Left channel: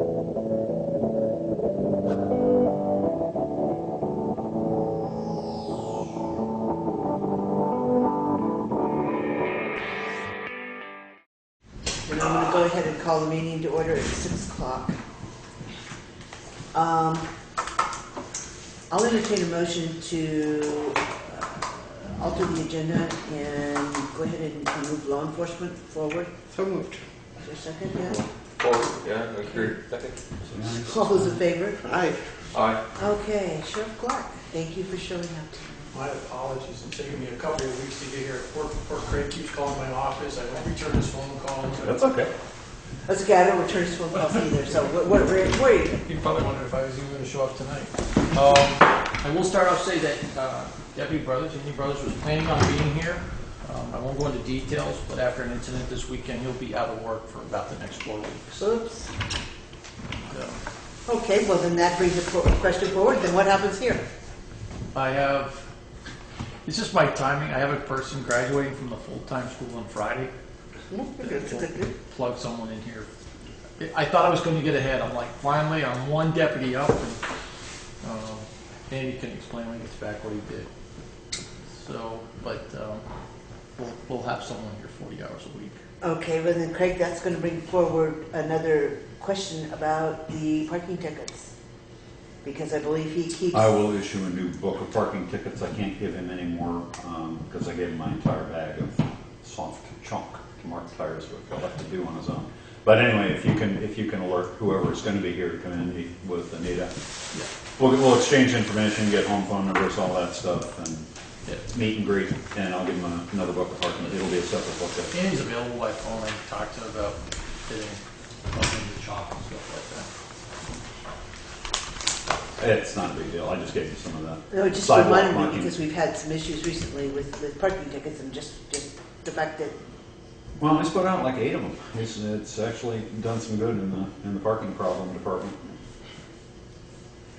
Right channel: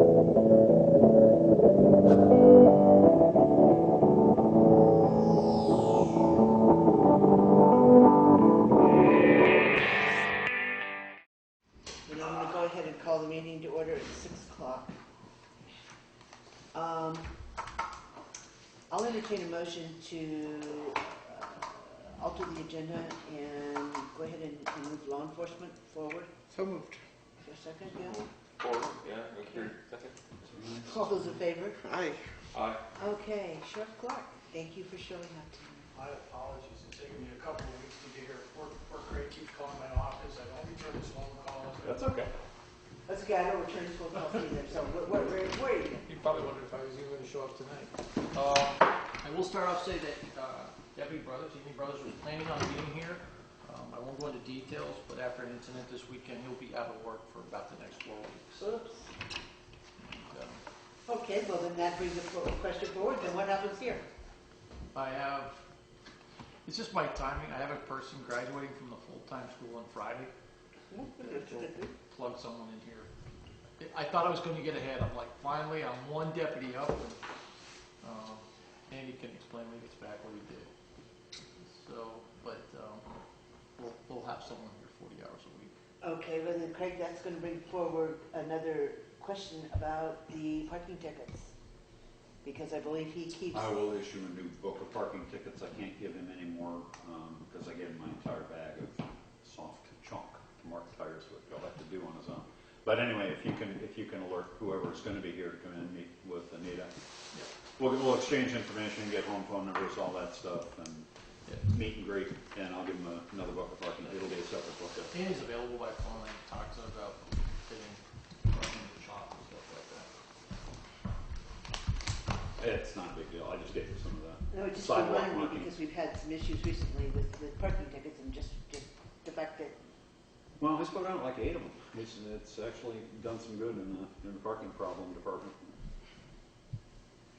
And I'm going to go ahead and call the meeting to order at 6 o'clock. I'll entertain a motion to alter the agenda and go ahead and move law enforcement forward. So moved. Is there a second? Yeah? Forward, yeah, agreed. Second. All those in favor? Aye. Aye. Okay, Sheriff Clark, thank you for showing up tonight. My apologies, it's taken me a couple of weeks to get here. Poor Craig keeps calling my office. I won't return his phone call. That's okay. That's okay, I don't return his phone calls either, so where are you? He probably wondered if I was even going to show up tonight. I will start off saying that Andy Brothers was planning on being here. I won't go into details, but after an incident this weekend, he'll be out of work for about the next 4 weeks. Oops. Okay, well then that brings the question forward, then what happens here? It's just my timing. I have a person graduating from the full-time school on Friday. Plug someone in here. I thought I was going to get ahead. I'm like, finally, I'm one deputy up, and Andy can explain when he gets back what he did. So, but we'll have someone here 40 hours a week. Okay, well then Craig, that's going to bring forward another question about the parking tickets. Because I believe he keeps... I will issue a new book of parking tickets. I can't give him any more because I gave him my entire bag of soft chunk marked tires, which he'll have to do on his own. But anyway, if you can alert whoever is going to be here to come in with Anita, Yeah. we'll exchange information, get home phone numbers, all that stuff, and meet and greet. And I'll give him another book of parking. It'll be a separate book. Andy's available by phone. I can talk to him about fitting up in the shop and stuff like that. It's not a big deal. I just gave you some of that. No, it just sidewalk reminded me marking. because we've had some issues recently with parking tickets and just the fact that... Well, I put out like 8 of them. It's actually done some good in the parking problem department.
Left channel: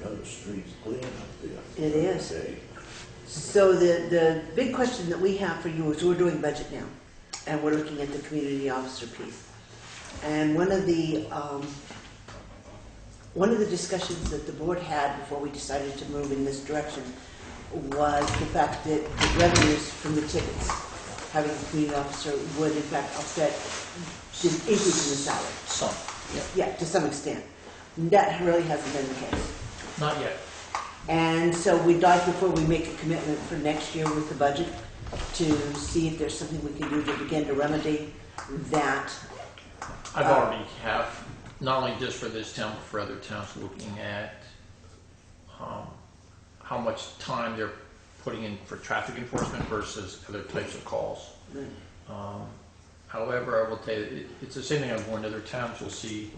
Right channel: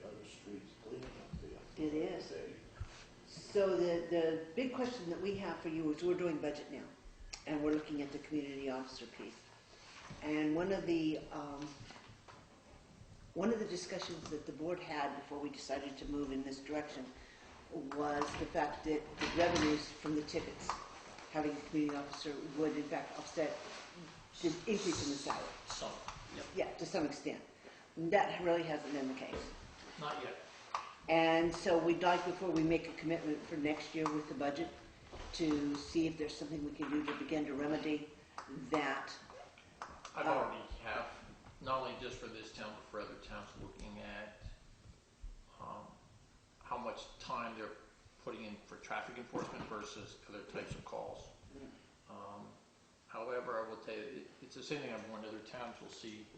The other street's clean up there. It is. Okay. So the big question that we have for you is we're doing budget now, and we're looking at the community officer piece. And one of the discussions that the board had before we decided to move in this direction was the fact that the revenues from the tickets, having a community officer, would in fact offset the increase in the salary. Some. Yeah, to some extent. That really hasn't been the case. Not yet. And so we'd like, before we make a commitment for next year with the budget, to see if there's something we can do to begin to remedy that. I've already have, not only just for this town, but for other towns, looking at how much time they're putting in for traffic enforcement versus other types of calls. However, I will tell you, it's the same thing I've warned other towns. You'll see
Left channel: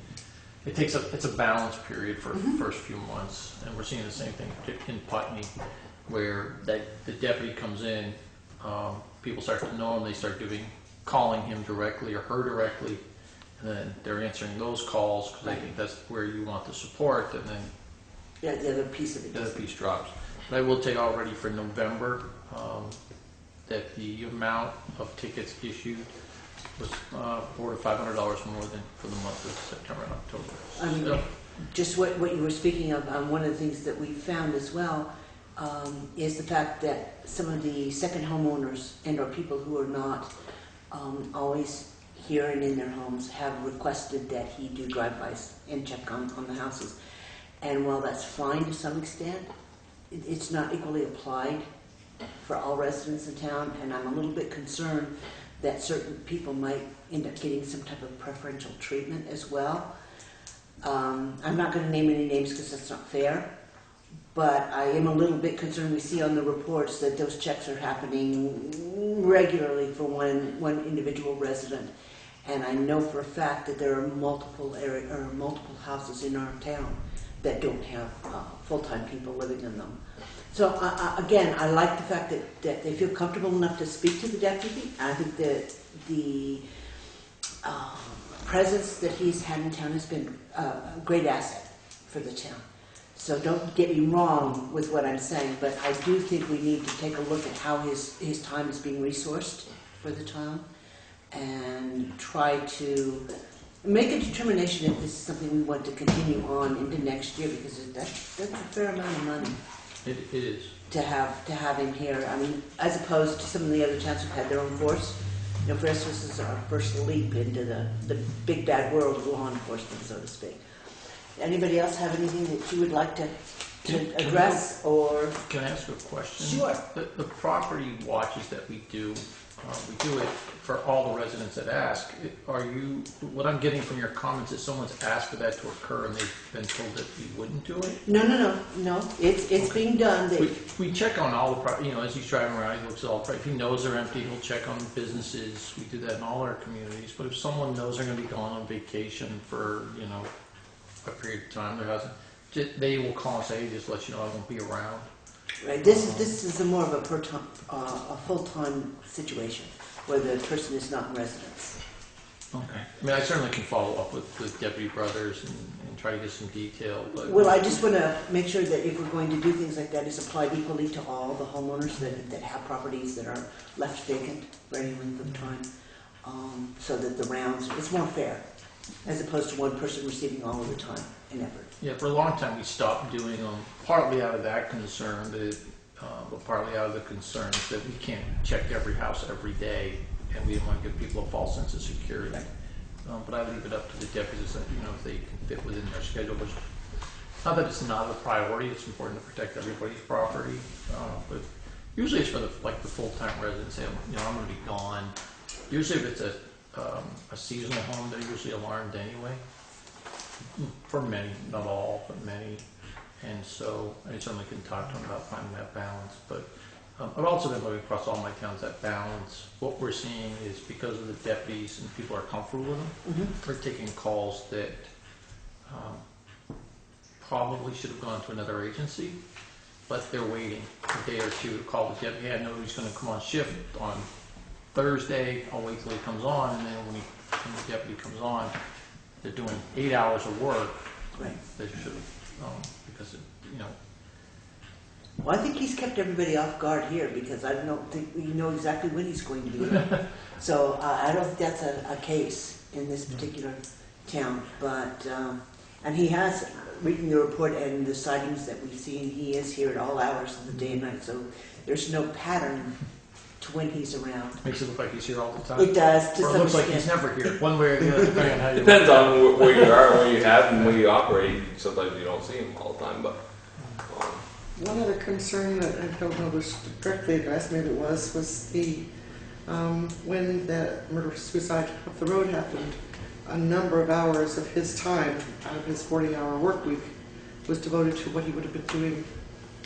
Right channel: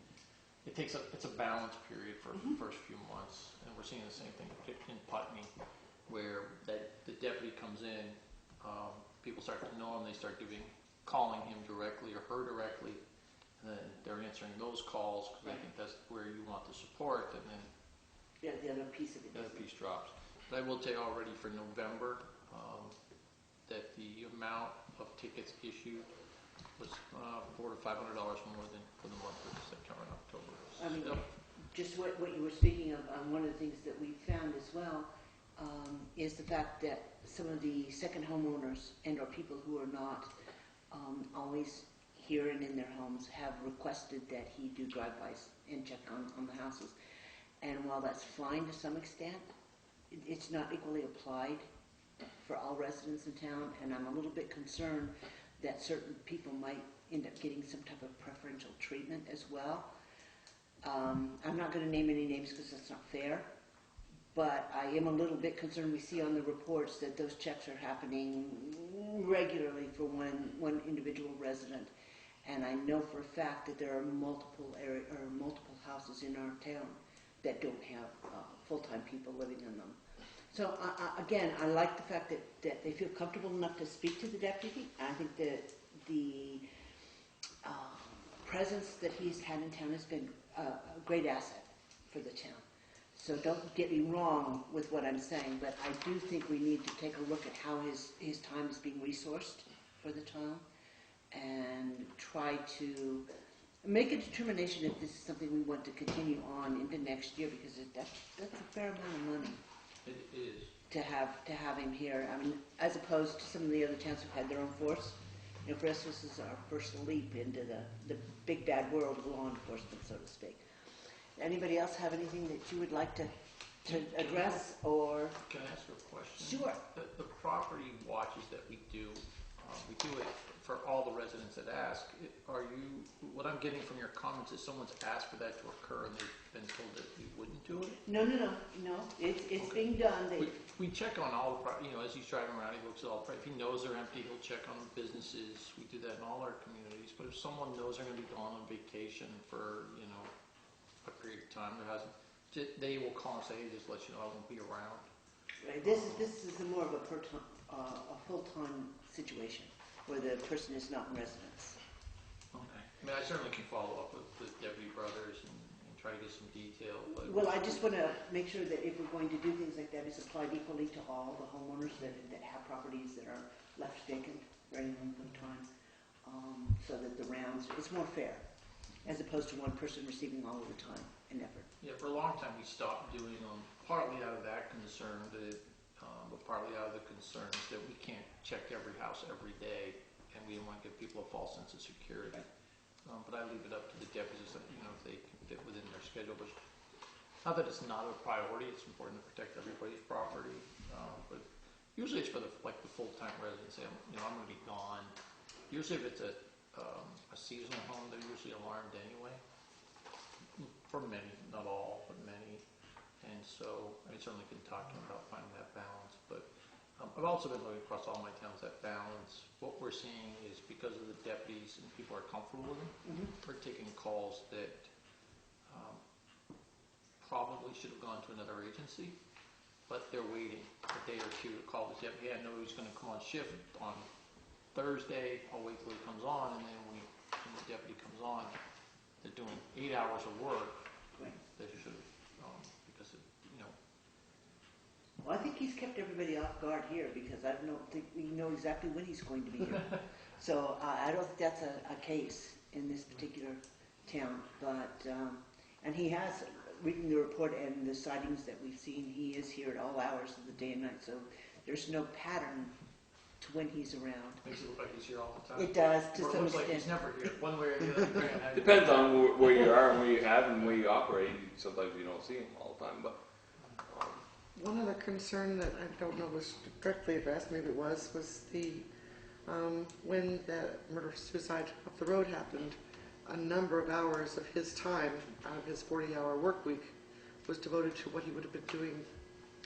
it's a balance period for the first few months, and we're seeing the same thing in Putney, where the deputy comes in, people start to know him, they start calling him directly or her directly, and then they're answering those calls because they think that's where you want the support, and then The other piece of it. the other piece drops. But I will tell you already for November that the amount of tickets issued was $400 to $500 more than for the month of September and October. I mean, just what you were speaking of, one of the things that we found as well is the fact that some of the second homeowners and or people who are not always here and in their homes have requested that he do drive-bys and check on the houses. And while that's fine to some extent, it's not equally applied for all residents in town, and I'm a little bit concerned that certain people might end up getting some type of preferential treatment as well. I'm not going to name any names because that's not fair, but I am a little bit concerned. We see on the reports that those checks are happening regularly for one individual resident, and I know for a fact that there are multiple houses in our town that don't have full-time people living in them. So again, I like the fact that they feel comfortable enough to speak to the deputy. I think that the presence that he's had in town has been a great asset for the town. So don't get me wrong with what I'm saying, but I do think we need to take a look at how his time is being resourced for the town and try to make a determination if this is something we want to continue on into next year, because that's a fair amount of money It is. to have him here. I mean, as opposed to some of the other towns who've had their own force. You know, for us, this is our first leap into the big bad world of law enforcement, so to speak. Anybody else have anything that you would like to address, or? Can I ask a question? Sure. The property watches that we do it for all the residents that ask. What I'm getting from your comments is someone's asked for that to occur and they've been told that you wouldn't do it? No, it's being done. We check on all the, as he's driving around, he looks at all the, if he knows they're empty, he'll check on businesses. We do that in all our communities. But if someone knows they're gonna be going on vacation for, a period of time, they will call and say, hey, just let you know I won't be around. Right, this is a more of a full-time situation, where the person is not in residence. Okay. I mean, I certainly can follow up with the Deputy Brothers and try to get some detail, but. Well, I just want to make sure that if we're going to do things like that, it's applied equally to all the homeowners that have properties that are left vacant for any length of time, so that the rounds, it's more fair, as opposed to one person receiving all of the time and effort. Yeah, for a long time we stopped doing them, partly out of that concern, but partly out of the concerns that we can't check every house every day, and we didn't want to give people a false sense of security. But I leave it up to the deputies, if they can fit within their schedule. Which, not that it's not a priority; it's important to protect everybody's property. But usually it's for the full-time residents. Say, I'm going to be gone. Usually, if it's a seasonal home, they're usually alarmed anyway. For many, not all, but many. And so I certainly can talk to them about finding that balance. But I've also been looking across all my towns, that balance. What we're seeing is because of the deputies and people are comfortable with them, they're taking calls that probably should have gone to another agency, but they're waiting a day or two to call the deputy. I know he's going to come on shift on Thursday. I'll wait till he comes on, and then when the deputy comes on, they're doing 8 hours of work. Right. They should, because Well, I think he's kept everybody off guard here, because I don't think we know exactly when he's going to be here. So I don't think that's a case in this particular town. But and he has, reading the report and the sightings that we've seen, he is here at all hours of the day and night. So there's no pattern to when he's around. makes it look like he's here all the time. It does, to Or it some looks like extent. he's never here, one way or the other, depending on how you Depends look. on where you are, where you have, and where you operate. Sometimes you don't see him all the time, but. One other concern that I don't know was directly addressed, maybe it was the, when the murder-suicide up the road happened, a number of hours of his time out of his 40-hour work week was devoted to what he would have been doing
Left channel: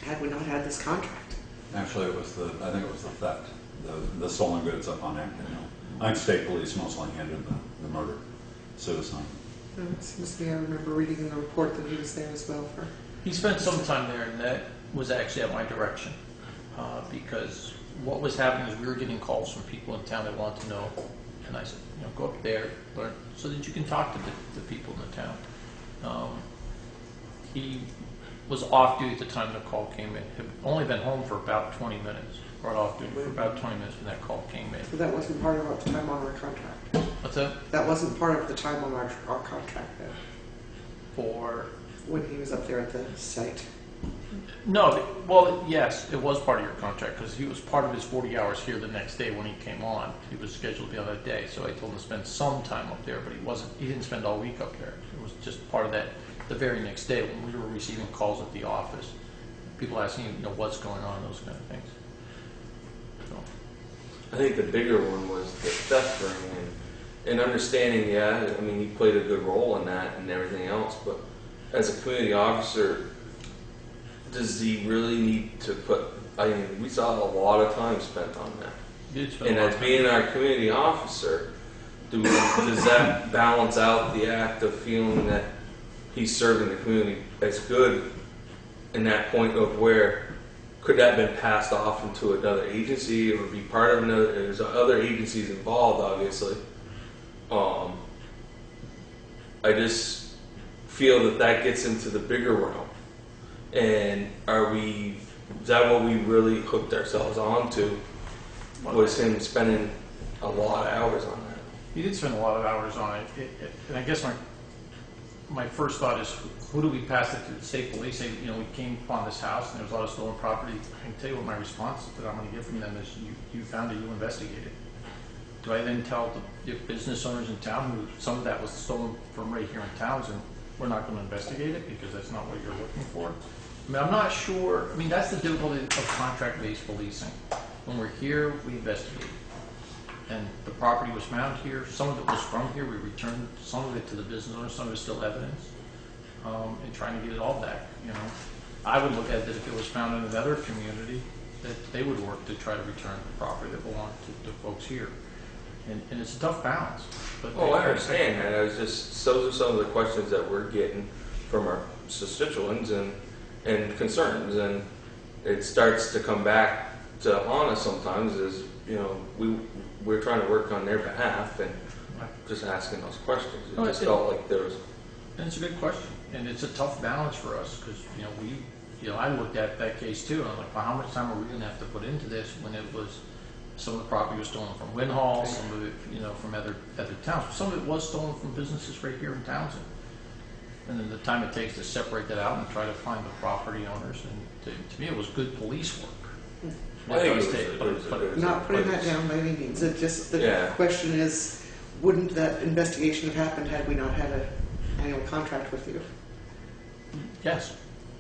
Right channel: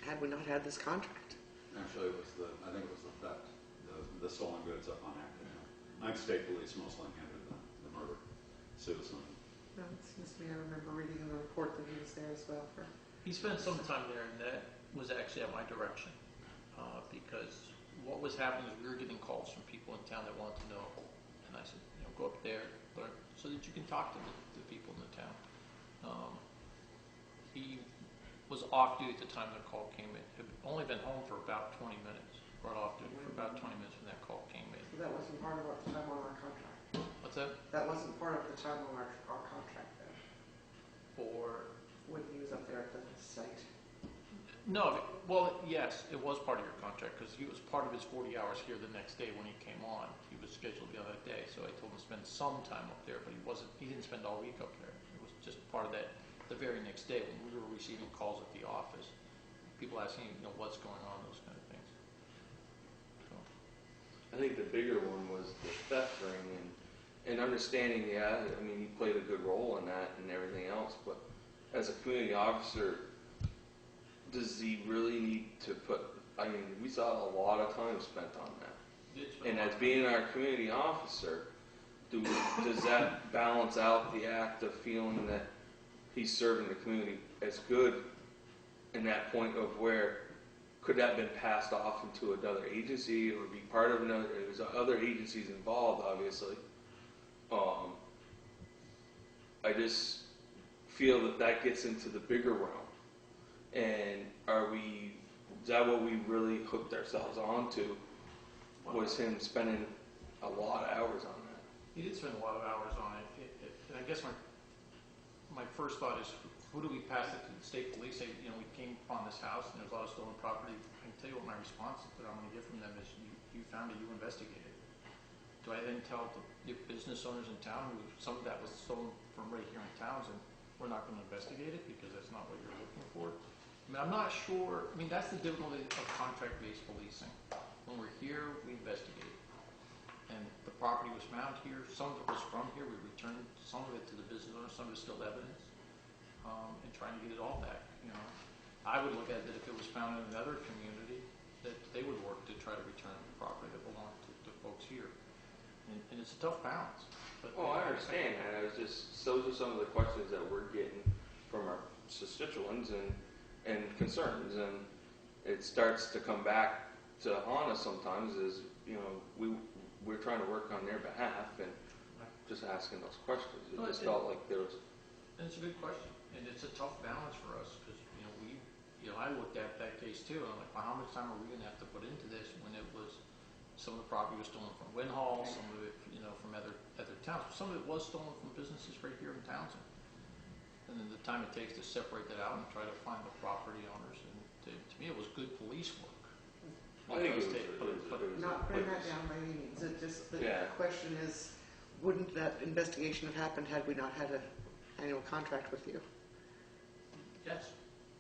had we not had this contract. Actually, I think it was the theft, the stolen goods up on Acton Hill. I think state police mostly handled the murder, suicide. It seems to me I remember reading in the report that he was there as well for. He spent some time there, and that was actually at my direction, because what was happening is we were getting calls from people in town that wanted to know, and I said, go up there, learn, so that you can talk to the people in the town. He was off duty at the time the call came in. Had only been home for about 20 minutes, or off duty for about 20 minutes when that call came in. So that wasn't part of our time on our contract. What's that? That wasn't part of the time on our contract then, For? when he was up there at the site. No, well, yes, it was part of your contract, because he was part of his 40 hours here the next day when he came on. He was scheduled to be on that day, so I told him to spend some time up there, but he didn't spend all week up there. It was just part of that, the very next day when we were receiving calls at the office. People asking, what's going on, those kind of things. So. I think the bigger one was the theft ring and understanding, he played a good role in that and everything else, but as a community officer, does he really need to put, we saw a lot of time spent on that. And as being our community officer, does that balance out the act of feeling that he's serving the community as good in that point of where could that have been passed off into another agency or be part of another, there's other agencies involved obviously. I just feel that gets into the bigger realm. And is that what we really hooked ourselves on to, was him spending a lot of hours on that? He did spend a lot of hours on it, and I guess my first thought is, who do we pass it to? The state police? Say, you know, we came upon this house and there was a lot of stolen property. I can tell you what my response that I'm going to get from them is, you found it, you investigated. Do I then tell the business owners in town who some of that was stolen from right here in Townsend, we're not going to investigate it because that's not what you're looking for? I mean, I'm not sure. I mean, that's the difficulty of contract-based policing. When we're here, we investigate. And the property was found here. Some of it was from here. We returned some of it to the business owner. Some of it's still evidence. And trying to get it all back. You know, I would look at it if it was found in another community, that they would work to try to return the property that belonged to folks here. And it's a tough balance. But Oh, I understand that. I was just, those are some of the questions that we're getting from our constituents and concerns, and it starts to come back to haunt us sometimes. Is, you know, we're trying to work on their behalf and just asking those questions. It just felt like there was. And it's a good question, and it's a tough balance for us because I looked at that case too, and I'm like, well, how much time are we going to have to put into this when it was some of the property was stolen from Winhall, some of it, from other towns. Some of it was stolen from businesses right here in Townsend. And then the time it takes to separate that out and try to find the property owners, and to me, it was good police work. I think it was Not putting that down by any means. It just, the question is, wouldn't that investigation have happened had we not had an annual contract with you? Yes,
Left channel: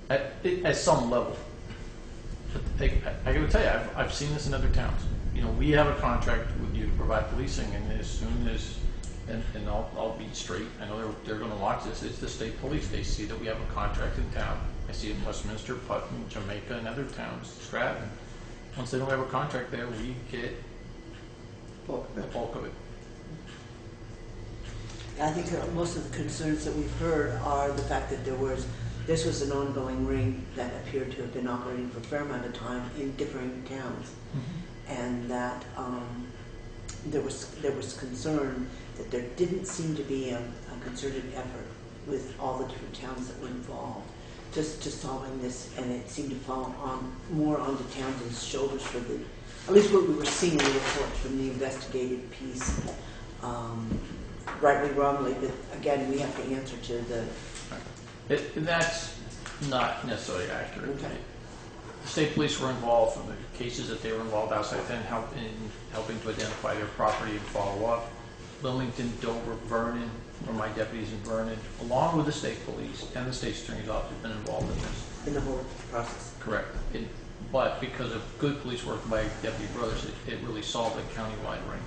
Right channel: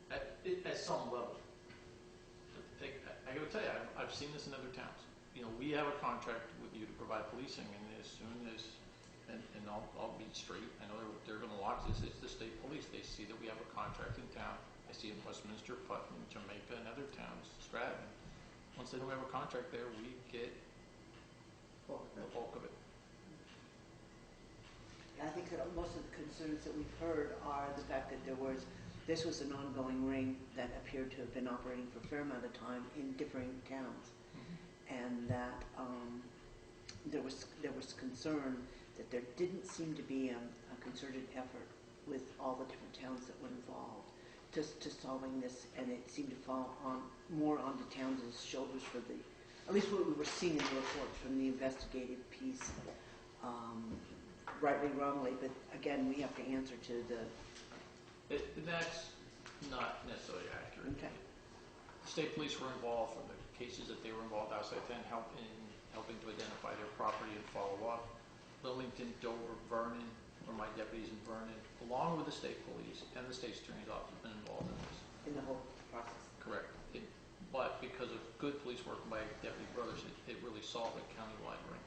at some level. But I got to tell you, I've seen this in other towns. We have a contract with you to provide policing, and as soon as, and I'll be straight, I know they're going to watch this, it's the state police. They see that we have a contract in town. I see it in Westminster, Putnam, Jamaica, and other towns, Stratton. Once they don't have a contract there, we get the bulk of it. I think most of the concerns that we've heard are the fact that this was an ongoing ring that appeared to have been operating for a fair amount of time in differing towns. And that there was concern that there didn't seem to be a concerted effort with all the different towns that were involved just to solving this, and it seemed to fall more onto Townsend's shoulders for at least what we were seeing in the reports from the investigative piece, rightly, wrongly, but again, we have to answer to the... That's not necessarily accurate. Okay. The state police were involved in the cases that they were involved outside then, helping to identify their property and follow up. Wilmington, Dover, Vernon, or my deputies in Vernon, along with the state police and the state attorney's office, have been involved in this. in the whole process. Correct. But because of good police work by Deputy Brothers, it really solved a countywide ring.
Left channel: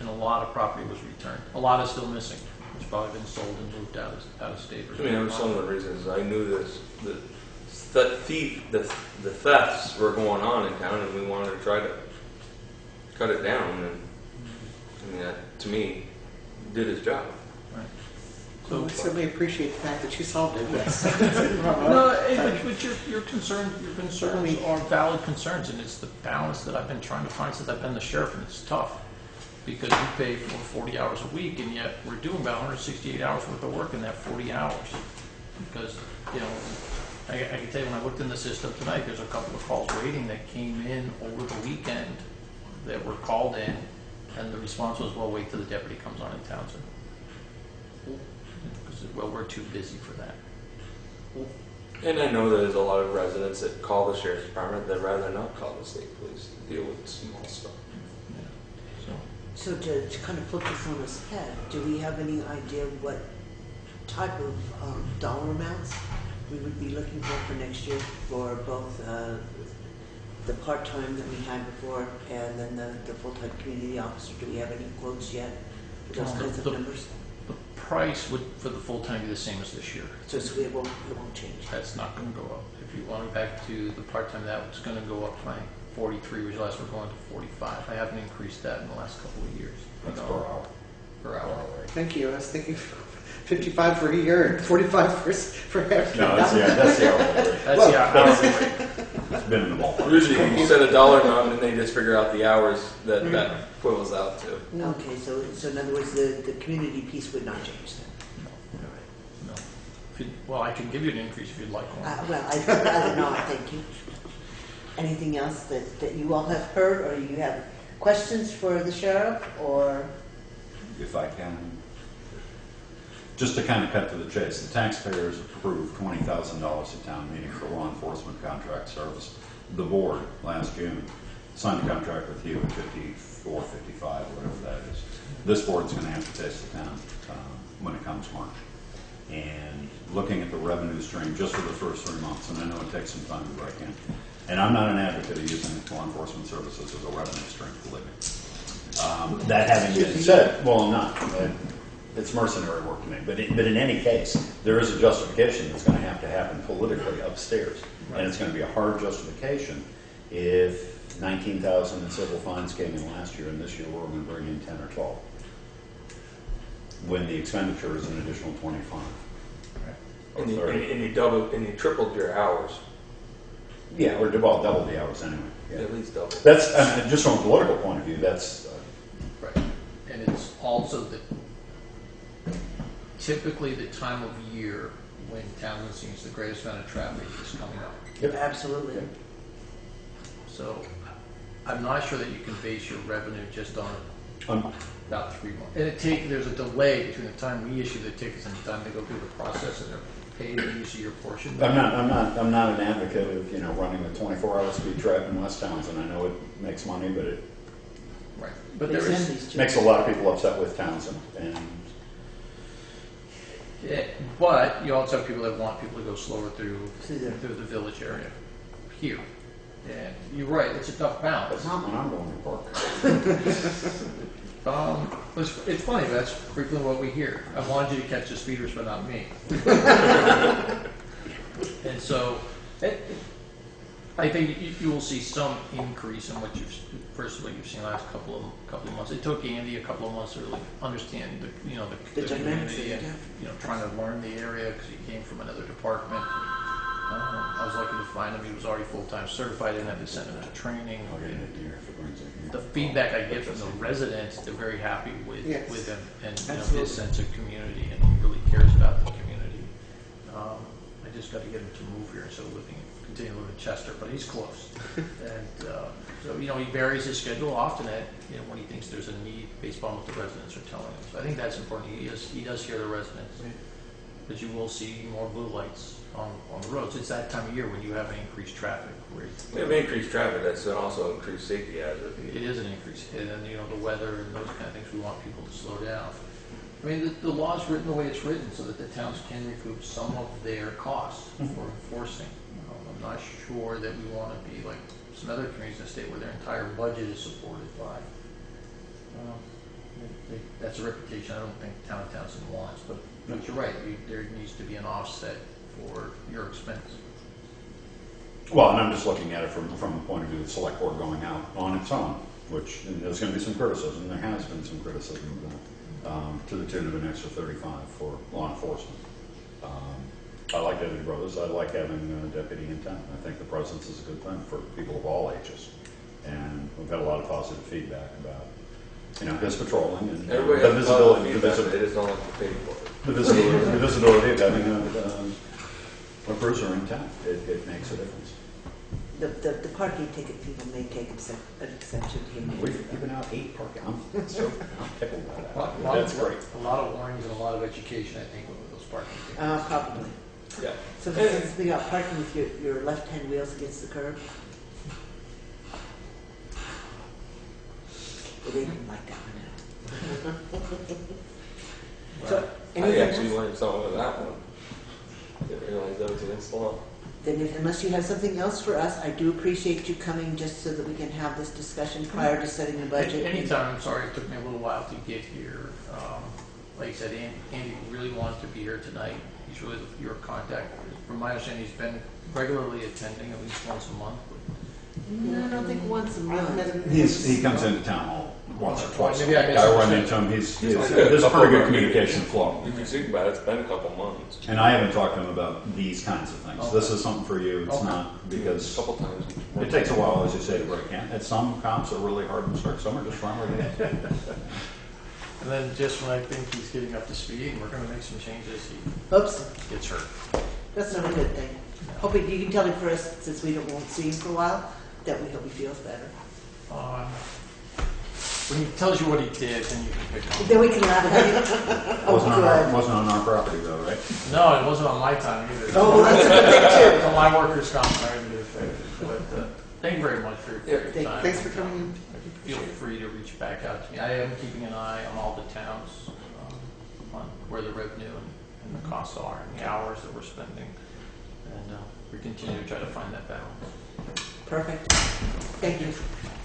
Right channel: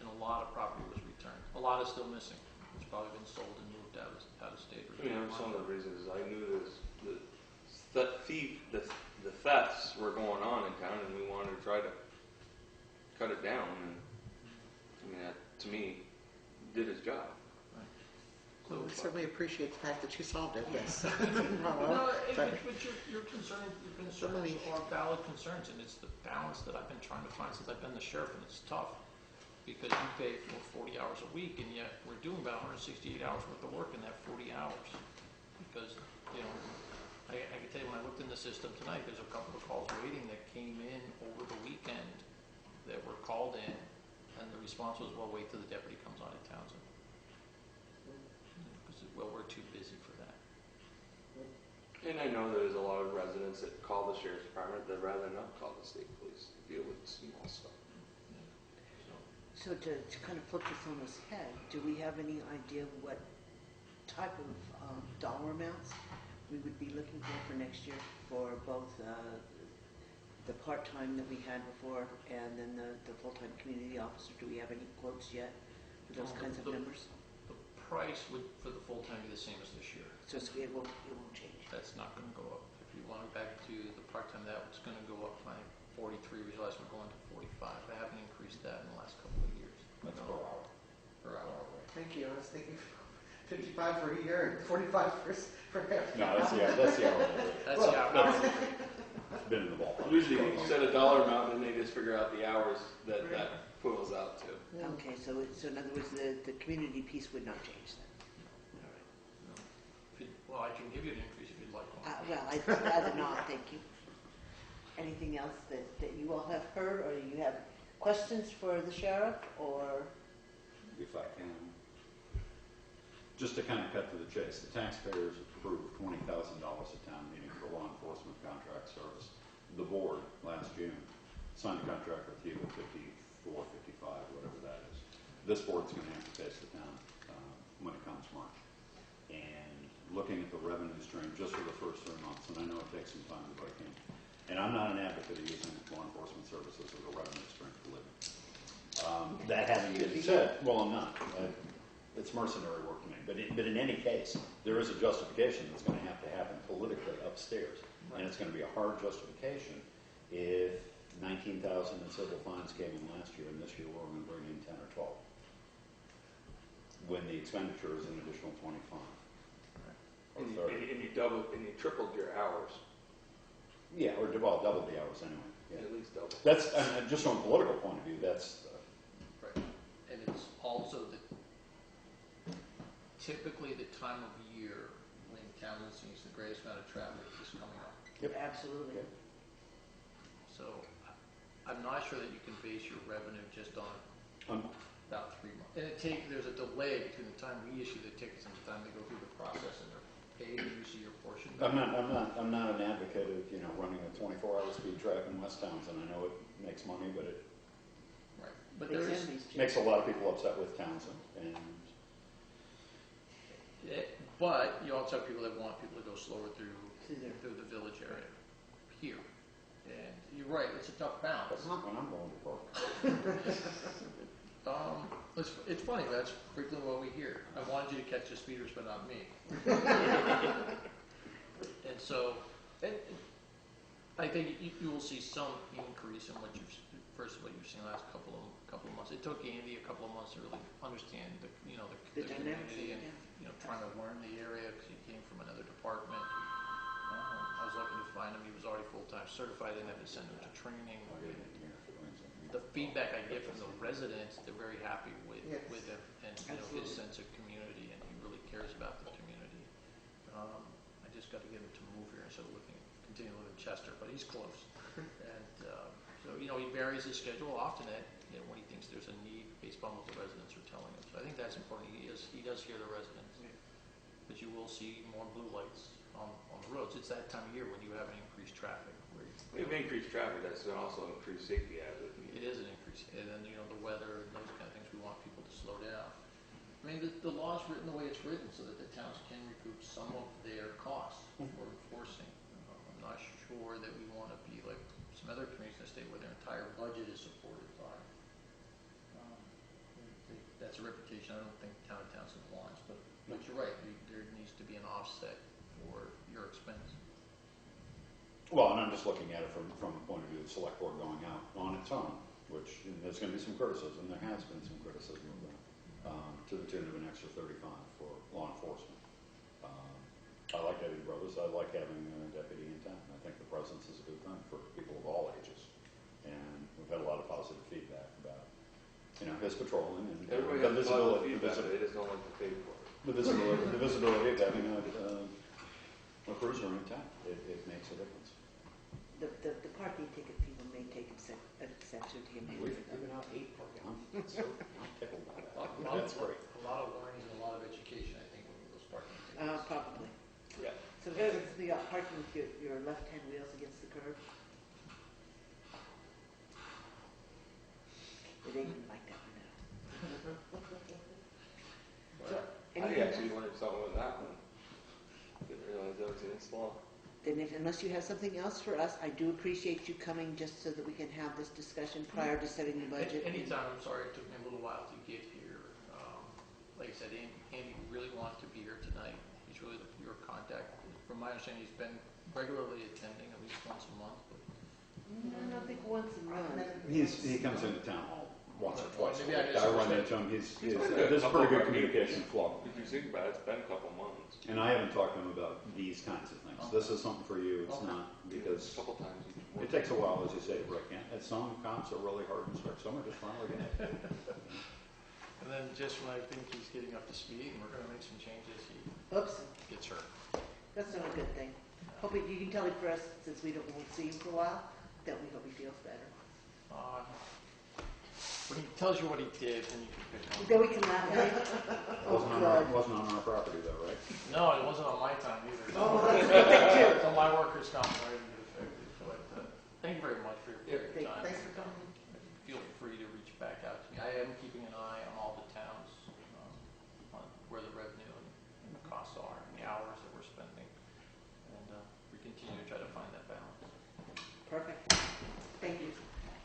And a lot of property was returned. A lot is still missing. It's probably been sold and moved out of state. I mean, that was some of the reasons I knew the thefts were going on in town, and we wanted to try to cut it down. And I mean, that, to me, did his job. Right. So I certainly appreciate the fact that you solved it. Yes. No, but your concerns are valid concerns, and it's the balance that I've been trying to find since I've been the sheriff, and it's tough. Because we pay for 40 hours a week, and yet we're doing about 168 hours worth of work in that 40 hours. Because, I can tell you when I looked in the system tonight, there's a couple of calls waiting that came in over the weekend that were called in, and the response was, well, wait till the deputy comes on in Townsend. Because, well, we're too busy for that. And I know there's a lot of residents that call the sheriff's department that rather not call the state police to deal with small stuff. So to kind of flip this on its head, do we have any idea what type of dollar amounts we would be looking for next year for both the part-time that we had before and then the full-time community officer? Do we have any quotes yet for those kinds of numbers? The price would, for the full-time, be the same as this year. So it won't change. That's not going to go up. If you want it back to the part-time, that was going to go up by 43, which last we're going to 45. I haven't increased that in the last couple of years. That's per hour. Per hour. Thank you. I was thinking 55 for a year and 45 for half. No, that's the hourly rate. That's the hourly rate. It's been in the ballpark. Usually you set a dollar amount and they just figure out the hours that equals out to. Okay, so in other words, the community piece would not change then? No. Well, I can give you an increase if you'd like one. Well, I'd rather not, thank you. Anything else that you all have heard or you have questions for the sheriff, or? If I can, just to kind of cut to the chase, the taxpayers approved $20,000 at town meeting for law enforcement contract service. The board last June signed a contract with you at 54, 55, whatever that is. This board's going to have to taste the town when it comes March. And looking at the revenue stream just for the first 3 months, and I know it takes some time to break in. And I'm not an advocate of using law enforcement services as a revenue stream, believe me. That having been said, well, I'm not. It's mercenary work to me. But in any case, there is a justification that's going to have to happen politically upstairs. And it's going to be a hard justification if 19,000 in civil fines came in last year, and this year we're going to bring in 10 or 12. When the expenditure is an additional 25. Or And 30. and you tripled your hours, Yeah, or double the hours anyway. Yeah. at least double. That's, just from a political point of view, that's, Right. And it's also typically the time of year when Townshend sees the greatest amount of traffic is coming up. Yep. Absolutely. So I'm not sure that you can base your revenue just on about 3 months. And there's a delay between the time we issue the tickets and the time they go through the process and they're paid and you see your portion. I'm not an advocate of, running the 24-hour speed trap in West Townsend. I know it makes money, but it Right. But there is, makes a lot of people upset with Townsend. And but you also have people that want people to go slower through Through there. the village area here. And you're right, it's a tough balance. it's not when I'm going to park. It's funny, that's frequently what we hear. I wanted you to catch the speeders, but not me. And so, I think you will see some increase in what you've seen last couple of months. It took Andy a couple of months to really understand the dynamics community and trying to learn the area because he came from another department. I was lucky to find him. He was already full-time certified. I didn't have to send him to training. The feedback I get from the residents, they're very happy with him and his sense of community, and he really cares about the community. I just got to get him to move here, so continue to live in Chester, but he's close. And so he varies his schedule often when he thinks there's a need based on what the residents are telling him. So I think that's important. He does hear the residents, but you will see more blue lights on the roads. It's that time of year when you have an increased traffic. We have increased traffic, that's also increased safety hazard. It is an increase, and then the weather and those kind of things. We want people to slow down. I mean, the law is written the way it's written, so that the towns can recoup some of their costs for enforcing. I'm not sure that we want to be like some other communities in the state where their entire budget is supported by. That's a reputation I don't think town of Townsend wants, but you're right. There needs to be an offset for your expense. Well, and I'm just looking at it from the point of view of the select board going out on its own, which there's going to be some criticism. There has been some criticism of that, to the tune of an extra 35 for law enforcement. I like having brothers. I like having a deputy in town. I think the presence is a good thing for people of all ages, and we've had a lot of positive feedback about his patrolling and Everybody the has visibility. feedback, they just don't like to pay for it. The visibility of having a cruiser in town. It makes a difference. The parking ticket people may take an exception to him. We've given out 8 parking. I'm tickled by that. Well, That's great. A lot of warnings and a lot of education, I think, with those parking tickets. Probably. Yeah. So since we got parking with your left-hand wheels against the curb. It ain't like that one now. So, I anything actually else? learned something with that one. Didn't realize that was against the law. Then unless you have something else for us, I do appreciate you coming just so that we can have this discussion prior to setting the budget. Anytime, I'm sorry, it took me a little while to get here. Like I said, Andy really wanted to be here tonight. He's really your contact. From my understanding, he's been regularly attending at least once a month. No, I don't think once a month. He comes into town hall once or twice. Maybe I I run into him. There's a pretty good communication flow. If you think about it, it's been a couple months. And I haven't talked to him about these kinds of things. Okay. This is something for you. It's Okay. not A because couple times. it takes a while, as you say, to break in. And some cops are really hard and strict. Some are just friendly. And then just when I think he's getting up to speed and we're going to make some changes, he Oops, gets hurt. that's not a good thing. Hoping you can tell him for us, since we won't see him for a while, that we hope he feels better. When he tells you what he did, then you can pick on him. Then we can laugh at it. Oh, good. Wasn't on our property though, right? No, it wasn't on my time either. Oh, that's a good thing It's on my workers' comp, I didn't get affected. But thank you very much for your time. Thanks for coming in. Feel free to reach back out to me. I am keeping an eye on all the towns, on where the revenue and the costs are, and the hours that we're spending. And we continue to try to find that balance. Perfect. Thank you.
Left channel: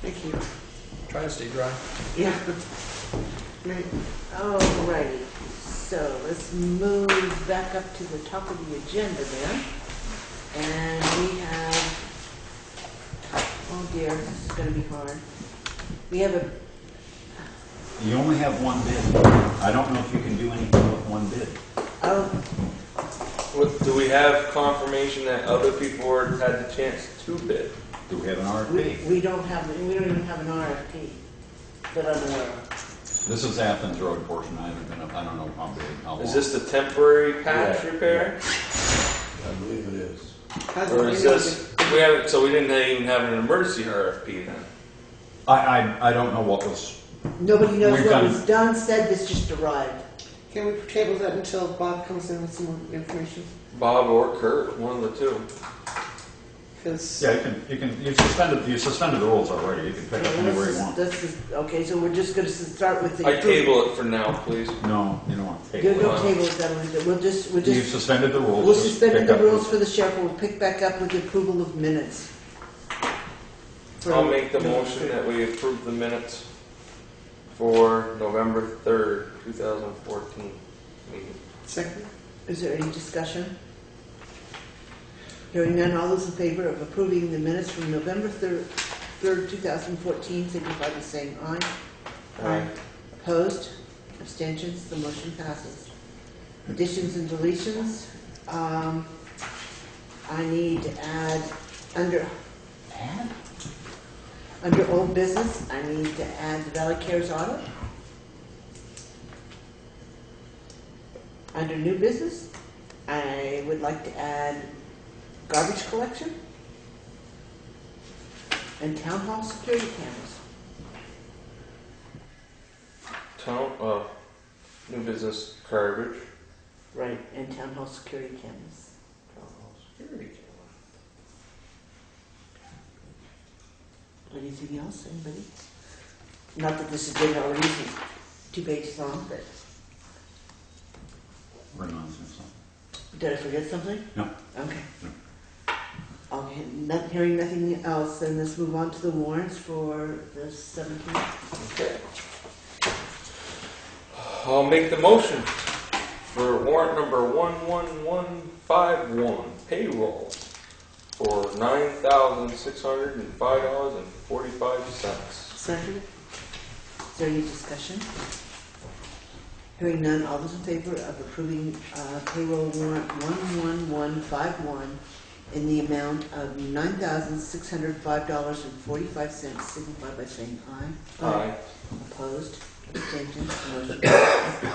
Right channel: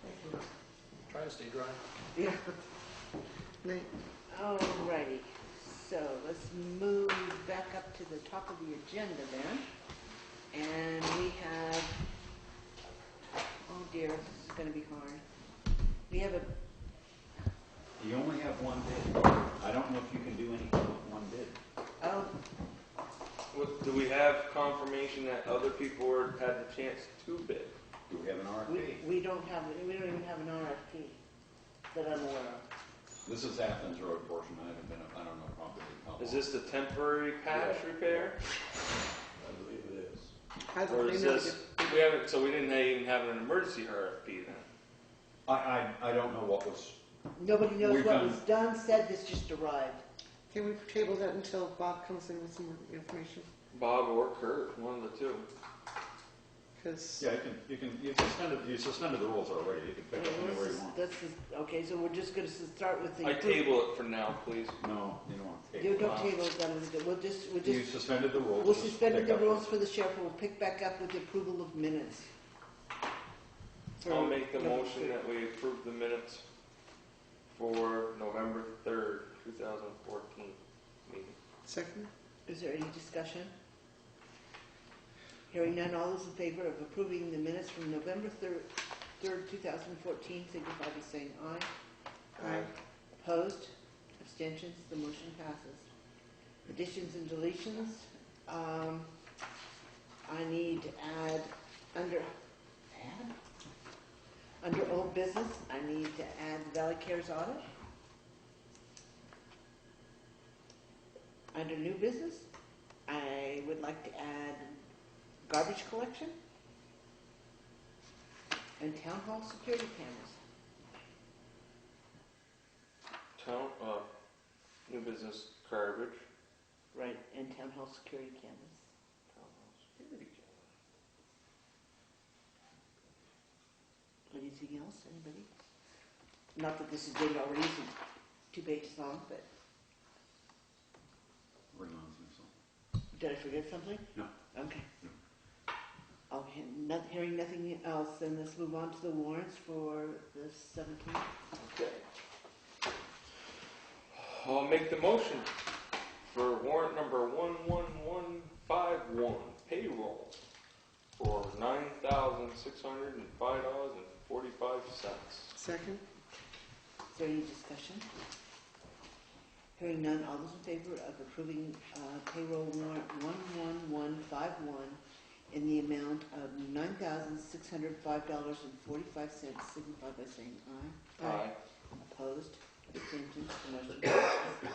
Thank you. Try to stay dry. Yeah. Right. Alrighty, so let's move back up to the top of the agenda then. And we have, oh dear, this is gonna be hard. We have a, You only have one bid. I don't know if you can do anything with one bid. oh, Do we have confirmation that other people had the chance to bid? Do we have an RFP? we don't even have an RFP that I'm aware of. This is Athens Road portion. I haven't been up, I don't know how big, how long. Is this the temporary patch Yeah, repair? I believe it is. How's Or it is going? this, we haven't, so we didn't even have an emergency RFP then? I don't know what was, Nobody knows We've what done- was done, said, this just arrived. Can we table that until Bob comes in with some more information? Bob or Kurt, one of the two. Because yeah, you suspended the rules already. You can pick up anywhere you want. Okay, so we're just gonna start with the. I table it for now, please. No, you don't want to take Don't it. table it, then we'll just, You've suspended the rules. we'll just suspend pick the up rules for the sheriff, we'll pick back up with the approval of minutes. I'll make the motion that we approve the minutes for November 3rd, 2014 meeting. second, Is there any discussion? Hearing none, all those in favor of approving the minutes from November 3rd, 2014, signify by saying aye. Aye. Opposed? Abstentions? The motion passes. Additions and deletions. I need to add, under old business, I need to add the Valley Cares audit. Under new business, I would like to add garbage collection and town hall security cameras. New business garbage. Right, and town hall security cameras. Security Anything else, anybody? Not that this agenda already isn't 2 pages long, but We're nonsense. did I forget something? No. Okay. No. Okay, hearing nothing else, then let's move on to the warrants for the 17th. Okay. I'll make the motion for warrant number 11151, payroll for $9,605.45. second, Is there any discussion? Hearing none, all those in favor of approving payroll warrant 11151 in the amount of $9,605.45, signify by saying aye. Aye. Opposed? Abstentions? Motion passes.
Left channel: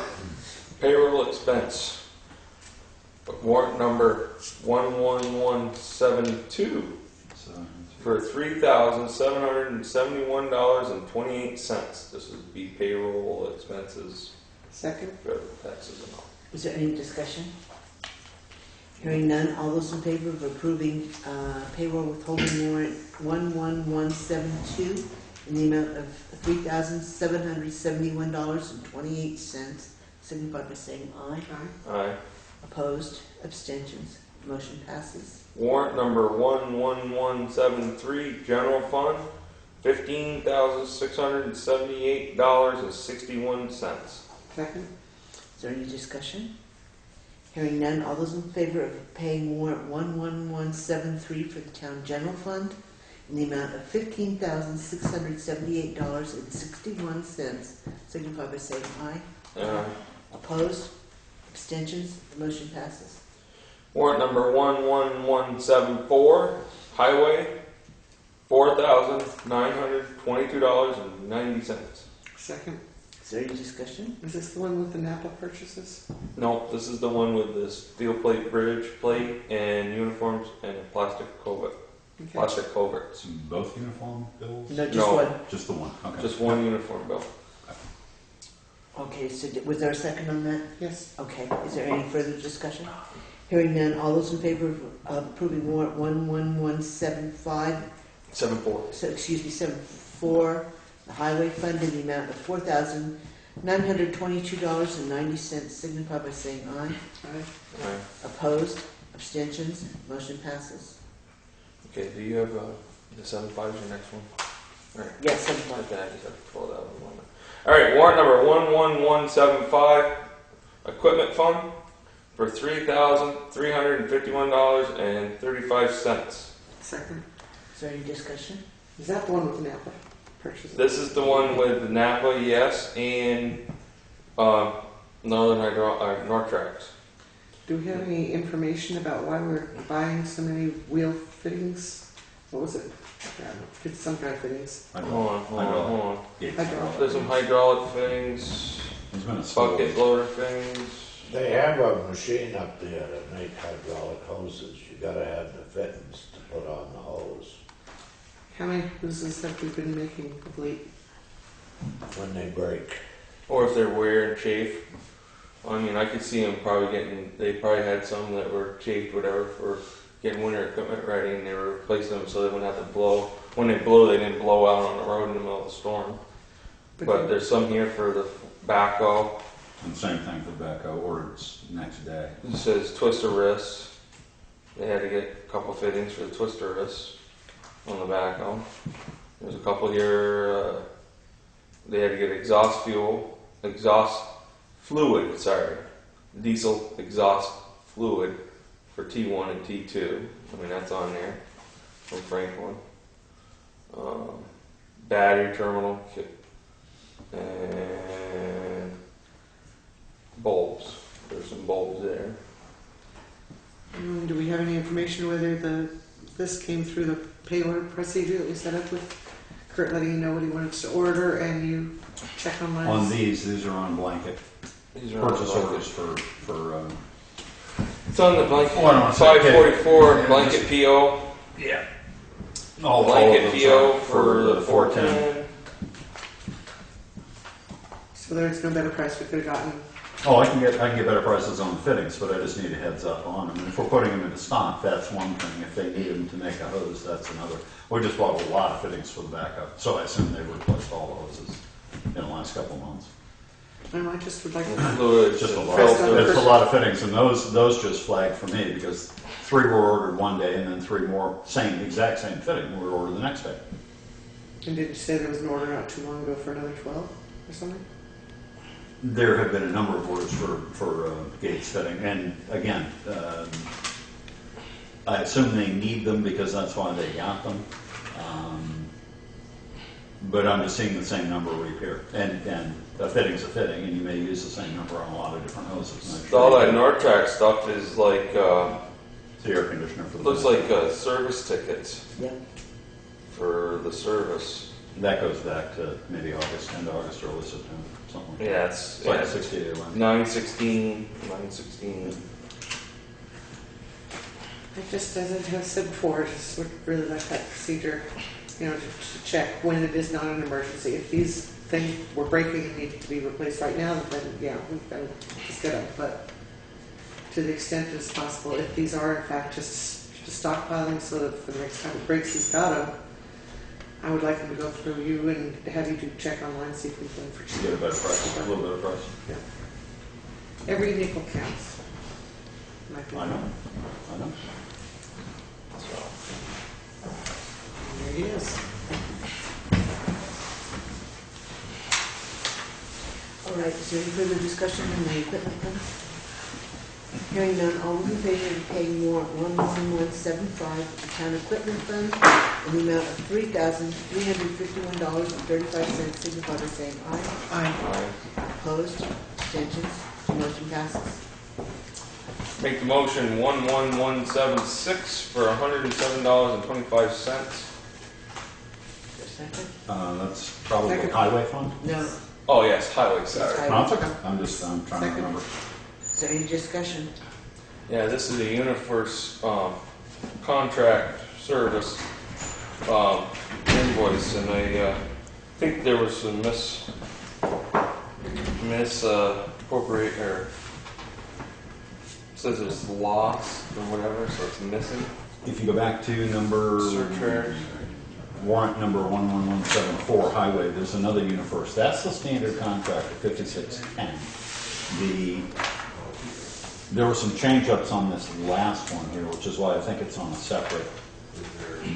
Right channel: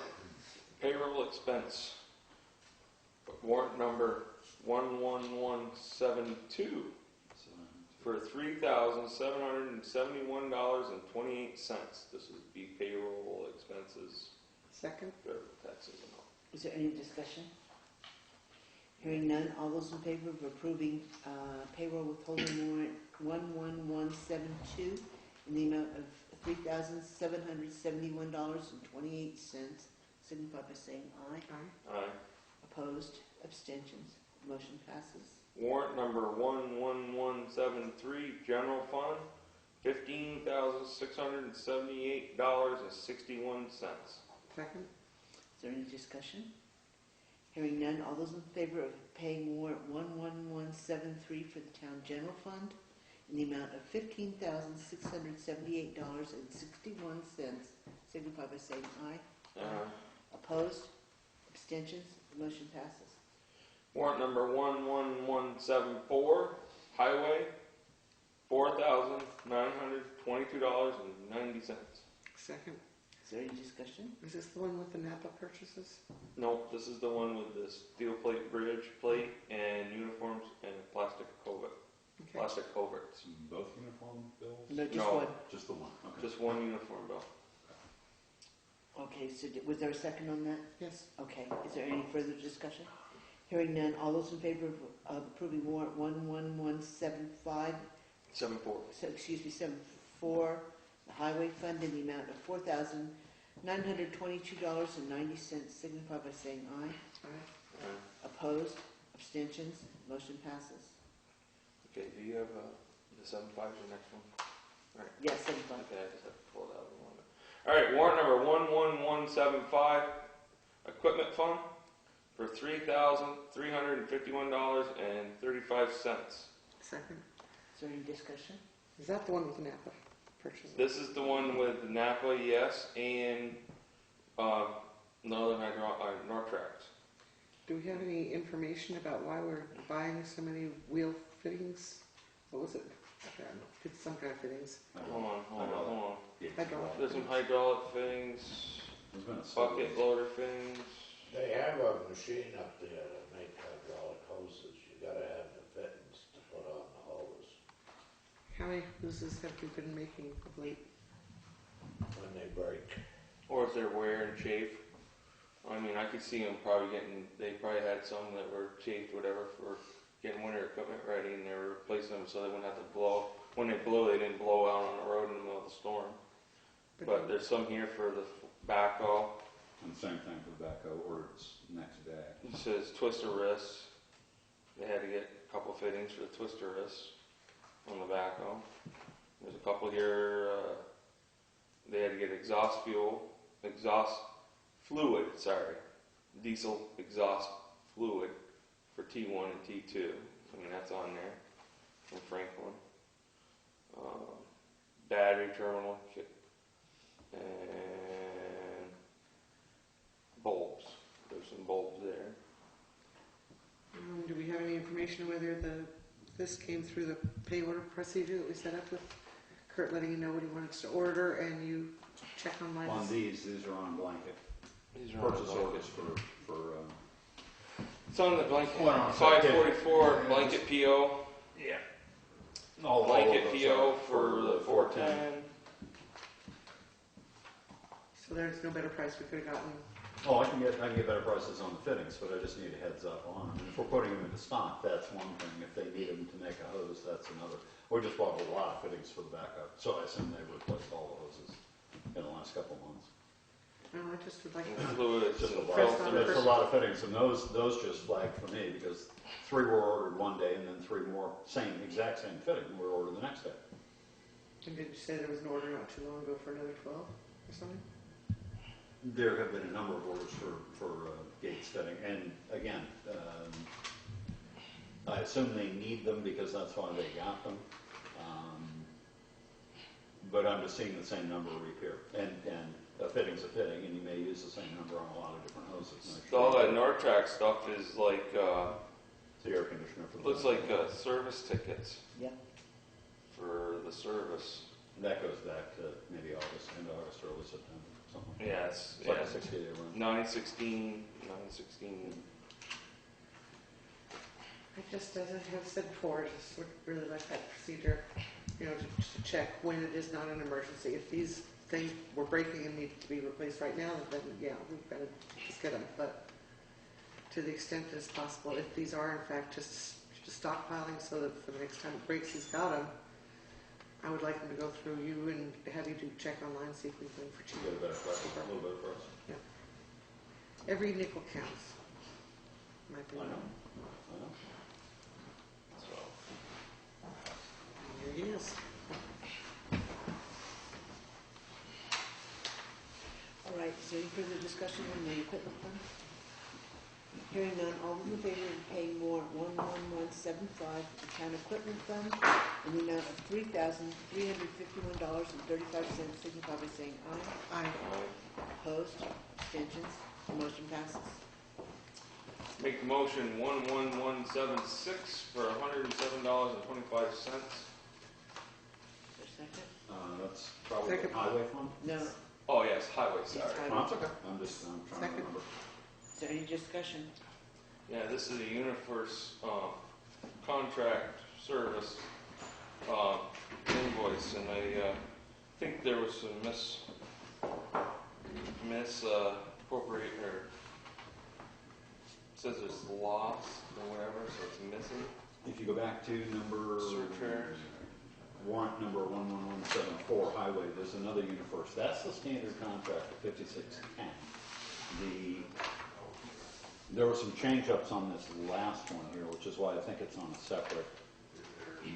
Payroll expense, warrant number 11172 So, for $3,771.28. This would be payroll expenses, second, federal taxes and all. Is there any discussion? Hearing none, all those in favor of approving payroll withholding warrant 11172 in the amount of $3,771.28, signify by saying aye. aye, Aye. Opposed? Abstentions? Motion passes. Warrant number 11173, general fund, $15,678.61. second, Is there any discussion? Hearing none, all those in favor of paying warrant 11173 for the town general fund in the amount of $15,678.61, signify by saying aye. Opposed? Abstentions? The motion passes. Warrant number 11174, highway, $4,922.90. second. Is there any discussion? Is this the one with the Napa purchases? Nope, this is the one with the steel plate bridge plate and uniforms and a plastic culvert. Okay. plastic culverts. Both uniform bills? No, just No. one. Just the one, okay. Just one uniform bill. Okay, so was there a second on that? Yes. Okay, is there any further discussion? Hearing none, all those in favor of approving warrant 11175, 7-4. so, excuse me, 74, the highway fund in the amount of $4,922.90, signify by saying aye. Aye. Alright. Opposed, abstentions, motion passes. Okay, do you have, the 7-5 is your next one? Alright. Yes, 75. Okay, I just have to pull that one. Alright, warrant number 11175, equipment fund for $3,351.35. Second. Is there any discussion? Is that the one with Napa purchases? This is the one with Napa, yes, and Nortrax. Do we have any information about why we're buying so many wheel fittings? What was it? I don't know. It's some kind of fittings. Hold on. Gates. Hydraulic. There's some hydraulic fittings, There's been a spill. bucket loader fittings. They have a machine up there that make hydraulic hoses. You gotta have the fittings to put on the hose How many hoses have we been making of late? when they break. Or if they're wear and chafe. I mean, I could see them probably they probably had some that were chafed, whatever, for getting winter equipment ready, and they were replacing them so they wouldn't have to blow. When they blow, they didn't blow out on the road in the middle of the storm. But there's some here for the backhoe. And same thing for the backhoe, ordered next day. It says twister wrists. They had to get a couple fittings for the twister wrists on the backhoe. There's a couple here. They had to get exhaust fluid, diesel exhaust fluid for T1 and T2. I mean, that's on there from Franklin. Battery terminal and bulbs. There's some bulbs there. Do we have any information whether this came through the payroll procedure that we set up with Kurt letting you know what he wanted to order and you check online? On these are on blanket These are on purchase the orders for, It's on the blanket. Oh, I don't wanna say 544 yeah, blanket PO. yeah. All Blanket of those PO are for the 410. So there's no better price we could have gotten. Oh, I can get better prices on the fittings, but I just need a heads up on them. And if we're putting them into stock, that's one thing. If they need them to make a hose, that's another. We just bought a lot of fittings for the backup, so I assume they replaced all the hoses in the last couple of months. And I just would like to Fluid, It's just a lot. filter. It's a lot of fittings, and those just flagged for me because 3 were ordered one day, and then 3 more exact same fitting were ordered the next day. And did you say there was an order not too long ago for another 12 or something? There have been a number of orders for gates fitting, and again, I assume they need them because that's why they got them. But I'm just seeing the same number reappear, and a fitting's a fitting, and you may use the same number on a lot of different hoses. And I'm sure All that Nortrax stuff is like, it's the air conditioner for the looks like service tickets Yeah. for the service. that goes back to maybe August, end of August, early September, something like that. Yeah, It's like a 60-day length. 916. I just, as I have said before, just would really like that procedure, to check when it is not an emergency. If these things were breaking and needed to be replaced right now, then yeah, we've got to just get them. But to the extent as possible, if these are in fact just stockpiling so that for the next time it breaks, he's got them, I would like them to go through you and have you do check online, see if we can for You cheap. get a better price, a little better price. Every nickel counts. I know. So, There he is. All right, is there any further discussion on the equipment fund? Hearing none, all those in favor of paying warrant 11175, the town equipment fund, in the amount of $3,351.35, signify by saying aye. Aye. Opposed, abstentions, motion passes. make the motion 11176 for $107.25. Is there a second? That's probably Second. highway fund? No. Oh yes, highway, sorry. Highway. No, it's okay. I'm trying to Second. remember. Is there any discussion? Yeah, this is a UniFirst contract service, invoice, and I, think there was some appropriate, or says it's lost or whatever, so it's missing. If you go back to number. Surcharge. Warrant number 11174, highway, there's another UniFirst. That's the standard contract of 5610. There were some change-ups on this last one here, which is why I think it's on a separate,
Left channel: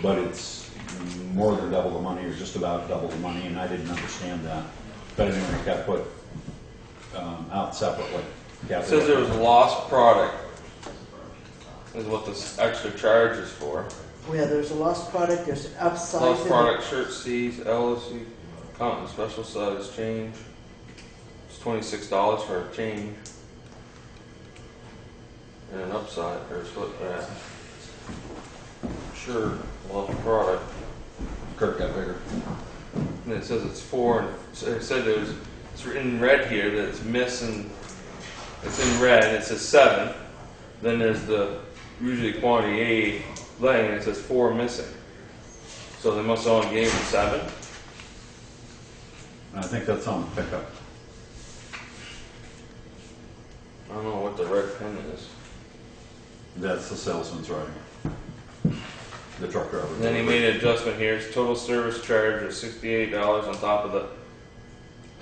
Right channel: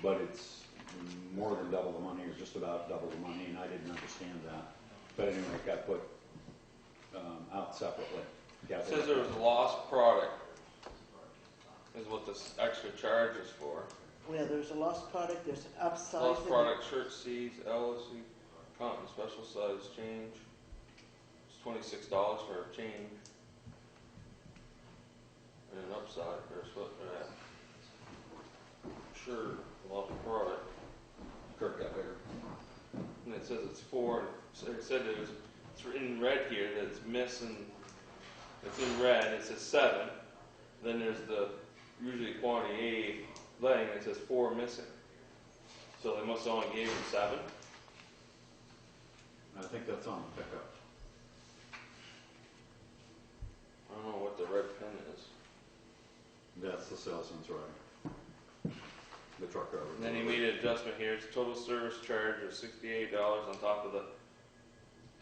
but it's more than double the money, or just about double the money, and I didn't understand that. But anyway, it got put out separately. It says there was a lost product, is what this extra charge is for. Yeah, there's a lost product, there's upsize. Lost product, shirt C's, LSC, cotton special size change. It's $26 for a change. And an upside, or a split back. Sure, lost product. Kirk got bigger. And it says it's 4, and it said it's in red here that it's missing. It's in red, and it says 7. Then there's the usually quantity A laying, and it says 4 missing. So they must have only gave him 7. I think that's on the pickup. I don't know what the red pen is. That's the salesman's writing. The truck driver. And then he made an adjustment here. It's total service charge is $68 on top of the.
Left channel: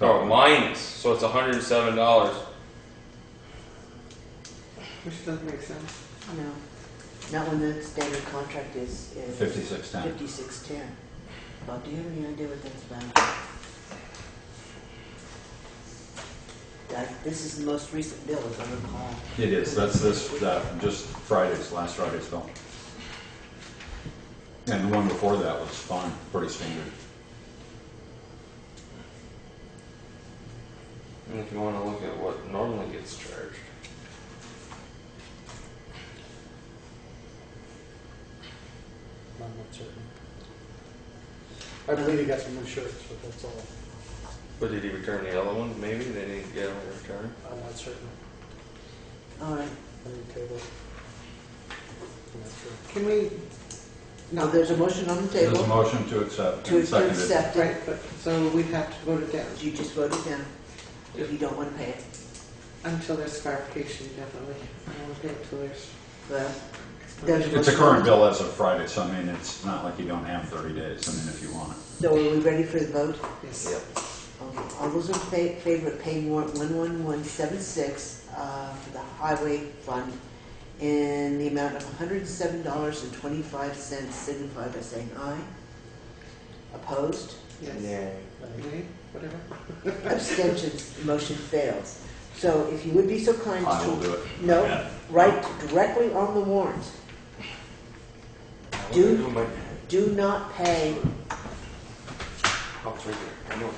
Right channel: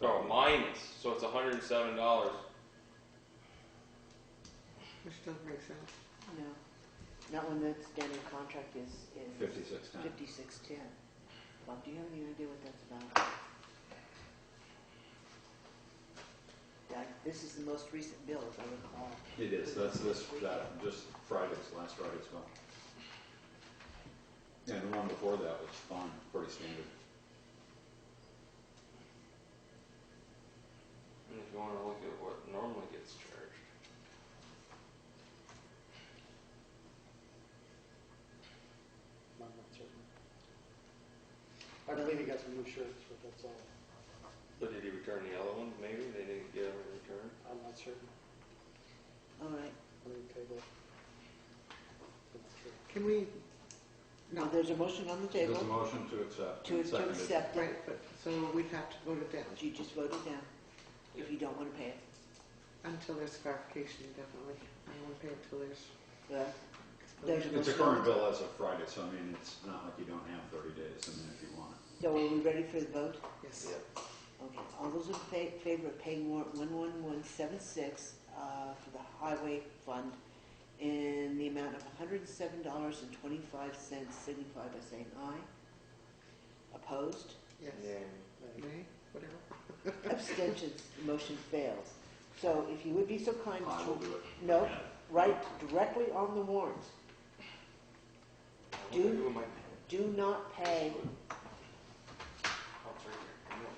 Oh, minus. So it's $107. Which doesn't make sense. No, not when the standard contract is 5610. 5610. Bob, do you have any idea what that's about? This is the most recent bill, as I recall. It is. That's just last Friday's bill. And the one before that was fine, pretty standard. And if you want to look at what normally gets charged. I'm not certain. I believe he got some new shirts, but that's all. But did he return the other ones? Maybe they didn't get them returned. I'm not certain. All right. On the table. I'm not sure. Can we, No, there's a motion on the There's a table motion to accept. to and seconded. accept it. right, but, so we'd have to vote it down You just voted down if you don't want to pay it. until there's clarification, definitely. I don't want to pay it until there's. Well, there's It's a current bill as of Friday, so I mean, it's not like you don't have 30 days, I mean, if you want it. so are we ready for the vote? Yes. Yep. Okay, all those in favor of paying warrant 11176 for the highway fund in the amount of $107.25 signify by saying aye. Opposed? Yes. Yeah. Nay, whatever. Abstentions, the motion fails. So if you would be so kind I will to, do it. no, Yeah. write directly on the warrant. Do not pay, Oh, it's right there. I know it.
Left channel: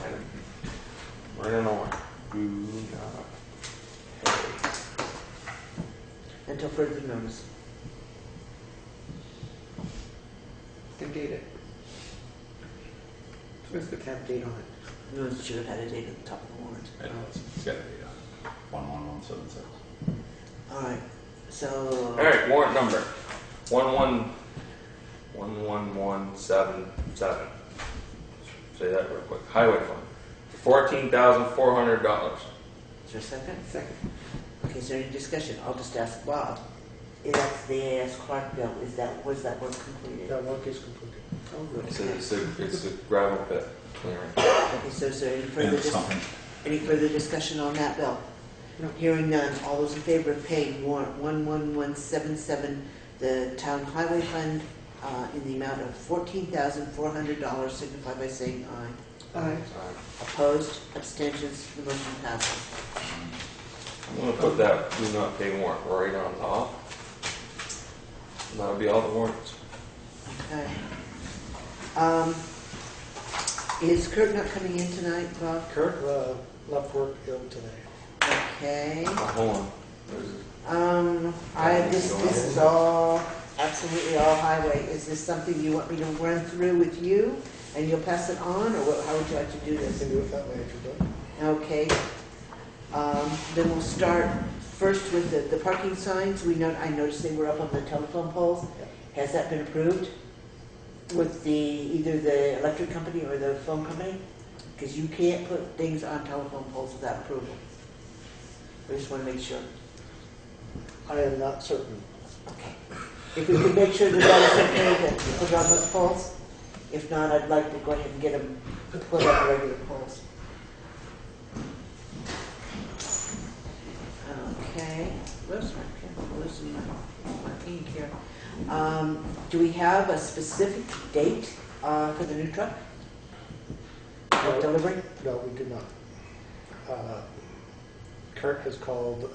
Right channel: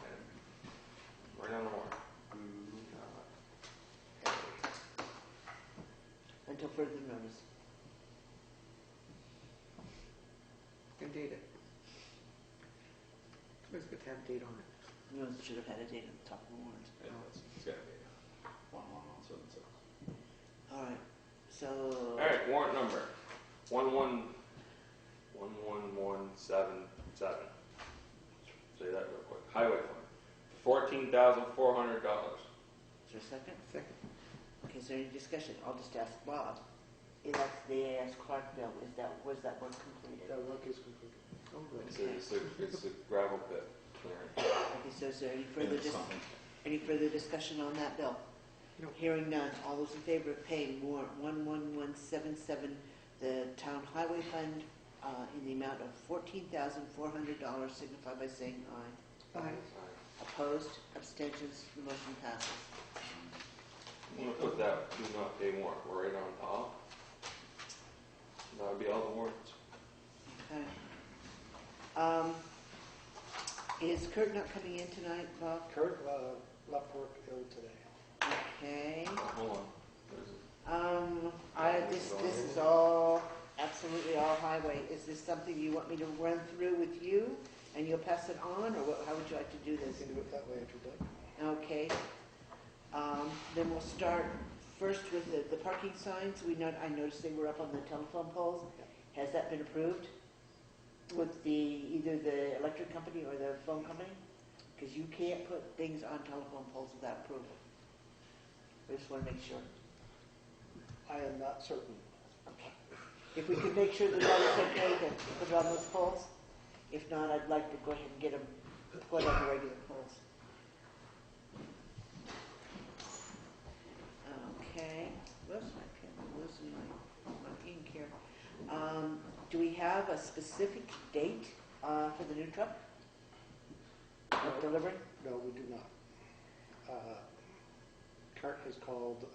Right on the one. Do not pay. until further notice. And date it. It's good to have a date on it. No, it should have had a date at the top of the warrant. It's got to be 11176. All right, so. All right, warrant number 11177. Say that real quick. Highway fund. $14,400. Is there a second? Second. Okay, is there any discussion? I'll just ask Bob. That's the A.S. Clark bill. Was that work completed? That work is completed. Oh, good. It's a gravel pit clearing. Okay, so is there And something. any further discussion on that bill? No. Hearing none. All those in favor of paying warrant 11177, the town highway fund, in the amount of $14,400, signify by saying aye. Aye. Opposed? Abstentions? The motion passes. I'm going to put that do not pay warrant right on top. That'll be all the warrants. Okay. Is Kurt not coming in tonight, Bob? Kurt left work to go today. Okay. Oh, hold on. This is all, absolutely all highway. Is this something you want me to run through with you and you'll pass it on, or how would you like to do You this? can do it that way if you'd like. Okay. Then we'll start first with the parking signs. I noticed they were up on the telephone poles. Has that been approved? with either the electric company or the phone company? Because you can't put things on telephone poles without approval. I just want to make sure. I am not certain. If we could make sure that that is okay to put on those poles. If not, I'd like to go ahead and get them put on the regular poles. Okay, where's my pen? Where's my ink here? Do we have a specific date for the new truck? No. Delivery? No, we do not. Kurt has called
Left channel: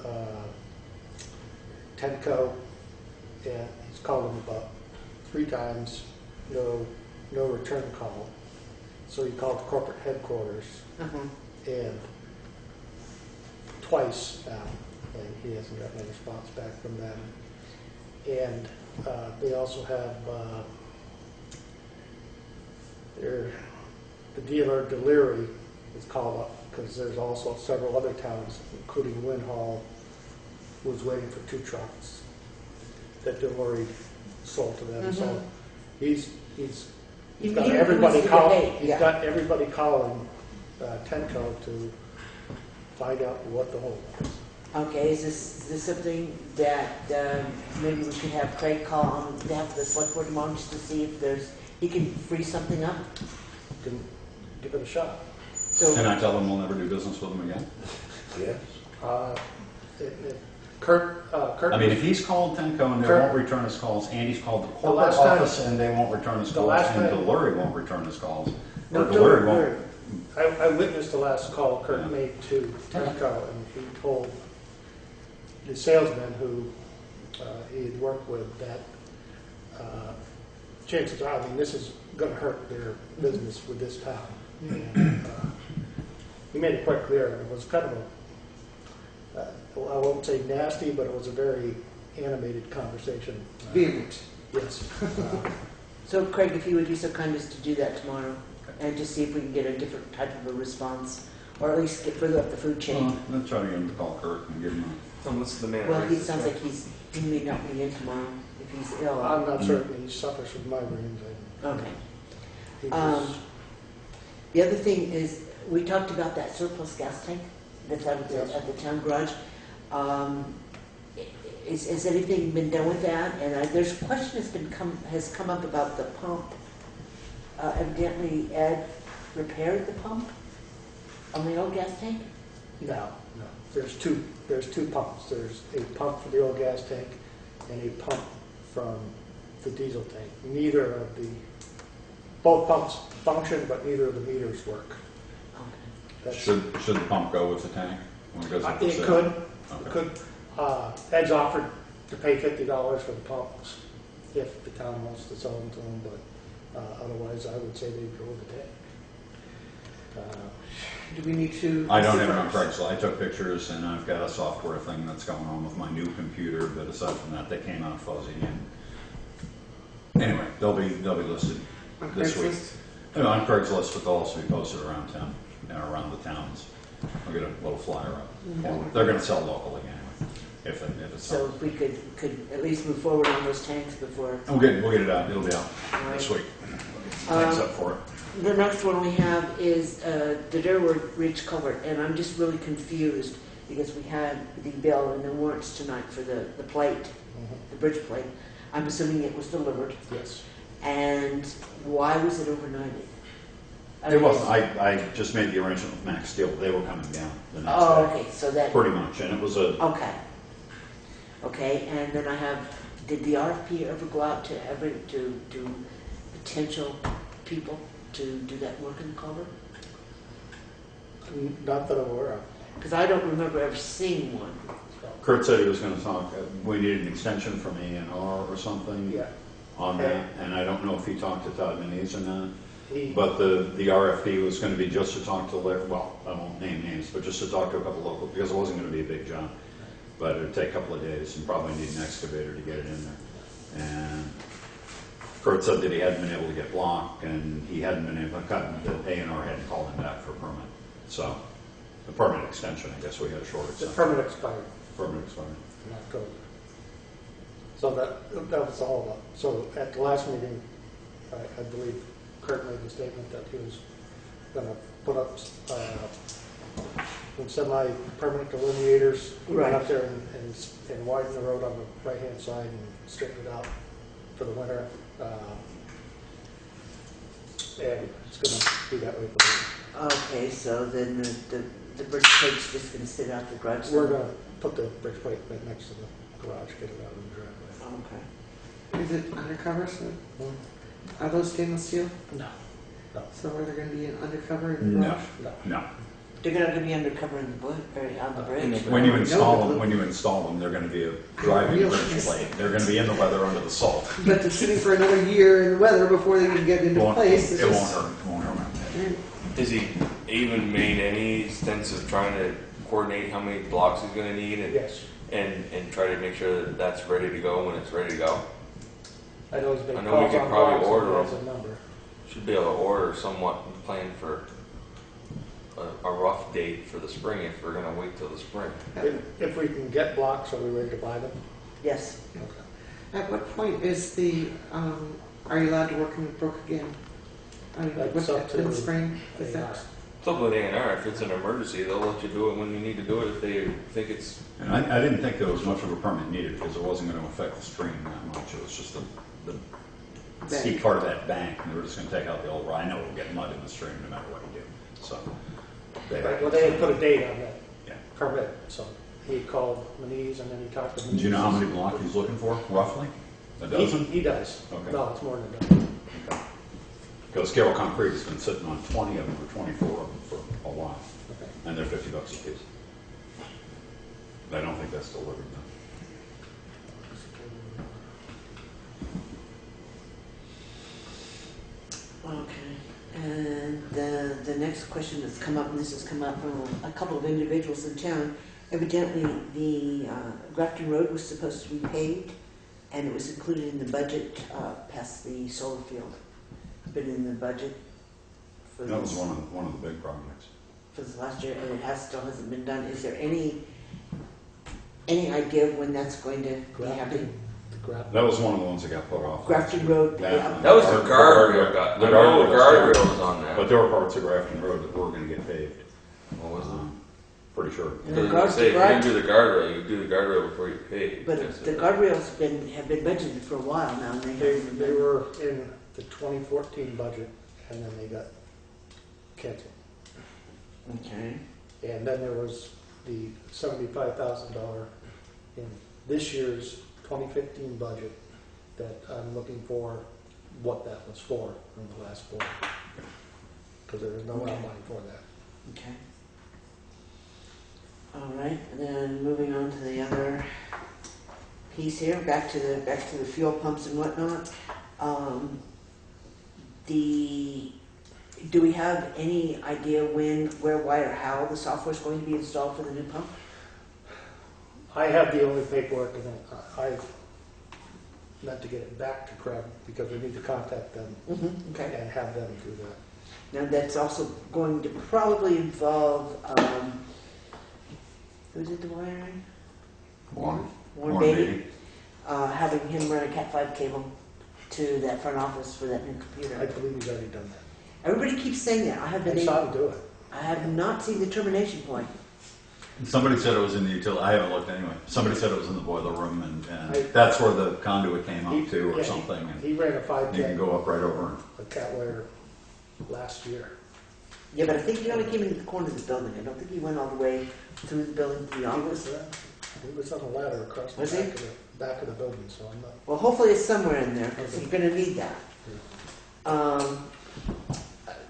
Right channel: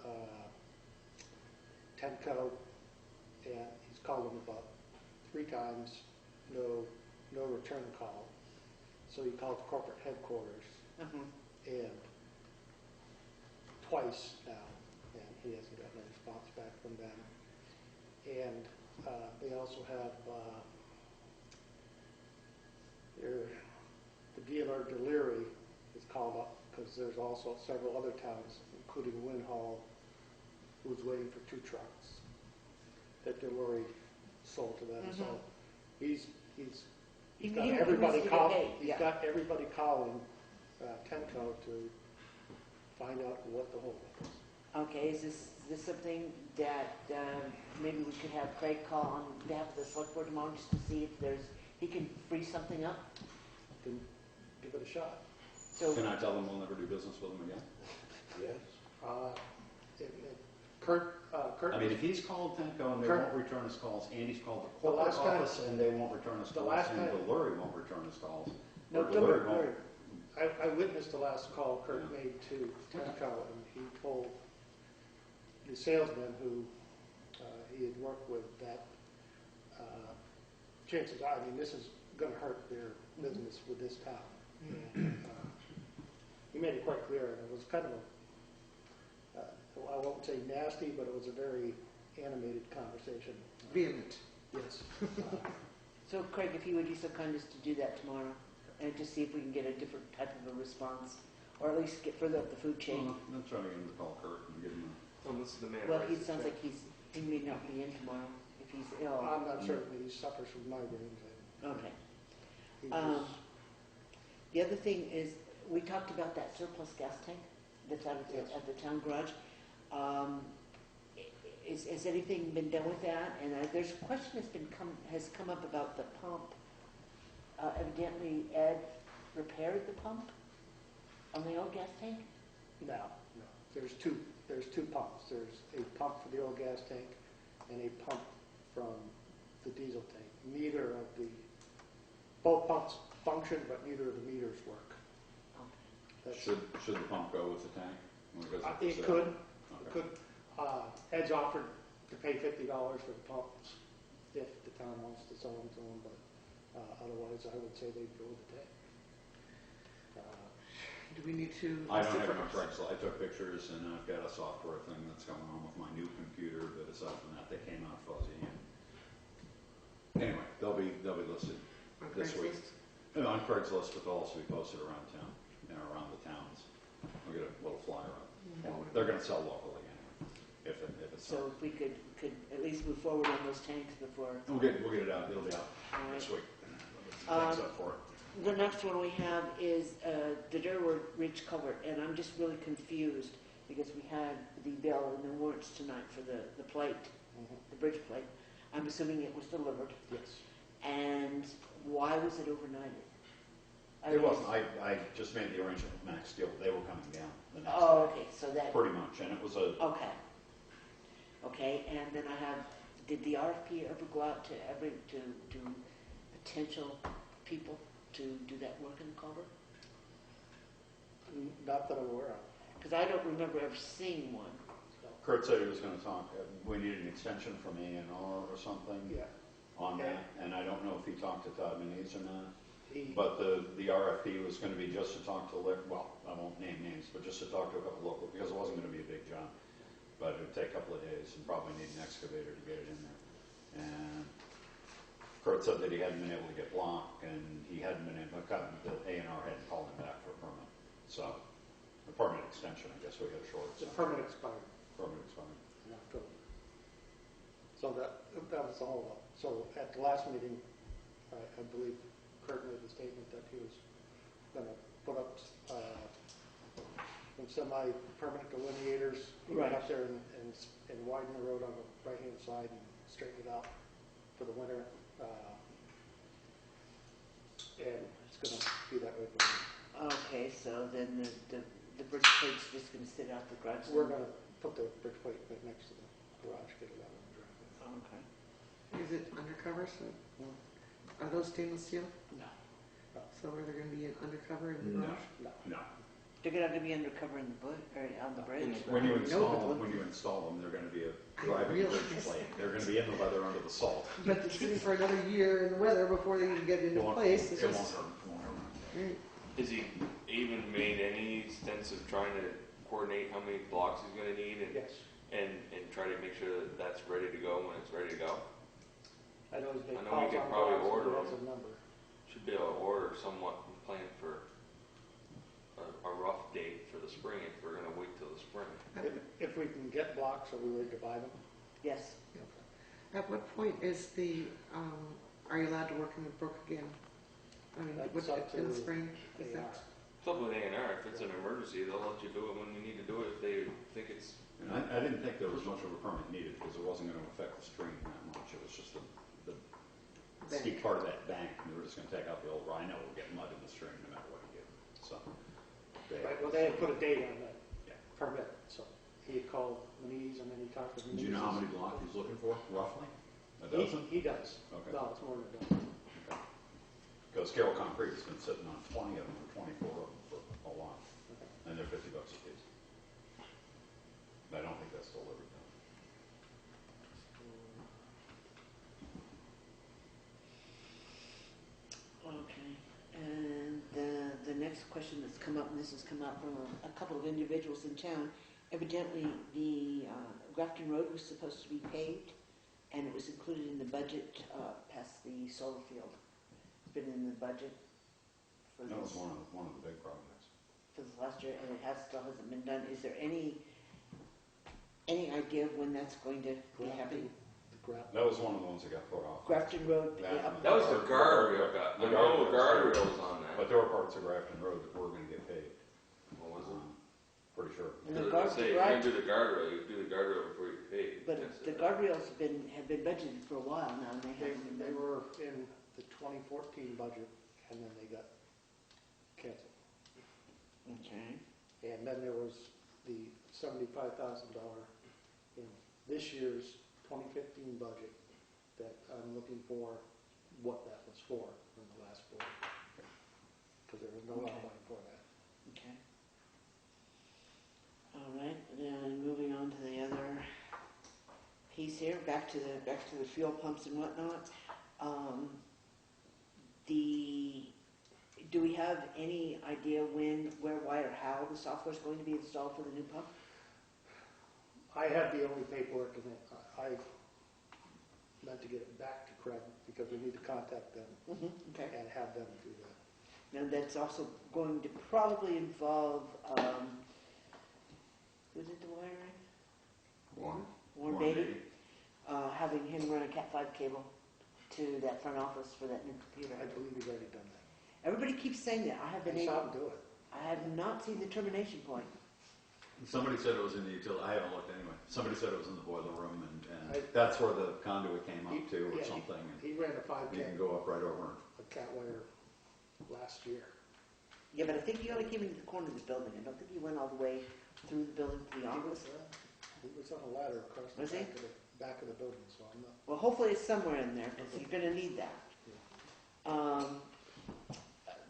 Tenco, and he's called them about 3 times, no return call. So he called corporate headquarters, and twice now, and he hasn't gotten a response back from them. And they also have the dealer Deliri is called up, because there's also several other towns, including Lynn Hall, who's waiting for 2 trucks that Deliri sold to them. So he's got everybody calling. He's got everybody calling Tenco to find out what the hold is. Okay, is this something that maybe we could have Craig call on behalf of the select board tomorrow just to see if he can free something up? Can give it a shot. So Can I tell them we'll never do business with them again? Yes. Kurt. I mean, if he's called Tenco and they Kurt- won't return his calls, Andy's called the corporate last time- office and they won't return his the calls, last and time- Delury won't return his calls. No, Or Delury won't. Delury. I witnessed the last call Kurt Yeah. made to Tenco, and he told the salesman who he had worked with that chances are, I mean, this is going to hurt their business with this town. And, he made it quite clear. It was kind of I won't say nasty, but it was a very animated conversation. Vehement. Yes. So Craig, if you would be so kind as to do that tomorrow, and just see if we can get a different type of a response, or at least get further up the food chain. Well, let's try to get him to call Kurt and give him What's the man? Well, he sounds like he may not be in tomorrow if he's ill. I'm not certain. He suffers from migraines. And Okay. he was, The other thing is, we talked about that surplus gas tank that's out Yes. at the town garage. Has anything been done with that? And there's a question has come up about the pump. Evidently, Ed repaired the pump on the old gas tank. no. There's two pumps. There's a pump for the old gas tank and a pump from the diesel tank. Both pumps function, but neither of the meters work. Okay. Should the pump go with the tank when it goes up for It sale? could. Okay. It could. Ed's offered to pay $50 for the pumps if the town wants to sell them to him, but otherwise I would say they'd go with the tank. Do we need to? I don't have it on Craigslist. I took pictures and I've got a software thing that's going on with my new computer, but aside from that, they came out fuzzy. And anyway, they'll be listed On this week. Craigslist? On Craigslist, but they'll also be posted around town and around the towns. I'll get a little flyer up. They're going to sell locally anyway, if it's So sold. if we could at least move forward on those tanks before. We'll get it out. It'll be out All this right. week. Thanks up for it. The next one we have is the Durwood Ridge culvert, and I'm just really confused because we had the bill and the warrants tonight for the plate, the bridge plate. I'm assuming it was delivered. Yes. And why was it overnighted? It wasn't. I just made the arrangement with Max Steel. They were coming down the next Oh, day. okay, so that, Pretty much, and it was a. okay. Okay, and then I have, did the RFP ever go out to potential people to do that work in the culvert? Not that I'm aware of. Because I don't remember ever seeing one. Kurt said he was going to talk. We needed an extension from A&R or something Yeah. on that, and I don't know if he talked to Todd Manise or not. He, But the RFP was going to be just to talk to, well, I won't name names, but just to talk to a couple local, because it wasn't going to be a big job. But it would take a couple of days and probably need an excavator to get it in there. And Kurt said that he hadn't been able to get blocked, and he hadn't been able to cut, that A&R hadn't called him back for a permit. So, a permit extension, I guess we had a short the extension. permit expired Permit expired. in October. So that was the holdup. So at the last meeting, I believe Kurt made the statement that he was gonna put up, some semi-permanent delineators. He went up there and widen the road on the right-hand side and straighten it out for the winter. And it's gonna be that way for the winter. Okay, so then the bridge plate's just gonna sit out the garage? We're gonna put the bridge plate right next to the garage, get it out of the driveway. Okay. Is it undercover, so, are those stainless steel? No. So are there gonna be an undercover in the No, garage? no. They're gonna be undercover in the bush, or on the bridge? When you install them, they're gonna be a driving Real bridge nice. plate. They're gonna be in the weather under the salt. But they're sitting for another year in the weather before they can get into place. It won't hurt, it won't hurt. Has he even made any sense of trying to coordinate how many blocks he's gonna need Yes. and try to make sure that that's ready to go when it's ready to go? I know he's been I know we calls could on probably blocks, order and he them. has a number. Should be able to order somewhat and plan for a rough date for the spring if we're gonna wait till the spring. If we can get blocks, are we ready to buy them? Yes. Okay. At what point is are you allowed to work in the brook again? I mean, That's what's up that, in the to spring? Is A&R. that- It's up with A&R. If it's an emergency, they'll let you do it when you need to do it if they think it's. And I didn't think there was much of a permit needed because it wasn't gonna affect the stream that much. It was just the steep part of that bank, and they were just gonna take out the old rhino. We'll get mud in the stream no matter what you do, so. Well, they had put a date on that Yeah. permit, so he called Manise and then he talked to Manise. Do you know how many blocks he's looking for, roughly? A dozen? He does. Okay. No, it's more than a dozen. Because Carroll Concrete has been sitting on 20 of them or 24 of them for a while, Okay. and they're $50 a piece. I don't think that's delivered though. Okay. And the next question that's come up, and this has come up from a couple of individuals in town, evidently the Grafton Road was supposed to be paved, and it was included in the budget past the solar field. It's been in the budget for That was this, one of the big projects. for this last year, and it still hasn't been done. Is there any idea of when that's going to be happening? That was one of the ones that got put off. Grafton Road. That- That was the guardrail. I know the guardrail was on But that. there were parts of Grafton Road that were gonna get paved. What was it? Pretty sure. And Because the I guard- say, if the you're guard- gonna do the guardrail, you do the guardrail before you pay. But the guardrails have been budgeted for a while now, and They were in the 2014 budget and then they got canceled. Okay. And then there was the $75,000 in this year's 2015 budget that I'm looking for what that was for in the last quarter. Because there was no Okay. money for that. Okay. All right, and then moving on to the other piece here, back to the fuel pumps and whatnot. Do we have any idea when, where, why, or how the software is going to be installed for the new pump? I have the only paperwork and I've meant to get it back to Craig because we need to contact them Okay. and have them do that. Now that's also going to probably involve, who did the wiring? Warren Beatty. Having him run a Cat5 cable to that front office for that new I computer. believe he's already done that. Everybody keeps saying that. I I saw him do it. I have not seen the termination point. Somebody said it was in the utility, I haven't looked anyway. Somebody said it was in the boiler room and I- that's where the conduit came up to or Yeah, something. And He ran a you 5K, can go up right over. a cat wire last year. Yeah, but I think he only came into the corner of the building. I don't think he went all the way through the building to the He was, office. he was on a ladder across the Was he? back of the building, so I'm not. Well, hopefully it's somewhere in there because you're going to need that.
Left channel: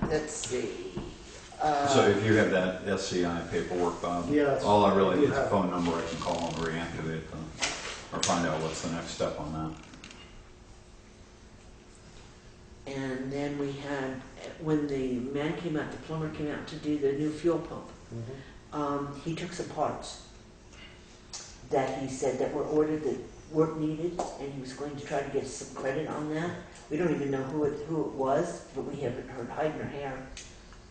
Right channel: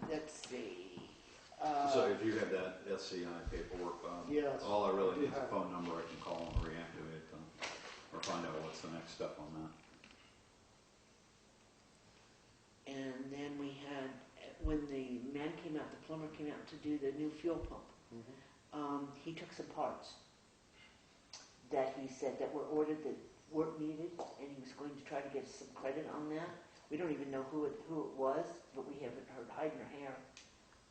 Let's see. So if you have that SCI paperwork, Bob, Yeah, that's- all I really I do need is a have it. phone number I can call and reactivate them, or find out what's the next step on And then we had, when the man came out, the plumber came out to do the new fuel pump, he took some parts that he said that were ordered that weren't needed, and he was going to try to get some credit on that. We don't even know who it was, but we haven't heard hide nor hair.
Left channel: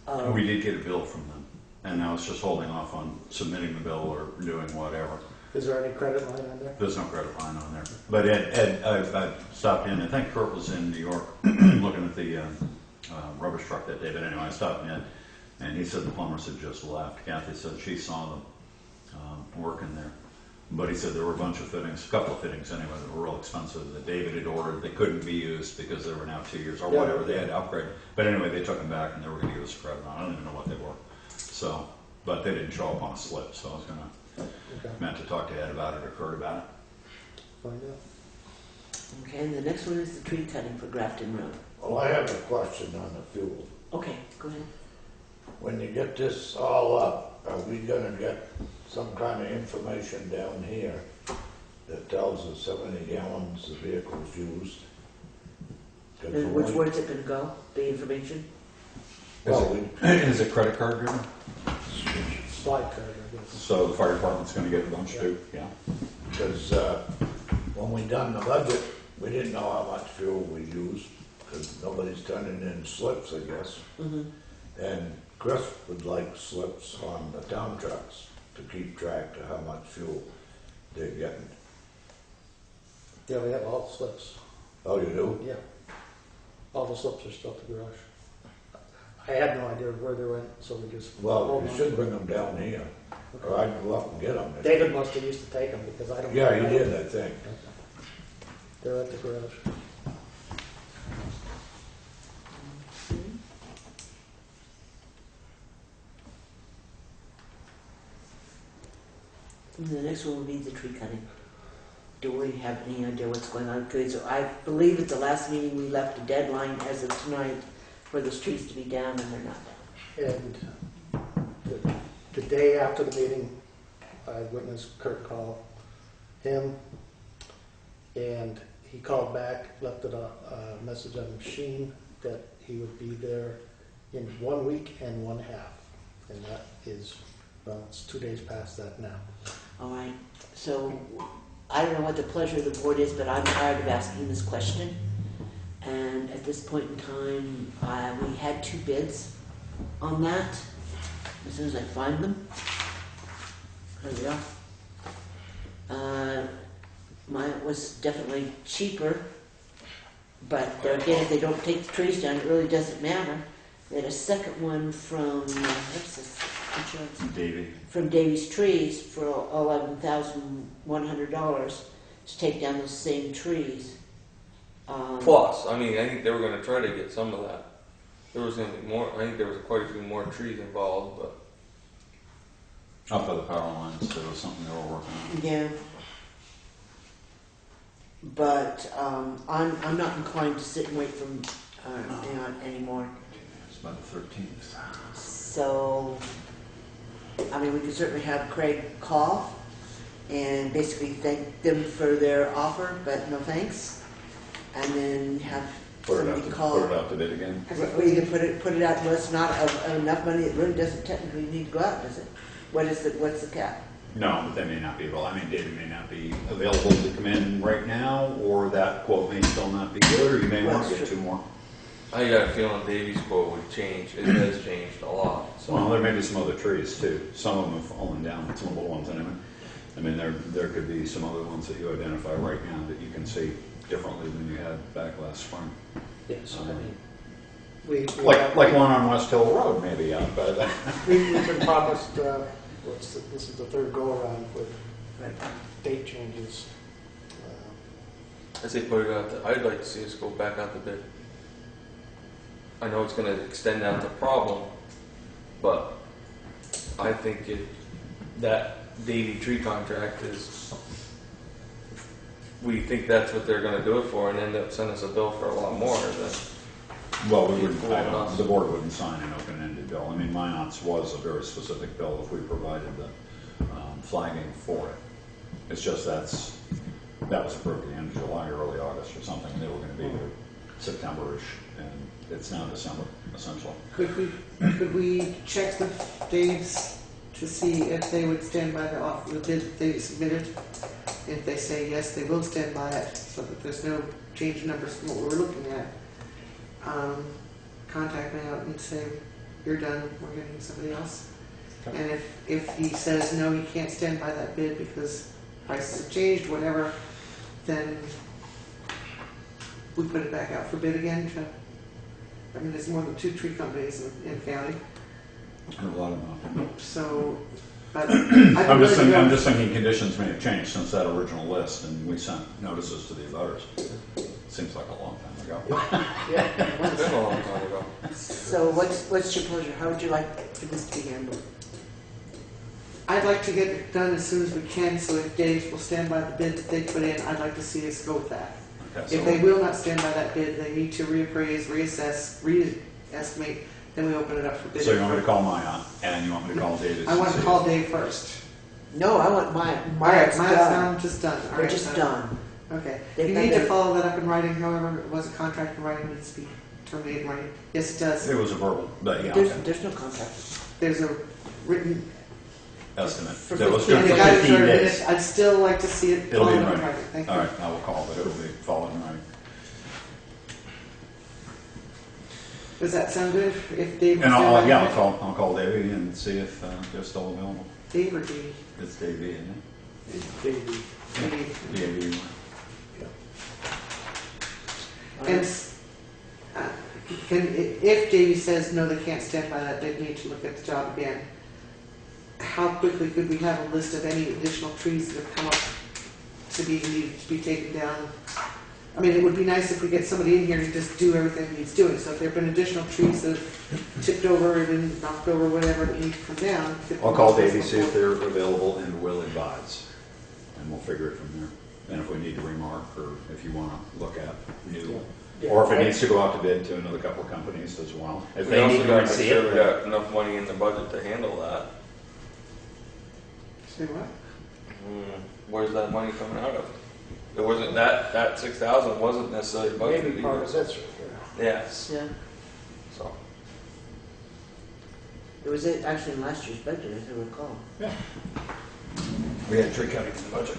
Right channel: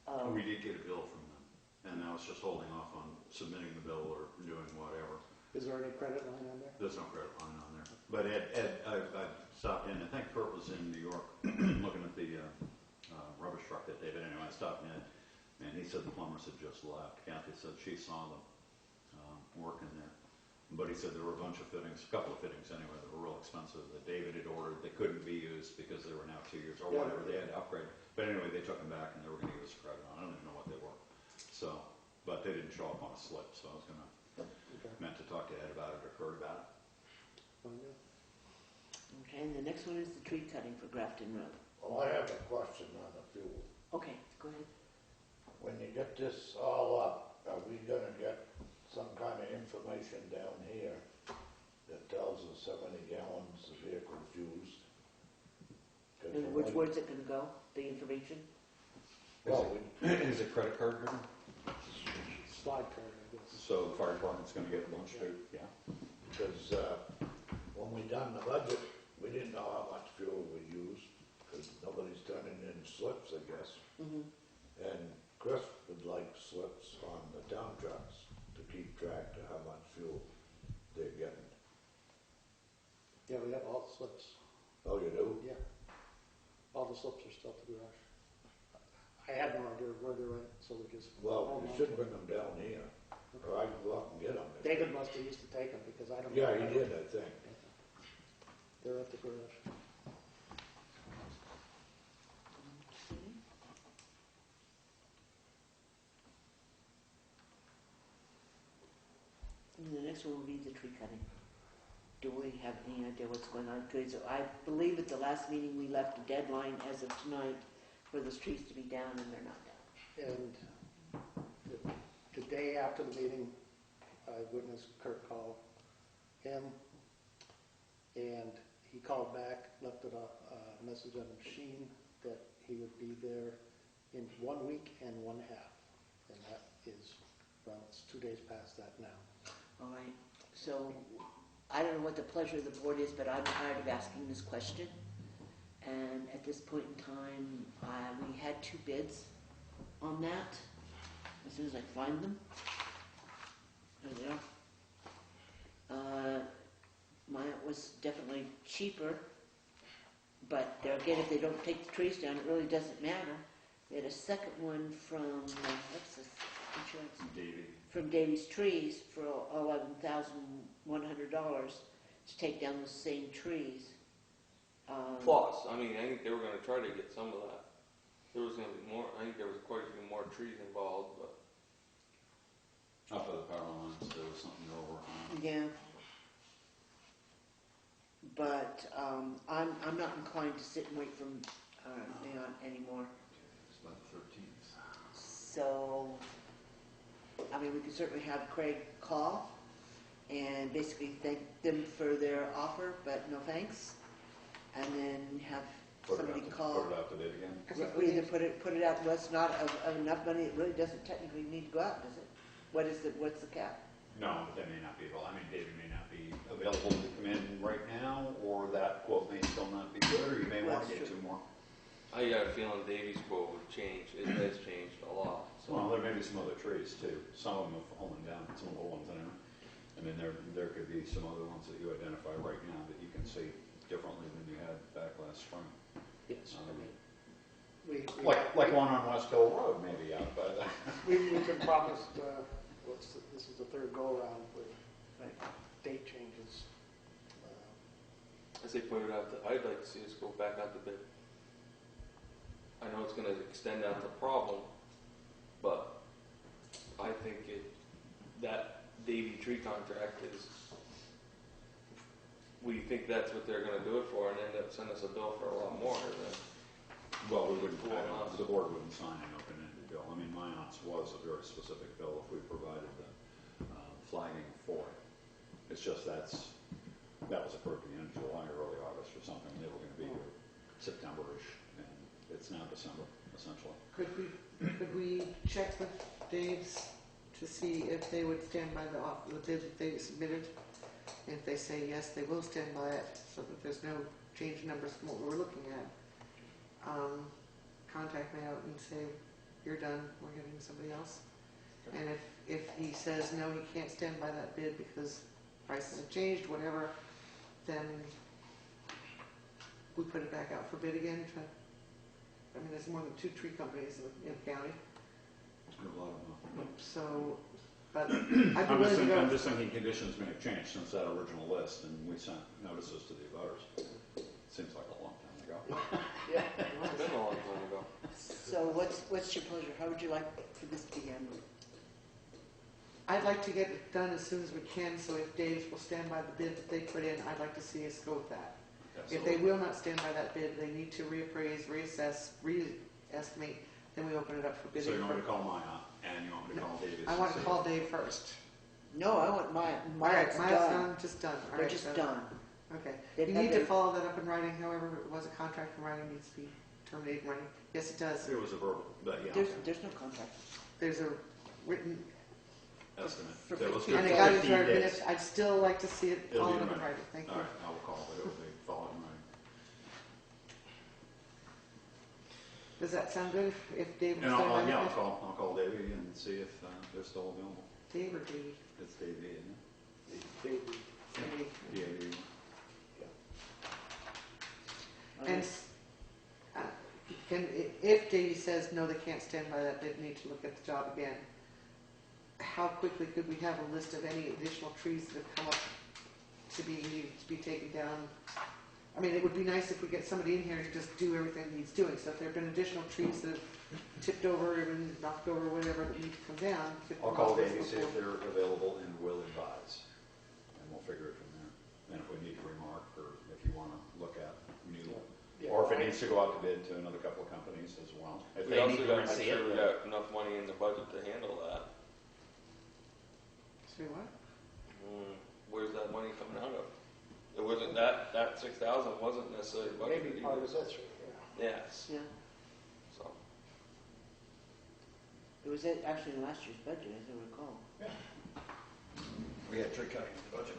that. We did get a bill from them, and I was just holding off on submitting the bill or doing whatever. Is there any credit line on there? There's no credit line on there. But Ed, I stopped in, I think Kurt was in New York looking at the rubbish truck that day, but anyway, I stopped in, and he said the plumbers had just left. Kathy said she saw them working there. But he said there were a bunch of fittings, a couple of fittings anyway, that were real expensive that David had ordered. They couldn't be used because they were now 2 years or whatever. They had to upgrade. But anyway, they took them back and they were going to give us a credit on. I don't even know what they were. So, but they didn't show up on a slip. So I was going to, meant to talk to Ed about it or Kurt about it. Find out. Okay, and the next one is the tree cutting for Grafton Road. Well, I have a question on the fuel. Okay, go ahead. When you get this all up, are we gonna get some kind of information down here that tells us how many gallons the vehicle's used? 'Cause And where's it gonna go, the information? Well, Is it credit card driven? Slide card, I guess. So the fire department's going to get a bunch too? Yeah. because when we done the budget, we didn't know how much fuel we used, because nobody's turning in slips, I guess. Mm-hmm. And Chris would like slips on the town trucks to keep track of how much fuel they're getting. Yeah, we have all the slips. Oh, you do? Yeah. All the slips are still at the garage. I had no idea where they went, so we just. Well, hold you on. should bring them down here, or I'd go up and get them. David must have used to take them because I don't. Yeah, he did, I think. They're at the garage. And the next one will be the tree cutting. Do we have any idea what's going on? Because I believe at the last meeting we left a deadline as of tonight for those trees to be down, and they're not down. And the day after the meeting, I witnessed Kurt call him, and he called back, left a message on the machine that he would be there in 1 week and 1/2. And that is, well, it's 2 days past that now. All right, so I don't know what the pleasure of the board is, but I'm tired of asking this question. And at this point in time, we had 2 bids on that. As soon as I find them, there we are. Mine was definitely cheaper, but there again, if they don't take the trees down, it really doesn't matter. We had a second one from, what's this, insurance? Davey. From Davy's Trees for $11,100 to take down those same trees. Plus, I mean, I think they were going to try to get some of that. There was going to be more. I think there was quite a few more trees involved, but Up by the power lines, there was something they were working on. Yeah. But I'm not inclined to sit and wait for anymore. It's about the 13th. So, I mean, we could certainly have Craig call and basically thank them for their offer, but no thanks. And then have somebody call. Put it out to bid again. Or either put it out, well, it's not enough money, it really doesn't technically need to go out, does it? What's the cap? No, but they may not be able, I mean, David may not be available to come in right now, or that quote may still not be good, or you may want to That's get true. 2 more. I got a feeling Davy's quote would change. It has changed a lot. So. Well, there may be some other trees too. Some of them have fallen down, some of the little ones anyway. I mean, there could be some other ones that you identify right now that you can see differently than you had back last spring. Yes, I mean, we Like one on West Hill Road maybe out by that. we've been promised, this is the 3rd go-around with date changes. I say put it out there. I'd like to see us go back out to bid. I know it's going to extend out the problem, but I think that Davy tree contract is. We think that's what they're going to do it for, and end up sending us a bill for a lot more than. Well, we wouldn't, the board wouldn't sign an open-ended bill. I mean, Minot's was a very specific bill if we provided the flagging for it. It's just that was approved at the end of July, early August or something, and they were going to be here September-ish, and it's now December, essentially. Could we check with Dave's to see if they would stand by the bid that they submitted? If they say yes, they will stand by it, so that there's no change in numbers from what we're looking at. Contact me out and say, you're done, we're getting somebody else. Okay. And if he says no, he can't stand by that bid because prices have changed, whatever, then we put it back out for bid again to, I mean, there's more than 2 tree companies in the county, And a lot of them. so, but. I'm just thinking conditions may have changed since that original list, and we sent notices to the abutters. Seems like a long time ago. Yeah. It's been a long time ago. So what's your pleasure? How would you like for this to be handled? I'd like to get it done as soon as we can, so if Dave will stand by the bid that they put in, I'd like to see us go with that. Okay, If they will not stand by that bid, they need to reappraise, reassess, re-estimate, then we open it up for bid. so you want me to call Maya, and you want me to call David? I want to call Dave first. No, I want mine. All right, Mine's mine's done. now just done. All They're right, just done. done. Okay. They've You had need to their- follow that up in writing, however, it was a contract in writing needs to be terminated in writing. Yes, it does. It was a verbal, but yeah, There's, okay. there's no contract. There's a written. Estimate. For That was 15 good and for they got it 15 for a days. minute. I'd still like to see it It'll be followed in up in writing. writing. Thank you. All right, I will call, but it will be followed in writing. Does that sound good? If Dave. And will stand by yeah, the I'll call Davey and see if they're still available. bid? Dave or Dave? It's Davey, isn't Davey. Dave. it? Davey. And if Davey says, no, they can't stand by that, they'd need to look at the job again. How quickly could we have a list of any additional trees that have come up to be needed to be taken down? I mean, it would be nice if we get somebody in here to just do everything he's doing. So if there have been additional trees that have tipped over and then knocked over, whatever, that need to come down. get I'll them call off Davey, before- see if they're available and will advise, and we'll figure it from there. And if we need to remark, or if you want to look at new, Yeah. or if it needs to go out to bid to another couple of companies as well. If We they also need to gotta make see sure it, we got enough money in the budget to handle that. Say what? Where's that money coming out of? It wasn't that 6,000 wasn't necessarily budgeted. Maybe part of either. that's right Yes, Yeah, so. it was actually in last year's budget, as I recall. we had tree cutting in the budget.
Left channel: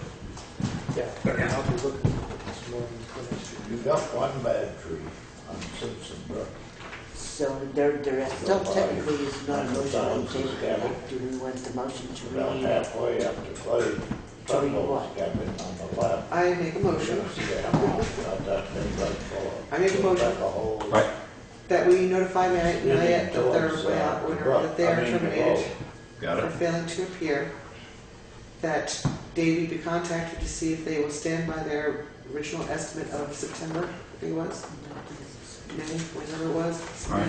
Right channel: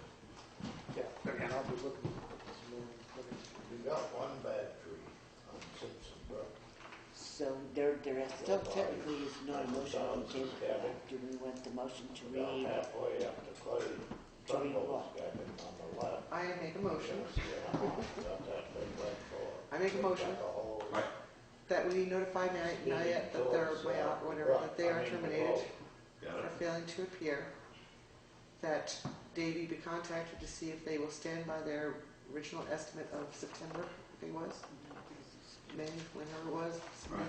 Yeah, and I'll be looking this morning for next year. there. You got one bad tree on Simpson Brook. So there still technically is not a motion on the table. Gavin. Do we want the motion to About read? halfway up to Clay, truckloads cabin on the left. I make a You're motion gonna see that house, got that thing right full of. I make a motion. Like a whole. Right. that we notify Marriott Leading that they're, towards, way the out, brook. that they are I mean, the terminated road. Got for it? failing to appear. That Davey be contacted to see if they will stand by their original estimate of September, I think it was, May, whatever it was. Right.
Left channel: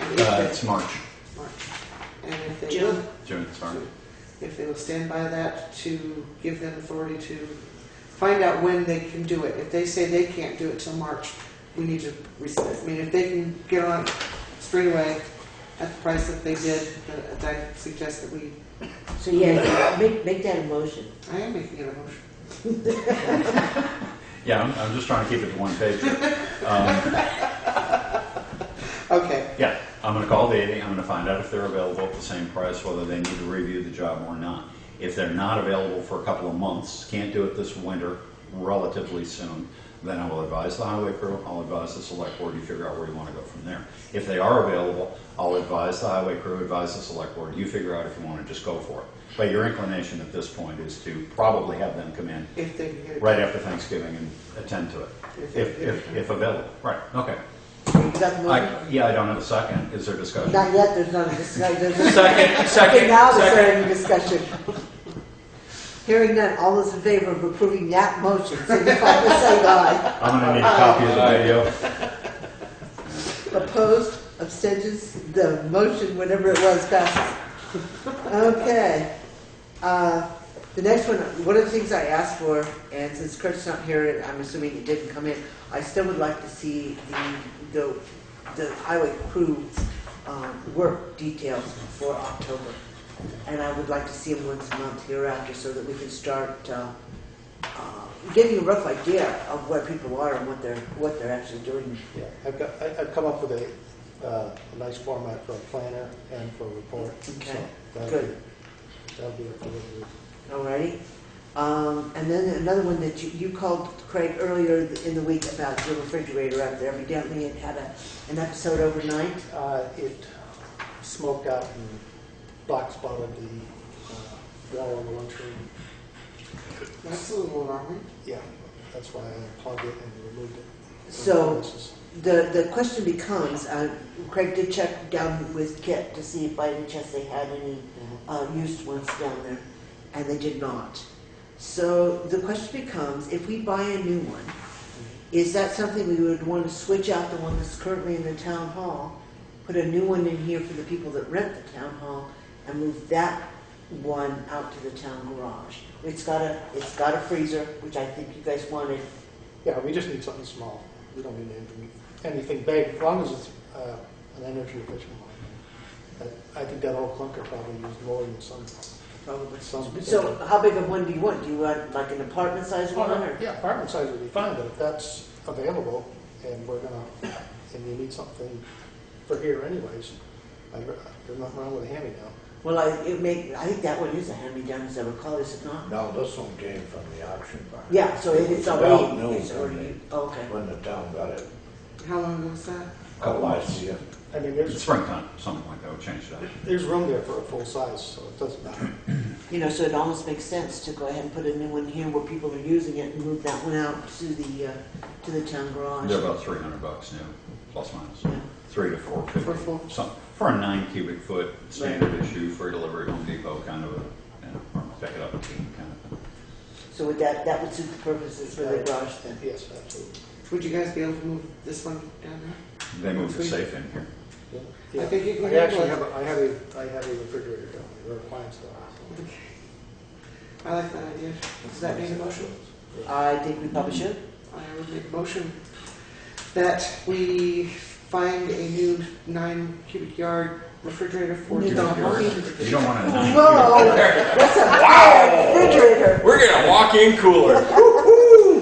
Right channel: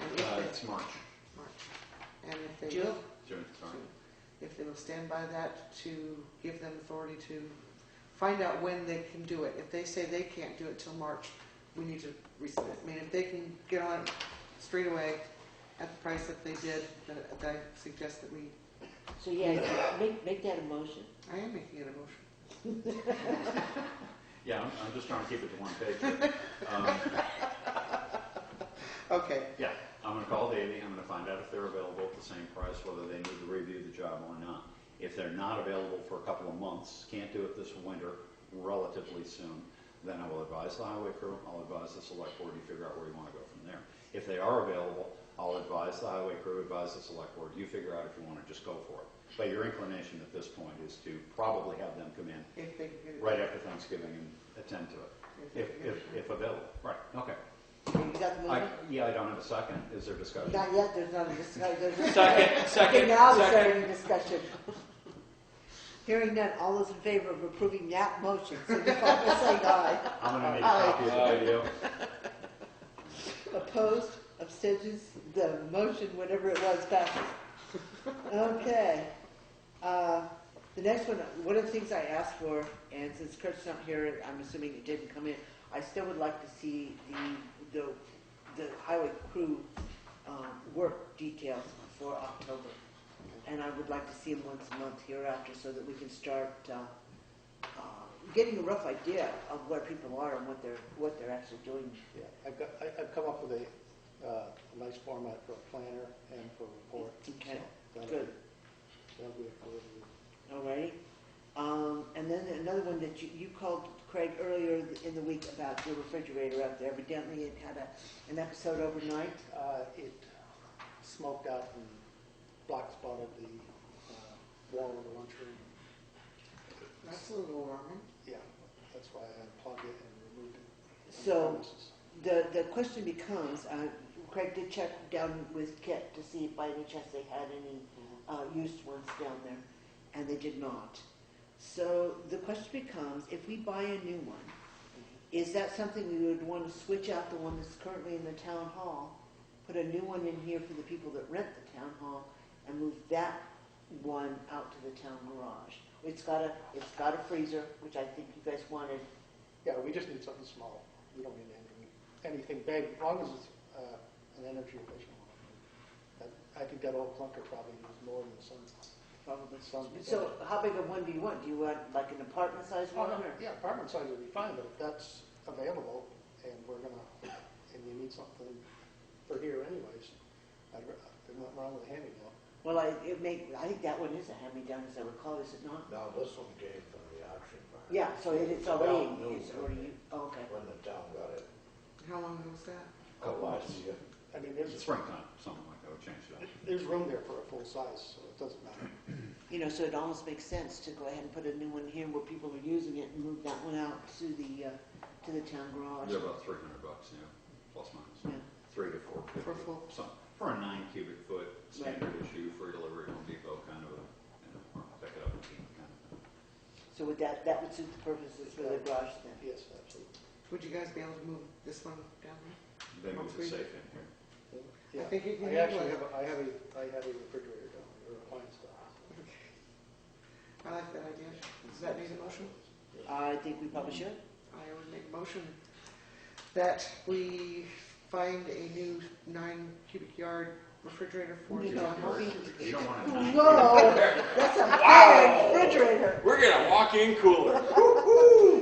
And if they, It's March, March. And if they June. will, June, sorry. if they will stand by that, to give them authority to find out when they can do it. If they say they can't do it till March, we need to, I mean, if they can get on straight away at the price that they did, then I suggest that we, So yeah, make that a motion. I am making it a motion. Yeah, I'm just trying to keep it to one page. Okay, Yeah, I'm gonna call Davey, I'm gonna find out if they're available at the same price, whether they need to review the job or not. If they're not available for a couple of months, can't do it this winter, relatively soon, then I will advise the highway crew, I'll advise the select board, you figure out where you wanna go from there. If they are available, I'll advise the highway crew, advise the select board, you figure out if you wanna just go for it. But your inclination at this point is to probably have them come in if they can get it. right after Thanksgiving and attend to it, if available, right, okay. You got the motion? Yeah, I don't have a second, is there discussion? Not yet, there's not a discussion. There's a Second, Okay, now is there any discussion? Hearing none, all those in favor of approving that motion, signify by saying aye. I'm gonna need a copy of the video. Opposed, abstentions, the motion, whatever it was, passes. Okay. The next one of the things I asked for, and since Kurt's not here, I'm assuming it didn't come in, I still would like to see the highway crew work details for October. And I would like to see them once a month hereafter so that we can start getting a rough idea of where people are and what they're actually doing. Yeah, I've come up with a nice format for a planner and for a report. Okay, So that'll good. be- That'll be it for the Alrighty. And then another one that you called, Craig, earlier in the week about the refrigerator up there. Evidently it had an episode overnight. It smoked out and black spotted the wall in the lunchroom. That's a little alarming. Yeah, that's why I plugged it and removed it. So the question becomes, Craig did check down with Kit to see if by any chance they had any used ones down there, and they did not. So the question becomes, if we buy a new one, is that something we would want to switch out the one that's currently in the town hall, put a new one in here for the people that rent the town hall, and move that one out to the town garage? It's got a freezer, which I think you guys wanted. Yeah, we just need something small. We don't need anything big, as long as it's an energy efficient one. I think that old clunker probably used more than some. Probably. Some. So how big of one do you want? Do you want like an apartment size one? Or? Yeah, apartment size would be fine, but if that's available and and you need something for here anyways, there's nothing wrong with a hand-me-down. Well, I think that one is a hand-me-down, as I recall, is it not? No, this one came from the auction barn. Yeah, so it's It's already. about new It's already. when Okay. When the town got it, How long ago was that? last year. I mean, It's springtime, something like that, would change that. there's room there for a full size, so it doesn't matter. You know, so it almost makes sense to go ahead and put a new one here where people are using it and move that one out to the town garage. They're about $300 new, plus minus. Yeah. 3 to 450. For full. For a 9 cubic foot standard issue, free delivery, Home Depot kind of a, or pick it up and keep kind of thing. So would that would suit the purposes for the garage then? Yes, absolutely. Would you guys be able to move this one down there? They moved the safe in here. Yeah. I think you can I get actually one. have I have a refrigerator down there, or appliance down I like that idea. Does that need a motion? I think we probably should. I would make a motion that we find a new 9 cubic yard refrigerator for New town hall. You don't want a 9 Whoa, that's a big refrigerator. We're gonna walk-in cooler.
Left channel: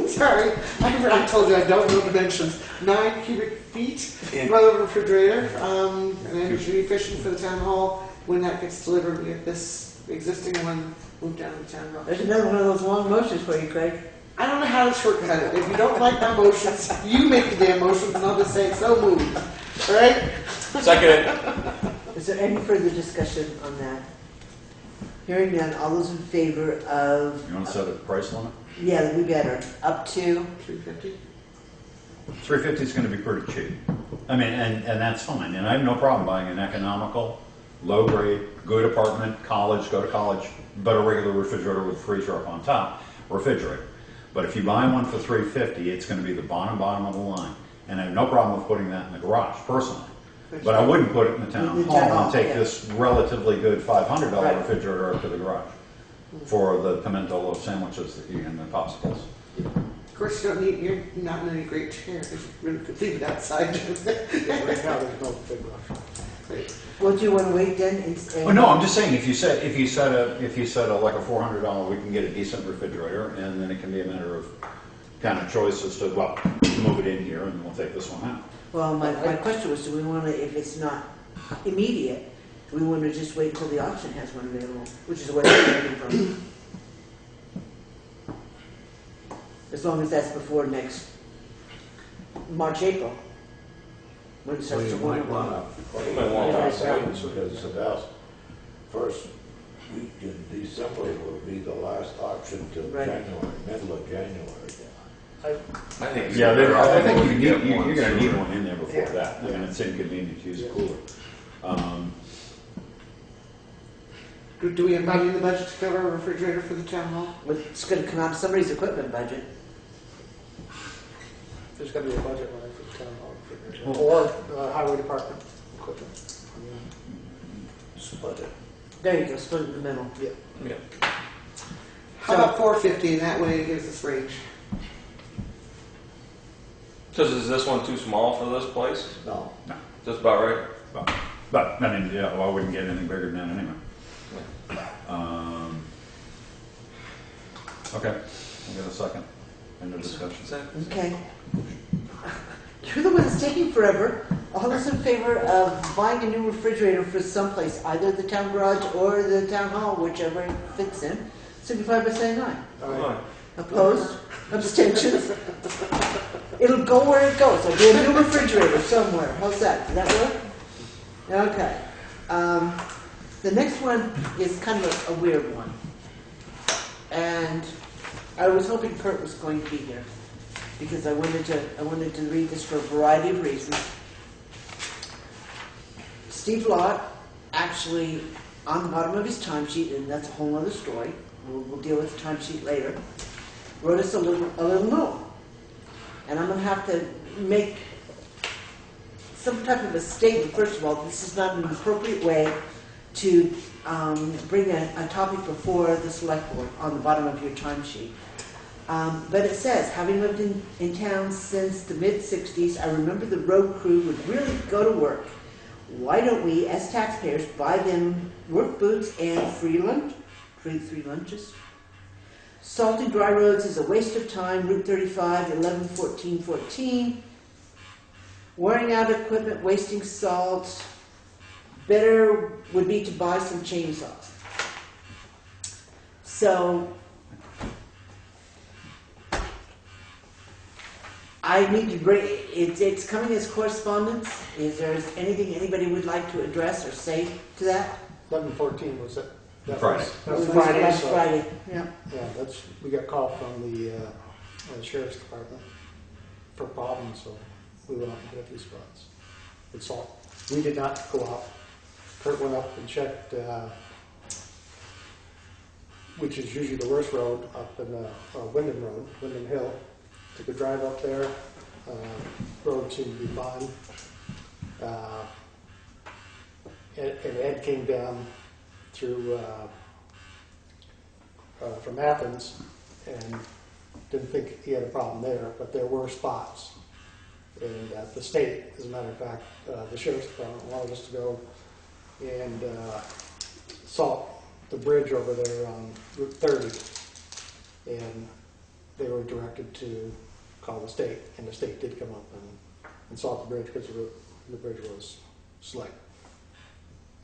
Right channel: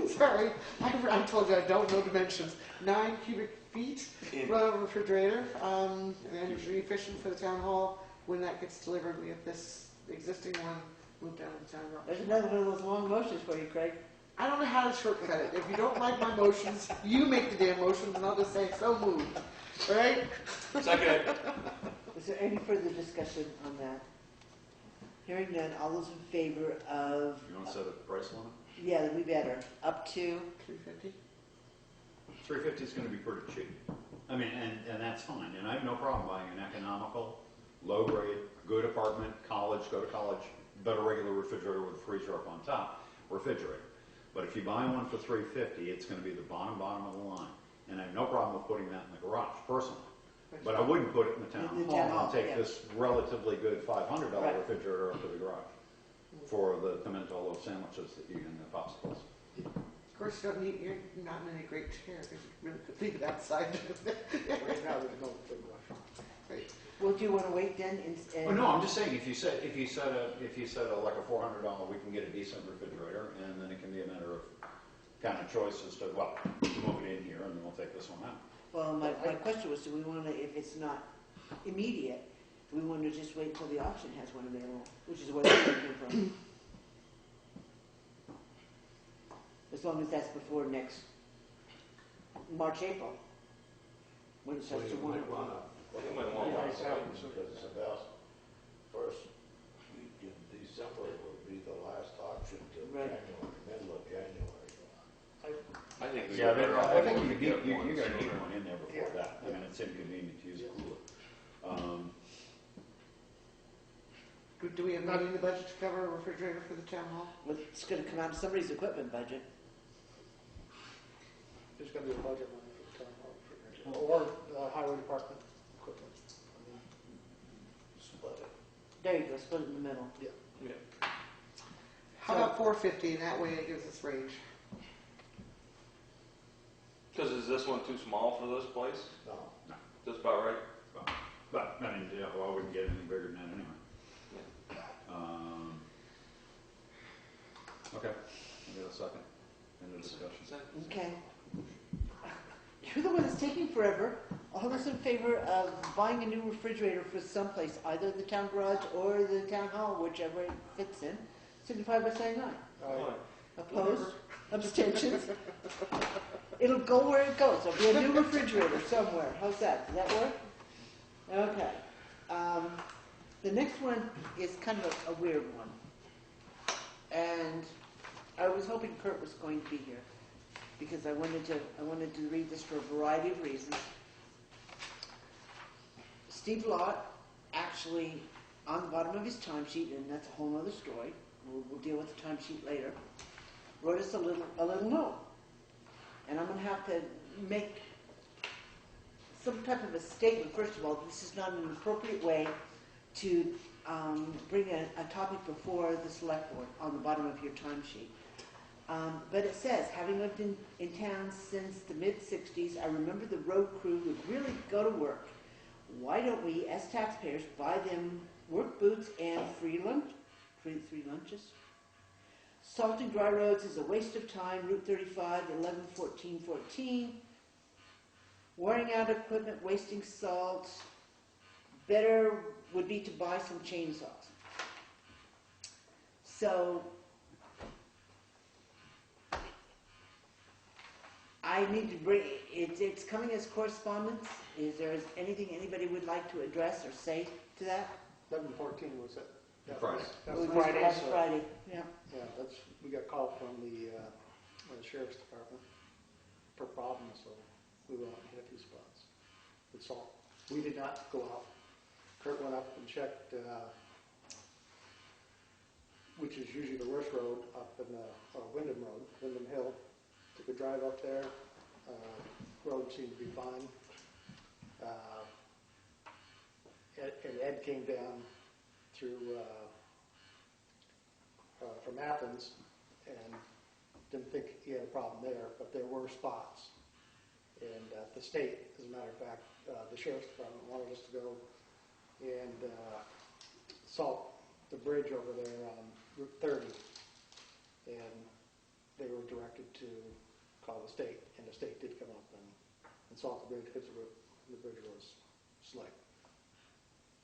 Sorry, I told you I don't know dimensions. 9 cubic feet, my refrigerator, and then should be efficient for the town hall. When that gets delivered, we get this existing one moved down to the town hall. There's another one of those long motions for you, Craig. I don't know how to shortcut it. If you don't like my motions, you make the damn motions, and I'll just say so moved. All right? Second it. Is there any further discussion on that? Hearing none, all those in favor of, You want to set a price limit? yeah, we better, up to, 350. 350 is going to be pretty cheap. I mean, and that's fine. And I have no problem buying an economical, low grade, good apartment, college, go to college, but a regular refrigerator with a freezer up on top, refrigerator. But if you buy one for 350, it's going to be the bottom of the line. And I have no problem with putting that in the garage, personally. But I wouldn't put it in the town In the hall town hall, and take yeah. this relatively good $500 Right. refrigerator up to the garage for the pimento sandwiches that you and the popsicles. Of course, you're not in any great chair. You could leave it outside. Right now, there's no big rush. Great. well, do you want to wait then? Oh, no, I'm just saying, if you set a like a $400, we can get a decent refrigerator, and then it can be a matter of kind of choice as to, well, move it in here, and then we'll take this one out. Well, my question was, do we want to, if it's not immediate, do we want to just wait until the auction has one available, which is where I'm waiting from? As long as that's before next March, April. When it So starts you to warm might up. wanna put You might it wanna on wait. sale, because about first week in December will be the last auction till Right. January, middle of January. I think it's Yeah, better off I if think we you're get one going to need sooner. one in there before Yeah. that. I mean, it's inconvenient to use a cooler. Do we have money in the budget to cover a refrigerator for the town hall? It's going to come out of somebody's equipment budget. There's got to be a budget line for the town hall refrigerator, or highway department equipment. Split it. There you go, split it in the middle. Yeah. Yeah. How about 450, and that way it gives us range? So is this one too small for this place? No, Just about right? But, I mean, yeah, well, I wouldn't get anything bigger than that anyway. Okay, we'll get a second. End of discussion. Okay. You're the one that's taking forever. All those in favor of buying a new refrigerator for someplace, either the town garage or the town hall, whichever it fits in, signify by saying aye. Come on. Opposed? Abstentions? It'll go where it goes. There'll be a new refrigerator somewhere. How's that? Does that work? Okay. The next one is kind of a weird one. And I was hoping Kurt was going to be here, because I wanted to read this for a variety of reasons. Steve Lott, actually, on the bottom of his timesheet, and that's a whole other story, we'll deal with the timesheet later, wrote us a little note. And I'm gonna have to make some type of a statement. First of all, this is not an appropriate way to bring a topic before the select board on the bottom of your timesheet. But it says, having lived in town since the mid-60s, I remember the road crew would really go to work. Why don't we, as taxpayers, buy them work boots and free lunches? Salting dry roads is a waste of time. Route 35, 11, 14, 14. Wearing out equipment, wasting salt. Better would be to buy some chainsaws. So, I need to bring, it's coming as correspondence. Is there anything anybody would like to address or say to that? 11/14 was it? That Friday. That was It was Friday. last so- Friday, yeah. Yeah, we got called from the sheriff's department for problems, so we went out and hit a few spots with salt. We did not go out. Kurt went up and checked, which is usually the worst road, up in Wyndham Hill. Took a drive up there. Road seemed to be fine. And Ed came down through from Athens and didn't think he had a problem there, but there were spots. And the state, as a matter of fact, the sheriff's department wanted us to go and salt the bridge over there on Route 30. And they were directed to call the state, and the state did come up and salt the bridge because the bridge was slick.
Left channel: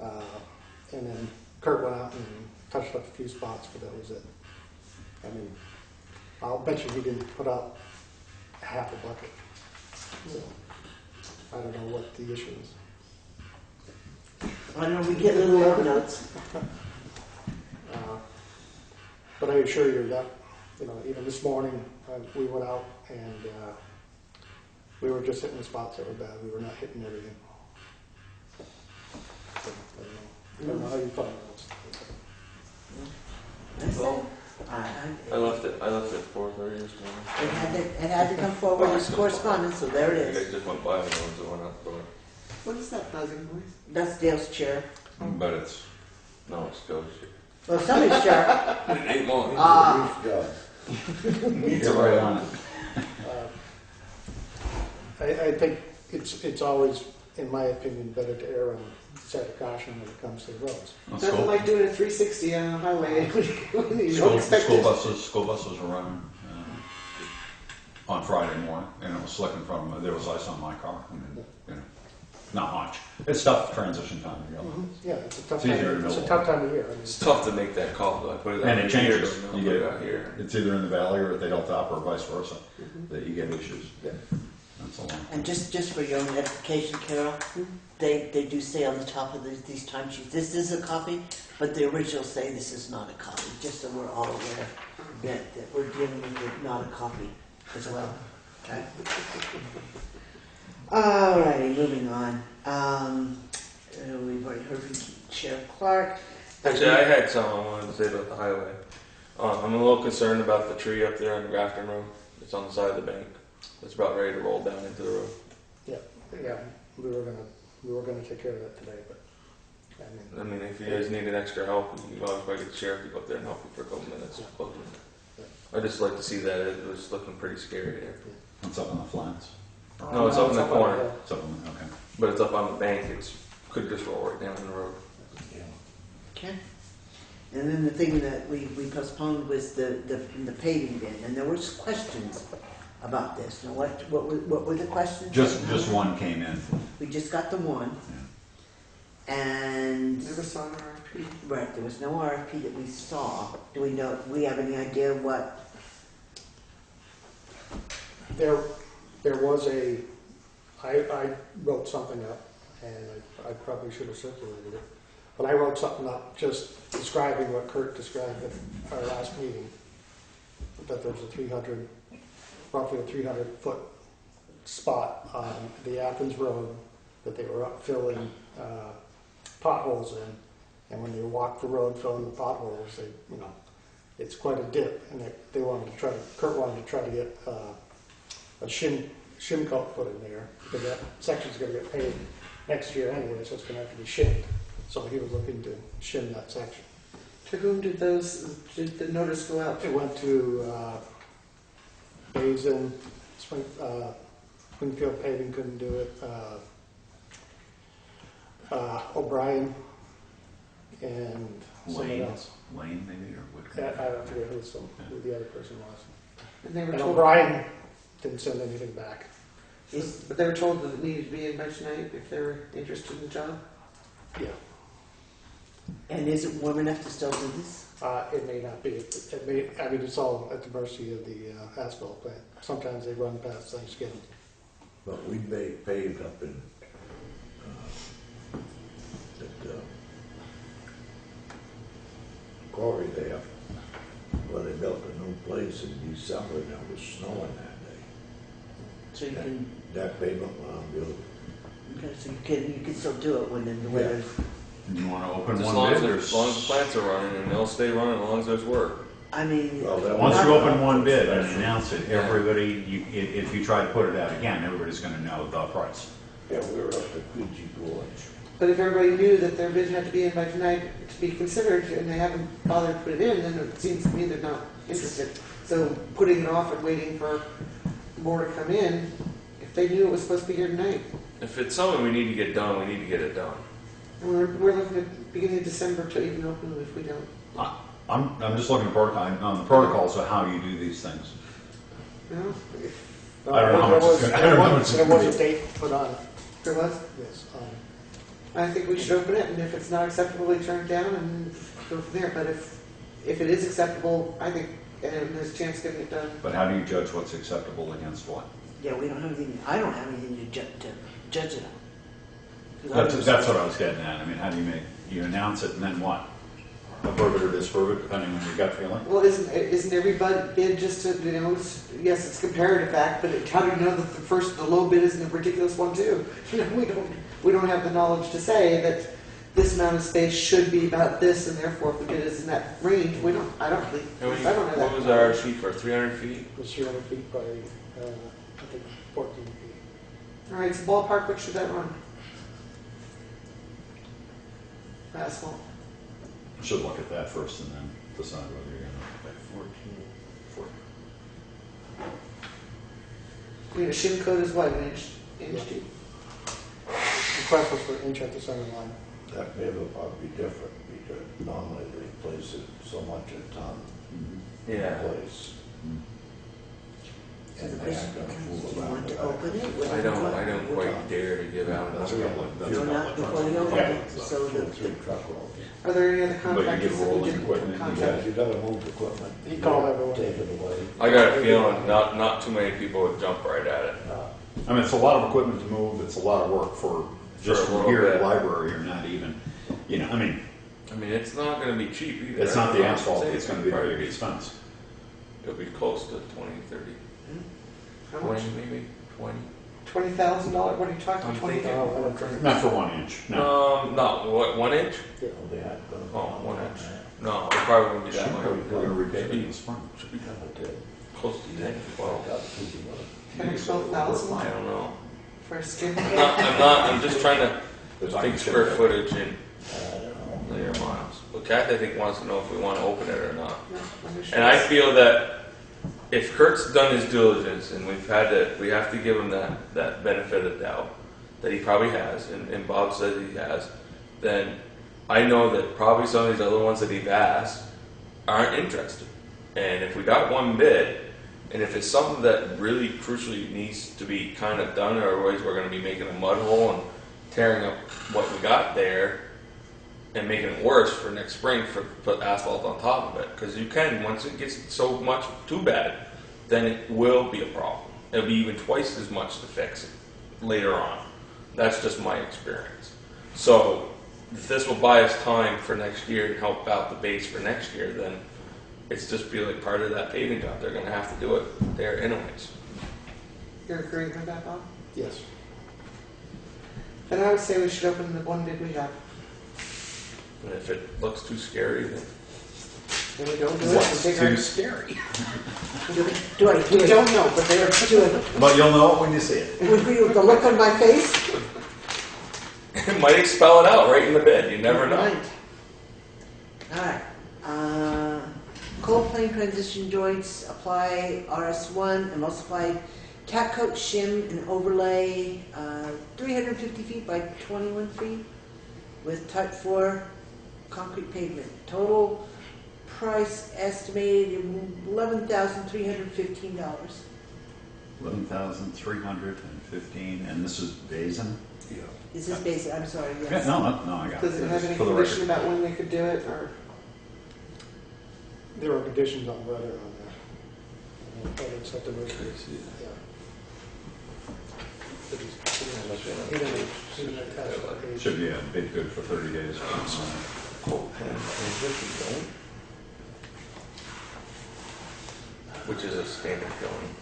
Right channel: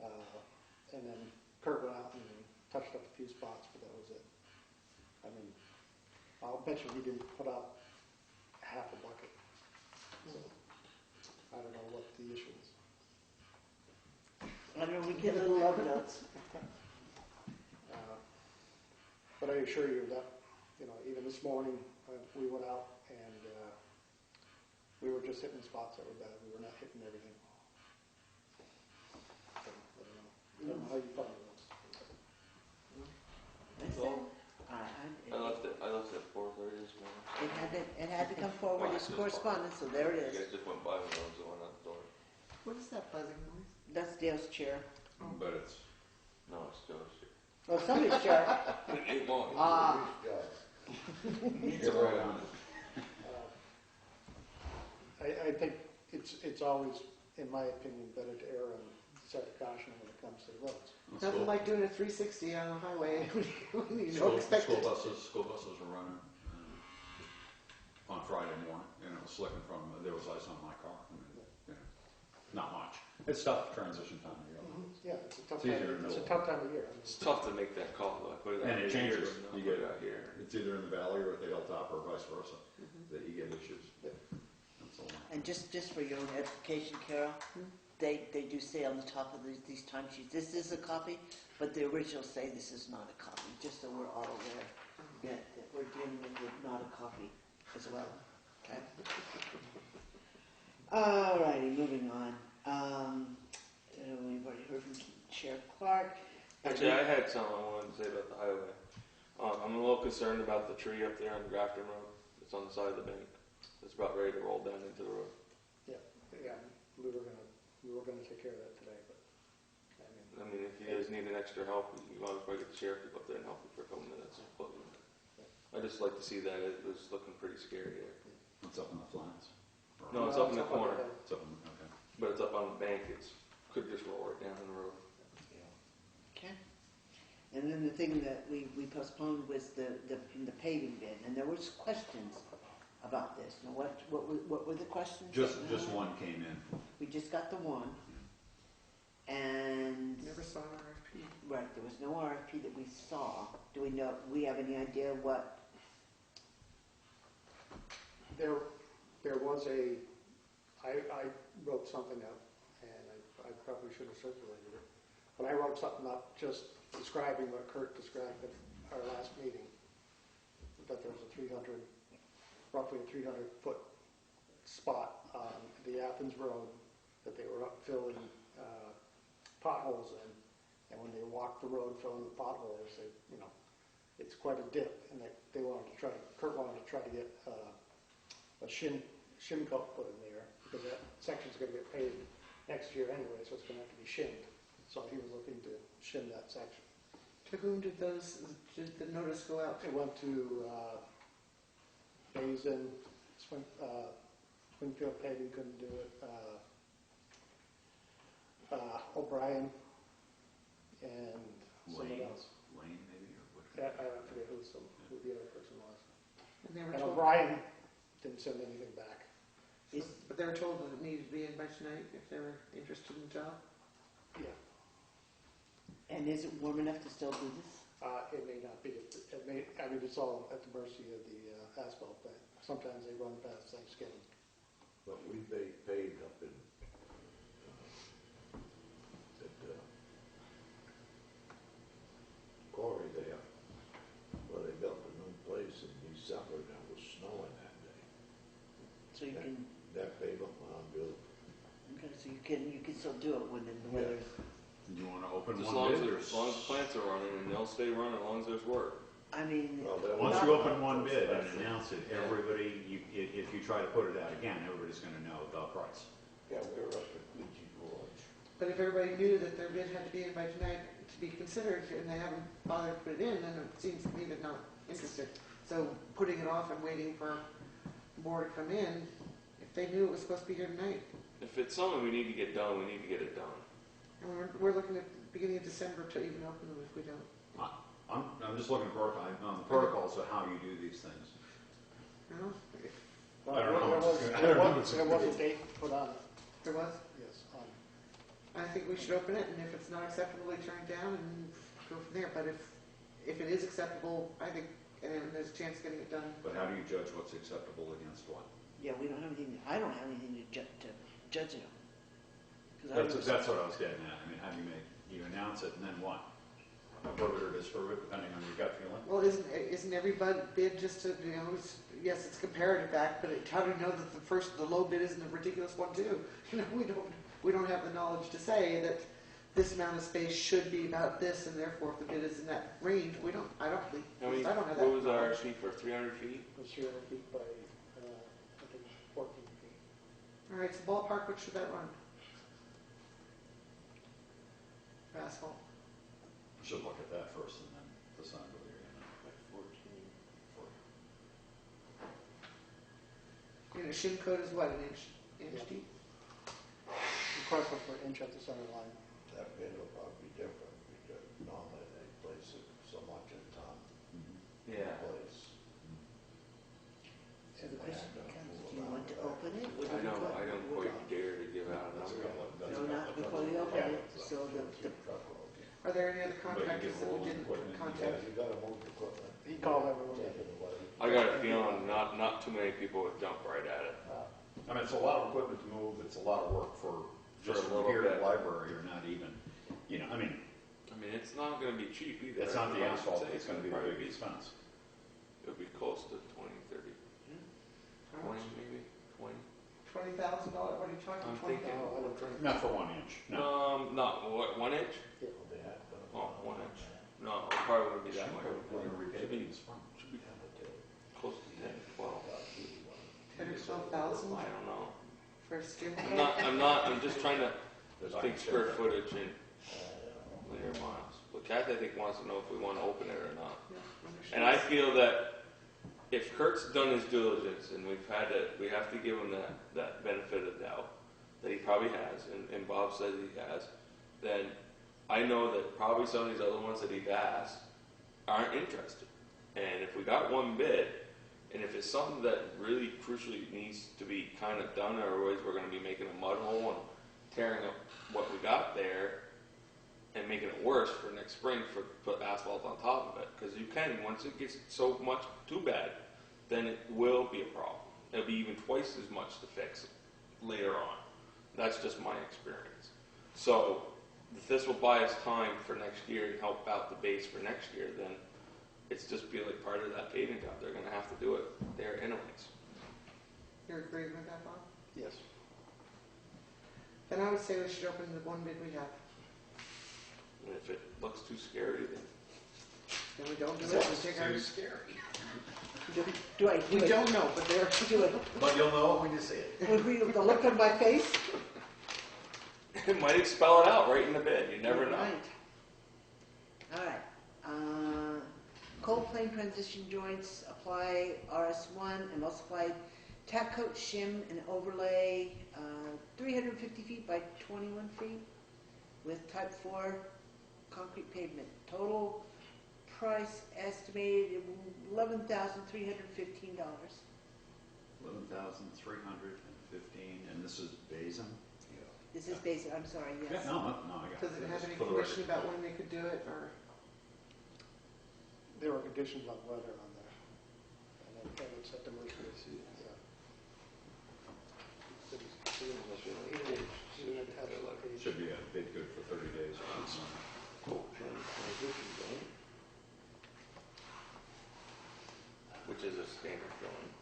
And then Kurt went out and touched up a few spots, but that was it. I mean, I'll bet you he didn't put out half a bucket. So, I don't know what the issue is. I know we get little love notes. But I assure you that, even this morning, we went out and we were just hitting the spots that were bad. We were not hitting everything. So, I don't know how you find those. That's it. Well, I left it at 4:30 this morning. It had to come forward as correspondence, so there it You is. guys just went by the ones that went out the door. What is that buzzing noise? That's Dale's chair. But it's, No, it's Scotia's. Well, somebody's chair. It ain't mine. Ah. you're right on it. I think it's always, in my opinion, better to err on the side of caution when it comes to the roads. Well, Nothing like doing a 360 on a highway when you don't School expect it. buses were running on Friday morning, and it was slick in front of me. There was ice on my car. I mean, not much. It's tough transition time, really. Yeah, it's a tough It's easier time. to It's a know. tough time of year. I mean, It's tough to make that call. Do I put it out And it here, changes. or You put it get out here? It's either in the valley or at the hilltop, or vice versa, that you get issues. Yeah. That's a long. And just for your own edification, Carol, they do say on the top of these timesheets, this is a copy, but the originals say this is not a copy, just so we're all aware that we're dealing with not a copy as well. Okay. Alrighty, moving on. We've already heard from Sheriff Clark. Actually, I had something I wanted to say about the highway. I'm a little concerned about the tree up there on the Grafton Road. It's on the side of the bank. It's about ready to roll down into the road. Yeah, we were gonna take care of that today, but I mean, if you guys needed extra help, you always probably get the sheriff to go up there and help you for a couple minutes. I'd just like to see that. It was looking pretty scary there. It's up on the flats. No, it's up in the on corner. hill. It's up on, okay. But it's up on the bank. Could just roll right down the road. Okay. And then the thing that we postponed was the paving bid, and there was questions about this. Now, what were the questions? Just one came in. We just got the one, and Never saw an RFP. right, there was no RFP that we saw. Do we have any idea what? There was I wrote something up, and I probably should have circulated it, but I wrote something up just describing what Kurt described at our last meeting. that there's roughly a 300-foot spot on the Athens Road that they were up filling potholes in. And when you walk the road filling the potholes, it's quite a dip, and Kurt wanted to try to get a shim coat put in there, because that section's gonna get paved next year anyway, so it's gonna have to be shimmed. So he was looking to shim that section. To whom did the notice go out? It went to Basin, Springfield Paving couldn't do it, O'Brien, and someone else. Lane maybe, or what? I don't forget who the other person was. And they were And told, O'Brien didn't send anything back. but they were told that it needed to be in by tonight if they were interested in the job? Yeah. And is it warm enough to still do this? It may not be. It's all at the mercy of the asphalt plant. Sometimes they run past Thanksgiving. But we paved up in, quarry there, where they built a new place in December, and there was snowing that day. So you can, That pavement went on beautiful. okay, so you can still do it when the Yeah. weather. You wanna open As one long bid, as the plants are running, and they'll stay running as long as there's work. I mean, Well, that once was- you open one bid and announce it, everybody, if you try to put it out again, everybody's gonna know the price. Yeah, we were up to Queechee Gorge. But if everybody knew that their bid had to be in by tonight to be considered, and they haven't bothered to put it in, then it seems to me they're not interested. So putting it off and waiting for more to come in, if they knew it was supposed to be here tonight. If it's something we need to get done, we need to get it done. And we're looking at beginning of December to even open them if we don't. I'm just looking at on the protocols of how you do these things. You know, if I don't know how much it's gonna- I don't know how much it's There gonna was be. a date put on it. there was, Yes. I think we should open it, and if it's not acceptable, we turn it down and go from there. But if it is acceptable, I think, and there's a chance of getting it done. But how do you judge what's acceptable against what? yeah, we don't have anything, I don't have anything to judge it on. 'Cause I was- That's what I was getting at. I mean, how do you announce it and then what? Approve it or disapprove it, depending on your gut feeling? Well, isn't every bid just to, yes, it's comparative fact, but how do you know that the low bid isn't a ridiculous one too? We don't have the knowledge to say that this amount of space should be about this, and therefore if the bid is in that range, I don't think, And I don't know that. what was our sheet for, 300 feet? It was 300 feet by, I think, 14 feet. All right, so ballpark, what should that run? Asphalt. Should look at that first and then decide whether you're gonna. 14. I mean, a shim coat is what, an inch Yeah. deep? The request was for an inch at the center line. That may have probably be different, because normally they place it so much a ton in Yeah. place. So the And they question aren't gonna becomes, fool do you around want with to that. open it? I don't quite dare to give out That's another got one. like, that's No, got not like before trucks. you open Yeah. it, so Two or the, three truck rolls. Are there any other But you contractors get that we rolling didn't equipment, you contact? You gotta move the equipment. You call everyone. Take it away. I got a feeling not too many people would jump right at it. I mean, it's a lot of equipment to move, it's a lot of work for just a from little here at bit. the library, or not even, I mean, I mean, it's not gonna be cheap either. it's not the asphalt, Say it's gonna be the probably big expense. It'll be close to 20, 30, How much? 20 maybe, 20. $20,000, what are you talking, I'm $20,000? thinking- Not for 1 inch, no. Not, what, 1 inch? Oh, they had to. Oh, 1 inch. No, it probably wouldn't be that We're much. gonna repave it in the spring. Should be Yeah, but they- close to 10, 12. Maybe 12,000 I don't know. for a skim I'm just trying to It's not think gonna square fit. footage in I don't know. linear miles. But Kathy, I think, wants to know if we want to open it or not. No, I'm sure And I it's- feel that if Kurt's done his diligence, and we have to give him that benefit of doubt, that he probably has, and Bob says he has, then I know that probably some of these other ones that he's asked aren't interested. And if we got one bid, and if it's something that really crucially needs to be kind of done, or otherwise we're going to be making a mud hole and tearing up what we got there, and making it worse for next spring for put asphalt on top of it, because you can, once it gets so much too bad, then it will be a problem. It'll be even twice as much to fix it later on. That's just my experience. So if this will buy us time for next year and help out the base for next year, then it's just be like part of that paving job, they're gonna have to do it there anyways. You're agreeing with that, Bob? Yes. Then I would say we should open the one bid we have. And if it looks too scary, then And we don't do it, What's we too scary? Do I We do it? don't know, but they are Do it? But you'll know it when you see it. Would be with the look on my face? it might spell it out right in the bid, you never know. Right. Alright, cold plane transition joints, apply RS1, emulsified cat coat shim and overlay, 350 feet by 21 feet with type 4 concrete pavement. Total price estimated $11,315. 11,315, and this is Basin? Is this basic? I'm sorry, Yeah, yes. no, I got it. Does it have any For the condition record. about when they could do it, or? There were conditions on weather on that. Whether it's something like this, yeah. But he didn't attach that page. Should be a bid good for 30 days. Which is a standard going.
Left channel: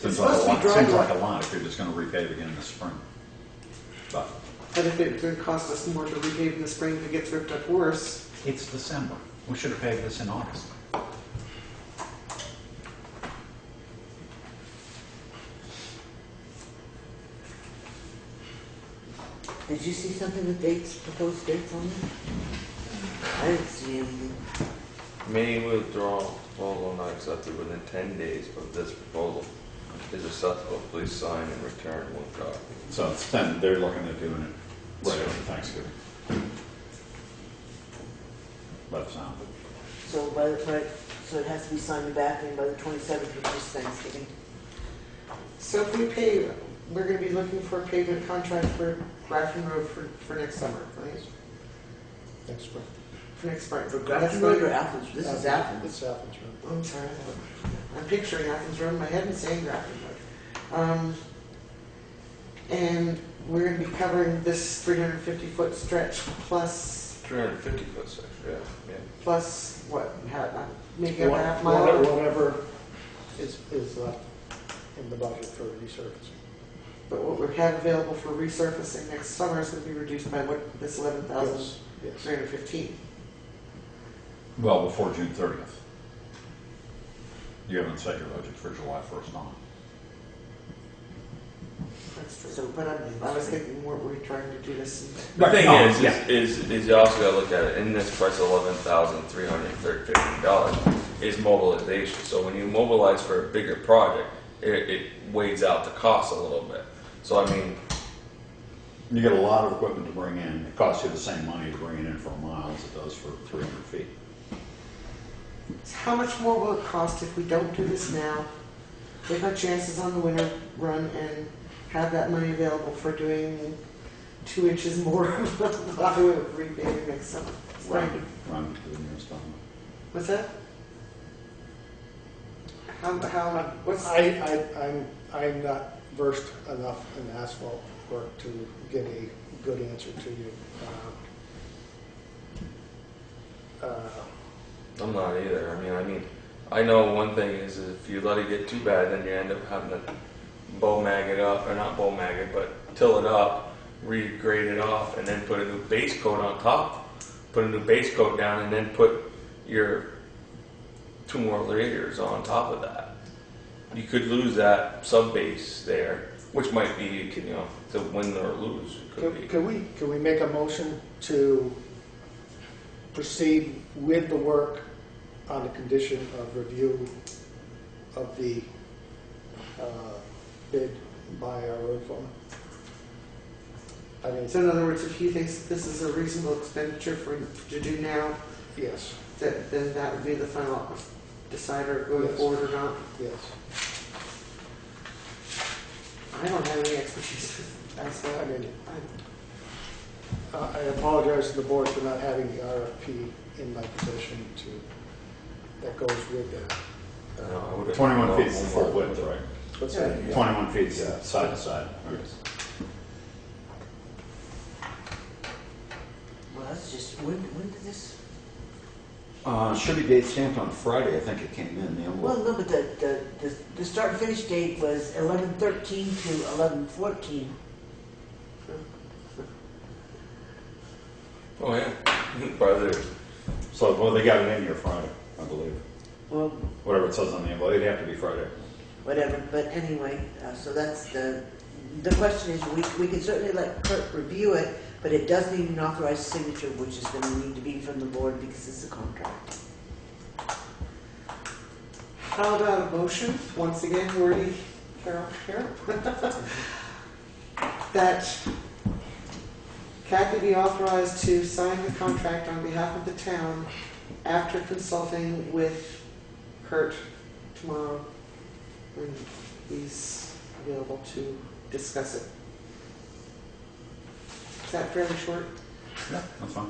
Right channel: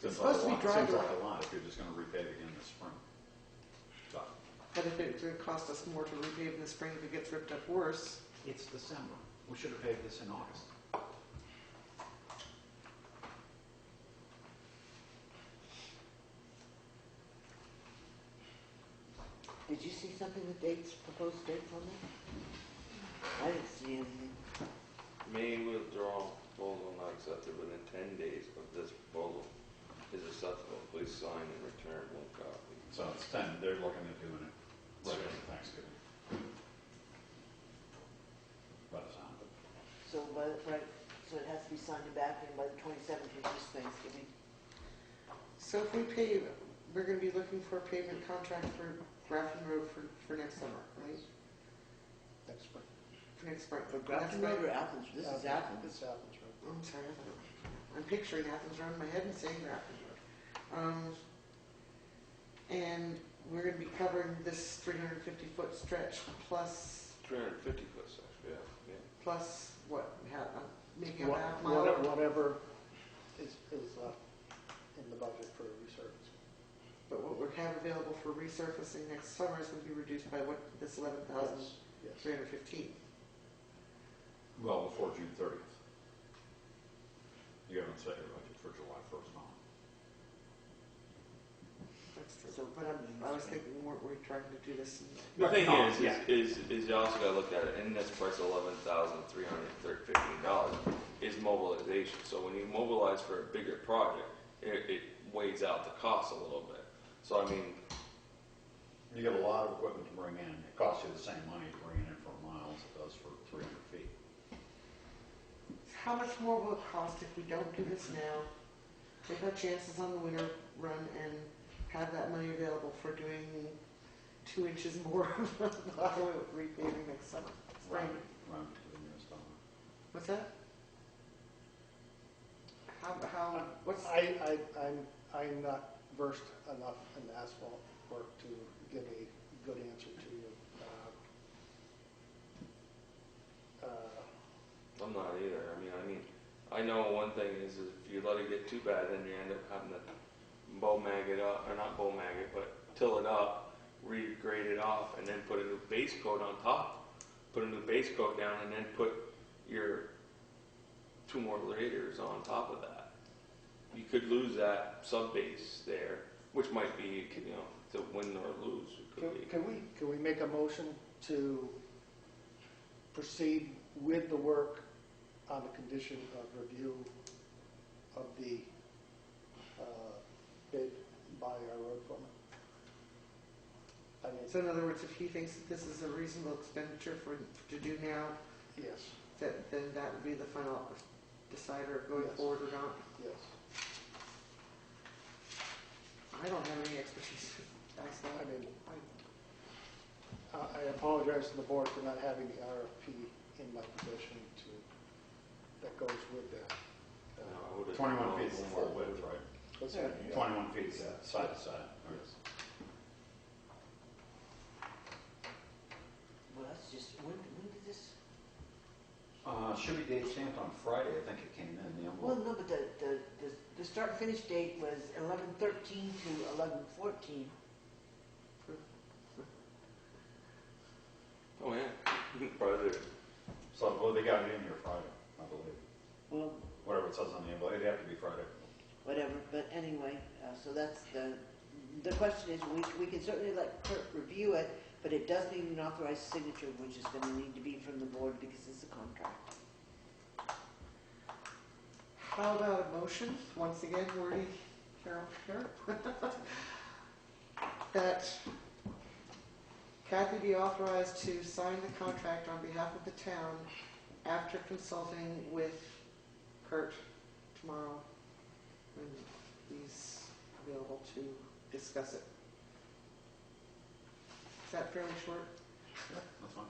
Seems It's like a supposed to be lot, dry seems like- like a lot if you're just gonna repave again this spring. But But if it would cost us more to repave in the spring, if it gets ripped up worse, it's December. We should have paved this in August. Did you see something with dates, proposed dates on it? I didn't see anything. May withdraw proposal not accepted within 10 days of this proposal is acceptable, please sign and return one copy. So it's then, they're looking at doing it right after Thanksgiving. By the sound of it. So so it has to be signed back in by the 27th, which is Thanksgiving. so if we pave, we're gonna be looking for a pavement contract for Grafton Road for next summer, right? Next spring. For next spring. For That's Grafton Road or right. Athens? This is Athens. It's Athens Road. I'm sorry, I'm picturing Athens Road in my head and saying Grafton Road. And we're gonna be covering this 350-foot stretch plus, 350 foot section, yeah. plus what, making up a half mile? Whatever is left in the budget for resurfacing. But what we have available for resurfacing next summer is gonna be reduced by what, this 11,315? Yes. Well, before June 30th. You haven't set your budget for July 1st on. That's true. So- But I was thinking, weren't we trying to do this in The thing No, is, yeah. is you also gotta look at it, in this price of $11,315 is mobilization. So when you mobilize for a bigger project, it weighs out the cost a little bit. So I mean, You get a lot of equipment to bring in. It costs you the same money to bring it in for a mile as it does for 300 feet. How much more will it cost if we don't do this now, take our chances on the winter run and have that money available for doing 2 inches more of repaving next summer? Rounded to the nearest dollar. What's that? What's, I'm not versed enough in asphalt work to get a good answer to you. I'm not either. I mean, I know one thing is if you let it get too bad, then you end up having to bow mag it up, or not bow mag it, but till it up, regrade it off, and then put a new base coat on top. Put a new base coat down, and then put your 2 more layers on top of that. You could lose that sub base there, which might be, to win or lose. It could be. Can we make a motion to proceed with the work on the condition of review of the bid by our road foreman? I mean, so in other words, if he thinks that this is a reasonable expenditure to do now, yes, then that would be the final decider going Yes. forward or not? yes. I don't have any expertise with asphalt. I mean, I apologize to the board for not having the RFP in my possession that goes with it. I would've 21 known feet is the full more. width, right? What's Yeah. that? 21 feet side to side. Right. Well, that's just, when did this Should be date stamped on Friday, I think it came in, the Well, envelope. no, but the start and finish date was 11/13 to 11/14. Oh, yeah. Brother. So, well, they got it in here Friday, I believe. Well, Whatever it says on the envelope, it'd have to be Friday. whatever, but anyway, so that's the question is, we can certainly let Kurt review it, but it does need an authorized signature, which is gonna need to be from the board because it's a contract. How about a motion, once again, wordy, Carol, that Kathy be authorized to sign the contract on behalf of the town after consulting with Kurt tomorrow when he's available to discuss it. Is that fairly short? Yeah, that's fine.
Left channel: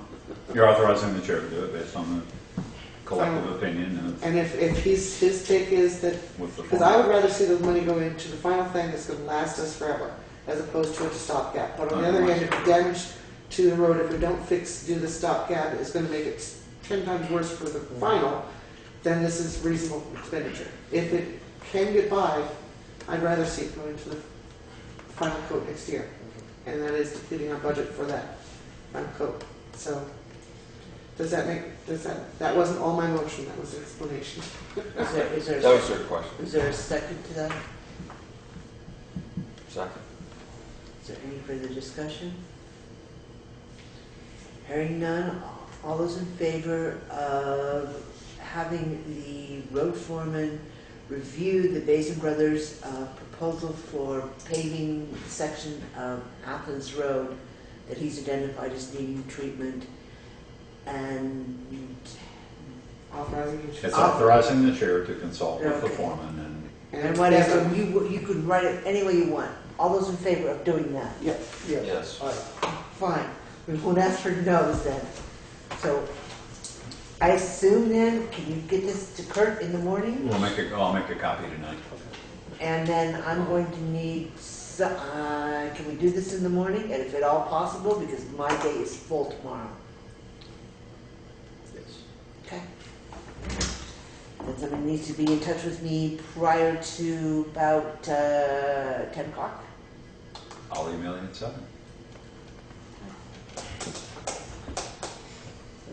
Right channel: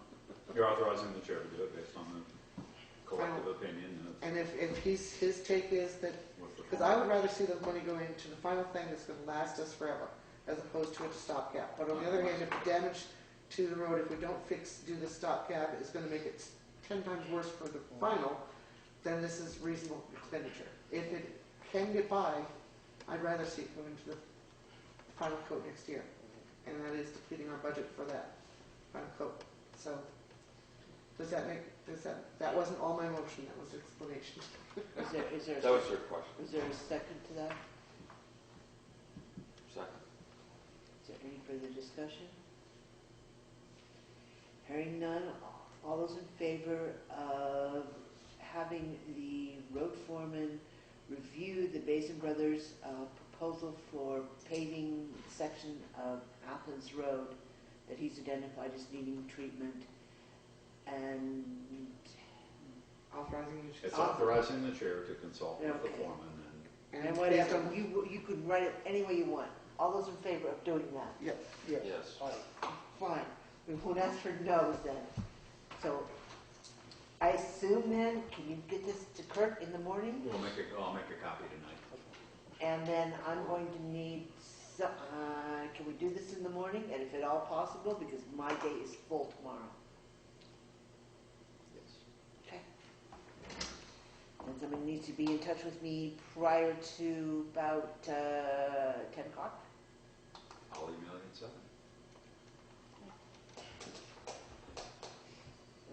You're authorizing the chair to do it based on the collective opinion And if his take is that, with the. because I would rather see the money go into the final thing that's gonna last us forever, as opposed to a stopgap. But on the other hand, if the damage to the road, if we don't do the stopgap, is gonna make it 10 times worse for the final, then this is reasonable expenditure. If it can get by, I'd rather see it go into the final coat next year. And that is depleting our budget for that final coat. So, that wasn't all my motion, that was an explanation. That was her question. Is there a second to that? Second. Is there any further discussion? Hearing none, all those in favor of having the road foreman review the Basin Brothers proposal for paving the section of Athens Road that he's identified as needing treatment, and Authorizing you to. It's authorizing the chair to consult with the Okay. foreman and whatever, you could write it any way you want. All those in favor of doing that? Yes. Yes. Fine, we won't ask for no's then. So, I assume then, can you get this to Kurt in the morning? and I'll make a copy tonight. And then I'm going to need, can we do this in the morning, and if at all possible, because my day is full tomorrow. Okay. And somebody needs to be in touch with me prior to about 10 o'clock. I'll email you at 7.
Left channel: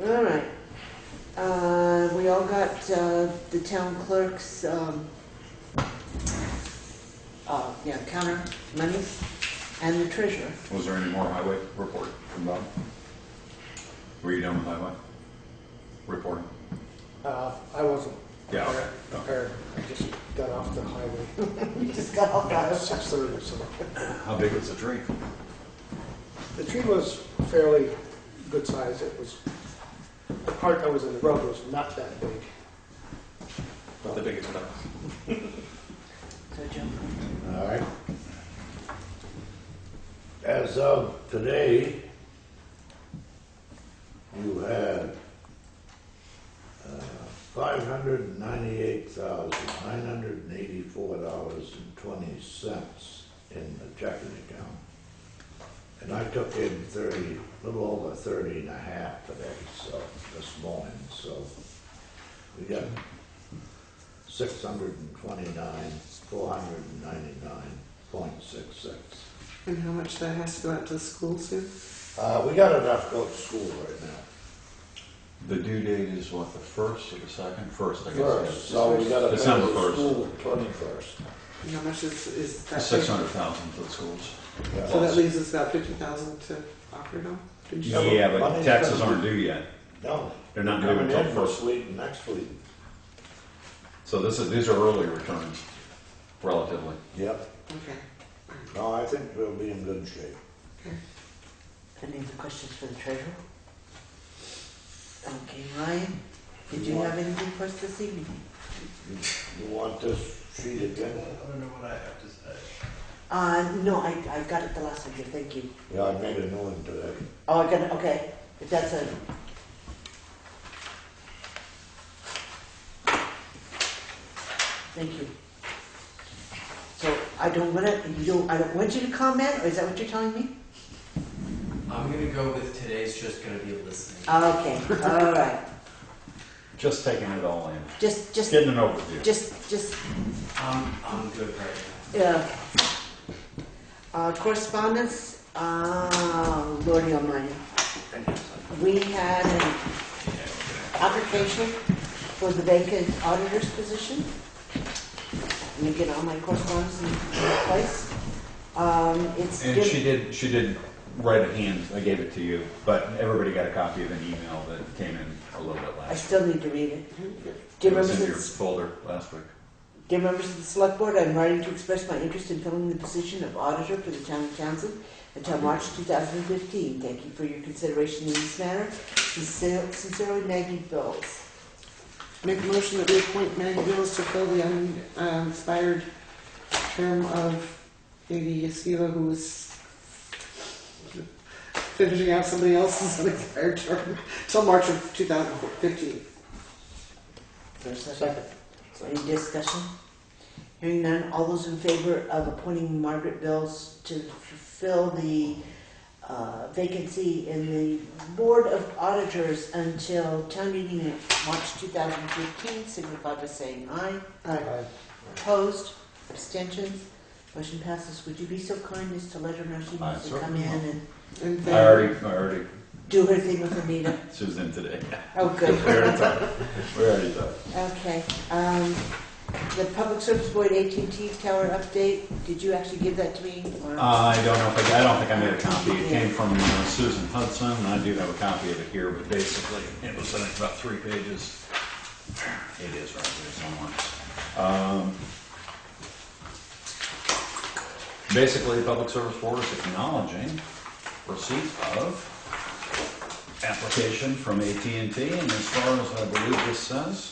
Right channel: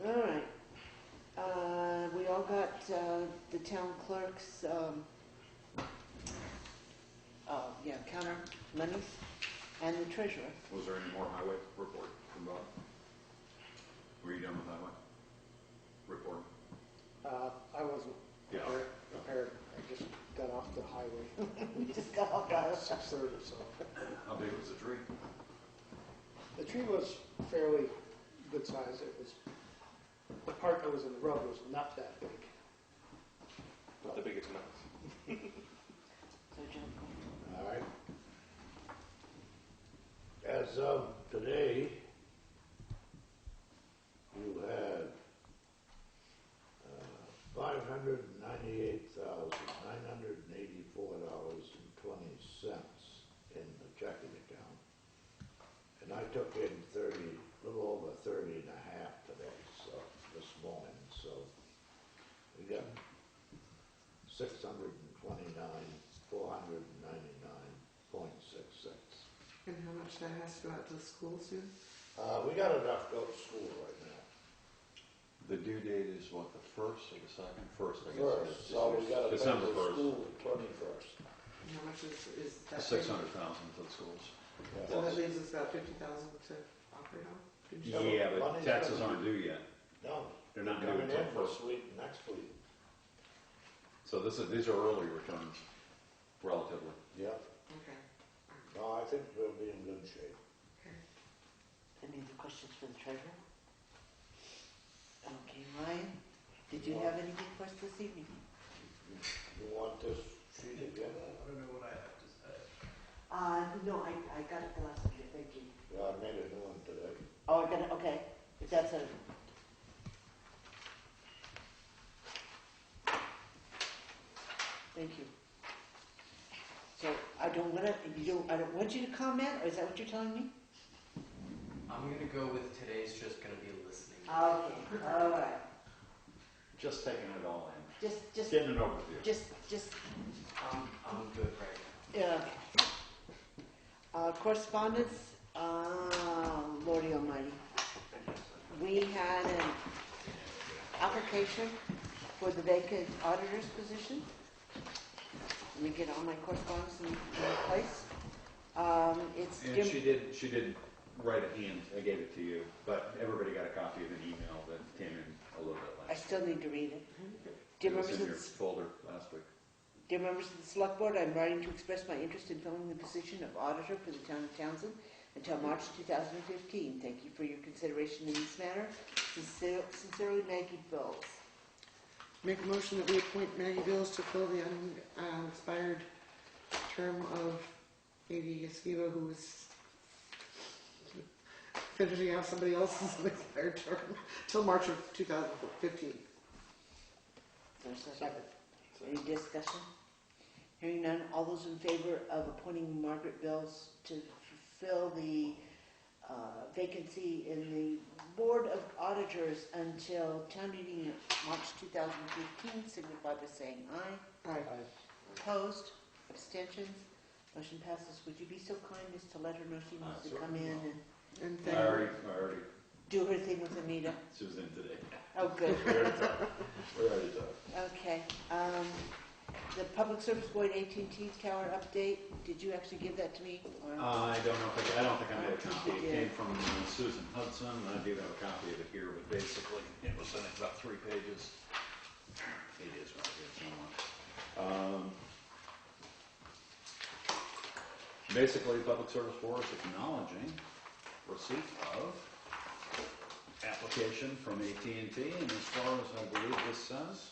All right. We all got the town clerk's counter monies and the treasurer. Was there any more highway report from Bob? Were you done with highway reporting? I wasn't Yeah, okay. prepared. I just got off the highway We just got off about that. 6:30, so. How big was the tree? The tree was fairly good size. It was, the part that was in the road was not that big. Not the biggest enough. So, Joe. All right. As of today, you had $598,984.20 in the checking account. And I took in a little over 30 and a half today, so, this morning, so we got 499.66. And how much that has to go out to the school soon? We got enough to go to school right now. The due date is what, the 1st or the 2nd? 1st, I guess. First, so we gotta go December to 1st. school 21st. And how much is that? 600,000 for the schools. So that leaves us about 50,000 to operate on? Did you- Yeah, but Yeah, but money's taxes gonna aren't due yet. No, They're not due coming until in this 1st. week, next week. So these are early returns, relatively. Yep. Okay. No, I think we'll be in good shape. Any other questions for the treasurer? Okay, Ryan, did you have anything for us this evening? You want this sheet again? I don't know what I have to say. No, I got it the last time, thank you. Yeah, I made a new one today. Oh, I got it, okay, if that's a. Thank you. So I don't want you to comment, or is that what you're telling me? I'm gonna go with today's just gonna be listening. Okay, all right. Just taking it all in. Just, Getting an overview. just, I'm good right yeah. Correspondence, Lordy Almighty. We had an application for the vacant auditor's position. Let me get all my correspondence in place. It's And she did write a hand, I gave it to you, but everybody got a copy of an email that came in a little bit I last. still need to read it. It Dear was members in of your the folder last week. Dear members of the Select Board, I'm writing to express my interest in filling the position of auditor for the town of Townsend until March 2015. Thank you for your consideration in this matter. Sincerely, Maggie Bills. Make a motion that we appoint Maggie Bills to fill the unexpired term of Katie Esquiva, who is finishing out somebody else's unexpired term till March of 2015. For a second. Any discussion? Hearing none, all those in favor of appointing Margaret Bills to fill the vacancy in the Board of Auditors until town meeting in March 2015, signify by saying aye. Aye. Opposed? Abstentions? Motion passes. Would you be so kind as to let her know she I needs to come certainly in will. and And I then, already, do her thing with Anita? she was in today. Oh, good. We already talked. Okay, the Public Service Board AT&T tower update, did you actually give that to me? Or? I don't know if I don't think I made a copy. It came from Susan Hudson, and I do have a copy of it here, but basically, it was, I think, about 3 pages. It is right here somewhere. Basically, the Public Service Board is acknowledging receipt of application from AT&T, and as far as I believe this says,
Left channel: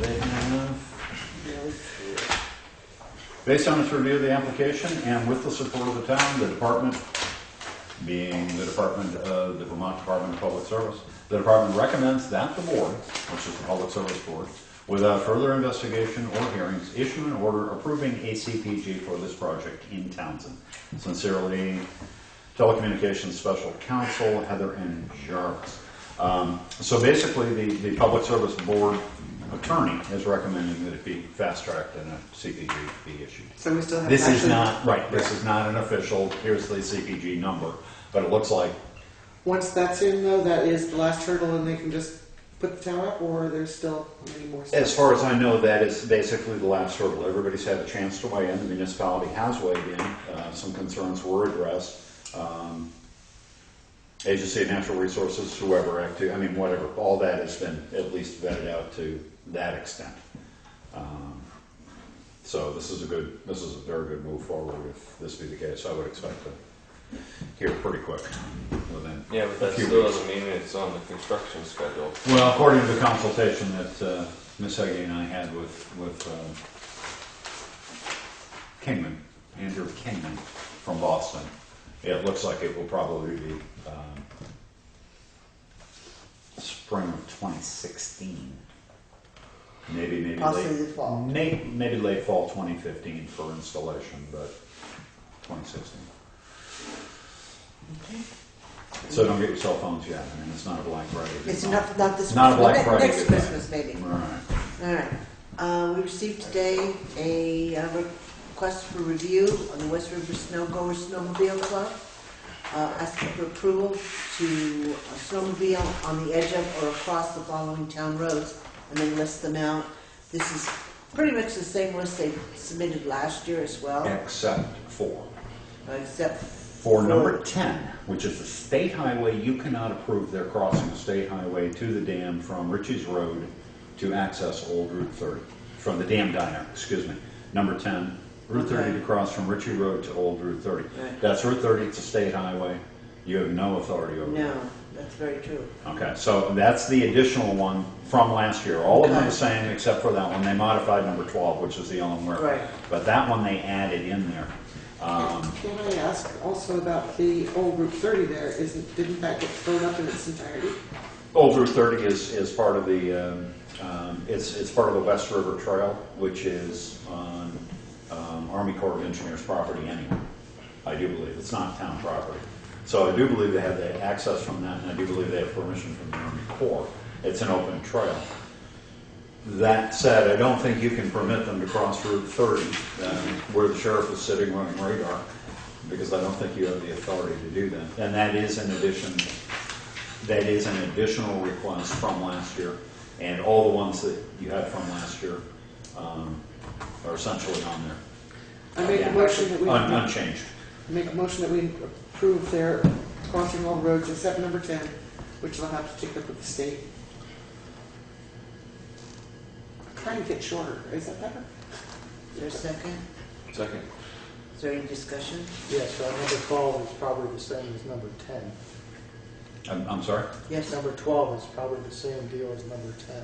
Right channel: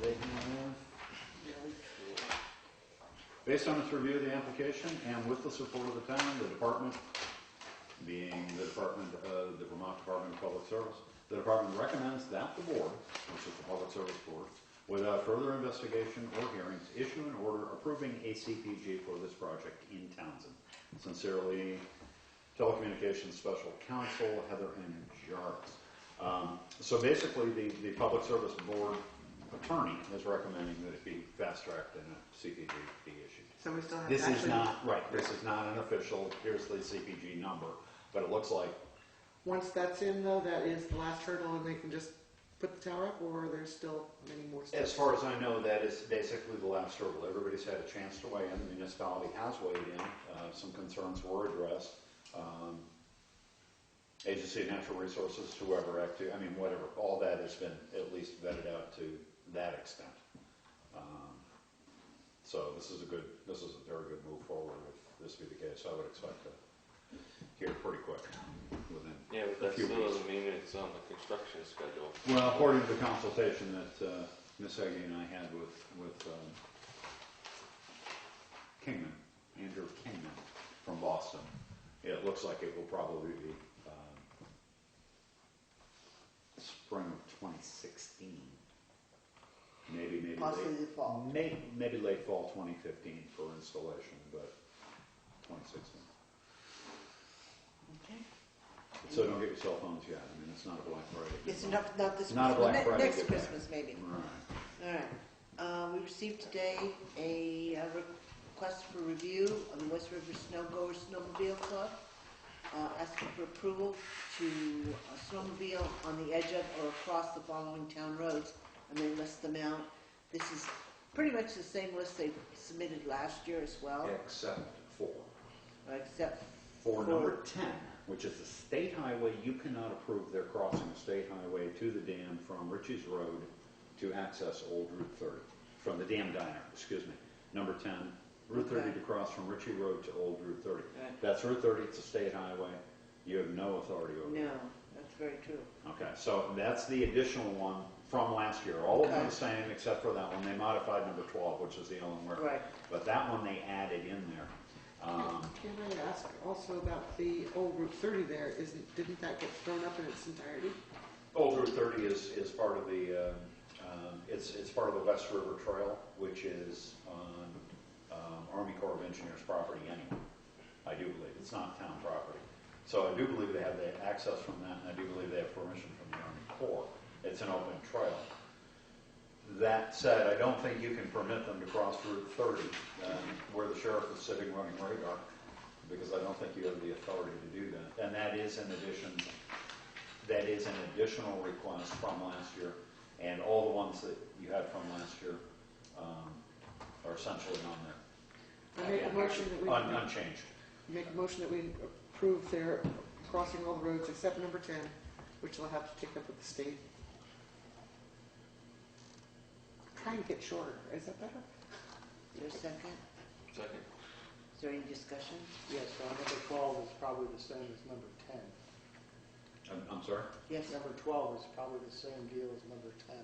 they have, based on its review of the application and with the support of the town, the department, being the Vermont Department of Public Service, the department recommends that the board, which is the Public Service Board, without further investigation or hearings, issue an order approving a CPG for this project in Townsend. Sincerely, Telecommunications Special Counsel, Heather and Jarvis. So basically, the Public Service Board attorney is recommending that it be fast-tracked and a CPG be issued. so we still have. This is action. not, right, this is not an official, here's the CPG number, but it looks like, Once that's in though, that is the last hurdle and they can just put the tower up, or there's still many more steps? as far as I know, that is basically the last hurdle. Everybody's had a chance to weigh in, the municipality has weighed in, some concerns were addressed. Agency of Natural Resources, whoever, whatever, all that has been at least vetted out to that extent. So this is a very good move forward if this be the case. I would expect to hear pretty quick within Yeah, but a that few still weeks. doesn't mean it's on the construction schedule. Well, according to the consultation that Ms. Heggie and I had with Kingman, Andrew Kingman from Boston, it looks like it will probably be spring of 2016. Maybe Possibly late, the fall. maybe late fall 2015 for installation, but 2016. Okay. So don't get your cell phones yet. It's not a Black Friday. It's not this Not a Black Christmas, Friday next goodbye. Christmas maybe. All right. All right. We received today a request for review on the West River Snow Goer Snowmobile Club, asking for approval to snowmobile on the edge of or across the following town roads, and then list them out. This is pretty much the same list they submitted last year as well, Except except for number 10, which is the state highway. You cannot approve their crossing the state highway to the dam from Ritchie's Road to access Old Route 30, from the dam diner, excuse me. Number 10, Route 30 Okay. to cross from Ritchie Road to Old Route 30. Right. That's Route 30, it's a state highway. You have no authority over no, it. that's very true. Okay, so that's the additional one from last year. All of them Okay. are the same except for that one. They modified number 12, which is the only one. Right. But that one they added in there. Can I ask also about the old Route 30 there? Didn't that get thrown up in its entirety? Old Route 30 is part of the, it's part of the West River Trail, which is on Army Corps of Engineers property anyway. I do believe. It's not town property. So I do believe they have the access from that, and I do believe they have permission from the Army Corps. It's an open trail. That said, I don't think you can permit them to cross Route 30, where the sheriff is sitting running radar, because I don't think you have the authority to do that. And that is an additional request from last year, and all the ones that you had from last year are essentially on there. I make a motion that we Unchanged. make a motion that we approve their crossing all roads except number 10, which they'll have to take up with the state. Trying to get shorter. Is that better? Is there a second? Second. Is there any discussion? Yes, so number 12 is probably the same as number 10. I'm sorry? Yes. Number 12 is probably the same deal as number 10.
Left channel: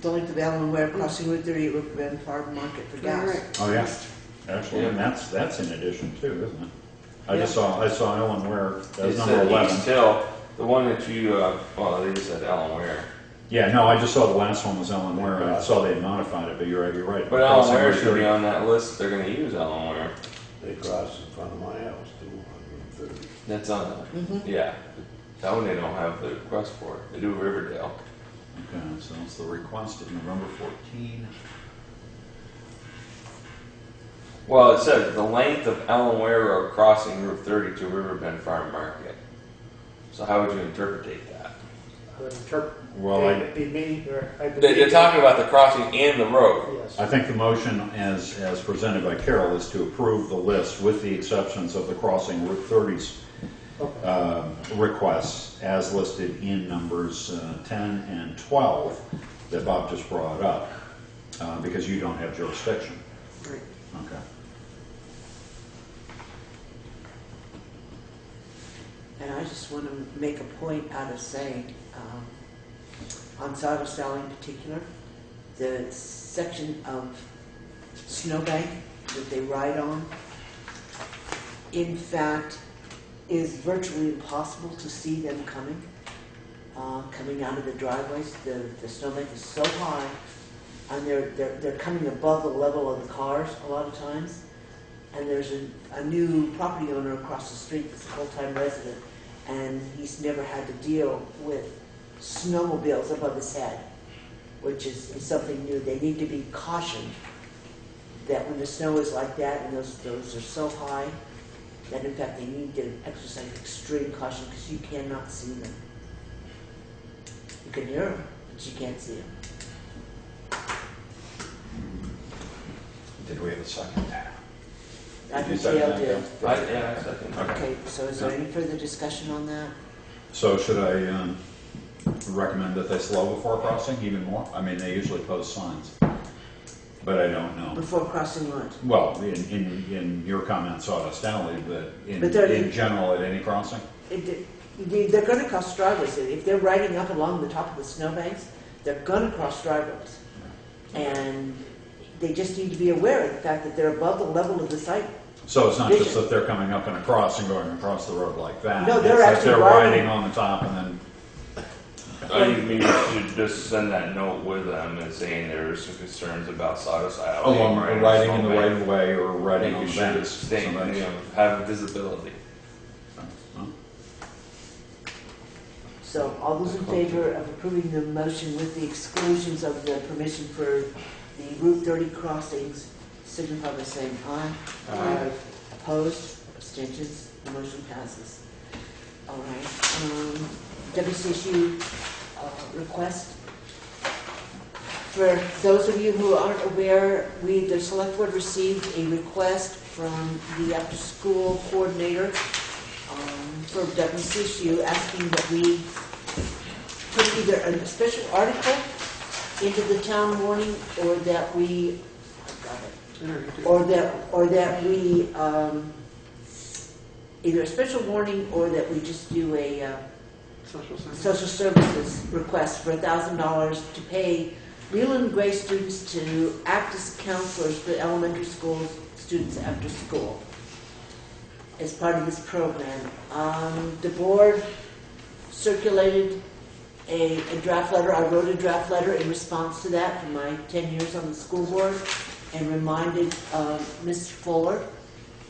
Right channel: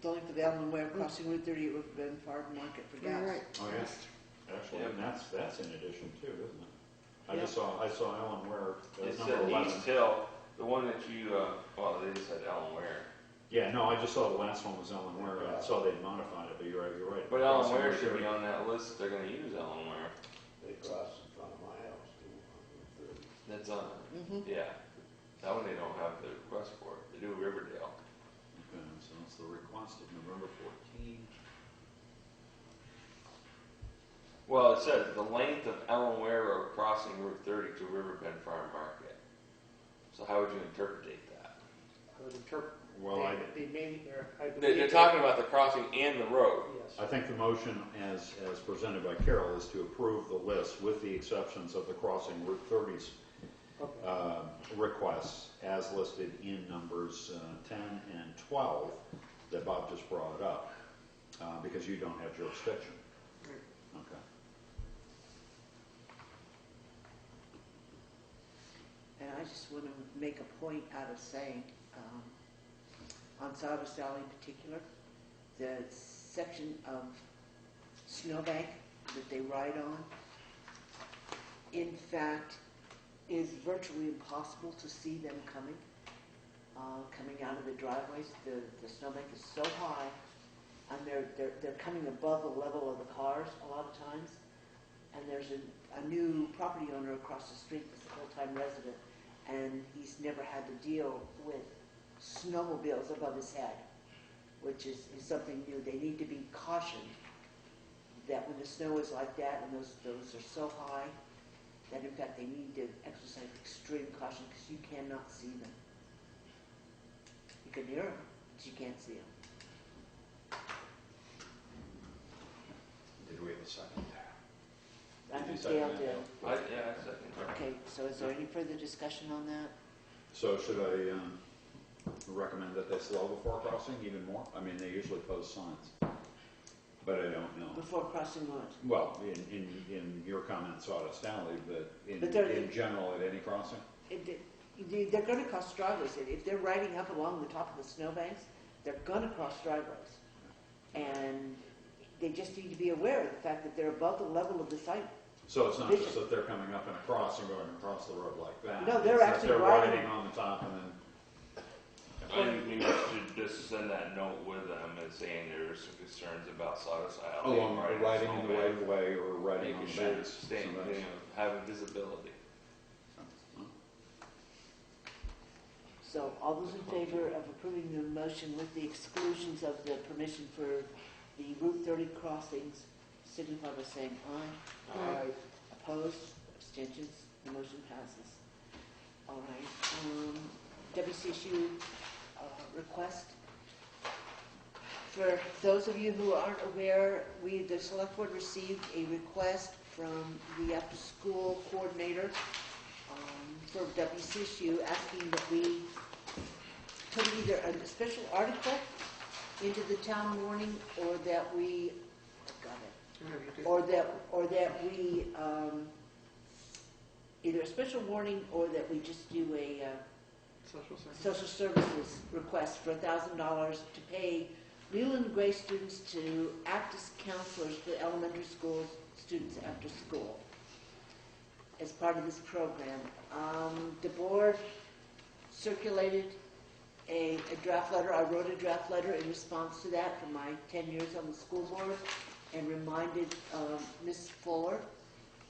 Don't the Allen Ware crossing Route 30 at River Bend Farm Market for gas. Right. Oh, yeah. Actually, and that's in addition too, isn't it? I saw Ellen Ware, that's It number said 11. East Hill, the one that you, well, they just said Ellen Ware. Yeah, no, I just saw the last one was Ellen Ware, and I saw they modified it, but you're right. But Ellen Crossing Ware Route should 30. be on that list. They're going to use Ellen Ware. They cross in front of my house too, on Route 30. That's on Mhm. Yeah. That one they don't have the request for. They do Riverdale. Okay, so it's the request of November 14. Well, it says the length of Ellen Ware Road crossing Route 30 to Riverbend Farm Market. So how would you interpret that? I would interpret Well, it be me, or I They're believe. talking about the crossing and the road. Yes. I think the motion as presented by Carol is to approve the list with the exceptions of the crossing Route 30's Okay. requests as listed in numbers 10 and 12 that Bob just brought up, because you don't have jurisdiction. Right. Okay. And I just want to make a point out of saying, on Sawdust Alley in particular, the section of snowbank that they ride on, in fact, is virtually impossible to see them coming out of the driveways. The snowbank is so high, and they're coming above the level of the cars a lot of times. And there's a new property owner across the street that's a full-time resident, and he's never had to deal with snowmobiles above his head, which is something new. They need to be cautioned that when the snow is like that and those are so high, that in fact they need to exercise extreme caution because you cannot see them. You can hear them, but you can't see them. Did we have a second? I Did you think second Dale that, did. Yeah, I second. Okay, so is there any further discussion on that? So should I recommend that they slow before crossing even more? I mean, they usually post signs, but I don't know. Before crossing what? Well, in your comment, Sawdust Alley, but But they're- in general at any crossing? They're going to cross driveways. If they're riding up along the top of the snowbanks, they're going to cross driveways. And they just need to be aware of the fact that they're above the level of the site. So it's not just Vision. that they're coming up in a cross and going across the road like that. No, they're It's that actually they're riding- riding on the top and then, I think maybe you should just send that note with them and saying there's some concerns about Sawdust Alley. along, or riding in the snowbank. right of way or riding on Making the sure banks. it's staying, So that's- you know, have visibility. So all those in favor of approving the motion with the exclusions of the permission for the Route 30 crossings, signify by saying aye. Aye. Opposed? Abstentions? The motion passes. All right. WCSU request. For those of you who aren't aware, the select board received a request from the after-school coordinator for WCSU asking that we put either a special article into the town warning or that we, I got it, or that we, either a special warning or that we just do a social services request for $1,000 to pay Leland Gray students to act as counselors for elementary school students after school as part of this program. The board circulated a draft letter. I wrote a draft letter in response to that for my 10 years on the school board and reminded Ms. Fuller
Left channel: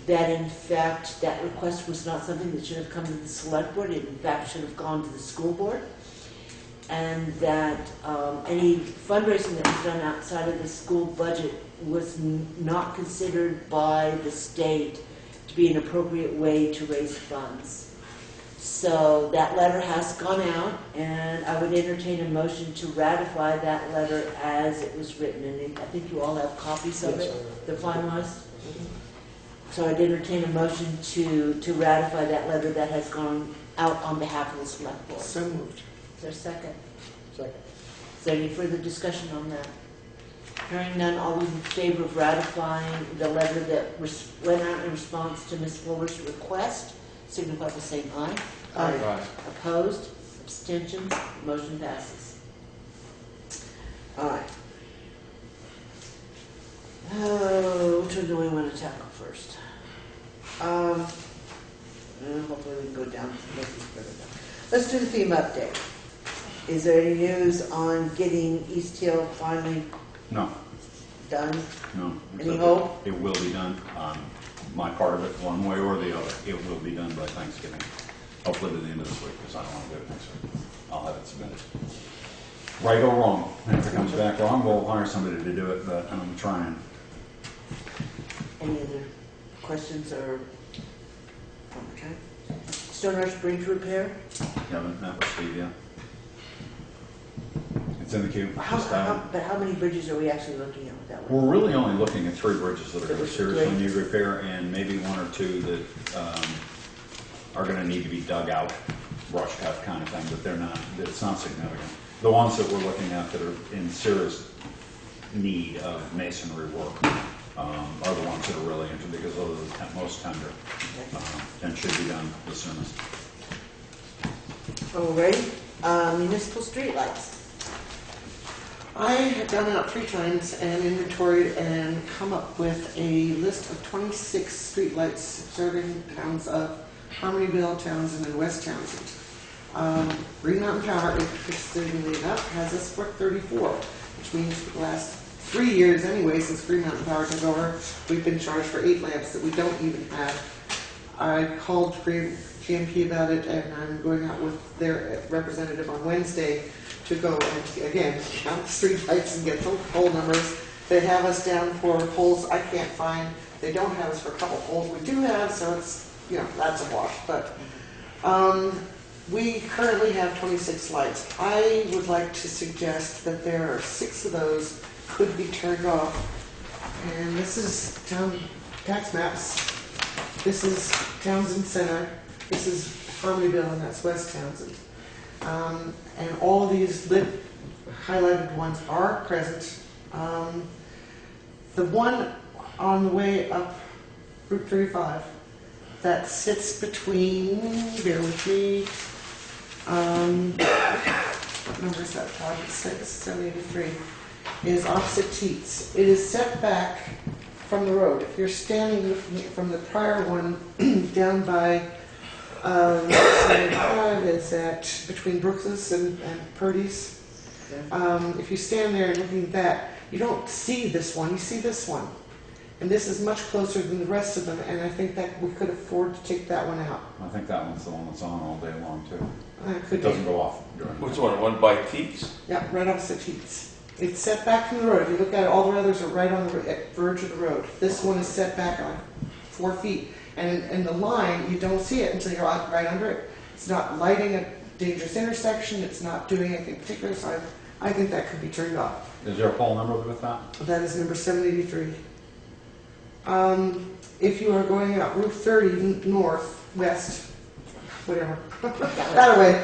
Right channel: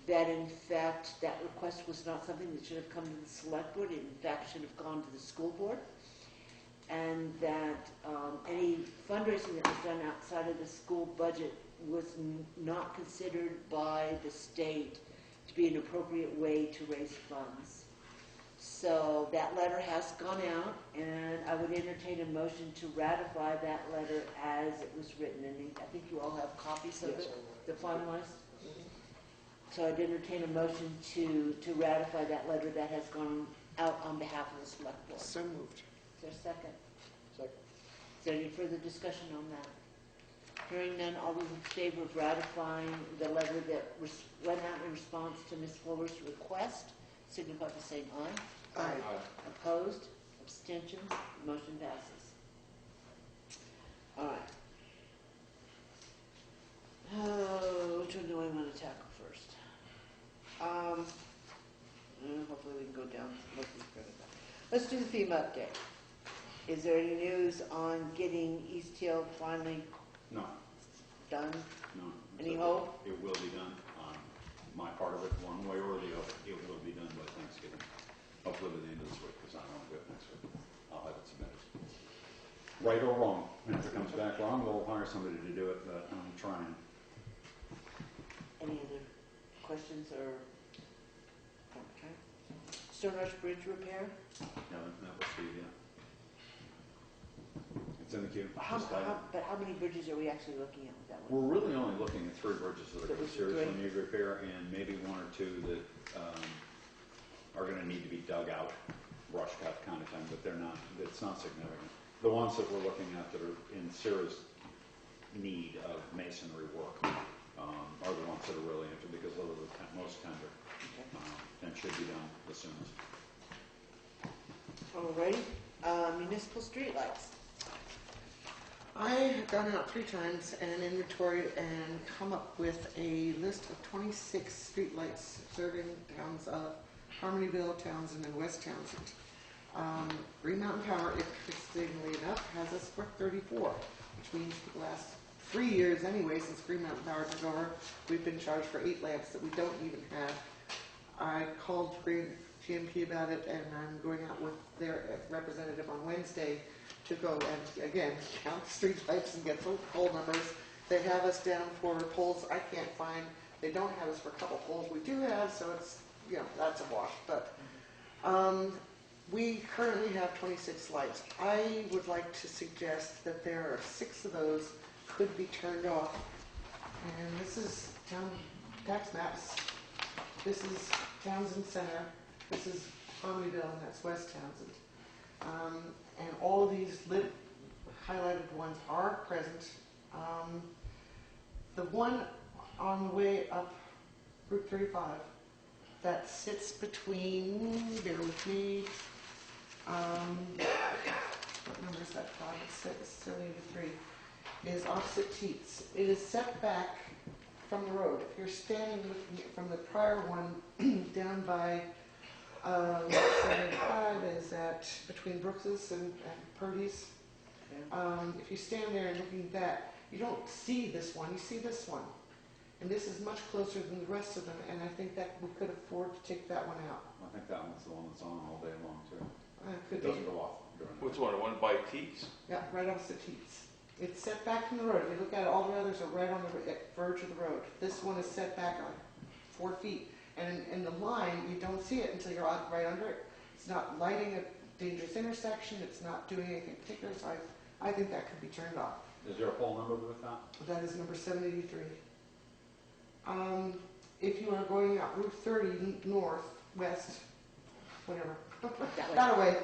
that in fact that request was not something that should have come to the select board, it in fact should have gone to the school board, and that any fundraising that was done outside of the school budget was not considered by the state to be an appropriate way to raise funds. So that letter has gone out, and I would entertain a motion to ratify that letter as it was written, and I think you all have copies of Yes, it, the finalized. So I'd entertain a motion to ratify that letter that has gone out on behalf of the select board. So moved. Is there a second? Second. Is there any further discussion on that? Hearing none, all those in favor of ratifying the letter that went out in response to Ms. Fuller's request, signify by saying aye. Aye. Opposed? Abstentions? Motion passes. All right. Which one do we want to tackle first? Hopefully we can go down. Let's do the theme update. Is there any news on getting East Hill finally No, done? no. Any hope? It will be done. My part of it, one way or the other, it will be done by Thanksgiving. Hopefully by the end of this week, because I don't want to do it next week. I'll have it submitted. Right or wrong. And if it comes back wrong, we'll hire somebody to do it, but I'm trying. Any other questions or? Okay. Stone Rush Bridge repair? Haven't met with Steve yet. It's in the queue. But how many bridges are we actually looking at with that one? We're really only looking at 3 bridges that are going to Three. seriously need repair, and maybe 1 or 2 that are going to need to be dug out, brush cut kind of thing, but they're not. It's not significant. The ones that we're looking at that are in serious need of masonry work are the ones that are really interested, because those are the most tender and should be done the soonest. Alrighty. Municipal streetlights. I have gone out 3 times and inventoried and come up with a list of 26 streetlights serving towns of Harmonyville, Townsend, and West Townsend. Green Mountain Power, interestingly enough, has us for 34, which means for the last 3 years anyway, since Green Mountain Power took over, we've been charged for 8 lamps that we don't even have. I called GMP about it, and I'm going out with their representative on Wednesday to go and, again, count the street lights and get the pole numbers. They have us down for poles I can't find. They don't have us for a couple poles we do have, so it's, you know, that's a wash. But we currently have 26 lights. I would like to suggest that there are 6 of those could be turned off. And this is town tax maps. This is Townsend Center. This is Harmonyville, and that's West Townsend. And all these lit, highlighted ones are present. The one on the way up Route 35 that sits between, bear with me, what number is that? 783, is opposite Teats. It is set back from the road. If you're standing from the prior one down by 75 is at between Brooks's and Purdy's. If you stand there and looking at that, you don't see this one, you see this one. And this is much closer than the rest of them, and I think that we could afford to take that one out. I think that one's the one that's on all day long, too. Could It doesn't go off during the Which day. one? One by Teats? Yeah, right opposite Teats. It's set back from the road. If you look at it, all the others are right on the verge of the road. This one is set back on 4 feet. And in the line, you don't see it until you're right under it. It's not lighting a dangerous intersection. It's not doing anything particular. So I think that could be turned off. Is there a poll number with that? That is number 783. If you are going out Route 30 north, west, whatever, that way,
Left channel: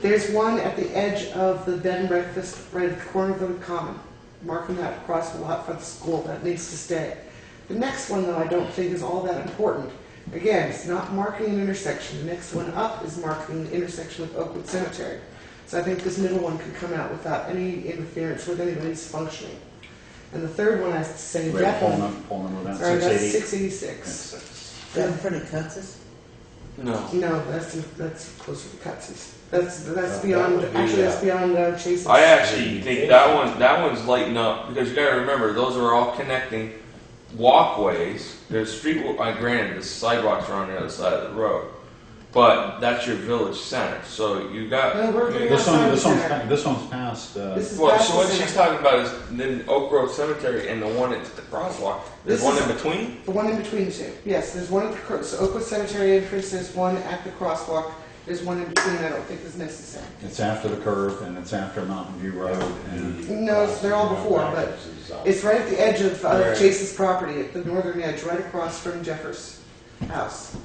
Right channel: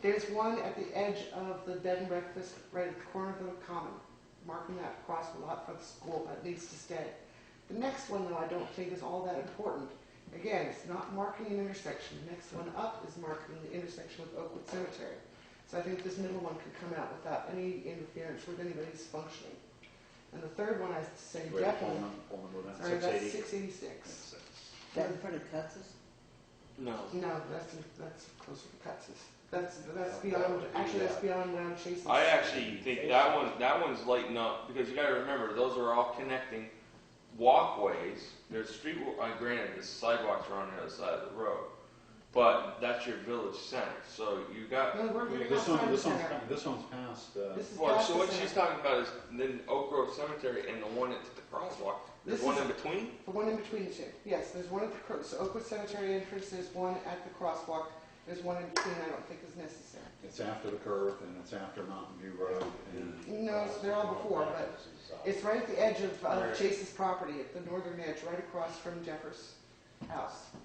there's one at the edge of the bed and breakfast right at the corner of the common, marking that across the lot for the school. That needs to stay. The next one, though, I don't think is all that important. Again, it's not marking an intersection. The next one up is marking the intersection with Oakwood Cemetery. So I think this middle one could come out without any interference with anybody's functioning. And the third one, I say Wait, definitely. poll number then? Sorry, that's 680? 686. 6. That in front of Katz's? No. No, that's closer to Cutsy's. That's That beyond. would be, Actually, that's beyond Chase's. I actually think that one's lighting up, because you gotta remember, those are all connecting walkways, there's granted the sidewalks are on the other side of the road, but that's your village center, so you got. No, we're getting This outside one, the center. this one's past, This is Well, past so the what center. she's talking about is then Oak Grove Cemetery and the one at the crosswalk. There's This one is- in between? The one in between the two. Yes, there's one at the so Oakwood Cemetery entrance, there's one at the crosswalk, there's one in between I don't think is necessary. it's after the curve and it's after Mountain View Road and No, they're all before, but it's right at the edge of Right. Chase's property, at the northern edge, right across from Jeffers' house.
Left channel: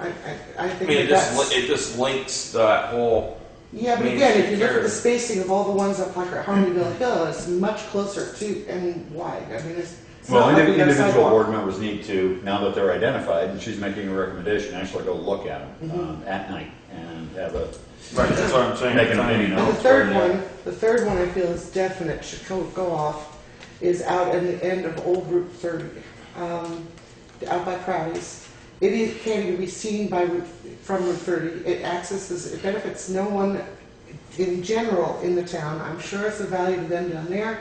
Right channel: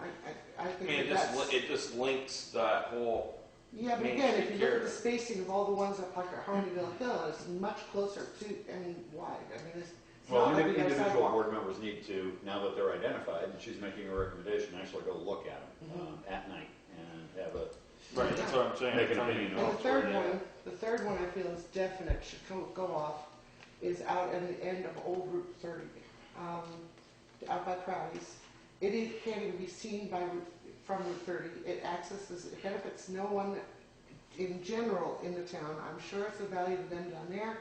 I I think mean, that's... it just links that whole, Yeah, but Main again, if Street you look at the carrier. spacing of all the ones up like at Harmonyville Hill, it's much closer to and wide. I mean, it's well, not like we got a individual sidewalk. board members need to, now that they're identified, and she's making a recommendation, actually go look at them Mhm. at night and have a, right, that's what I'm saying. make an opinion And on the it. third one I feel is definite, should go off, is out at the end of Old Route 30, out by Crowley's. Can't even be seen from Route 30. It benefits no one in general in the town. I'm sure it's a value to them down there,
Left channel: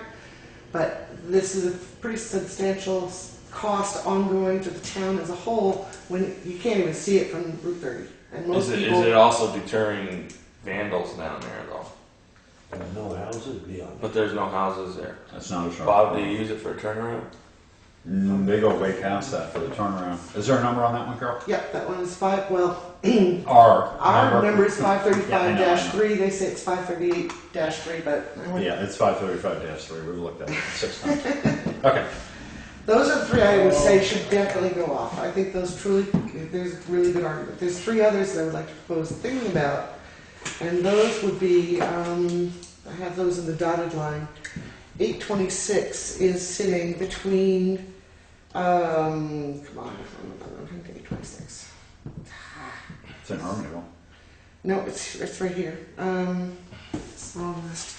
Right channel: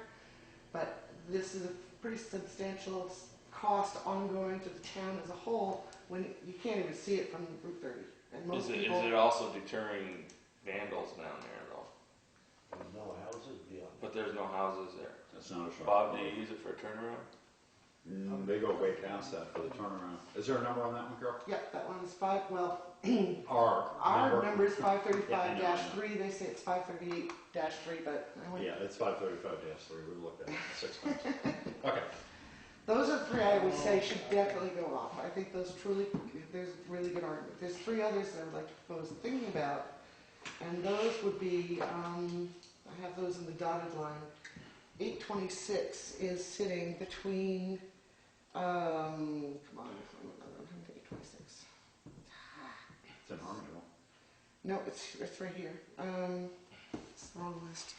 but this is a pretty substantial cost ongoing to the town as a whole when you can't even see it from Route 30. And most Is people, it also deterring vandals down there though? There's no houses beyond. But there's no houses there. That's not a sharp. Bob, do you use it for a turnaround? They go way past that for the turnaround. Is there a number on that one, Carol? Yep, that one is 5, well, Our number is Yeah, I know, 535-3, they say it's 538-3, but I went, Yeah, it's 535-3, we've looked at it 6 times. Okay. those are the three I would say should definitely go off. I think those truly, there's a really good argument. There's three others that I would like to propose thinking about, and those would be, I have those in the dotted line. 826 is sitting between, come on, 826. It's in Harmonyville. No, it's right here. It's the wrong list.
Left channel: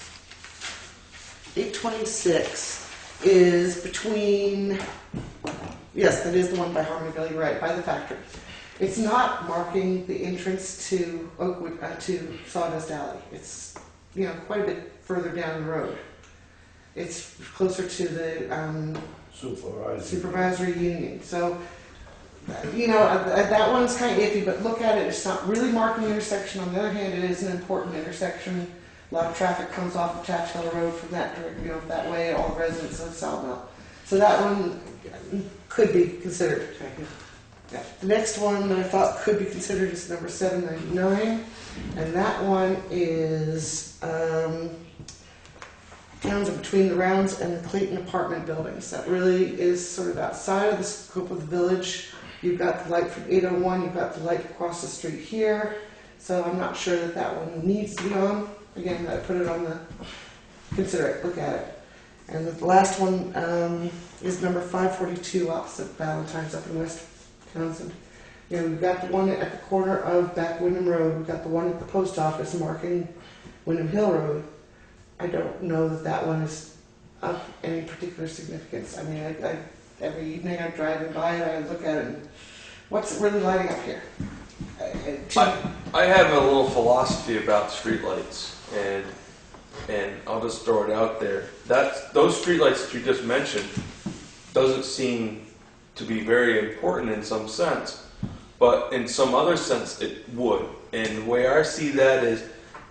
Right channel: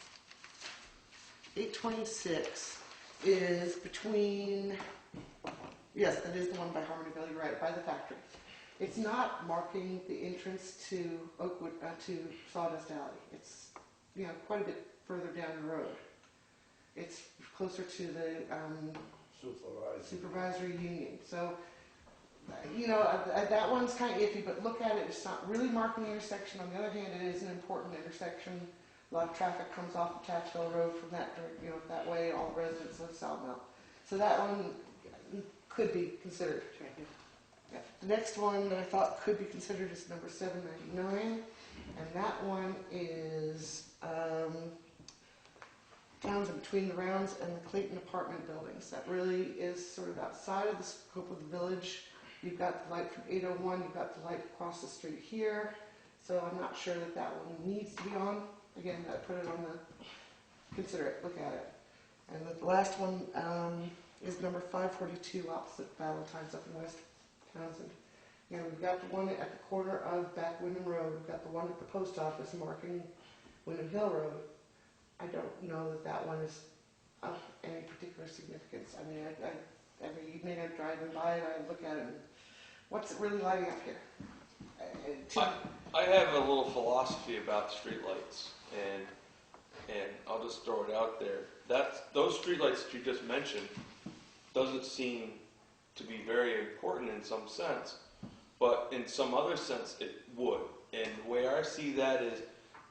826 is between, yes, that is the one by Harmonyville, you're right, by the factory. It's not marking the entrance to Oakwood, to Sawdust Alley. It's, quite a bit further down the road. It's closer to the supervisory union. So, that one's kind of iffy, but look at it. It's not really marking the intersection. On the other hand, it is an important intersection. A lot of traffic comes off of Tatchville Road from that direction, that way, all the residents of Sawmill. So that one could be considered. Yeah. The next one I thought could be considered is number 799, and that one is Townshend between the Rounds and the Clayton apartment buildings. That really is sort of outside of the scope of the village. You've got the light from 801, you've got the light across the street here, so I'm not sure that one needs to be on. Again, I put it on the, consider it, look at it. And the last one is number 542 opposite Valentine's up in West Townsend. We've got the one at the corner of Back Wyndham Road, we've got the one at the post office marking Wyndham Hill Road. I don't know that one is of any particular significance. I mean, I every evening I'm driving by it, I look at it, and what's it really lighting up here? I have a little philosophy about streetlights, and I'll just throw it out there. Those streetlights that you just mentioned doesn't seem to be very important in some sense, but in some other sense it would. And the way I see that is,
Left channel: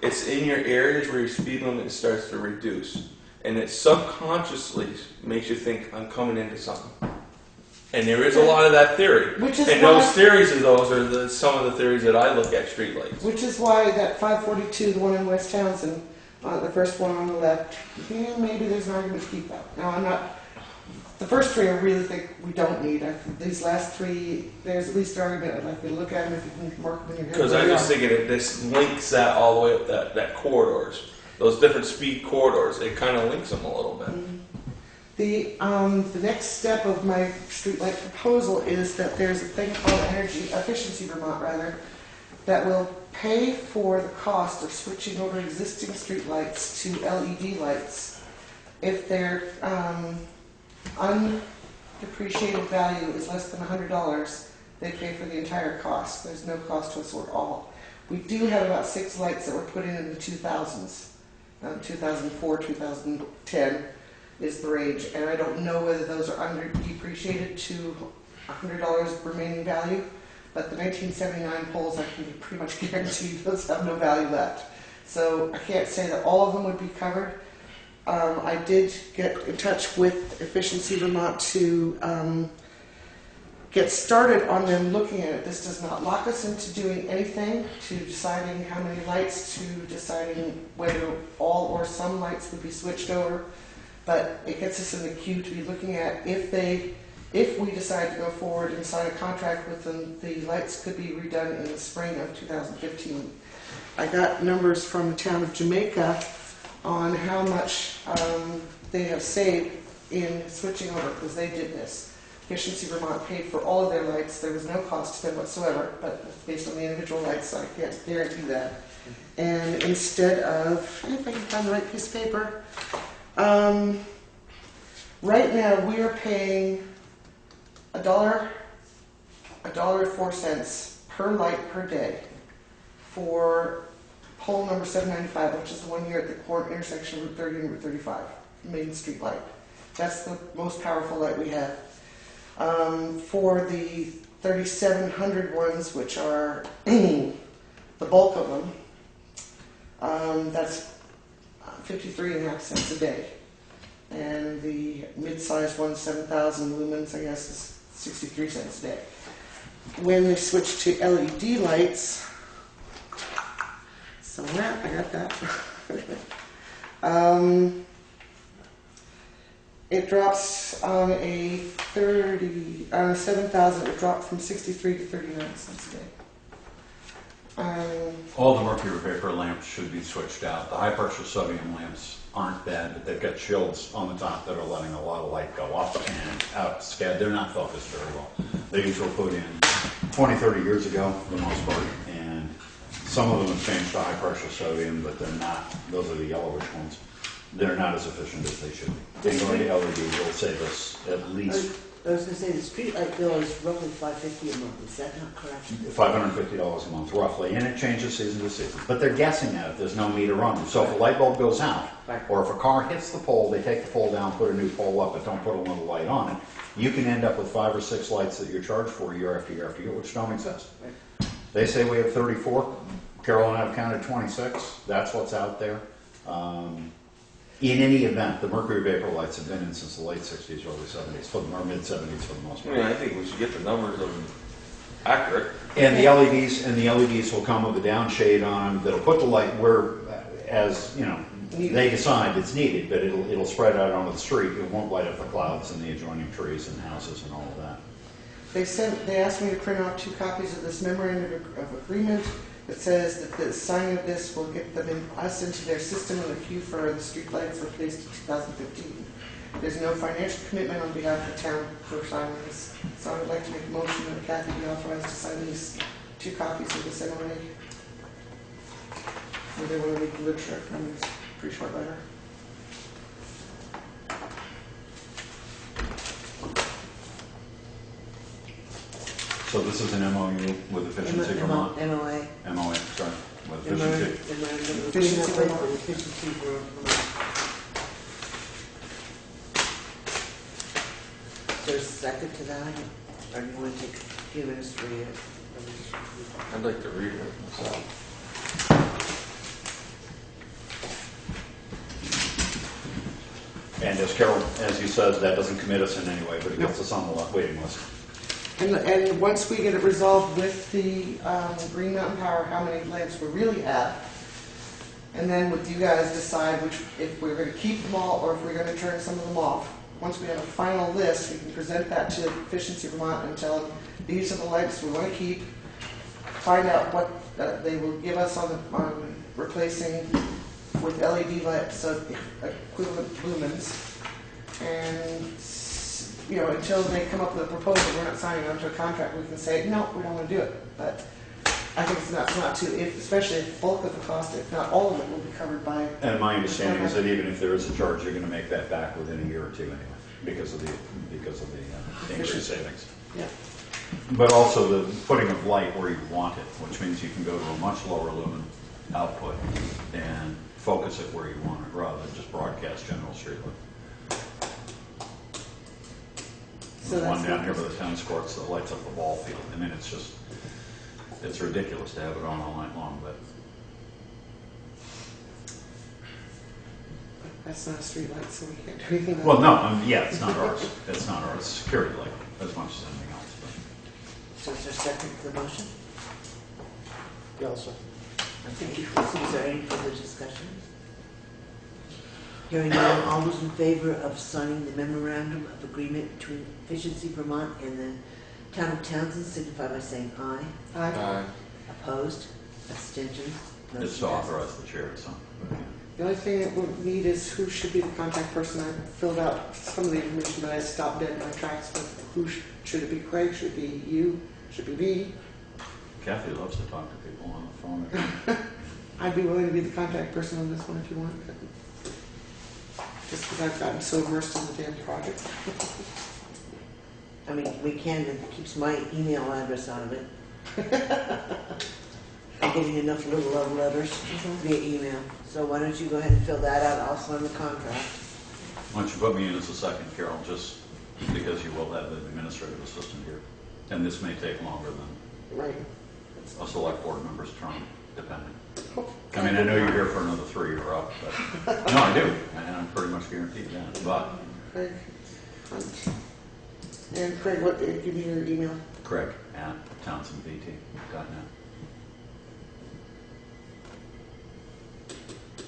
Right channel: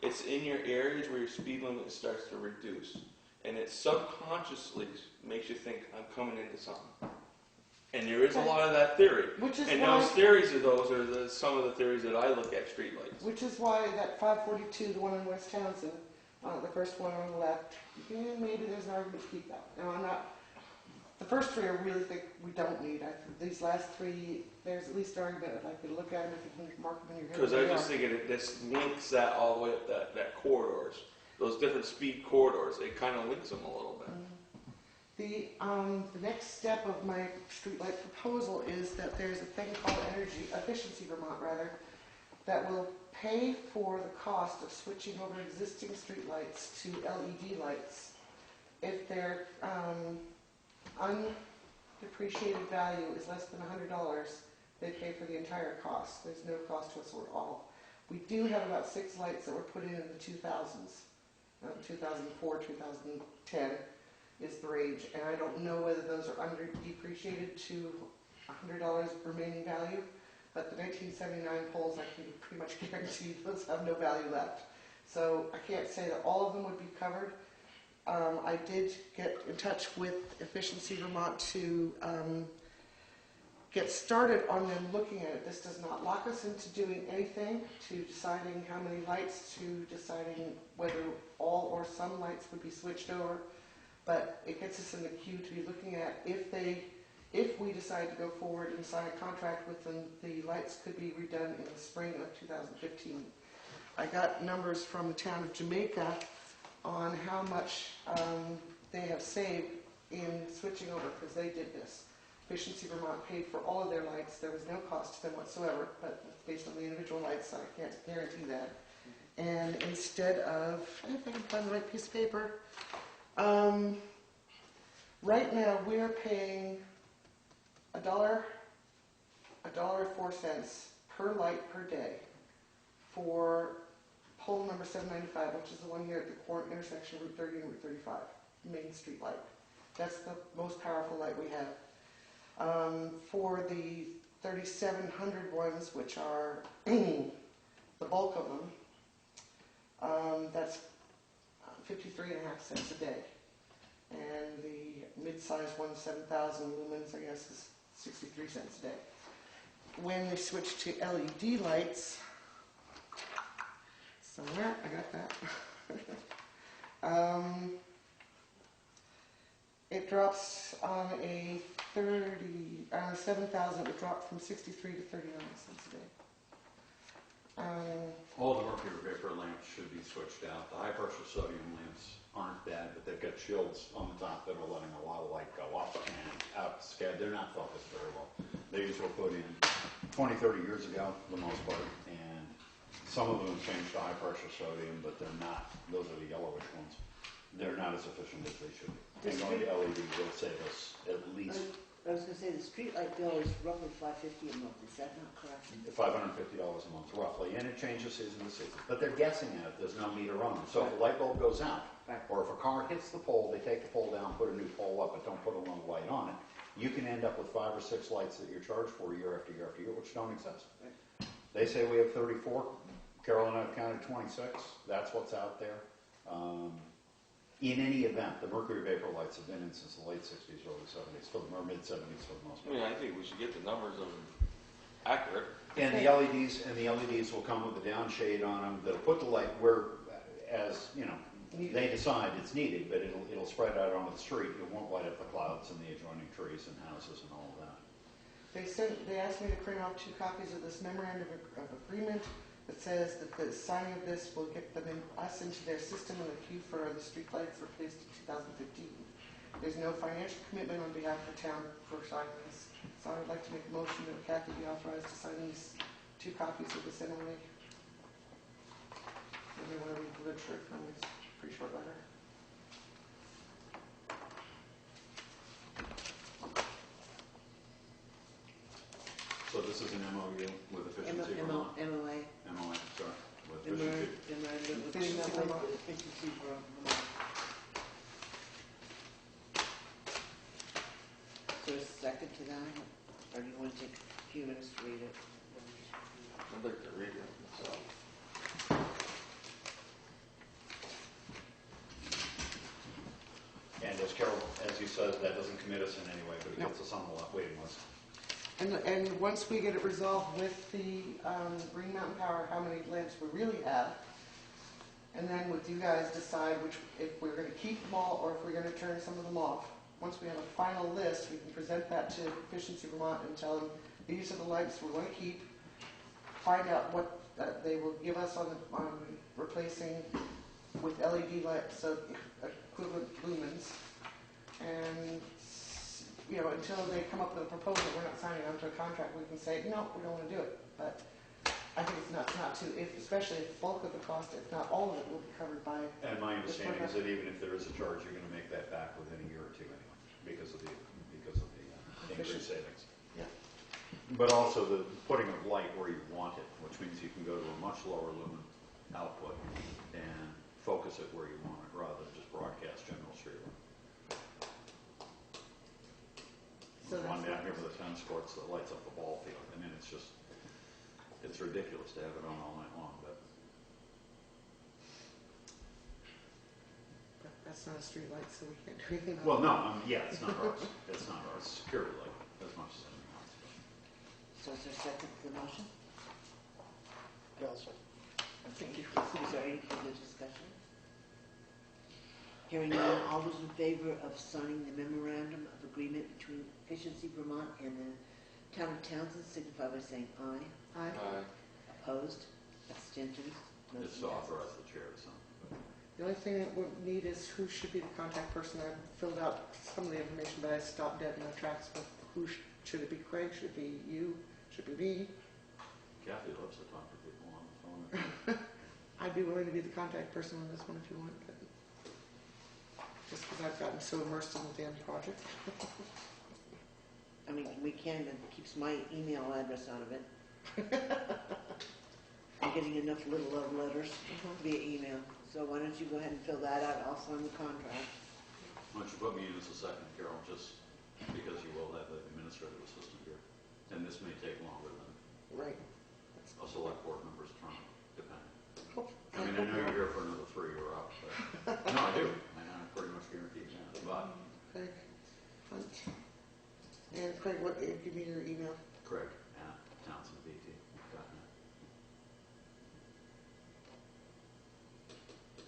it's in your areas where your speed limit starts to reduce, and it subconsciously makes you think, I'm coming into something. And there is a lot of that theory. Which is And why, those theories of those are some of the theories that I look at streetlights. which is why that 542, the one in West Townsend, the first one on the left, maybe there's an argument to keep that. Now, I'm not, the first three I really think we don't need. These last three, there's at least an argument. I'd like you to look at them if you can work them in your head. Because I just think that this links that all the way up that corridors. Those different speed corridors, it kind of links them a little bit. The next step of my streetlight proposal is that there's a thing called Energy Efficiency Vermont, that will pay for the cost of switching over existing streetlights to LED lights. If their undepreciated value is less than $100, they pay for the entire cost. There's no cost to us at all. We do have about 6 lights that were put in the 2000s, 2004, 2010. is the range, and I don't know whether those are under depreciated to $100 remaining value, but the 1979 poles, I can pretty much guarantee those have no value left. So I can't say that all of them would be covered. I did get in touch with Efficiency Vermont to get started on them looking at it. This does not lock us into doing anything, to deciding how many lights, to deciding whether all or some lights would be switched over. But it gets us in the queue to be looking at if we decide to go forward and sign a contract with them, the lights could be redone in the spring of 2015. I got numbers from the town of Jamaica on how much they have saved in switching over, because they did this. Efficiency Vermont paid for all of their lights. There was no cost to them whatsoever, but based on the individual lights, I can't guarantee that. And instead of, if I can find the right piece of paper, right now we are paying $1.04 per light per day for pole number 795, which is the one here at the intersection of Route 30 and Route 35, Main Street light. That's the most powerful light we have. For the 3700 ones, which are the bulk of them, that's 53.5 cents a day. And the mid-sized one, 7,000 lumens, I guess, is 63 cents a day. When they switch to LED lights, so that, I got that. It drops on a 7,000, it dropped from 63 to 39 cents a day. All the mercury vapor lamps should be switched out. The high pressure sodium lamps aren't bad, but they've got shields on the top that are letting a lot of light go up and out. They're not focused very well. These were put in 20, 30 years ago for the most part, and some of them have changed to high pressure sodium, but they're not. Those are the yellowish ones. They're not as efficient as they should be. Being going to LED will save us at least I was going to say the street light bill is roughly $550 a month. Is that not correct? $550 a month roughly, and it changes season to season. But they're guessing at it. There's no meter on them. So if a light bulb goes out, Right. or if a car hits the pole, they take the pole down, put a new pole up, but don't put a little light on it. You can end up with 5 or 6 lights that you're charged for year after year after year, which don't exist. Right. They say we have 34. Carol and I have counted 26. That's what's out there. In any event, the mercury vapor lights have been in since the late 60s, early 70s, or mid 70s for the most part. I think we should get the numbers of them accurate. And the LEDs will come with a down shade on them that'll put the light where, as you know, they decide it's needed, but it'll spread out onto the street. It won't light up the clouds and the adjoining trees and houses and all of that. They asked me to print off 2 copies of this memorandum of agreement that says that the signing of this will get us into their system in the queue for the street lights replaced in 2015. There's no financial commitment on behalf of the town for signing this. So I would like to make a motion that Kathy be authorized to sign these 2 copies of this MOA. If they want to read the literature from this pretty short letter. So this is an MOU with Efficiency Vermont. MOA. MOA, sorry, with Efficiency. Efficiency Vermont. Efficiency Vermont. Is there a second to that? Or do you want to take a few minutes to read it? I'd like to read it myself. And as Carol, as you said, that doesn't commit us in any way, but it gets us on the waiting list. And once we get it resolved with the Green Mountain Power, how many lamps we really have, and then with you guys decide if we're going to keep them all or if we're going to turn some of them off. Once we have a final list, we can present that to Efficiency Vermont and tell them these are the lights we want to keep. Find out what they will give us on replacing with LED lights, so equivalent lumens, and until they come up with a proposal, we're not signing onto a contract. We can say no, we don't want to do it. But I think it's not too, especially if bulk of the cost, if not all of it, will be covered by. And my understanding is that even if there is a charge, you're going to make that back within a year or 2 anyway, because of the increased savings. Yeah. But also the putting of light where you want it, which means you can go to a much lower lumen output and focus it where you want it, rather than just broadcast general street light. So The one that's down not- here by the tennis courts that lights up the ball field. I mean, it's just, it's ridiculous to have it on all night long, but That's not a street light, so we can't do anything. well, no, yeah, it's not ours. It's not ours. It's a security light as much as anything else. So is there a second to the motion? Yeah, also. Thank you. Is there any further discussion? Hearing none, all those in favor of signing the memorandum of agreement between Efficiency Vermont and the town of Townsend signify by saying aye. Aye. Opposed? Abstentions? But it's to Motion passes. authorize the chair, so. but, yeah. The only thing that we'll need is who should be the contact person. I filled out some of the information, but I stopped dead in my tracks with who should it be Craig, should it be you, should it be me? Kathy loves to talk to people on the phone. I'd be willing to be the contact person on this one if you want, but just because I've gotten so immersed in the damn project. I mean, we can, it keeps my email address out of it. I'm getting enough little love letters via email. So why don't you go ahead and fill that out, I'll sign the contract. Why don't you put me in as a second, Carol, just because you will have the administrative assistant here. And this may take longer than Right. a select board member's term, depending. I mean, I know you're here for another 3 year up, but, no, I do, and I'm pretty much guaranteed that, but Craig Hunt. And Craig, what, give me your email. Craig at townsendvt.net.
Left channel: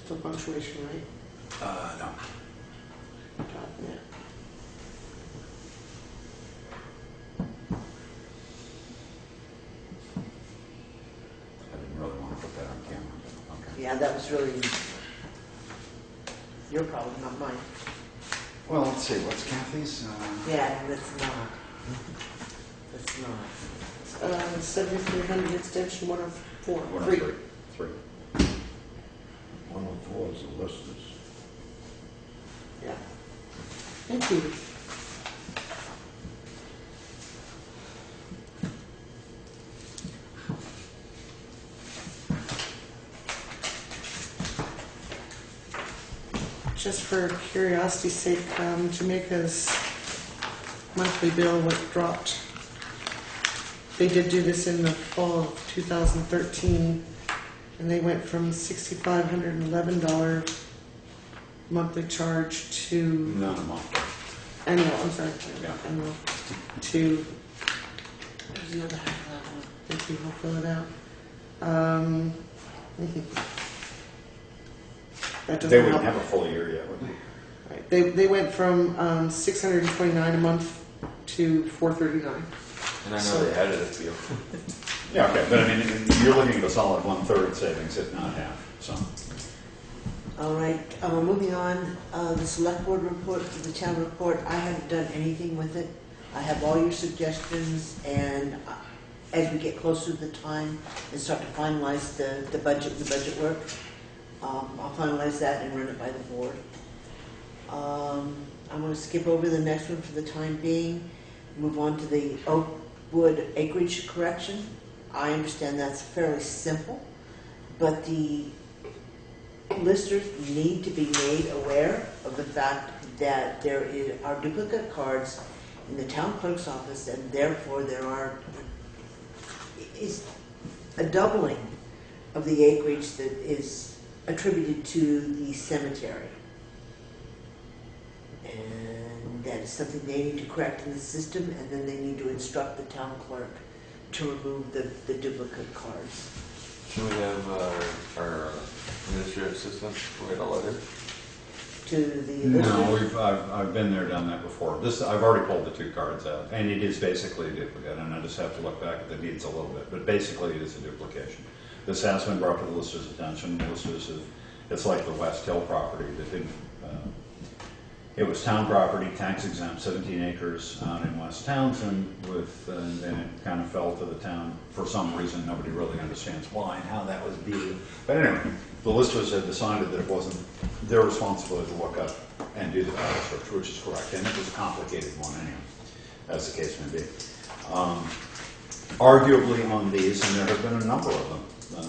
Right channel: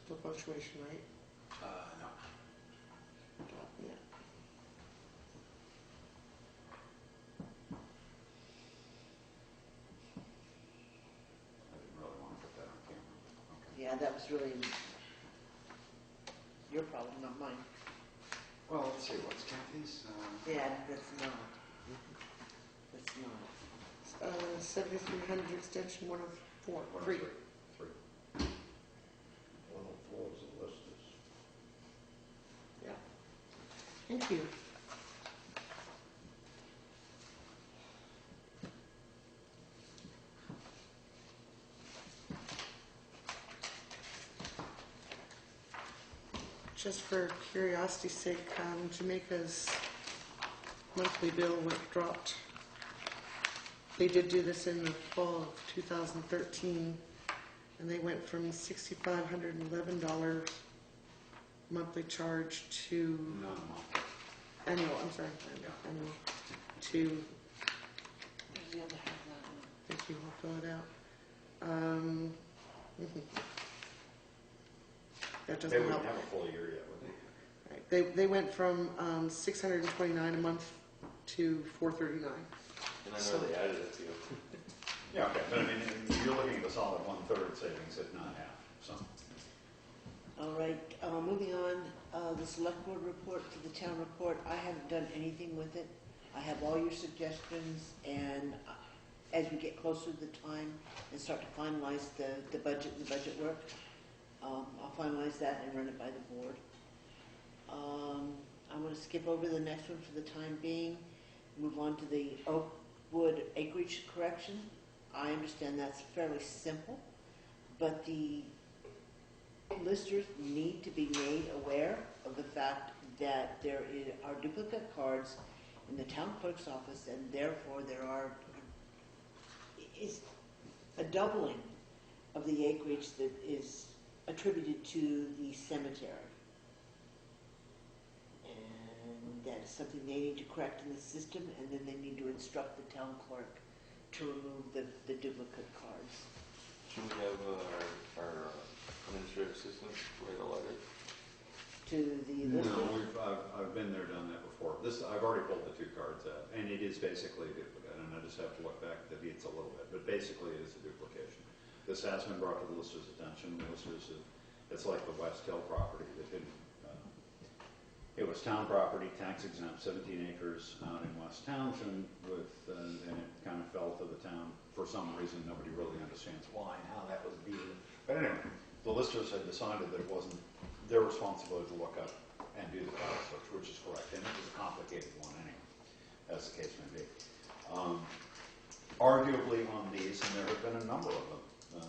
For punctuation, right? No. .net. I didn't really want to put that on camera, but okay. Yeah, that was really your problem, not mine. Well, let's see, what's Kathy's? Yeah, that's not. That's not. 7300 extension 104. 103. 3. 104 is the listers. Yeah. Thank you. Just for curiosity's sake, Jamaica's monthly bill was dropped. They did do this in the fall of 2013, and they went from $6,511 monthly charge to Not a month. annual. I'm sorry, Yeah. annual to. There's the other half of that one. Thank you. I'll fill it out. That doesn't They wouldn't help. have a full year yet, would they? Right. They went from 629 a month to 439. And I know they added a few. Yeah, okay, but I mean, you're looking at a solid 1/3 savings, if not half, so. All right, moving on, the select board report for the town report, I haven't done anything with it. I have all your suggestions, and as we get closer to the time and start to finalize the budget work, I'll finalize that and run it by the board. I'm gonna skip over the next one for the time being, move on to the Oakwood acreage correction. I understand that's fairly simple, but the listers need to be made aware of the fact that there are duplicate cards in the town clerk's office, and therefore is a doubling of the acreage that is attributed to the cemetery. And that is something they need to correct in the system, and then they need to instruct the town clerk to remove the duplicate cards. Can we have our administrative assistant write a letter? To the No, listers. I've been there, done that before. I've already pulled the 2 cards out, and it is basically a duplicate, and I just have to look back at the deeds a little bit, but basically it is a duplication. This has been brought to the listers' attention. The listers have, it's like the West Hill property that didn't, it was town property, tax exempt, 17 acres out in West Townshend with, and it kind of fell to the town for some reason. Nobody really understands why and how that was deeded. But anyway, the listers had decided that it wasn't their responsibility to look up and do the title search, which is correct, and it was a complicated one anyway, as the case may be. Arguably on these, and there have been a number of them,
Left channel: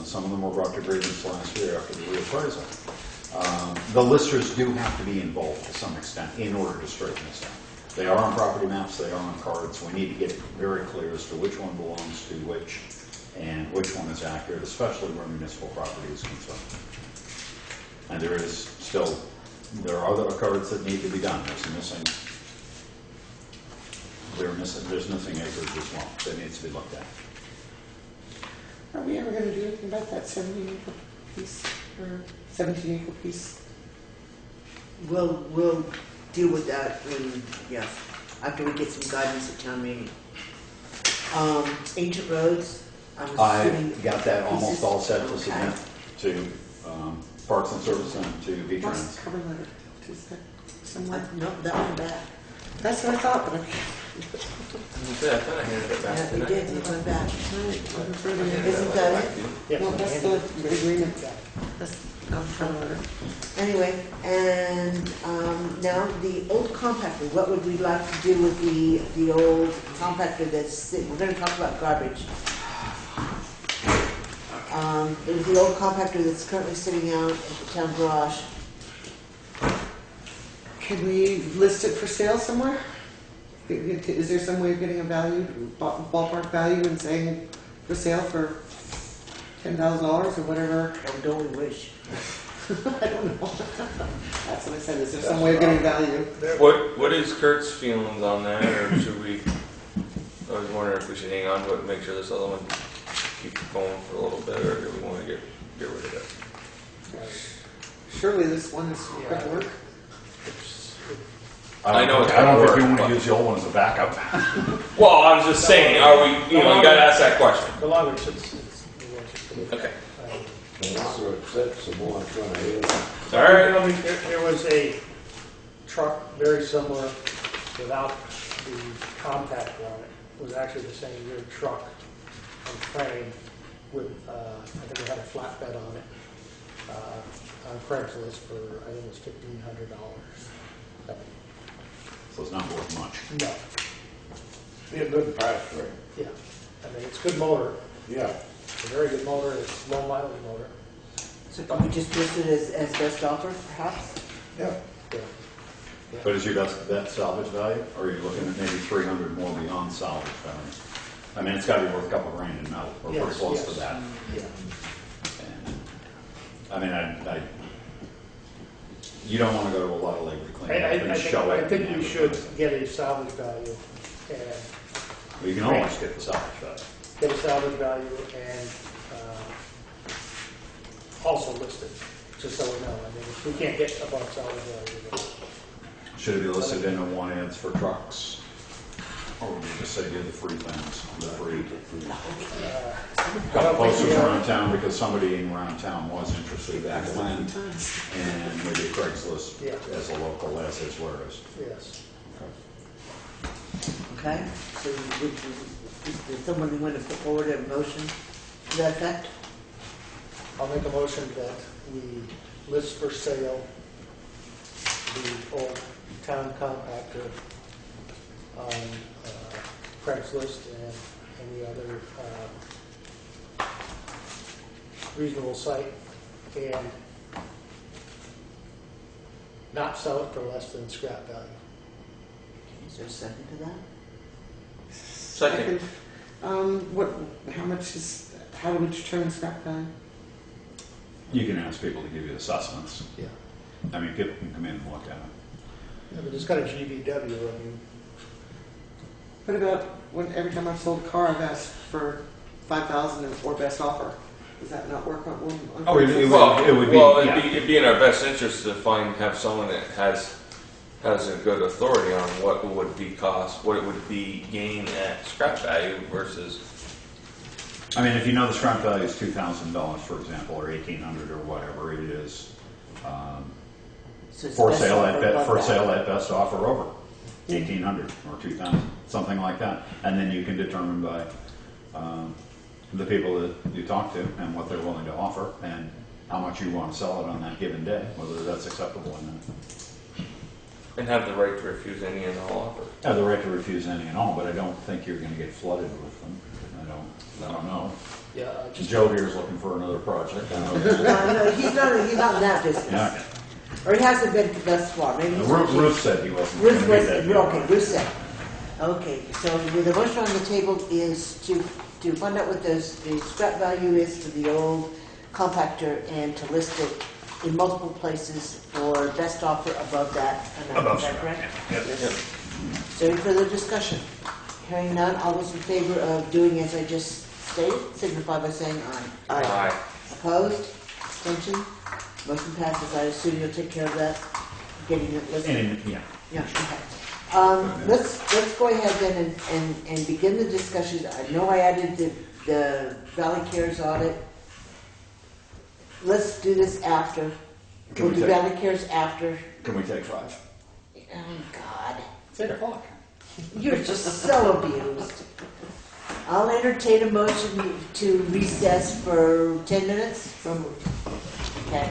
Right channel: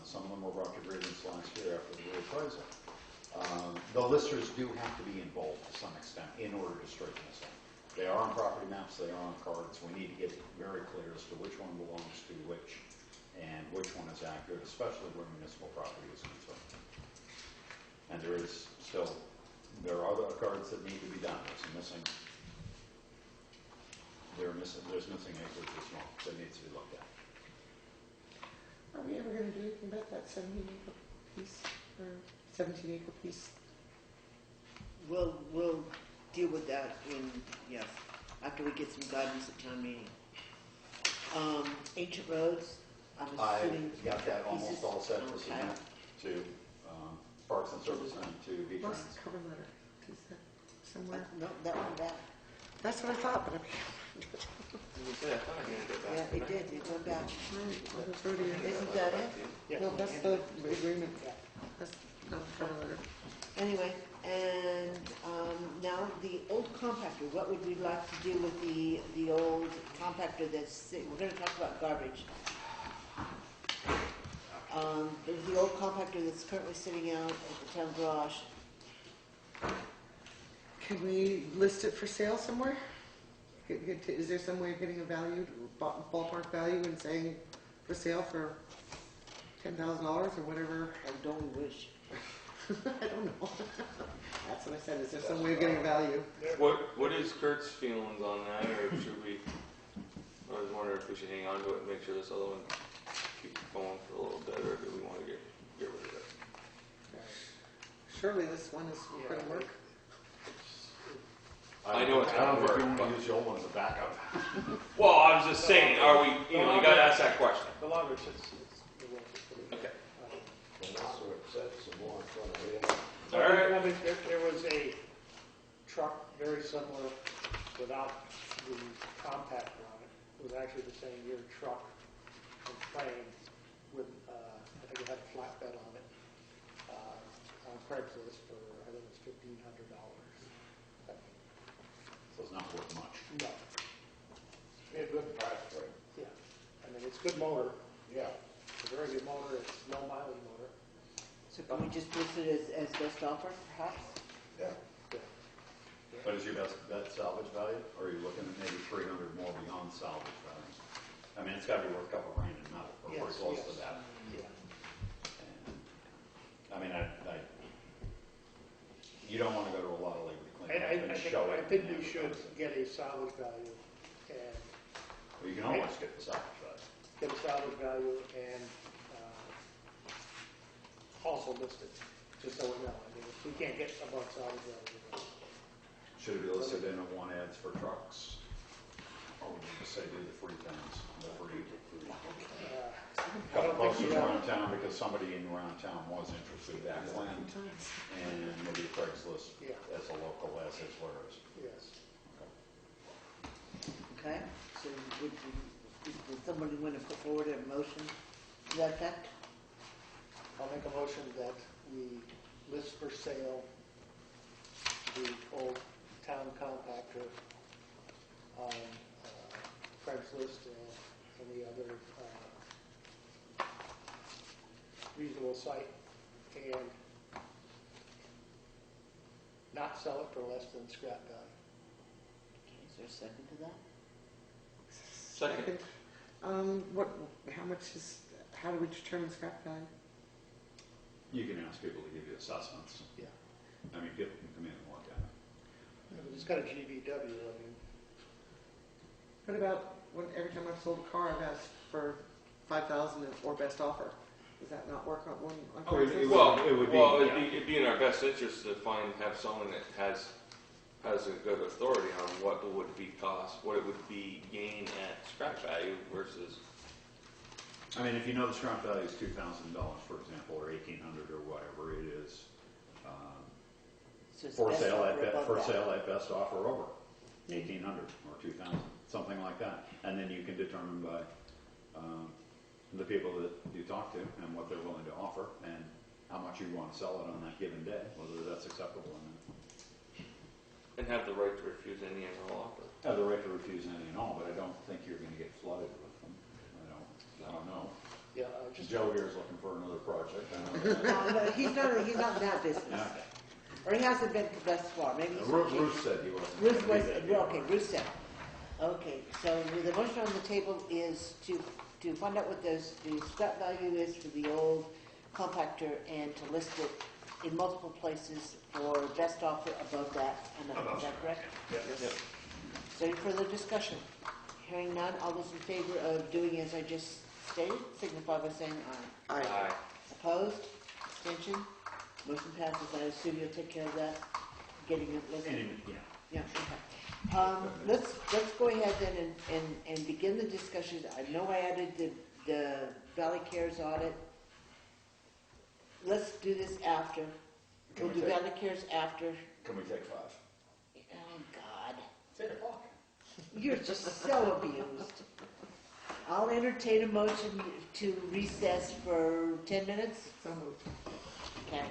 some of them were brought to grievance last year after the reappraisal. The listers do have to be involved to some extent in order to straighten this out. They are on property maps, they are on cards. We need to get it very clear as to which one belongs to which and which one is accurate, especially where municipal property is concerned. And there are other cards that need to be done. There's missing acreage as well that needs to be looked at. Are we ever gonna do anything about that 17-acre piece, or 17-acre piece? We'll deal with that when, yes, after we get some guidance at town meeting. Ancient roads, I'm assuming. I got that almost pieces? all set to Okay. submit to Parks and Service and to What's V-Trans. the cover letter? Is that somewhere? No, that one back. That's what I thought, but You said, I thought I handed it back. Yeah, we didn't I? did, it went back. Yeah, Isn't I that back it? to you. Yeah. no, that's the agreement. That's cover letter. Anyway, and now the old compactor, what would we like to do with the old compactor that's, we're gonna talk about garbage. There's the old compactor that's currently sitting out at the town garage. Can we list it for sale somewhere? Is there some way of getting a value, ballpark value, and saying for sale for $10,000 or whatever? Oh, don't we wish? I don't know. That's what I said. Is there some way of getting value? What is Kurt's feelings on that, or should we, I was wondering if we should hang on to it and make sure this other one keeps going for a little bit, or do we want to get rid of it? Surely this one is quick work. I know it's I don't gonna think you work, want but- to use the old one as a backup. Well, I was just saying, are we, you gotta ask that question. The longer it sits, the worse it's gonna be. Okay. The longer it sits, the more it's gonna heal. All right. You know, there was a truck very similar without the compactor on it. It was actually the same year truck and frame with, I think it had a flatbed on it, on Craigslist for, I think it was $1,500. So it's not worth much. No, Be a good price for it. yeah. I mean, it's a good motor. Yeah. It's a very good motor. It's low mileage motor. So can we just list it as best offer, perhaps? Yeah. Yeah. But is your best salvage value, or are you looking at maybe 300 more beyond salvage value? I mean, it's got to be worth a couple grand in metal, or pretty Yes, close yes. to that. Yeah. And, I mean, you don't want to go to a lot of labor cleaning up and show it. I think we should get a salvage value and Well, you can always get the salvage value. get a salvage value and also list it, just so we know. I mean, if we can't get above salvage value, then Should it be listed in the one ads for trucks? Or would you just say do the free things, the free? I don't Posters think we around town, because somebody in around town was interested back when, and maybe Craigslist Yeah. as a local as is where it is. yes. Okay, so would someone want to put forward a motion to that effect? I'll make a motion that we list for sale the old town compactor on Craigslist and any other reasonable site, and not sell it for less than scrap value. Is there a second to that? Second. How do we determine scrap value? You can ask people to give you assessments. Yeah. I mean, people can come in and look at it. Yeah, but it's got a GVW, I mean, What about when every time I've sold a car, I've asked for 5,000 or best offer? Does that not work on? Oh, it would- Well, it would be, well, yeah. it'd be in our best interest to have someone that has a good authority on what it would be cost, what it would be gain at scrap value versus. I mean, if you know the scrap value is $2,000, for example, or $1,800 or whatever it is, So it's for best sale offer above that. at best offer over 1,800 or 2,000, something like that. And then you can determine by the people that you talk to and what they're willing to offer and how much you want to sell it on that given day, whether that's acceptable or not. And have the right to refuse any and all offers. Have the right to refuse any and all, but I don't think you're going to get flooded with them. I don't know. yeah, just Joe here's looking for another project. I know that. No, he's not in that business. Yeah, Or he hasn't been thus far, maybe he's. Ruth said he wasn't gonna Ruth be was, that. okay, Ruth said. Okay, so the motion on the table is to find out what the scrap value is for the old compactor and to list it in multiple places for best offer above that amount. Above Is that scrap, correct? yeah. Yep. Is there any further discussion? Hearing none, all those in favor of doing as I just stated, signify by saying aye. Aye. Opposed? Abstention? Motion passes. I assume you'll take care of that, getting it listed? Yeah. Yeah, okay. Let's go ahead then and begin the discussion. I know I added the Valley Cares audit. Let's do this after. We'll do Valley Cares after. Can we take 5? Oh, God. It's 8 o'clock. You're just so abused. I'll entertain a motion to recess for 10 minutes. So moved. Okay.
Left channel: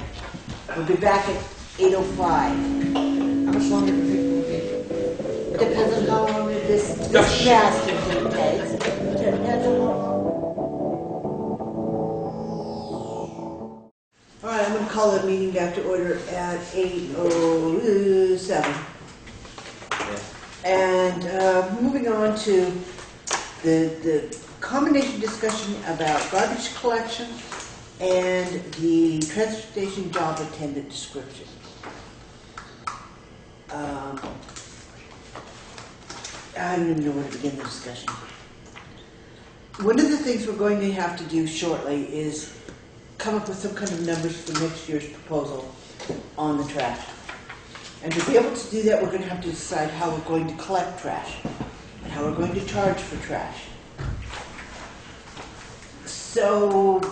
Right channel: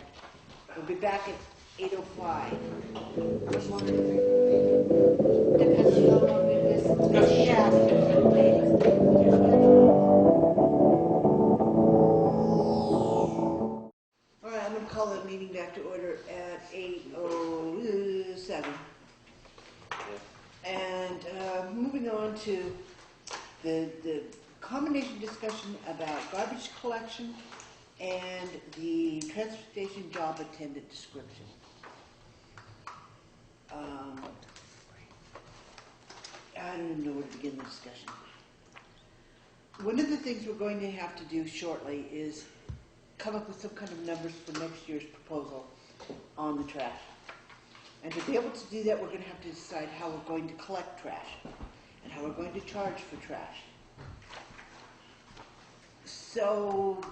We'll be back at 8:05. How much longer do you think we'll be? Depends on how long this lasts. Okay. Depends on- All right, I'm going to call the meeting back to order at 8:07. And moving on to the combination discussion about garbage collection and the transfer station job attendant description. I don't even know where to begin the discussion. One of the things we're going to have to do shortly is come up with some kind of numbers for next year's proposal on the trash. And to be able to do that, we're going to have to decide how we're going to collect trash and how we're going to charge for trash. So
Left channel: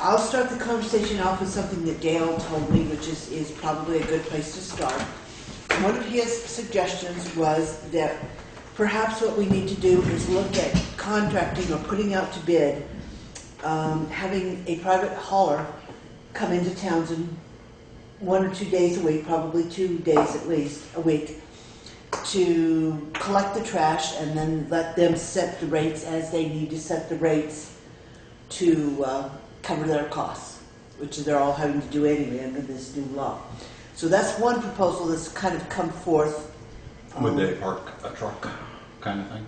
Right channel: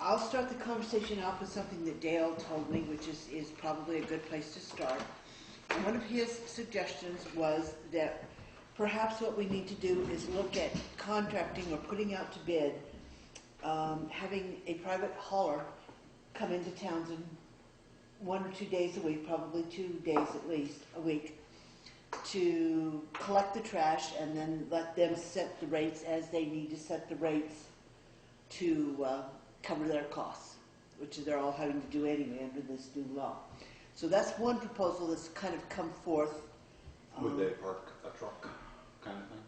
I'll start the conversation off with something that Dale told me, which is probably a good place to start. One of his suggestions was that perhaps what we need to do is look at contracting or putting out to bid, having a private hauler come into Townsend 1 or 2 days a week, probably 2 days at least a week, to collect the trash and then let them set the rates as they need to set the rates to cover their costs, which they're all having to do anyway under this new law. So that's one proposal that's kind of come forth. Would they park a truck kind of thing?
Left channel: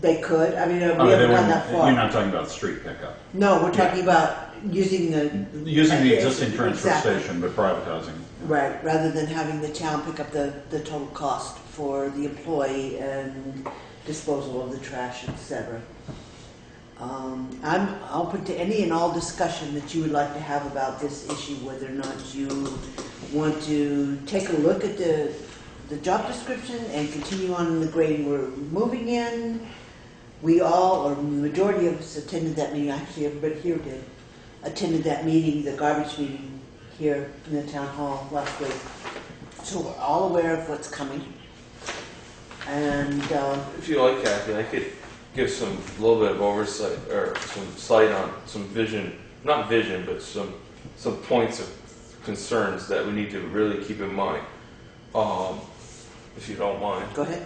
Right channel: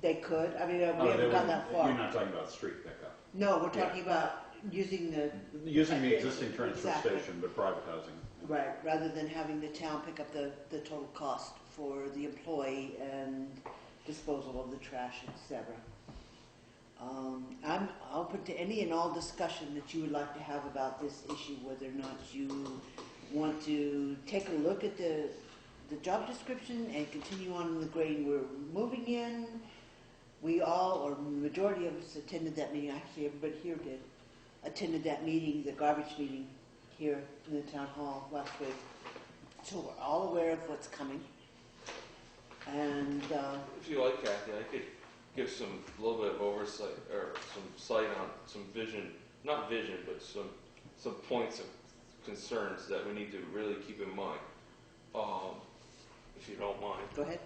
They could. I mean, we Oh, haven't they gone wouldn't- that far. You're not talking about street pickup. No, we're talking about using the Using the existing transfer Exactly. station, but privatizing. right, rather than having the town pick up the total cost for the employee and disposal of the trash, etc. I'm open to any and all discussion that you would like to have about this issue, whether or not you want to take a look at the job description and continue on the grade we're moving in. We all, or the majority of us, attended that meeting. Actually, everybody here did. Attended that meeting, the garbage meeting here in the town hall last week. So we're all aware of what's coming. And If you like, Kathy, I could give some little bit of oversight or some sight on some vision, not vision, but some points of concerns that we need to really keep in mind. If you don't mind. go ahead.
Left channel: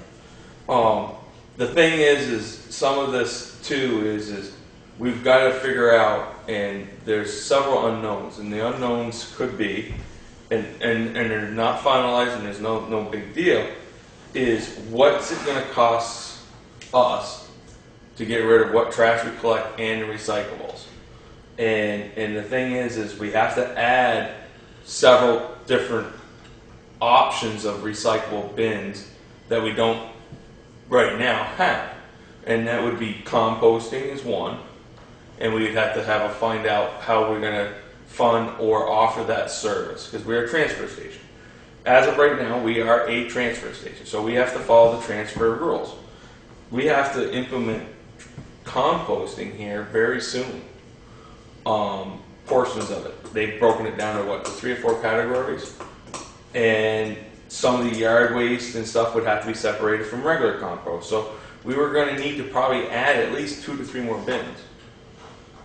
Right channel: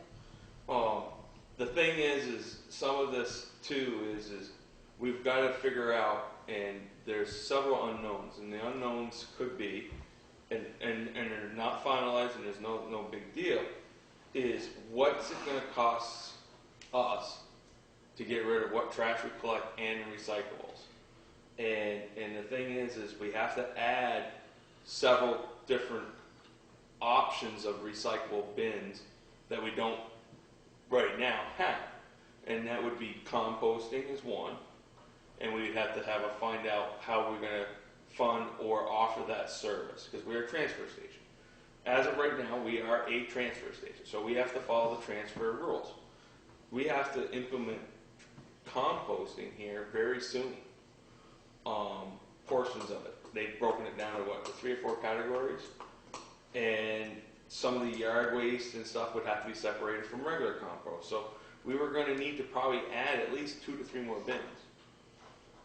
The thing is some of this too is we've got to figure out, and there's several unknowns, and the unknowns could be, and they're not finalized, and there's no big deal, is what's it going to cost us to get rid of what trash we collect and the recyclables. And the thing is we have to add several different options of recyclable bins that we don't right now have. And that would be composting is one, and we'd have to find out how we're going to fund or offer that service, because we're a transfer station. As of right now, we are a transfer station, so we have to follow the transfer rules. We have to implement composting here very soon. Portions of it. They've broken it down to the 3 or 4 categories, and some of the yard waste and stuff would have to be separated from regular compost. So we were going to need to probably add at least 2 to 3 more bins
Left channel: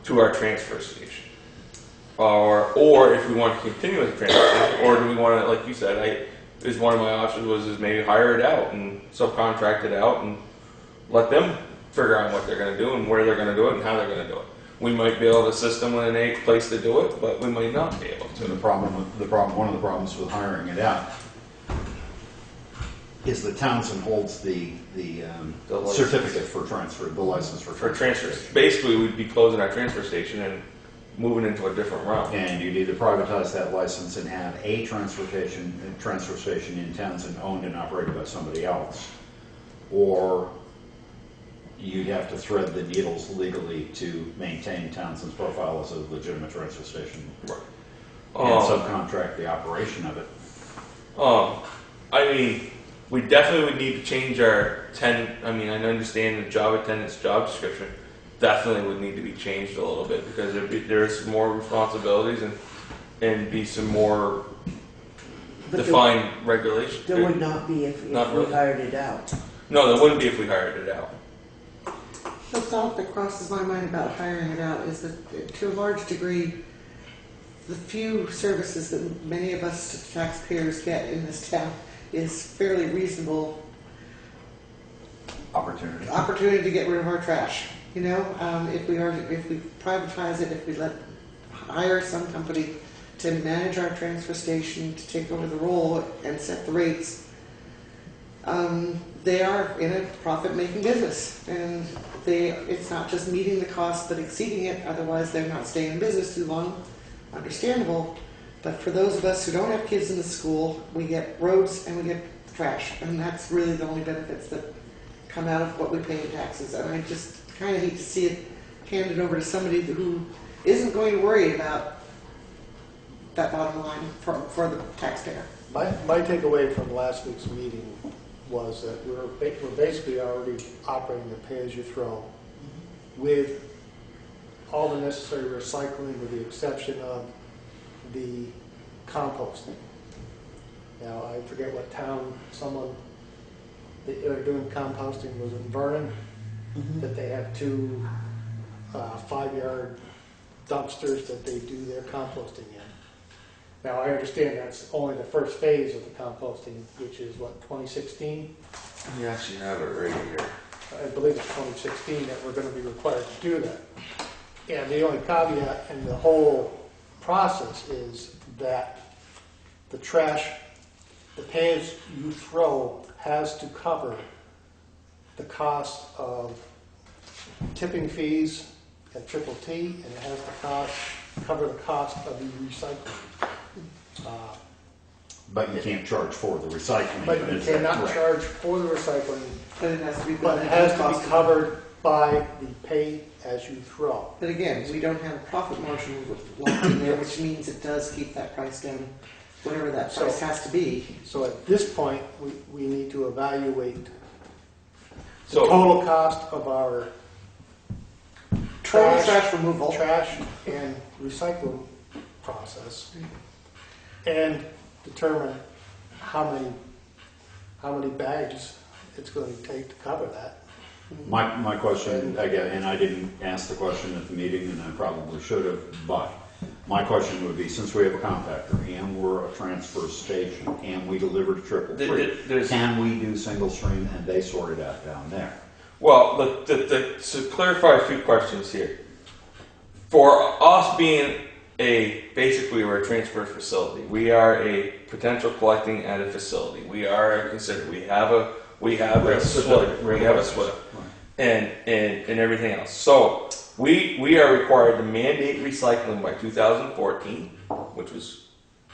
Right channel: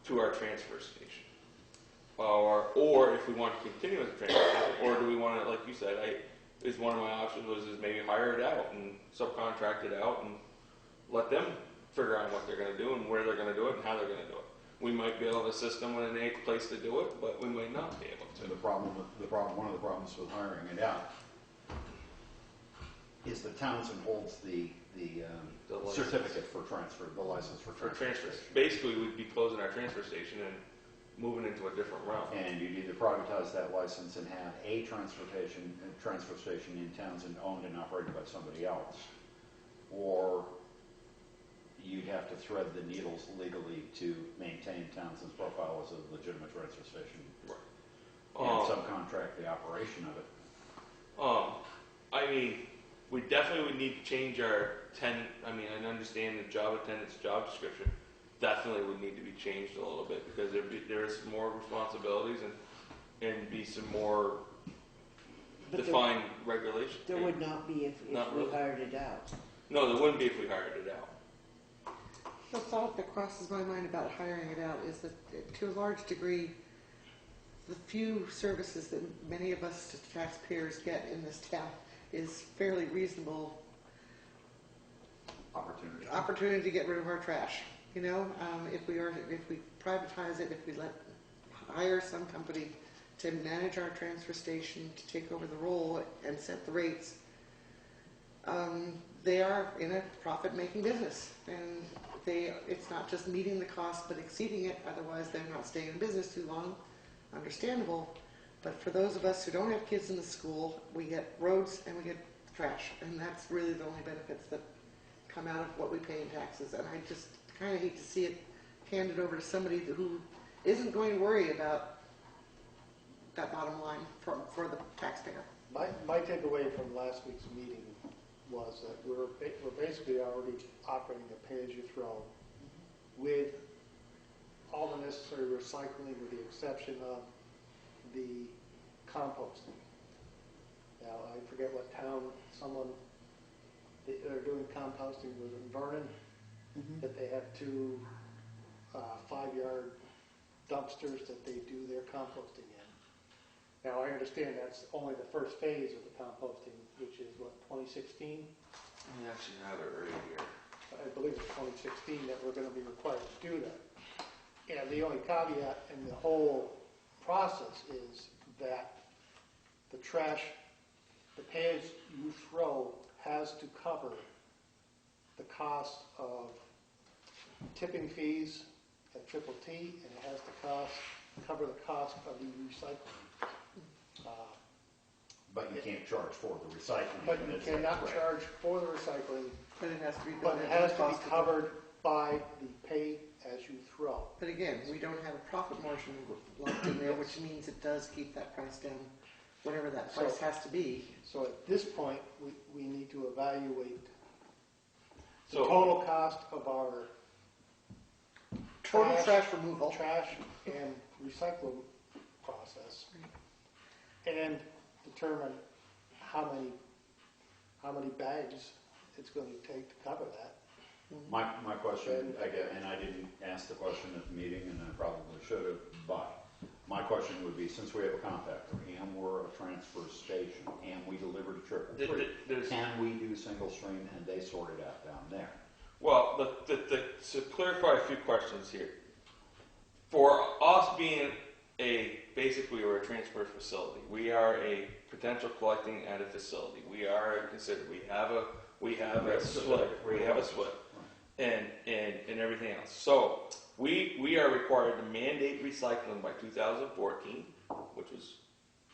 to our transfer station. Or if we want to continue with the transfer station, or do we want to, like you said, one of my options was maybe hire it out and subcontract it out and let them figure out what they're going to do and where they're going to do it and how they're going to do it. we might be able to assist them with a place to do it, but we might not be able So to. one of the problems with hiring it out is that Townsend holds the The license. certificate for transfer, the license for For transfer. transfers, basically, we'd be closing our transfer station and moving into a different realm. And you'd either privatize that license and have a transfer station in Townsend owned and operated by somebody else, or you'd have to thread the needles legally to maintain Townsend's profile as a legitimate transfer station Right. and subcontract the operation of it. I mean, we definitely would need to change our I understand the job attendant's job description definitely would need to be changed a little bit because there's some more responsibilities and be some more But defined regulations. there would not be if Not we really. hired it out. No, there wouldn't be if we hired it out. The thought that crosses my mind about hiring it out is that, to a large degree, the few services that many of us taxpayers get in this town is fairly reasonable opportunity to get rid of our trash. You know, if we privatize it, if we hire some company to manage our transfer station, to take over the role and set the rates, they are in a profit-making business, and it's not just meeting the cost but exceeding it. Otherwise, they're not staying in business too long. Understandable, but for those of us who don't have kids in the school, we get roads and we get trash, and that's really the only benefits that come out of what we pay in taxes. And I just kind of hate to see it handed over to somebody who isn't going to worry about that bottom line for the taxpayer. My takeaway from last week's meeting was that we're basically already operating the pay-as-you-throw with all the necessary recycling with the exception of the composting. Now, I forget what town they are doing composting was in Vernon, that they have two 5-yard dumpsters that they do their composting in. Now, I understand that's only the first phase of the composting, which is what, 2016? You actually have it right here. I believe it's 2016 that we're going to be required to do that. And the only caveat in the whole process is that the trash, the pay-as-you-throw has to cover the cost of tipping fees at Triple T, and it has to cover the cost of the recycling. But you can't charge for the recycling. But you cannot Right. charge for the recycling, But it has to be. but it has to be covered by the pay-as-you-throw. But again, we don't have a profit margin locked in there, which means it does keep that price down, whatever that price has to be. So at this point, we need to evaluate the So- total cost of our Total trash, trash removal. trash and recycling process, and determine how many bags it's going to take to cover that. My question, again, and I didn't ask the question at the meeting, and I probably should have, but my question would be, since we have a compactor, and we're a transfer station, and we deliver to Triple T, can we do single stream and they sort it out down there? Well, to clarify a few questions here. For us being basically we're a transfer facility. We are a potential collecting at a facility. We are considered. We have a SWIP. We have a SWIP. And everything else. So we are required to mandate recycling by 2014, which was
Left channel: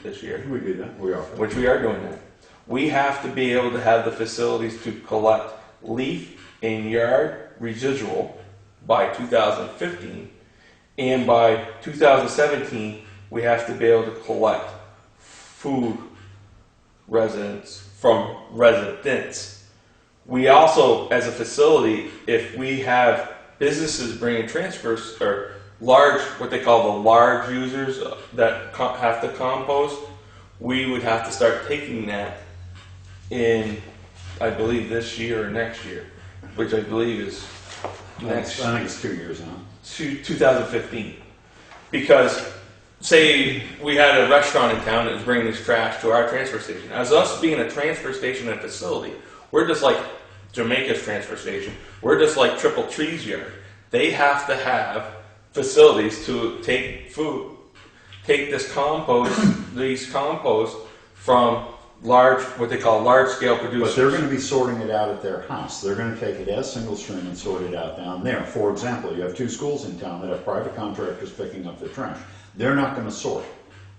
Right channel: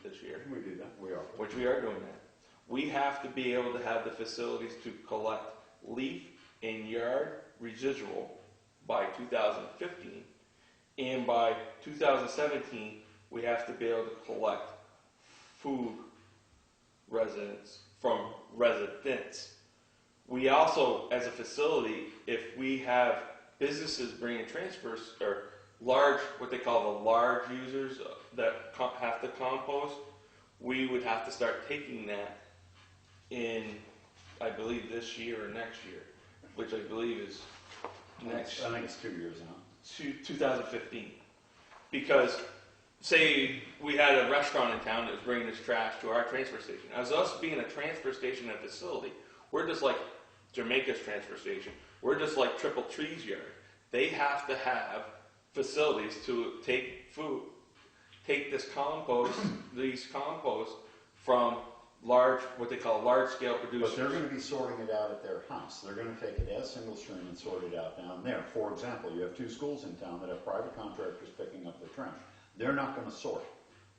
this year. We do that, we are. Which we are doing that. We have to be able to have the facilities to collect leaf and yard residual by 2015, and by 2017 we have to be able to collect food from residents. We also, as a facility, if we have businesses bringing transfers or what they call the large users that have to compost, we would have to start taking that in, I believe, this year or next year, which I believe is next. I think it's 2 years now. 2015. Because, say we had a restaurant in town that was bringing this trash to our transfer station. As us being a transfer station and facility, we're just like Jamaica's transfer station. We're just like Triple Tree's yard. They have to have facilities to take this compost, these compost from what they call large scale producers. But they're gonna be sorting it out at their house. They're gonna take it as single stream and sort it out down there. For example, you have 2 schools in town that have private contractors picking up their trash. They're not gonna sort.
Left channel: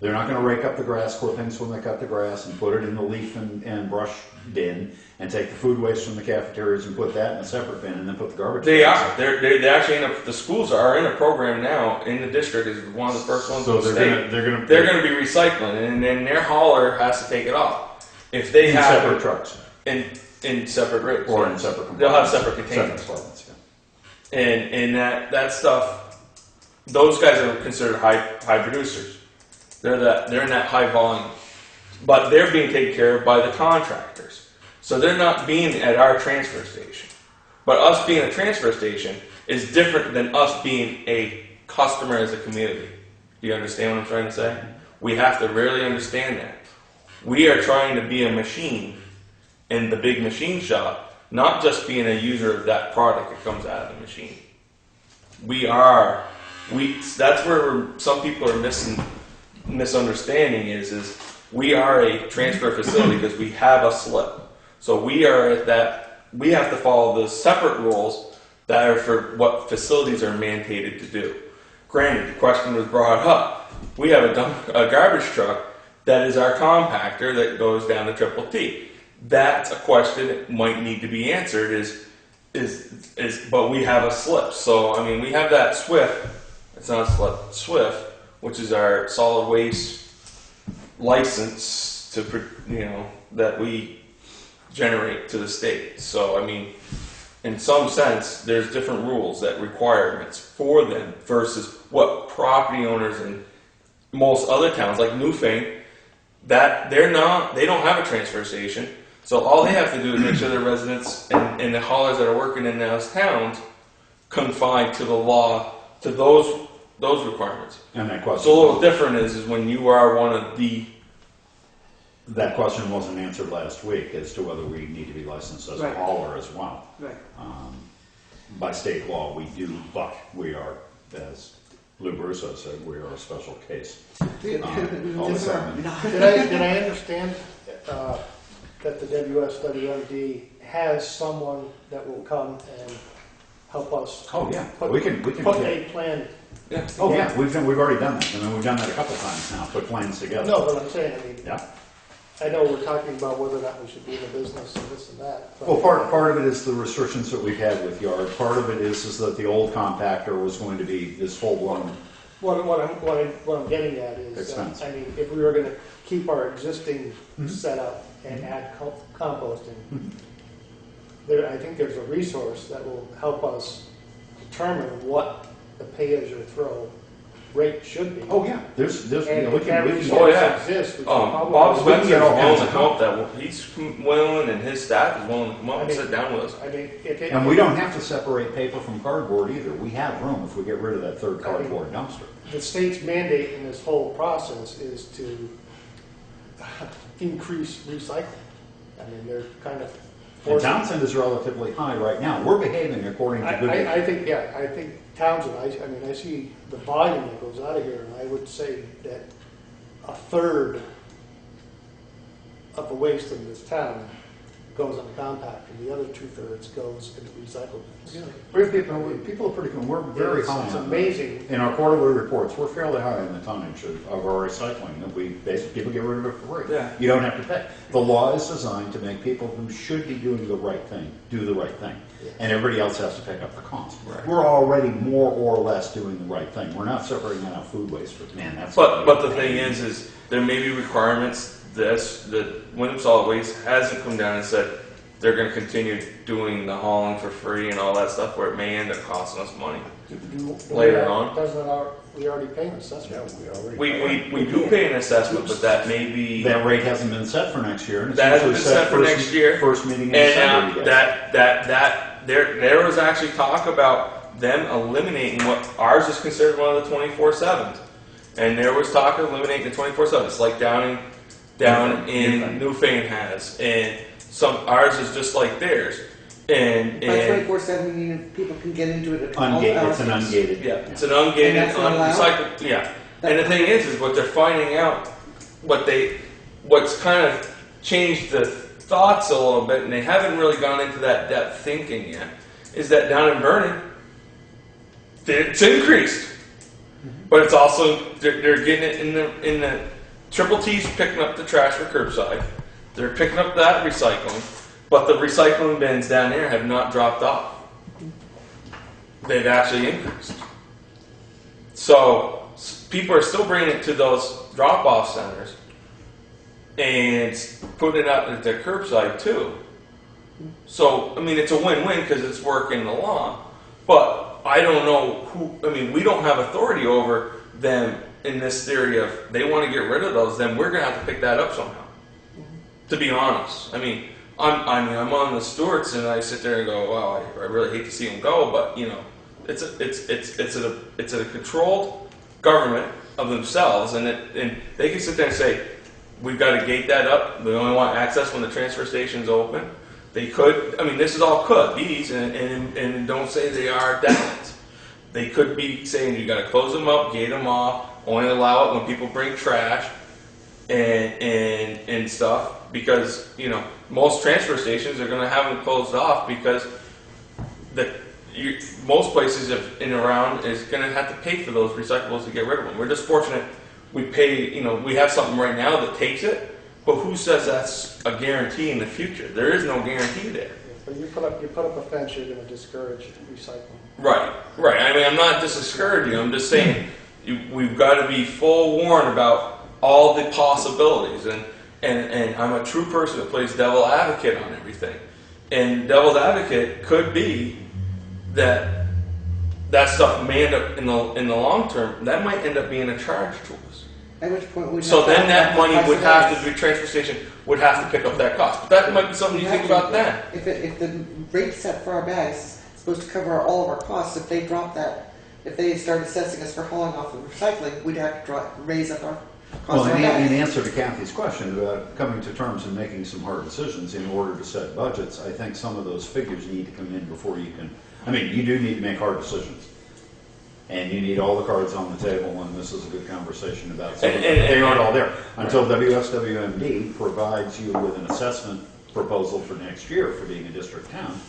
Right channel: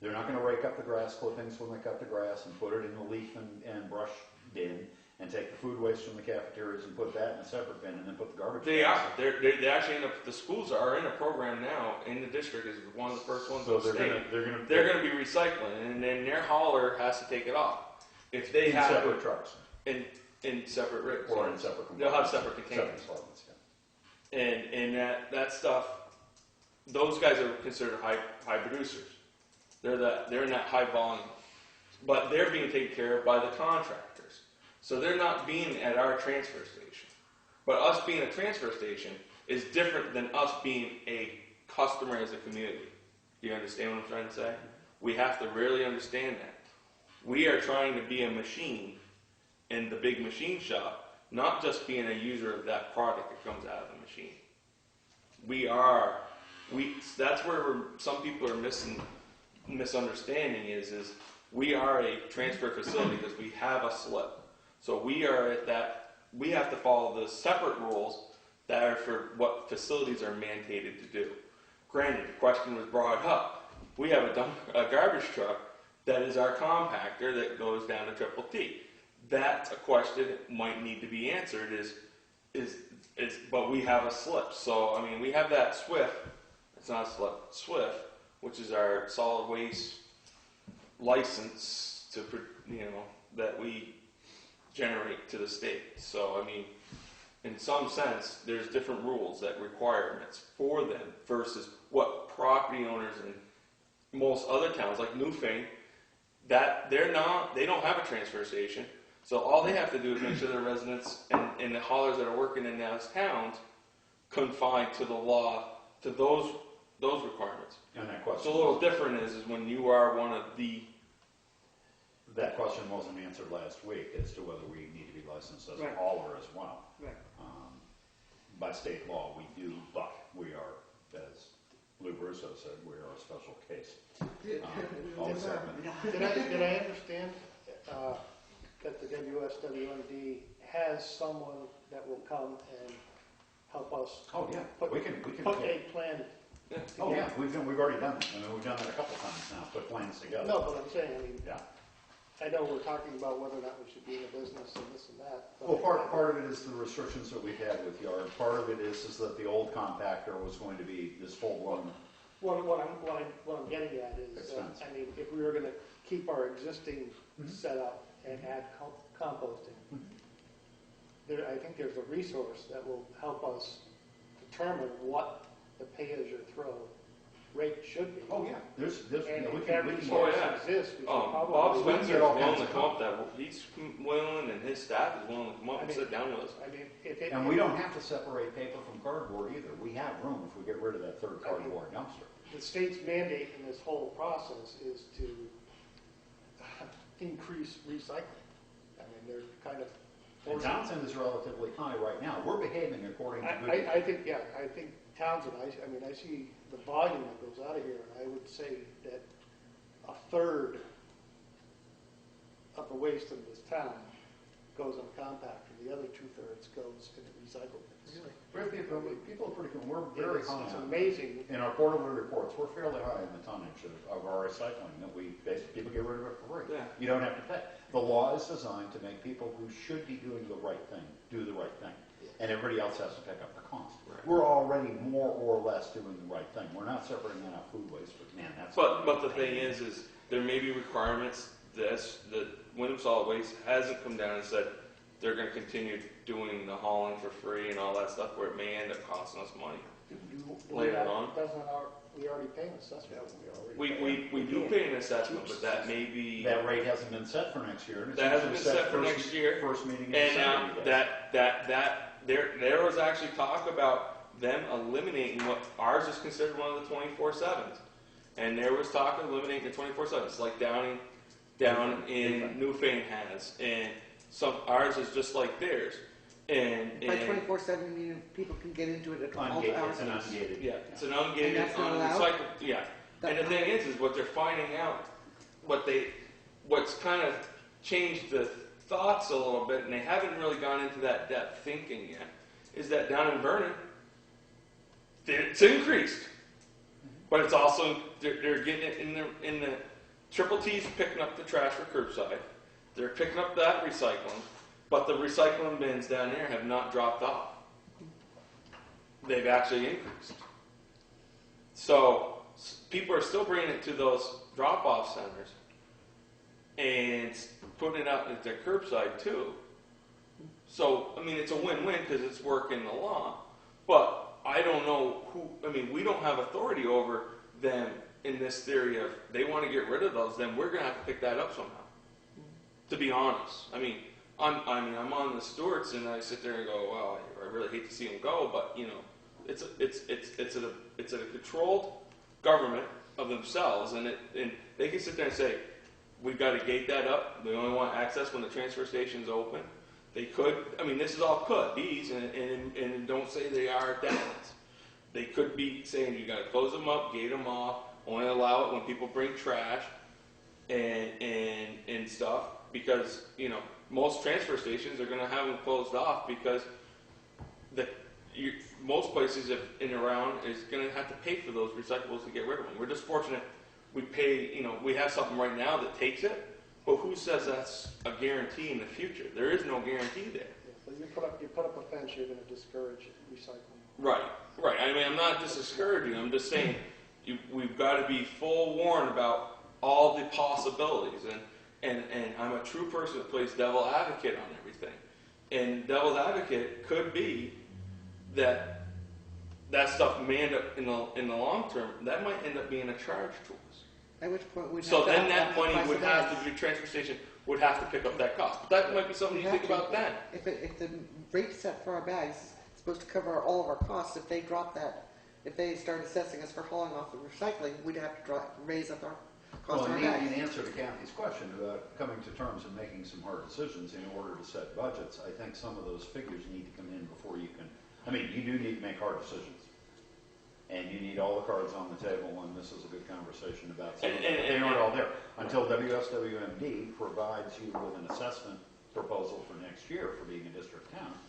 They're not gonna rake up the grass clippings when they cut the grass and put it in the leaf and brush bin and take the food waste from the cafeterias and put that in a separate bin and then put the garbage. They bags are. They actually the schools are in a program now in the district is one of the first ones So in the state. they're gonna They're going to be recycling, and then their hauler has to take it off. If they in have separate trucks in separate rigs, or in separate compartments. they'll have separate containers. Separate compartments, yeah. And that stuff, those guys are considered high producers. They're in that high volume, but they're being taken care of by the contractors. So they're not being at our transfer station. But us being a transfer station is different than us being a customer as a community. Do you understand what I'm trying to say? We have to really understand that. We are trying to be a machine in the big machine shop, not just being a user of that product that comes out of the machine. That's where some people are misunderstanding is we are a transfer facility because we have a slip. So we have to follow the separate rules that are for what facilities are mandated to do. Granted, the question was brought up. We have a garbage truck that is our compactor that goes down to Triple T. That's a question that might need to be answered but we have a slip. So, I mean, we have that SWIFT, it's not a slip, SWIFT, which is our solid waste license that we generate to the state. So, I mean, in some sense, there's different rules that requirements for them versus what property owners in most other towns, like Newfane, that they don't have a transfer station. So all they have to do is make sure their residents and the haulers that are working in those towns confine to the law, to those requirements. And that question. So a little different is when you are one of the. That question wasn't answered last week as to whether we need to be licensed as Right. a hauler as well. Right. By state law, we do, but we are, as Lou Brusso said, we are a special case. All the time. Did I understand that the WSWMD has someone that will come and help us Oh, yeah, put, we can, put a plan? Yeah. oh, yeah, we've already done that. I mean, we've done that a couple times now, put plans together. No, but I'm saying, I mean, Yeah. I know we're talking about whether or not we should be in the business and this and that. but- Well, part of it is the restrictions that we've had with yard. Part of it is that the old compactor was going to be this full-blown. What I'm getting at is, Expense. I mean, if we were gonna keep our existing Mhm. setup and add composting, I think there's a resource that will help us determine what the pay-as-you-throw rate should be. Oh, yeah, there's, And we if that can resource yeah. exists, we should Bob probably. we can Spencer get is all willing kinds to of come up that he's willing and his staff is willing to come up and sit down with us. I mean, if it. And we don't have to separate paper from cardboard either. We have room if we get rid of that third I mean- cardboard dumpster. The state's mandate in this whole process is to increase recycling. I mean, they're kind of And forcing. Townshend is relatively high right now. We're behaving according to good. I think Townsend, I see the volume that goes out of here, and I would say that a third of the waste in this town goes on the compactor, the other 2/3 goes into recyclable. People are pretty good. We're very high It's on that. amazing. In our quarterly reports, we're fairly high in the tonnage of our recycling. That people get rid of it for free. Yeah. You don't have to pay. The law is designed to make people who should be doing the right thing do the right thing, and everybody else has to pick up the cost. Right. We're already more or less doing the right thing. We're not separating out food waste, but man, that's. But the thing is there may be requirements that Wyndham Solid Waste hasn't come down and said they're going to continue doing the hauling for free and all that stuff, where it may end up costing us money. Later on. We already pay an assessment. Yeah, we already. We do pay an assessment, but that may be That rate hasn't been set for next year. And it's That hasn't usually been set for first- next year. First meeting in and December. you guys. there was actually talk about them eliminating what ours is considered one of the 24/7s, and there was talk of eliminating the 24/7s, like down in Newfane has, and ours is just like theirs. And By 24/7, you mean people can get into it at all Ungated, hours. it's an ungated. yeah, it's an ungated, And that's not allowed? unrecycled, yeah. And the thing is what they're finding out, what's kind of changed the thoughts a little bit, and they haven't really gone into that depth thinking yet, is that down in Vernon, it's increased, but it's also they're getting it in the triple T's picking up the trash for curbside. They're picking up that recycling, but the recycling bins down there have not dropped off. They've actually increased. So people are still bringing it to those drop-off centers and putting it out at the curbside too. So, I mean, it's a win-win because it's working along. But I don't know we don't have authority over them in this theory of they want to get rid of those, then we're going to have to pick that up somehow. To be honest. I'm on the Stewarts and I sit there and go, wow, I really hate to see them go, but it's a controlled government of themselves, and they can sit there and say, we've got to gate that up. We only want access when the transfer station's open. They could. This is all could be's, and don't say they are definite. They could be saying you got to close them up, gate them off, only allow it when people bring trash and stuff, because most transfer stations are going to have them closed off because most places in around is going to have to pay for those recyclables to get rid of them. We're just fortunate we pay, we have something right now that takes it, but who says that's a guarantee in the future? There is no guarantee there. But you put up a fence, you're going to discourage recycling. Right. I'm not discouraging you. I'm just saying we've got to be full warned about all the possibilities, and I'm a true person that plays devil advocate on everything. And devil's advocate could be that stuff may end up in the long term. That might end up being a charge to us. At which point we'd So have to then that have money the would price have of to, the transfer station would have to pick up that cost. But that might be something you think about then. If the rate set for our bags is supposed to cover all of our costs, if they drop that, if they start assessing us for hauling off the recycling, we'd have to raise up our Well, cost of our in bags. answer to Kathy's question about coming to terms and making some hard decisions in order to set budgets, I think some of those figures need to come in before you can. You do need to make hard decisions. And you need all the cards on the table, and this is a good conversation about some of them. They aren't all there. Until WSWMD provides you with an assessment proposal for next year for being a district town,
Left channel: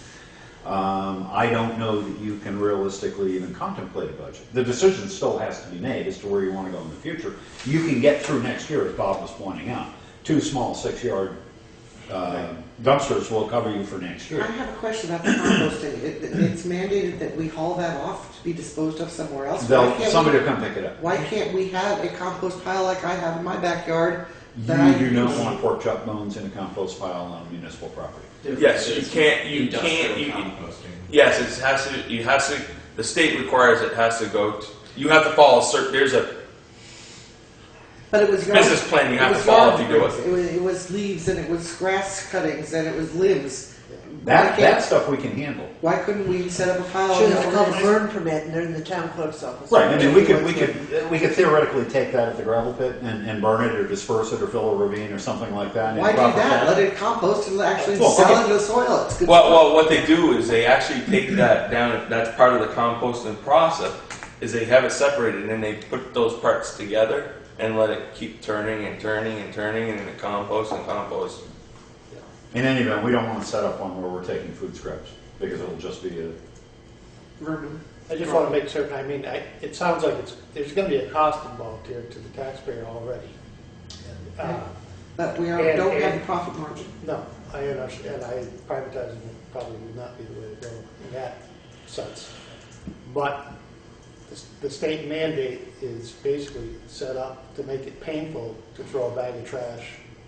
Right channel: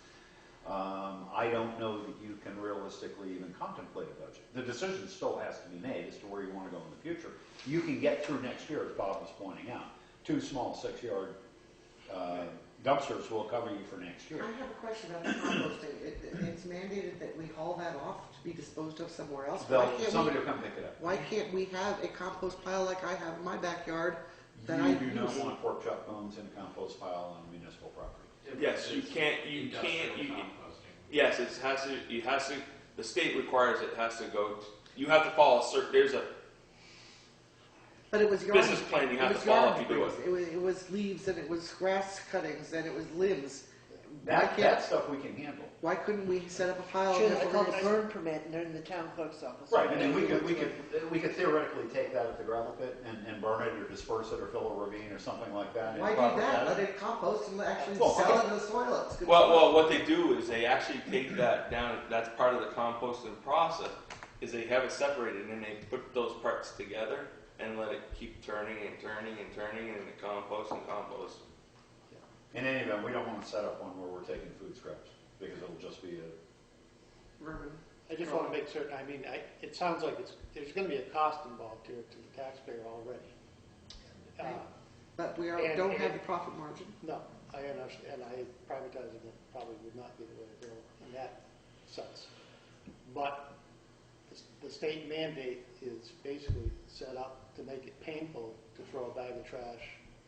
I don't know that you can realistically even contemplate a budget. The decision still has to be made as to where you want to go in the future. You can get through next year, as Bob was pointing out. 2 small 6-yard dumpsters will cover you for next year. I have a question about the composting. It's mandated that we haul that off to be disposed of somewhere else. Somebody will come pick it up. Why can't we have a compost pile like I have in my backyard? You do not want pork chop bones in a compost pile on municipal property. Yes, you can't. Yes, it has to. You have to. The state requires it has to go. You have to follow certain. There's a But it was business plan you have to follow if you do it. It was leaves and it was grass cuttings and it was limbs. That stuff we can handle. Why couldn't we set up a pile? Sure, of it's called a organized- burn permit, and they're in the town clerk's office. Right, we could theoretically take that at the gravel pit and burn it or disperse it or fill a ravine or something like that. Why do that? Let it compost and actually Well, sell okay. into the soil. It's good Well, what they do is they actually take that down. That's part of the composting process. Is they have it separated and then they put those parts together and let it keep turning and turning and turning and then compost and compost. In any event, we don't want to set up one where we're taking food scraps because it'll just be a. vermin. I just want to make certain, it sounds like there's going to be a cost involved here to the taxpayer already. But we don't have the profit margin. No, I understand, privatizing it probably would not be the way to go in that sense. But the state mandate is basically set up to make it painful to throw a bag of trash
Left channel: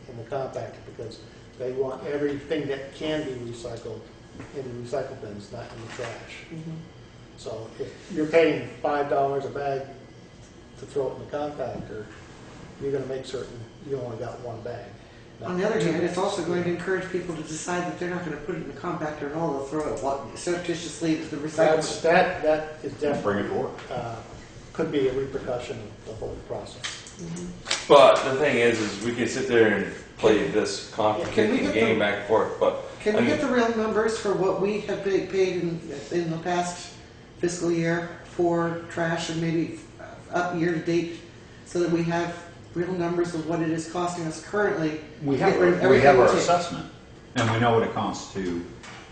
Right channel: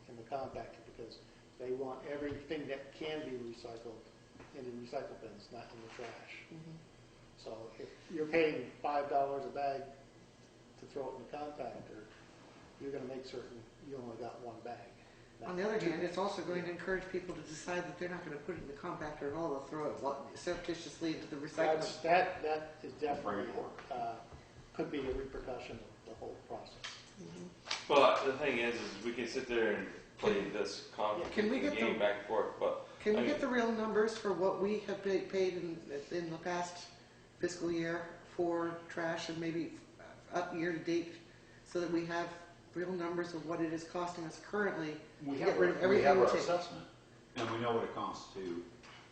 in the compactor because they want everything that can be recycled in the recycle bins, not in the trash. Mm-hmm. So if you're paying $5 a bag to throw it in the compactor, you're going to make certain you only got one bag. On the other hand, it's also going to encourage people to decide that they're not going to put it in the compactor at all. They'll throw it surreptitiously into the recycling. That is definitely Bring it forward. could be a repercussion of the whole process. Mm-hmm. But the thing is we can sit there and play this Can we contradicting get game back and forth. But Can we get the real numbers for what we have paid in the past fiscal year for trash and maybe up year to date, so that we have real numbers of what it is costing us currently? We to have, get rid of we everything have our take. assessment, and we know what it costs to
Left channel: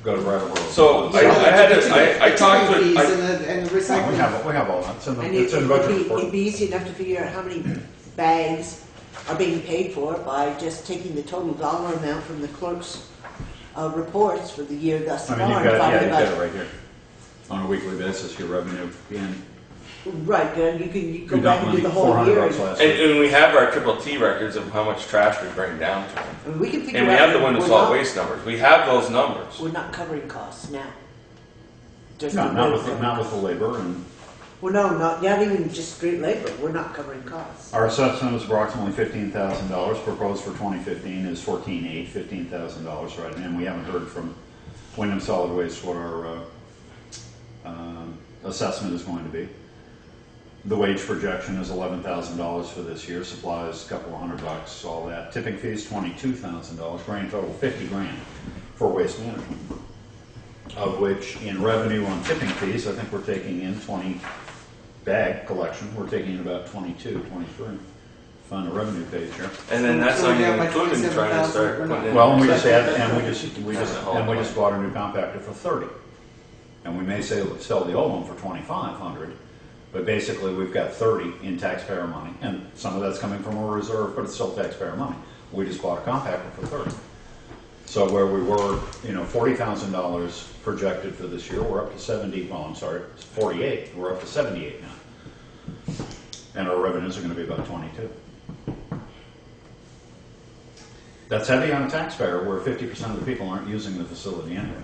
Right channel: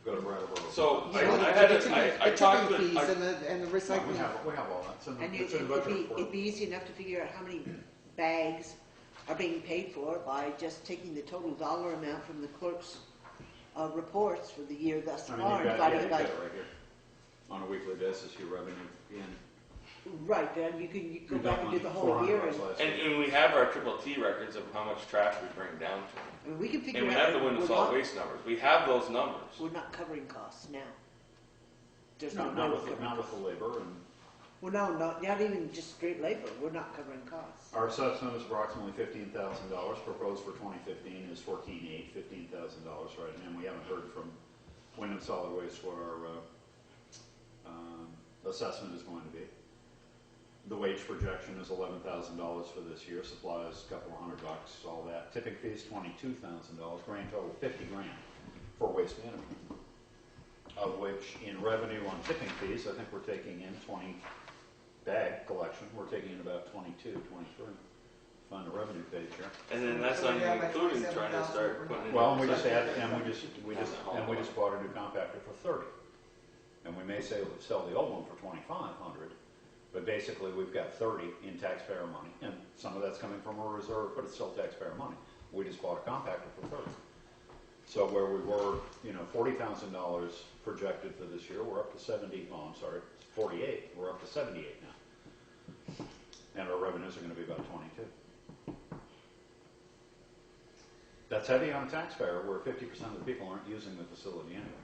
go to right of way. So I talked Tipping to, fees I, and the No, recycling. we have all that, it's in the, And it's in the budget report. it'd be easy enough to figure out how many bags are being paid for by just taking the total dollar amount from the clerk's reports for the year thus I far. mean, you've and got, yeah, divided you've by- got it right here. On a weekly basis, your revenue in, Right, good, you can go you back dump and do money, the whole $400 year. last and, year. and we have our triple T records of how much trash we bring down to them. And we can figure And we out have the window we're solid not- waste numbers. We have those numbers. We're not covering costs now. Just No, the not way with, we're not with covering the labor, and costs. Well, no, not even just straight labor, we're not covering costs. our assessment is approximately $15,000, proposed for 2015 is $15,000, right, and we haven't heard from Wyndham Solid Waste what our, assessment is going to be. The wage projection is $11,000 for this year, supplies a couple of $100, all that. Tipping fees, $22,000, grand total $50,000 for waste management. Of which, in revenue on tipping fees, I think we're taking in 20 bag collection, we're taking in about 22, 23. Find a revenue page here. And then that's So not we're down even by including trying to 27,000, start we're putting not- in. Well, and we just second- add, and we just bought a new compactor for 30. And we may sell the old one for 2,500, but basically we've got 30 in taxpayer money, and some of that's coming from a reserve, but it's still taxpayer money. We just bought a compactor for 30. So where we were, $40,000 projected for this year, we're up to 70, well, I'm sorry, 48, we're up to 78 now. And our revenues are gonna be about 22. That's heavy on a taxpayer, where 50% of the people aren't using the facility anyway.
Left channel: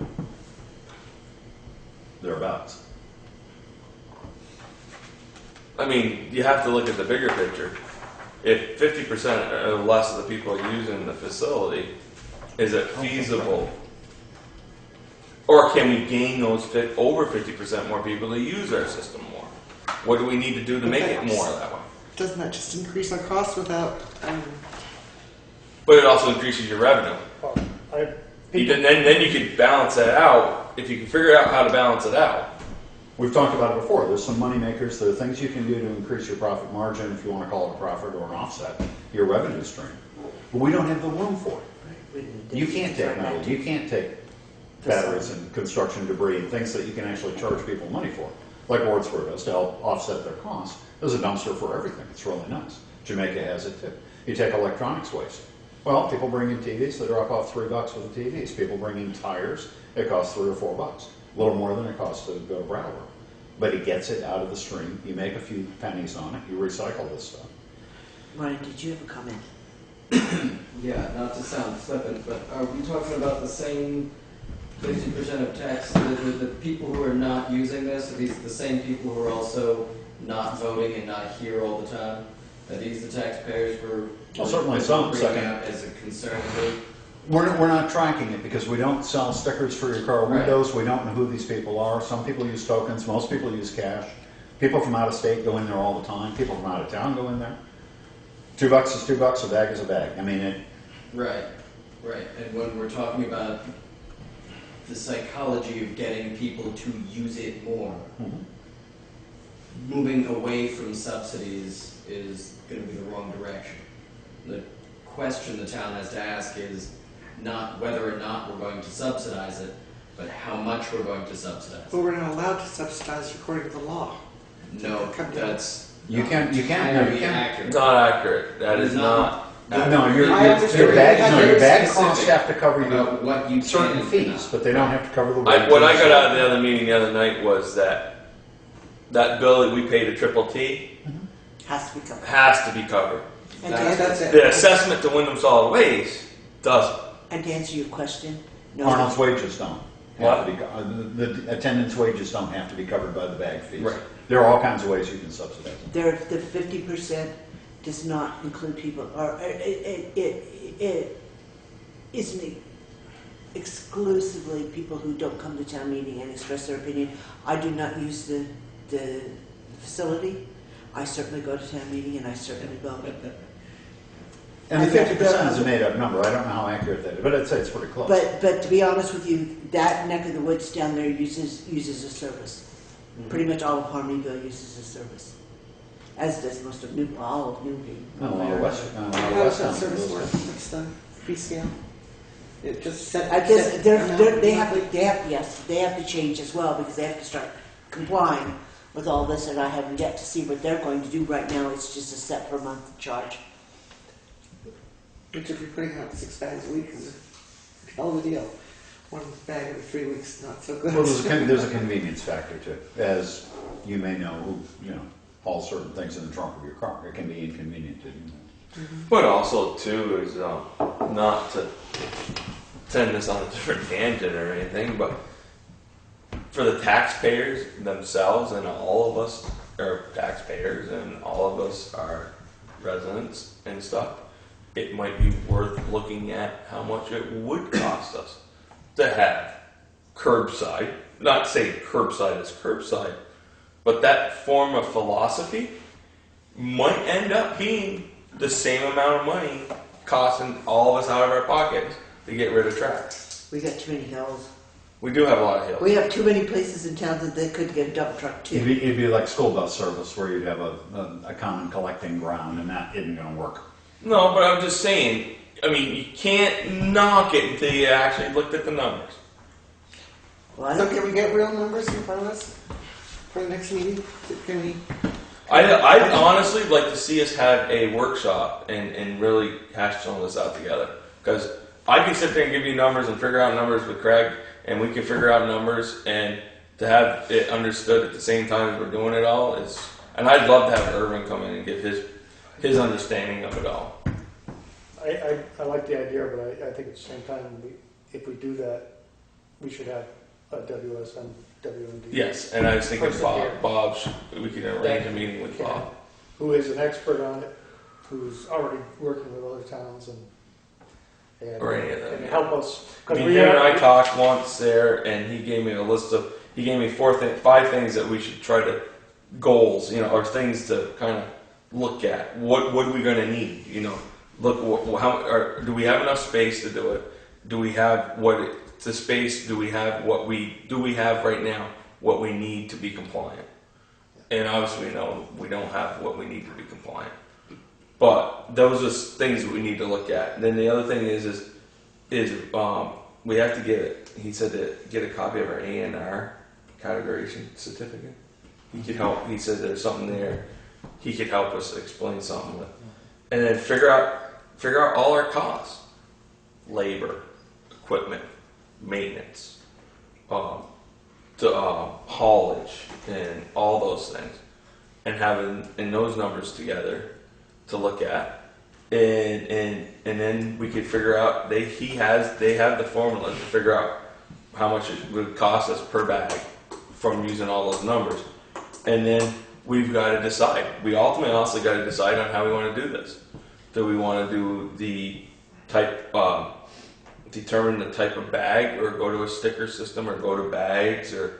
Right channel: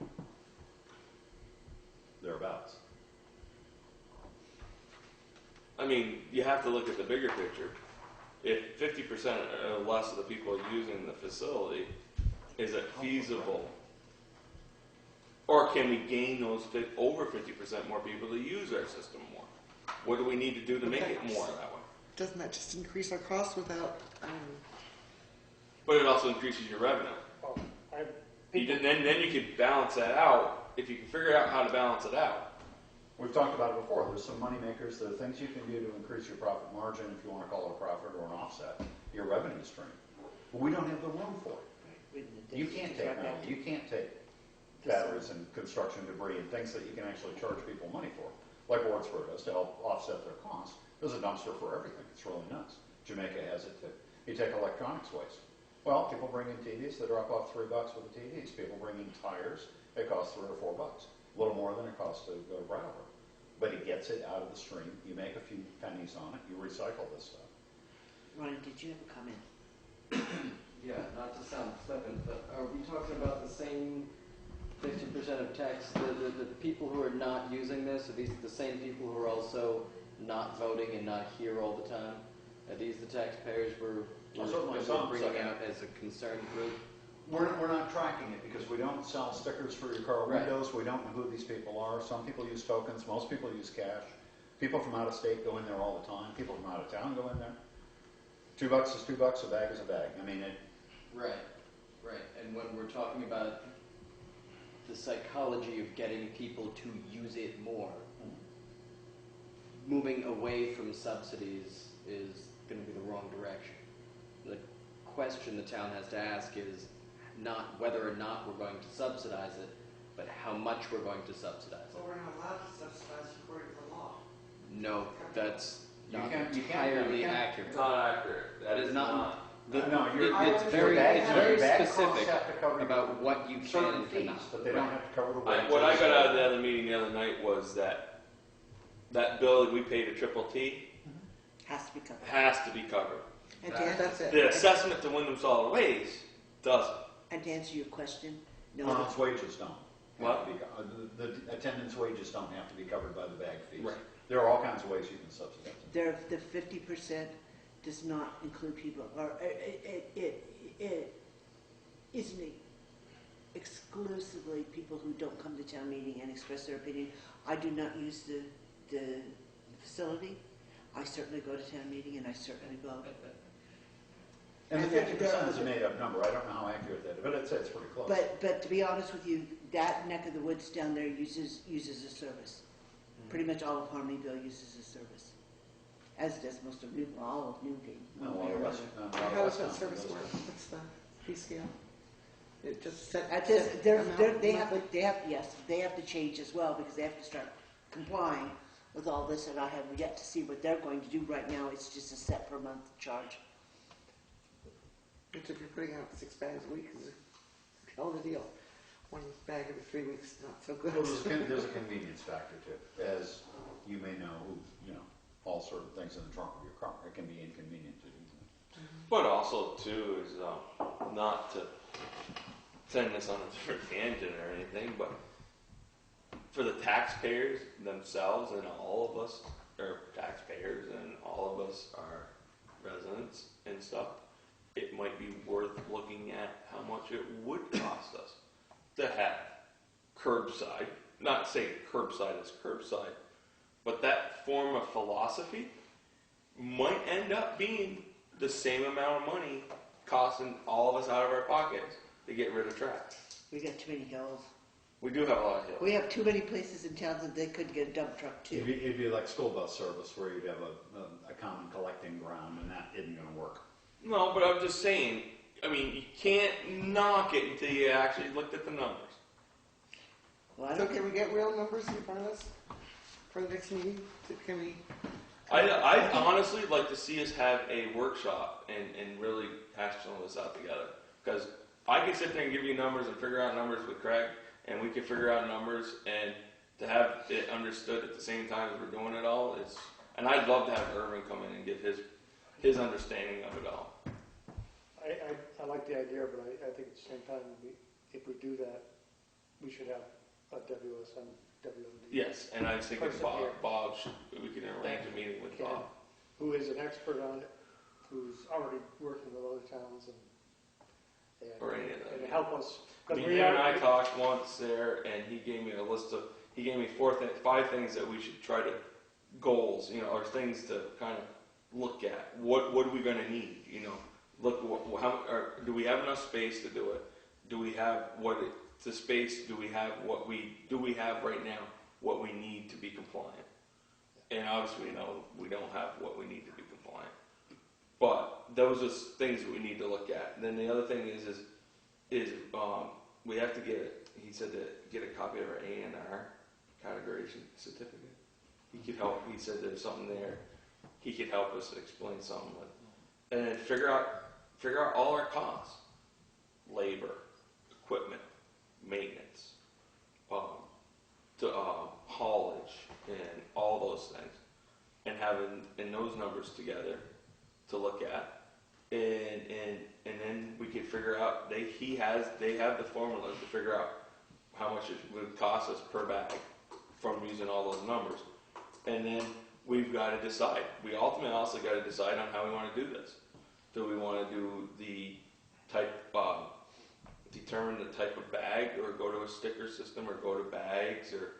Thereabouts. I mean, you have to look at the bigger picture. If 50% or less of the people are using the facility, is it feasible? Or can we gain those over 50% more people to use our system more? What do we need to do to make it more that way? Doesn't that just increase our costs without, But it also increases your revenue. I, Then you can balance that out. If you can figure out how to balance it out. We've talked about it before, there's some money makers, there are things you can do to increase your profit margin, if you want to call it a profit or an offset, your revenue stream. But we don't have the room for it. You can't take metal, you can't take batteries and construction debris and things that you can actually charge people money for. Like Wardsboro does to help offset their costs. There's a dumpster for everything, it's really nice. Jamaica has it too. You take electronics waste. Well, people bring in TVs, they drop off $3 for the TVs. People bring in tires, it costs $3 or $4. A little more than it costs to go to Brattleboro. But it gets it out of the stream, you make a few pennies on it, you recycle this stuff. Ryan, did you have a comment? Yeah, not to sound flippant, but are we talking about the same 50% of tax, the people who are not using this, are these the same people who are also not voting and not here all the time? Are these the taxpayers Well, certainly some, bringing second. up as a concern group? We're not tracking it because we don't sell stickers for your car Right. windows. We don't know who these people are. Some people use tokens. Most people use cash. People from out of state go in there all the time. People from out of town go in there. $2 is $2. A bag is a bag. I mean, Right, right. And when we're talking about the psychology of getting people to use it more, moving away from subsidies is going to be the wrong direction. The question the town has to ask is not whether or not we're going to subsidize it, but how much we're going to subsidize but it. we're not allowed to subsidize according to the law. No, that's You not can't- entirely you can't- accurate. It's not accurate. That is not. no, your I understand. your bag, no, your bag Specific costs have to cover your about what you certain can fees, and but they don't have to cover the wages. What I got out of the other meeting the other night was that bill that we paid to Triple T Has to be covered. has to be covered. And That's- to, That's it. The assessment to Wyndham Solid Waste doesn't. and to answer your question, no. Arnold's wages don't. What? Have to be, the attendance wages don't have to be covered by the bag fees. Right. There are all kinds of ways you can subsidize them. There, the 50% does not include people, or it isn't exclusively people who don't come to town meeting and express their opinion. I do not use the facility. I certainly go to town meeting and I certainly vote. And the I think 50% is a made-up number, I don't know how accurate that is, but I'd say it's pretty close. But to be honest with you, that neck of the woods down there uses a service. Pretty much all of Harmonyville uses a service, as does most of all of Newbury. Well, a lot of West, a lot of How West does that towns service do work? this. What's the fee scale? It just set. I guess set they amount? have to change as well because they have to start complying with all this, and I haven't yet to see what they're going to do right now. It's just a set per month charge. Which if you're putting out 6 bags a week is a hell of a deal. 1 bag every 3 weeks, not so good. Well, there's a convenience factor too. As you may know, who, haul certain things in the trunk of your car. It can be inconvenient to do that. But also too is not to send this on a different tangent or anything, but for the taxpayers themselves, and all of us are taxpayers and all of us are residents and stuff, it might be worth looking at how much it would cost us to have curbside, not saying curbside is curbside, but that form of philosophy might end up being the same amount of money costing all of us out of our pockets to get rid of trash. We got too many hills. We do have a lot of hills. We have too many places in town that they could get a dump truck too. It'd be like school bus service where you'd have a common collecting ground, and that isn't going to work. No, but I'm just saying, I mean, you can't knock it until you actually looked at the numbers. Well, I So don't, can we get real numbers in front of us for the next meeting? Can we? I'd honestly like to see us have a workshop and really hash some of this out together. Because I can sit there and give you numbers and figure out numbers with Craig, and we can figure out numbers, and to have it understood at the same time as we're doing it all is, and I'd love to have Irvin come in and give his understanding of it all. I like the idea, but I think at the same time, if we do that, we should have a WSM, WMD. Yes, and I was thinking Person here. we could arrange a meeting with Bob. Who is an expert on it, who's already working with other towns and Or any of them, and yeah. help us. I 'Cause mean, we him and are- I talked once there, and he gave me a list of, he gave me 5 things that we should try to, goals, or things to kind of look at. What are we going to need? Look, do we have enough space to do it? Do we have the space? Do we have right now what we need to be compliant? And obviously, we know we don't have what we need to be compliant. But those are things that we need to look at. And then the other thing is we have to get it. He said to get a copy of our A&R categorization certificate. He could help. He said there's something there. He could help us explain something with, and then figure out all our costs: labor, equipment, maintenance, haulage, and all those things, and having those numbers together to look at, and then we could figure out they have the formula to figure out how much it would cost us per bag from using all those numbers, and then we've got to decide. We ultimately also got to decide on how we want to do this. Do we want to do the type, determine the type of bag, or go to a sticker system, or go to bags, or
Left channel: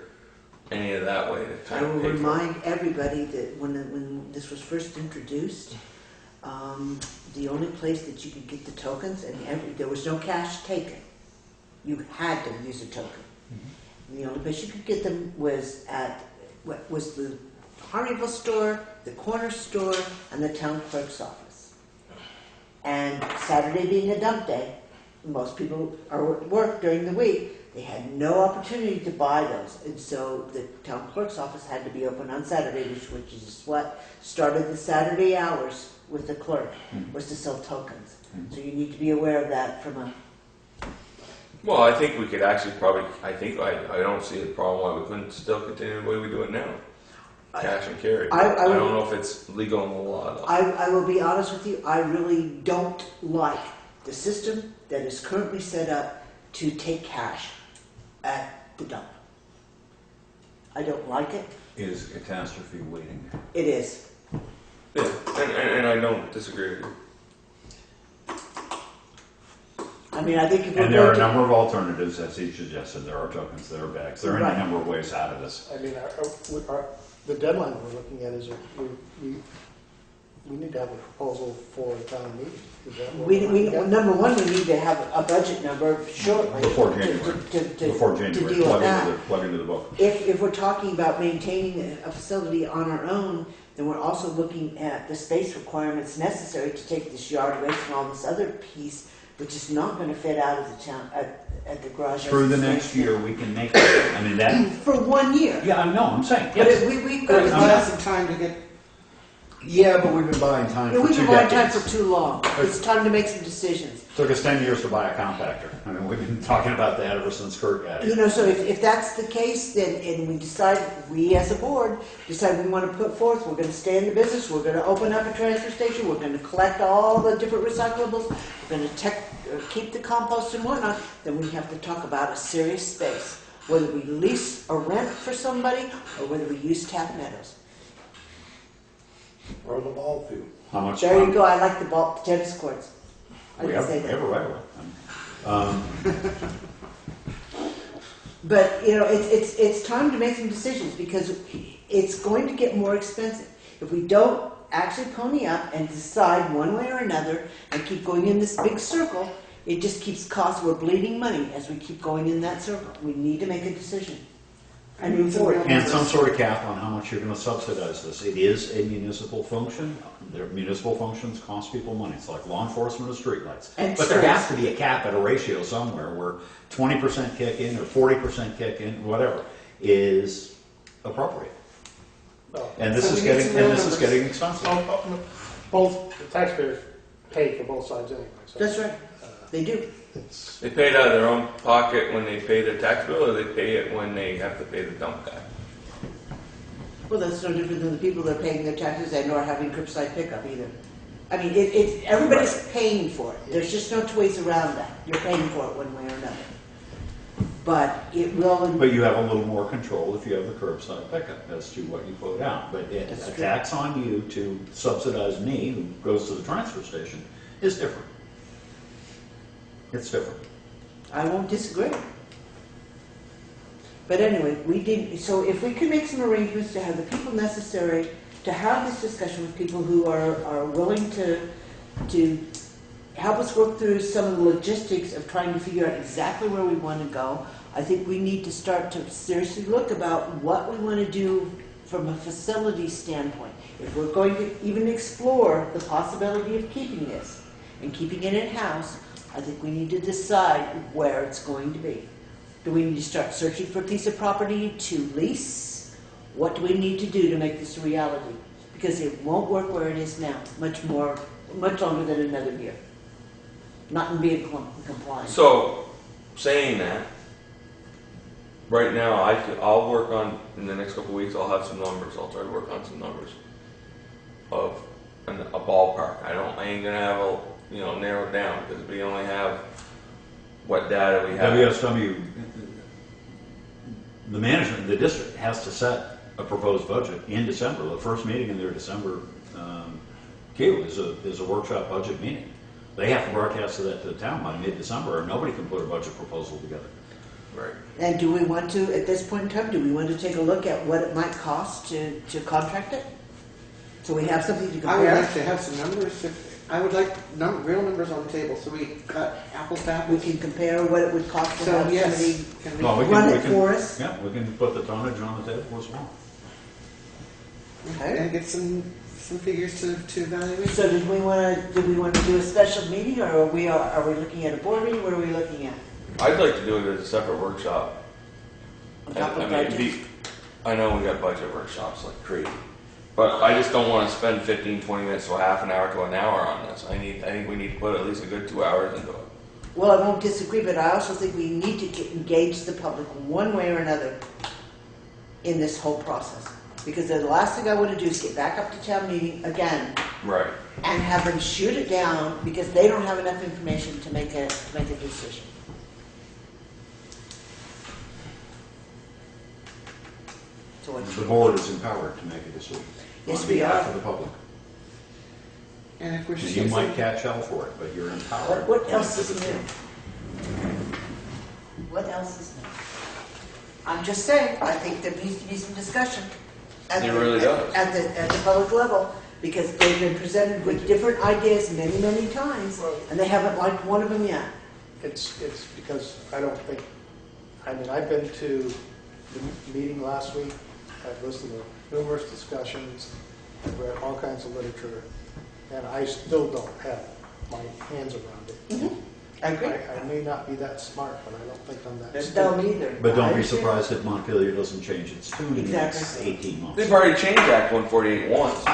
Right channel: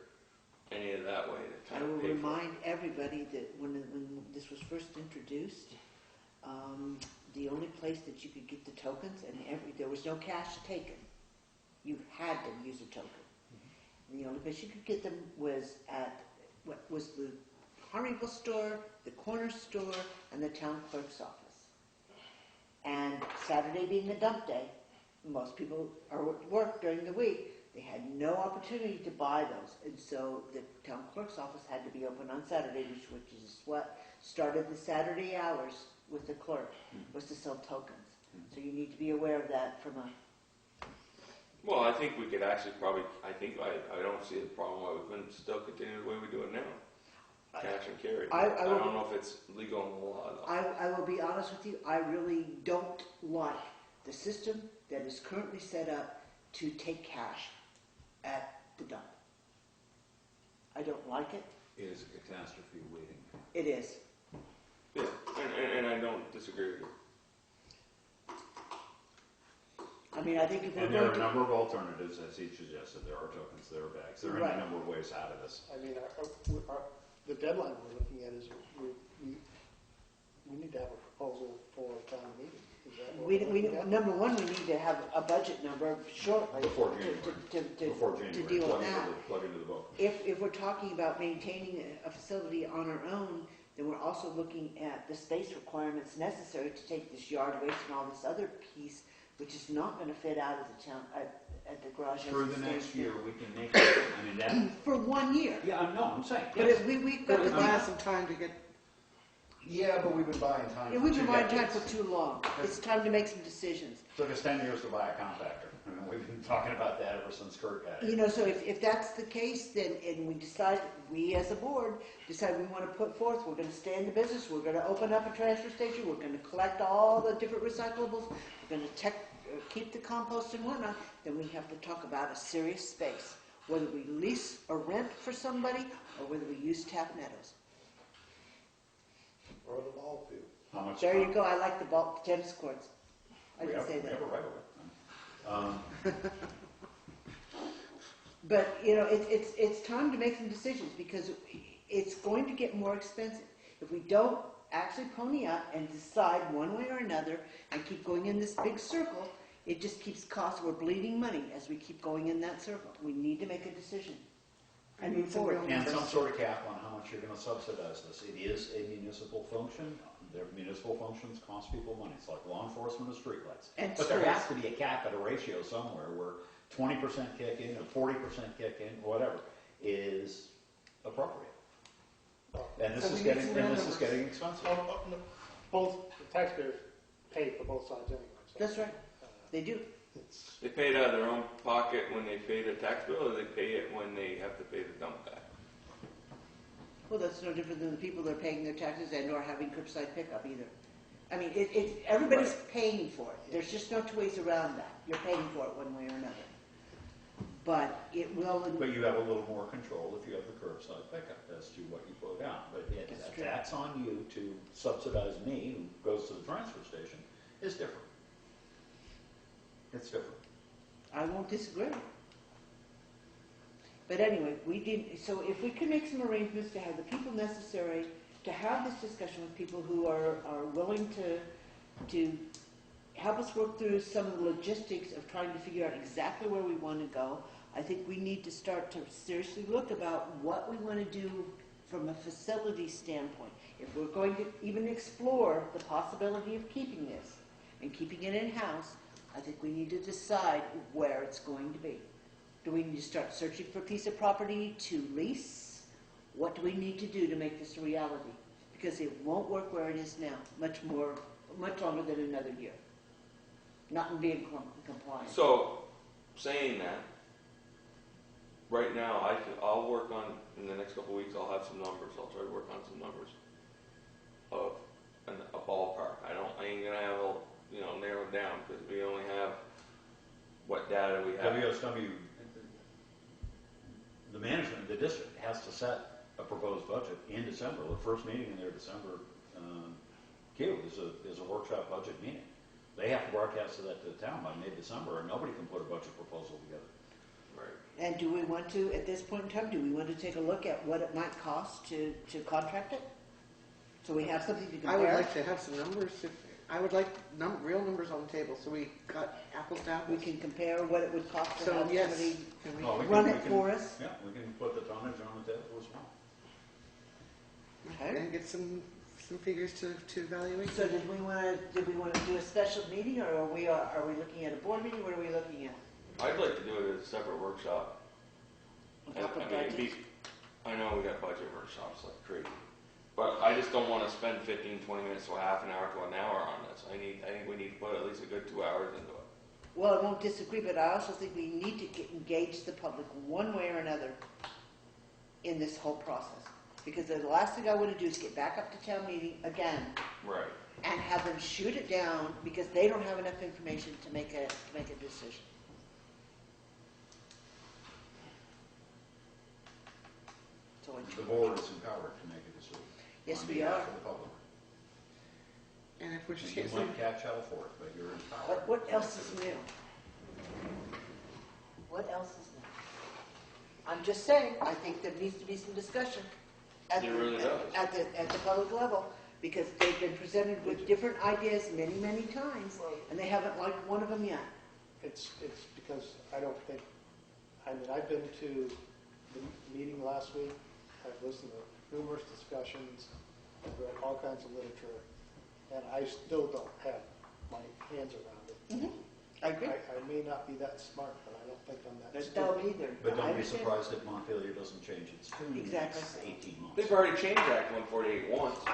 any of that way to I kind will of pay for it? remind everybody that when this was first introduced, the only place that you could get the tokens, and there was no cash taken. You had to use a token. And the only place you could get them was at the Harmonyville store, the corner store, and the town clerk's office. And Saturday being a dump day, most people are at work during the week. They had no opportunity to buy those, and so the town clerk's office had to be open on Saturday, which is what started the Saturday hours with the clerk, was to sell tokens. So you need to be aware of that from a. Well, I think we could actually I don't see a problem why we couldn't still continue the way we do it now. Cash and carry. I don't know if it's legal in the law though. I will be honest with you, I really don't like the system that is currently set up to take cash at the dump. I don't like it. It is a catastrophe waiting. It is. Yeah, and I don't disagree with you. I mean, I think if we're And there are a going to, number of alternatives, as he suggested. There are tokens, there are bags. There are Right. any number of ways out of this. I mean, the deadline we're looking at is we need to have a proposal for a town meeting. Is that what We, we're we, looking at? number one, we need to have a budget number shortly. Before to- January. to Before deal January, with plug that. into the book. If we're talking about maintaining a facility on our own, then we're also looking at the space requirements necessary to take this yard away from all this other piece, which is not gonna fit out of the town, at the garage. as Through it the stands next now. year, we can make it. I mean, that, For 1 year. yeah, I know, I'm saying, But yes. we've But got, buy us some time to get, Yeah, but we've been buying time for we've 2 been buying time decades. for too long. It's time to make some decisions. Took us 10 years to buy a compactor. I mean, we've been talking about that ever since Kurt got You it. know, so if that's the case, then, and we decide, we as a board, decide we want to put forth, we're gonna stay in the business, we're gonna open up a transfer station, we're gonna collect all the different recyclables, we're gonna keep the compost and whatnot, then we have to talk about a serious space. Whether we lease or rent for somebody, or whether we use Tap Meadows. Or the ball field. How much? There you go, I like the ball, tennis courts. I We can have, say we that. have a right of way. But, you know, it's time to make some decisions because it's going to get more expensive. If we don't actually pony up and decide one way or another and keep going in this big circle, it just keeps costs, we're bleeding money as we keep going in that circle. We need to make a decision. I need some real And some numbers. sort of cap on how much you're gonna subsidize this. It is a municipal function. Their municipal functions cost people money. It's like law enforcement or streetlights. And But there streets. has to be a cap at a ratio somewhere where 20% kick in or 40% kick in, whatever, is appropriate. Oh, And this So is we need getting, some and real this is numbers. getting expensive. Both, the taxpayers pay for both sides anyway, so. That's right, they do. It's, They pay it out of their own pocket when they pay their tax bill, or they pay it when they have to pay the dump guy? Well, that's no different than the people that are paying their taxes and or having curbside pickup either. I mean, everybody's paying for it. There's just no two ways around that. You're paying for it one way or another. But it will. But you have a little more control if you have the curbside pickup as to what you put out. But That's a true. tax on you to subsidize me, who goes to the transfer station, is different. It's different. I won't disagree. But anyway, so if we can make some arrangements to have the people necessary to have this discussion with people who are willing to help us work through some of the logistics of trying to figure out exactly where we want to go, I think we need to start to seriously look about what we want to do from a facility standpoint. If we're going to even explore the possibility of keeping this and keeping it in-house, I think we need to decide where it's going to be. Do we need to start searching for a piece of property to lease? What do we need to do to make this a reality? Because it won't work where it is now, much longer than another year. Not in being compliant. So, saying that, right now, I'll work on, in the next couple of weeks, I'll have some numbers. I'll try to work on some numbers of a ballpark. I ain't gonna have narrow it down, because we only have what data we have. WSW, the management, the district has to set a proposed budget in December. The first meeting in their December queue is a workshop budget meeting. They have to broadcast that to the town by mid-December, or nobody can put a budget proposal together. Right. And do we want to, at this point in time, do we want to take a look at what it might cost to contract it? So we have something to I would compare. like to have some numbers, I would like real numbers on the table, so we got apples to We apples. can compare what it would cost to So, have yes, somebody can we- Well, we run can, it for us. yeah, we can put the tonnage on the table as well. Okay. and get some figures to evaluate. So did we want to do a special meeting, or are we looking at a board meeting? What are we looking at? I'd like to do it as a separate workshop. On top of I mean, budgets? I know we got budget workshops like crazy, but I just don't want to spend 15, 20 minutes to a half an hour to an hour on this. I think we need to put at least a good 2 hours into it. Well, I won't disagree, but I also think we need to engage the public one way or another in this whole process. Because the last thing I want to do is get back up to town meeting again Right. and have them shoot it down because they don't have enough information to make a decision. So what The board is empowered to make a decision. Yes, On we behalf are. of the public. And if we're And you using- might catch hell for it, but you're empowered. What to else make is the new? decision. What else is new? I'm just saying, I think there needs to be some discussion. It really does. At the public level, because they've been presented with different ideas many, many times, and they haven't liked one of them yet. It's because I don't think, I mean, I've been to the meeting last week, I've listened to numerous discussions, I've read all kinds of literature, and I still don't have my hands around it. Mm-hmm. I agree. I may not be that smart, but I don't think I'm that There's stupid. dumb either. But don't I be understand. surprised if Montpelier doesn't change its tune in the next Exactly. 18 months. They've already changed Act 148 once.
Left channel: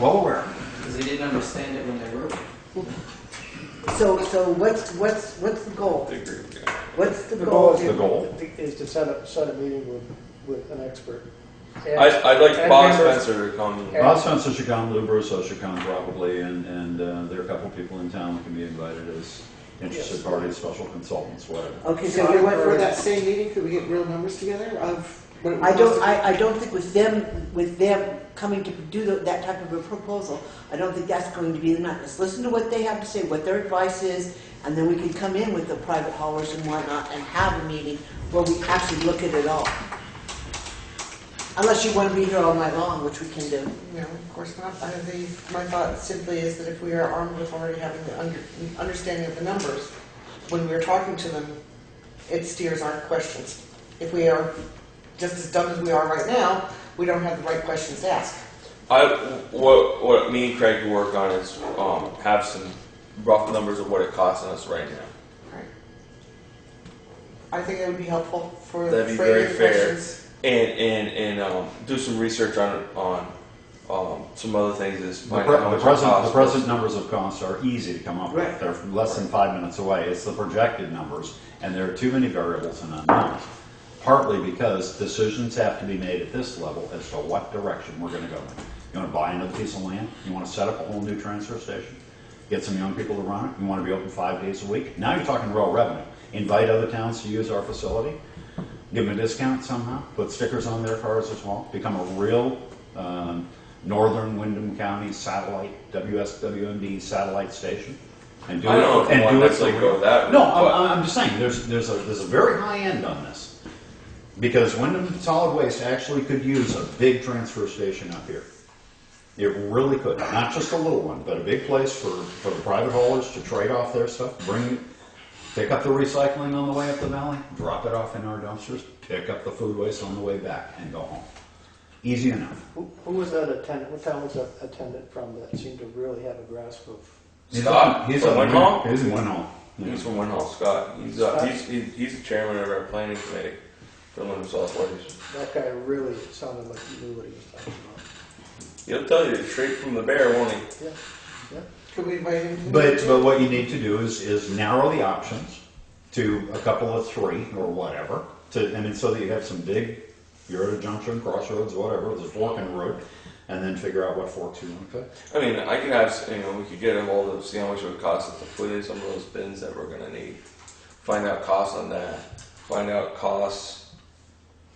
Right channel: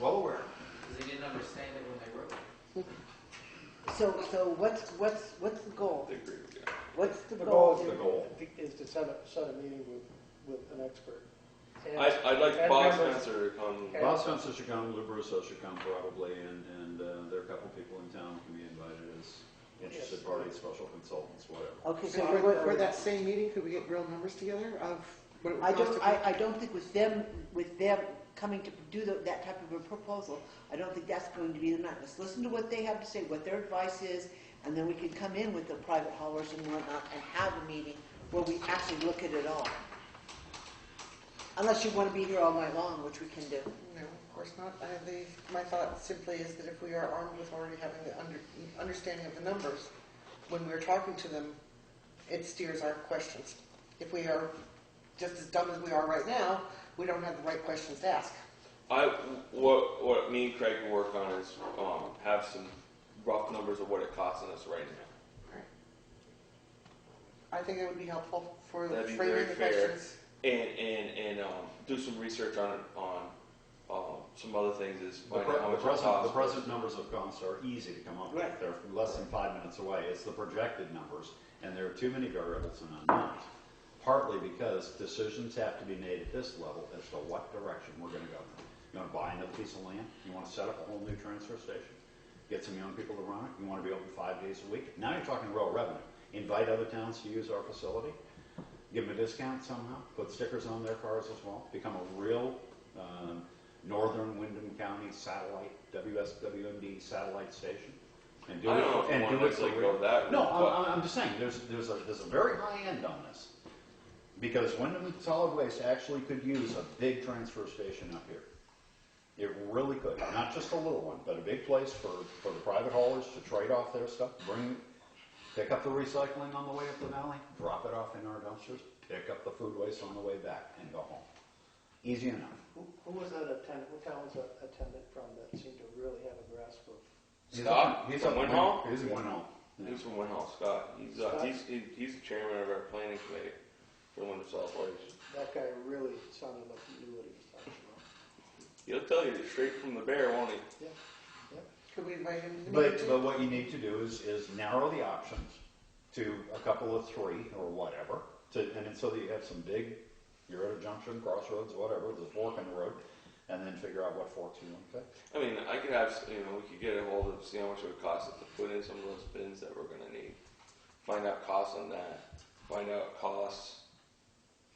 Well aware. Because they didn't understand it when they wrote it. So what's the goal? I agree with you. What's the The goal? goal is The goal? is to set a meeting with an expert. And- I'd like and Bob members- Spencer to come. And- Bob Spencer should come, Lou Brusso should come probably, and there are a couple of people in town that can be invited as interested Yes. parties, special consultants, whatever. Okay, so So you went for for that same meeting, could we get real numbers together of what it would I don't, cost? I don't think with them coming to do that type of a proposal, I don't think that's going to be the night. Let's listen to what they have to say, what their advice is, and then we can come in with the private haulers and whatnot and have a meeting where we actually look at it all. Unless you want to be here all night long, which we can do. No, of course not. My thought simply is that if we are armed with already having the understanding of the numbers, when we're talking to them, it steers our questions. If we are just as dumb as we are right now, we don't have the right questions to ask. What me and Craig will work on is have some rough numbers of what it costs us right now. Right. I think it would be helpful for That'd be framing very fair. questions. And do some research on some other things. Is The, find out how much it costs. the present numbers of costs are easy to come up with. Right. They're less than 5 minutes away. It's the projected numbers, and there are too many variables and unknowns. Partly because decisions have to be made at this level as to what direction we're going to go in. You want to buy another piece of land? You want to set up a whole new transfer station? Get some young people to run it? You want to be open 5 days a week? Now you're talking real revenue. Invite other towns to use our facility. Give them a discount somehow. Put stickers on their cars as well. Become a real Northern Wyndham County satellite, WSWMD satellite station. And do I don't know if and I want do to it necessarily for go real. that route. No, but- I'm just saying, there's a very high end on this. Because Wyndham Solid Waste actually could use a big transfer station up here. It really could. Not just a little one, but a big place for the private haulers to trade off their stuff, pick up the recycling on the way up the valley, drop it off in our dumpsters, pick up the food waste on the way back, and go home. Easy enough. Who was that attendant, what town was that attendant from that seemed to really have a grasp of? Scott He's from Winhall? He's in Winhall. Yeah. He's from Winhall, Scott. He's the chairman of our planning committee for Wyndham Solid Waste. That guy really sounded like he knew what he was talking about. He'll tell you straight from the bear, won't he? Yeah. Could we invite him to the But meeting? what you need to do is narrow the options to a couple of 3 or whatever. So that you have some big, you're at a junction, crossroads, whatever, there's a fork in the road, and then figure out what forks you want to cut. I mean, I could have, we could get a hold of, see how much it would cost us to put in some of those bins that we're gonna need. Find out costs on that. Find out costs.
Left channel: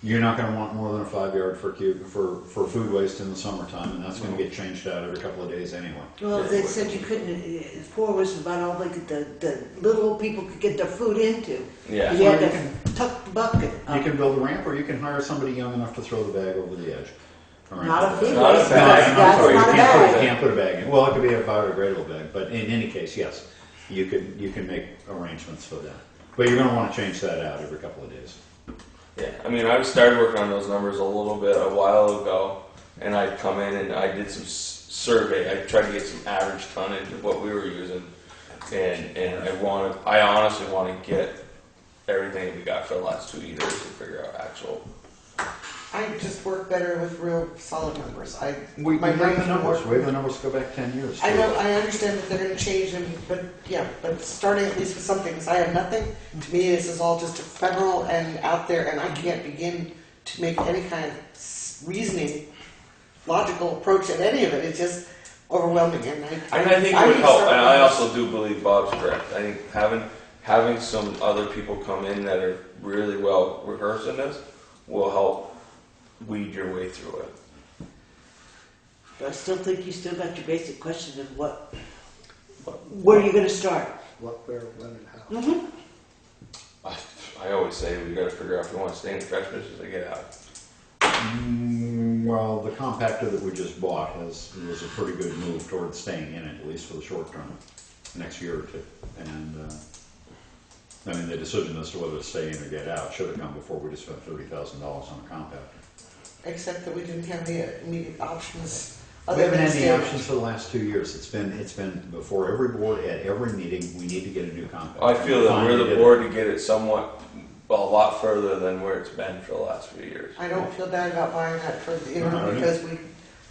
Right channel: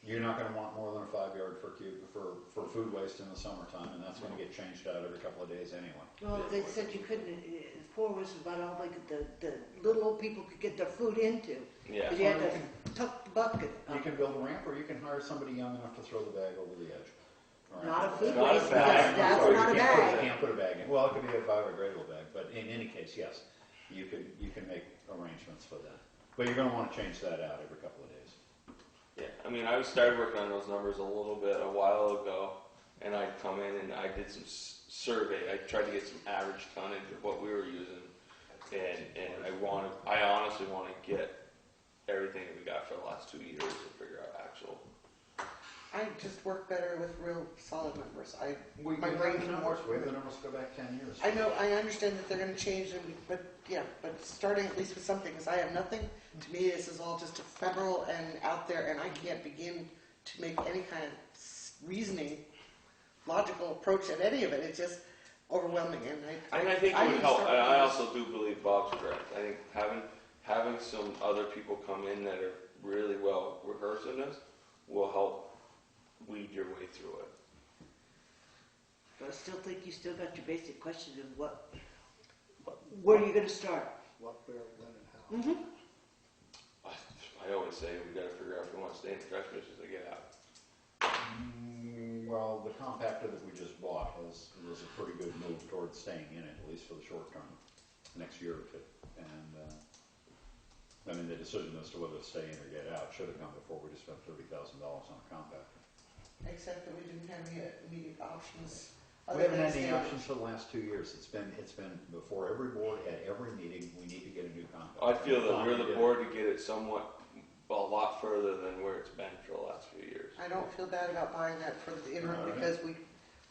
You're not going to want more than a 5-yard for food waste in the summertime, and that's going to get changed out every couple of days anyway. Well, they said you couldn't, 4 was about all the little people could get their food into. Yeah. You had Well, to tuck the bucket You up. can build a ramp, or you can hire somebody young enough to throw the bag over the edge. All right. Not a food Not a waste, bag. I'm that's sorry, not a you bag. can't put a bag in. Well, it could be a biodegradable bag, but in any case, yes, you can make arrangements for that. But you're going to want to change that out every couple of days. Yeah, I mean, I started working on those numbers a little bit a while ago, and I'd come in and I did some survey. I tried to get some average tonnage of what we were using, and I honestly want to get everything that we got for the last 2 years and figure out actual. I just work better with real solid numbers. We My have brain the can numbers. work. We have the numbers go back 10 years. I know, I understand that they're gonna change them, but starting at least with something, because I have nothing, to me, this is all just ephemeral and out there, and I can't begin to make any kind of reasoning, logical approach at any of it, it's just overwhelming, and I think it would help, and I also do believe Bob's correct. I think having some other people come in that are really well rehearsed in this will help weed your way through it. But I still think you still got your basic question of where are you going to start? What, where, when, and how. Mm-hmm. I always say we got to figure out if we want to stay in the trash business or get out. Well, the compactor that we just bought was a pretty good move towards staying in it, at least for the short term, next year or two. And, I mean, the decision as to whether to stay in or get out should have come before we just spent $30,000 on a compactor. Except that we didn't have the immediate options. We other haven't than had any stay- options for the last 2 years. It's been before every board, at every meeting, we need to get a new compactor. I feel that Finally we're the did it. board to get it somewhat, a lot further than where it's been for the last few years. I don't feel bad about buying that for, No, I because we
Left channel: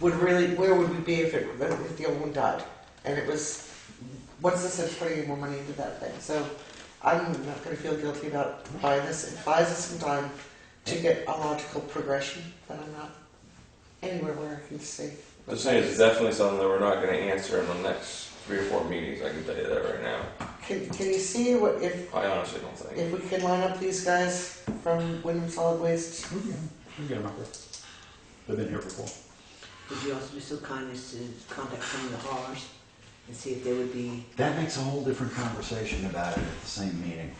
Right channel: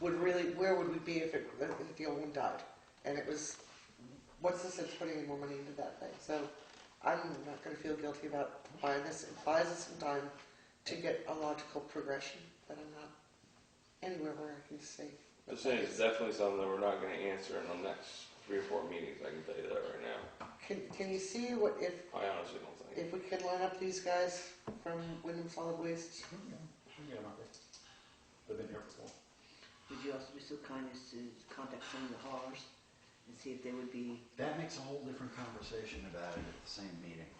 would really, where would we be if the old one died? And it was, what's the sense putting any more money into that thing? So I'm not gonna feel guilty about buying this. It buys us some time to get a logical progression, but I'm not anywhere where I can stay. The thing is, it's definitely something that we're not gonna answer in the next 3 or 4 meetings, I can tell you that right now. Can you see what, if I honestly don't think. we can line up these guys from Wyndham Solid Waste? We can get them up there. They've been here before. Would you also be so kind as to contact some of the haulers and see if they would be? That makes a whole different conversation about it at the same meeting.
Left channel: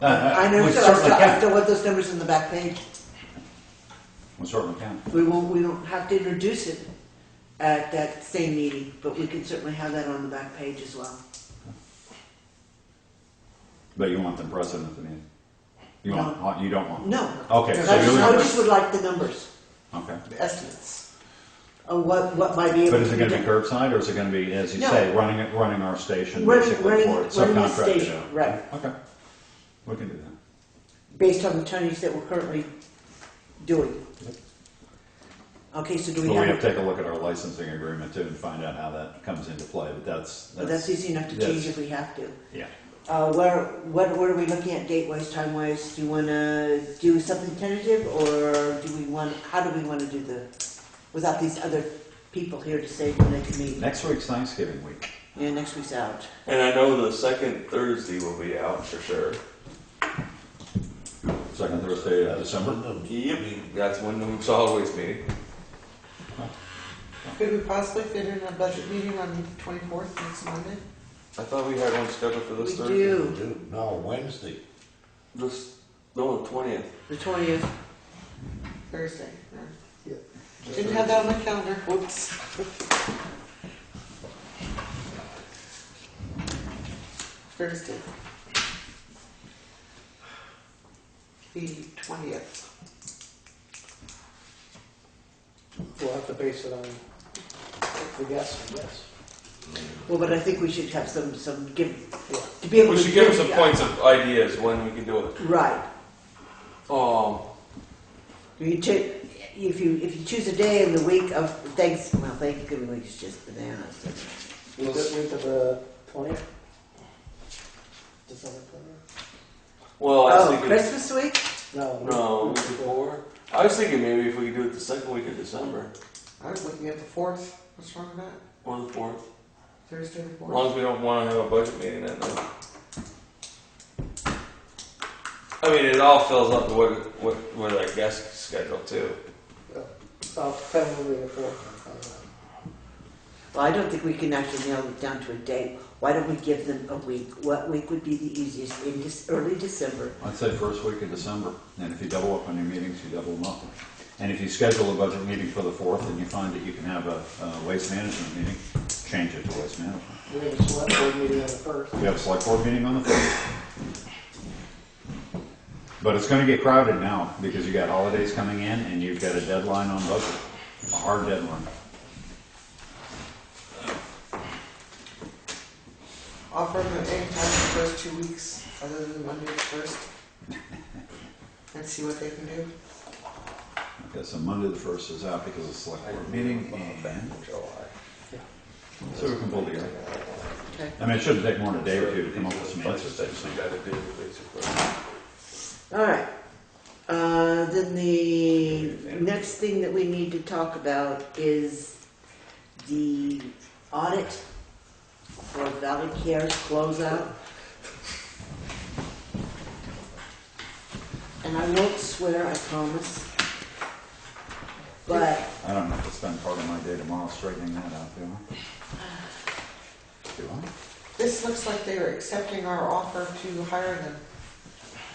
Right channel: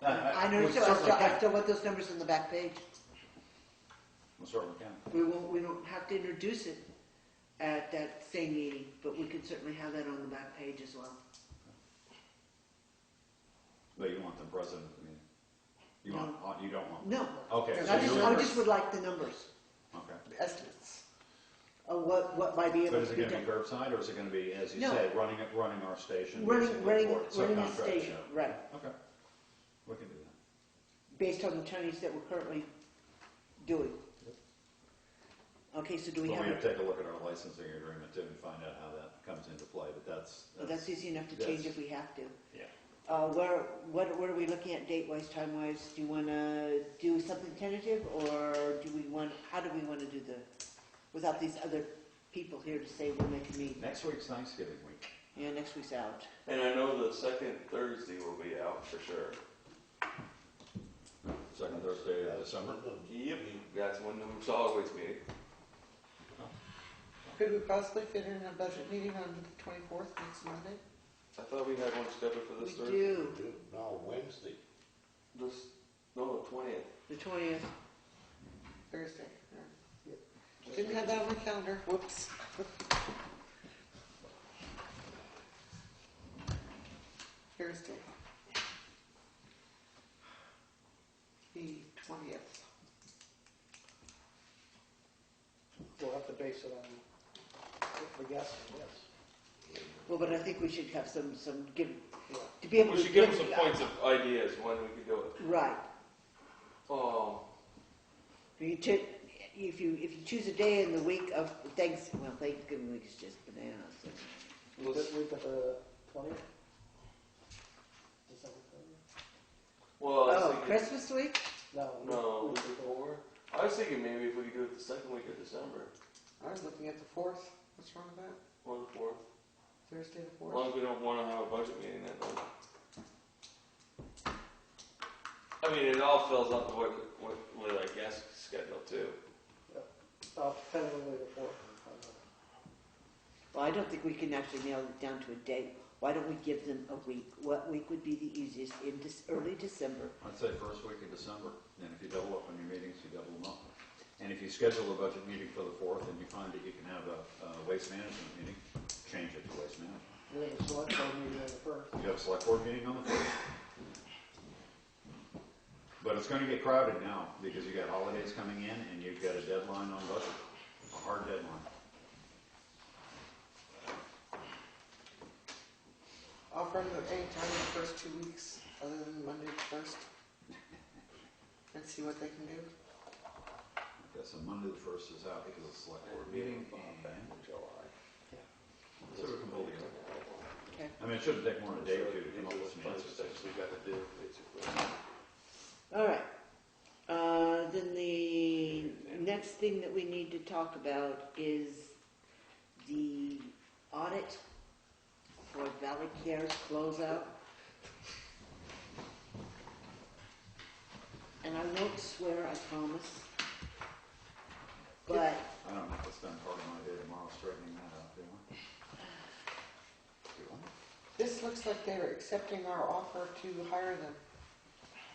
I know, We so certainly I can. still want those numbers on the back page. We certainly can. We don't have to introduce it at that same meeting, but we can certainly have that on the back page as well. But you want them present at the meeting? You want, you don't want? No, Okay, Because so I you're just, I gonna, just would like the numbers okay. The estimates. of what might be able But is to it be gonna be done. curbside, or is it gonna be, as you No. say, running our station, Running basically, for the subcontracted station, out? right, Okay, we can do that. based on the tonnage that we're currently doing. Yep. Okay, so do But we we have, have to take a look at our licensing agreement too and find out how that comes into play, but that's easy enough to change if we have to. Yeah. What are we looking at date-wise, time-wise? Do you wanna do something tentative, or how do we wanna do without these other people here to say when they can meet? Next week's Thanksgiving week. Yeah, next week's out. And I know the second Thursday will be out for sure. Second Thursday of December. Yep. That's when the solid waste meeting. Could we possibly fit in a budget meeting on the 24th, next Monday? I thought we had one scheduled for this We Thursday. do, No, Wednesday. No, the 20th. the 20th. Thursday. Yeah. Didn't have that on my calendar. Whoops. Thursday. The 20th. We'll have to base it on the guess, I guess. Well, but I think we should have some give, to be able We to. should give them some points of ideas when we can do it. Right. If you choose a day in the week of Thanksgiving week is just bananas. Week of the 20th? December 20th? Well, I was Oh, thinking. Christmas week? No. No, week before. I was thinking maybe if we could do it the second week of December I was looking at the 4th. What's wrong with that? or the 4th. Thursday the As 4th. long as we don't want to have a budget meeting that night. I mean, it all fills up with our guest schedule too. I'll probably the 4th. Well, I don't think we can actually nail it down to a date. Why don't we give them a week? What week would be the easiest? In early December. I'd say first week of December, and if you double up on your meetings, you double them up. And if you schedule a budget meeting for the 4th and you find that you can have a waste management meeting, change it to waste management. We have a select board meeting on the 1st. We have a select board meeting on the 1st. But it's gonna get crowded now, because you got holidays coming in and you've got a deadline on budget, a hard deadline. Offer them at any time the first 2 weeks, other than Monday the 1st. And see what they can do. Okay, so Monday the 1st is out because of select board meeting, and so we can pull together. Okay. I mean, it shouldn't take more than a day or two to come up with some That's answers. essentially got to do basically. All right. Then the next thing that we need to talk about is the audit for Valley Care's closeout. And I won't swear, I promise. But I don't have to spend part of my day tomorrow straightening that out, do I? Do I? This looks like they were accepting our offer to hire them.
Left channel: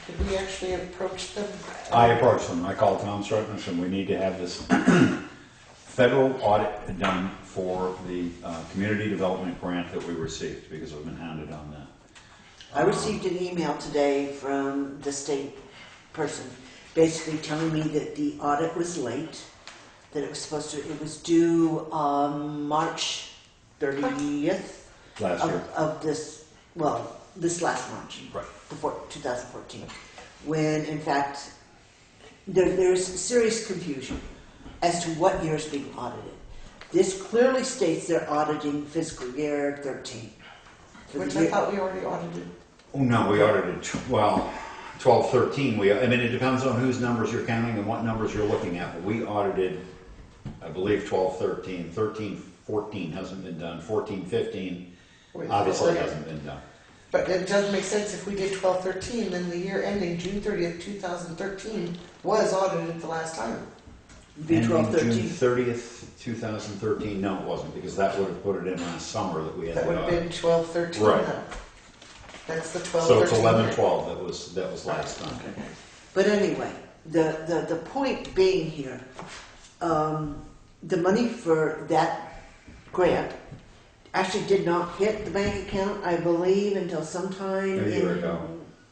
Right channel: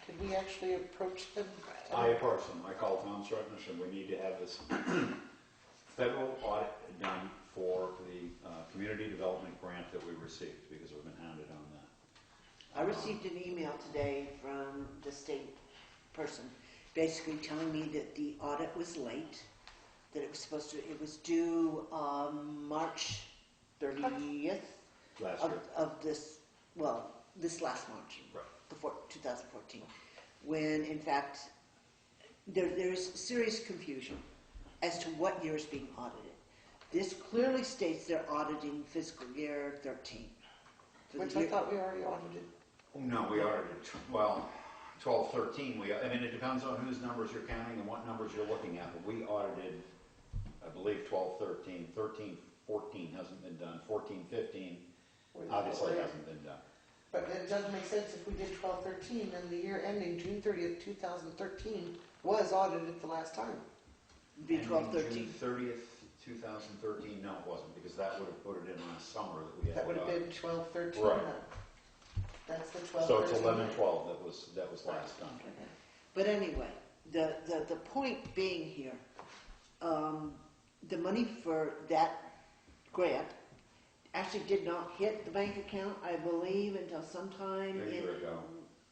Did we actually approach them? I approached them, I called Townshend and said, we need to have this federal audit done for the community development grant that we received, because we've been hounded on that. I received an email today from the state person, basically telling me that the audit was late, that it was due March 30th Last year. of this last March, Right. 2014, when in fact there's serious confusion as to what year is being audited. This clearly states they're auditing fiscal year 13. For the Which I year- thought we already audited. Oh, no, we audited, 12, 13. I mean, it depends on whose numbers you're counting and what numbers you're looking at. But we audited, I believe, 12, 13. 13, 14 hasn't been done. 14, 15 Wait, obviously wait. hasn't been done. But it doesn't make sense if we did 12/13, then the year ending June 30th, 2013 was audited the last time. Be Ending 12/13. June 30th, 2013. No, it wasn't, because that would have put it in last summer that we had That the would have audit. been 12/13 Right. then. That's the 12/13. So it's 11, 12 that was last time. But anyway, the point being here, the money for that grant actually did not hit the bank account, I believe, until sometime A year in- ago.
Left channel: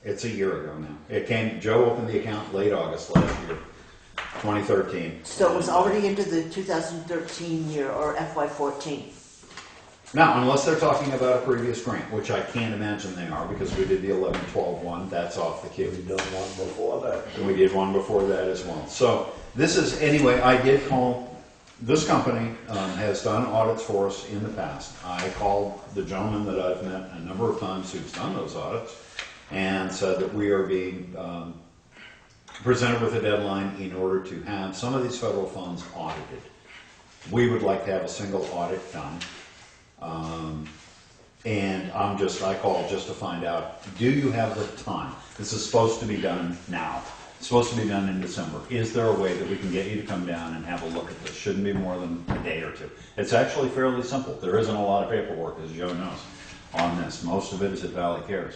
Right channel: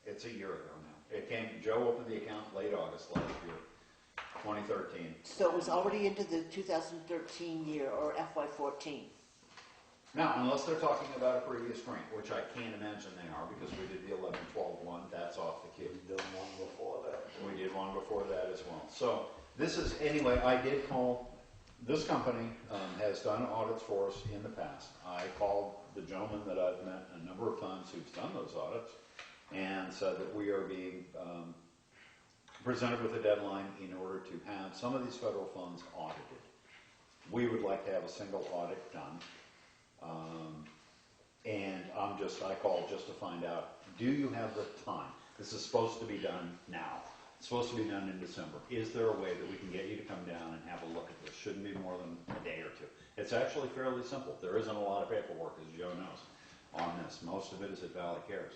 It's a year ago now. It came, Joe opened the account late August last year, 2013. So it was already into the 2013 year, or FY14. Now, unless they're talking about a previous grant, which I can't imagine they are, because we did the 11-12 one, that's off the We queue. done one before that. And we did one before that as well. So this is, anyway, I did call, this company has done audits for us in the past. I called the gentleman that I've met a number of times who's done those audits and said that we are being presented with a deadline in order to have some of these federal funds audited. We would like to have a single audit done. And I called just to find out, do you have the time? This is supposed to be done now. It's supposed to be done in December. Is there a way that we can get you to come down and have a look at this? Shouldn't be more than a day or two. It's actually fairly simple. There isn't a lot of paperwork, as Joe knows, on this. Most of it is at Valley Cares.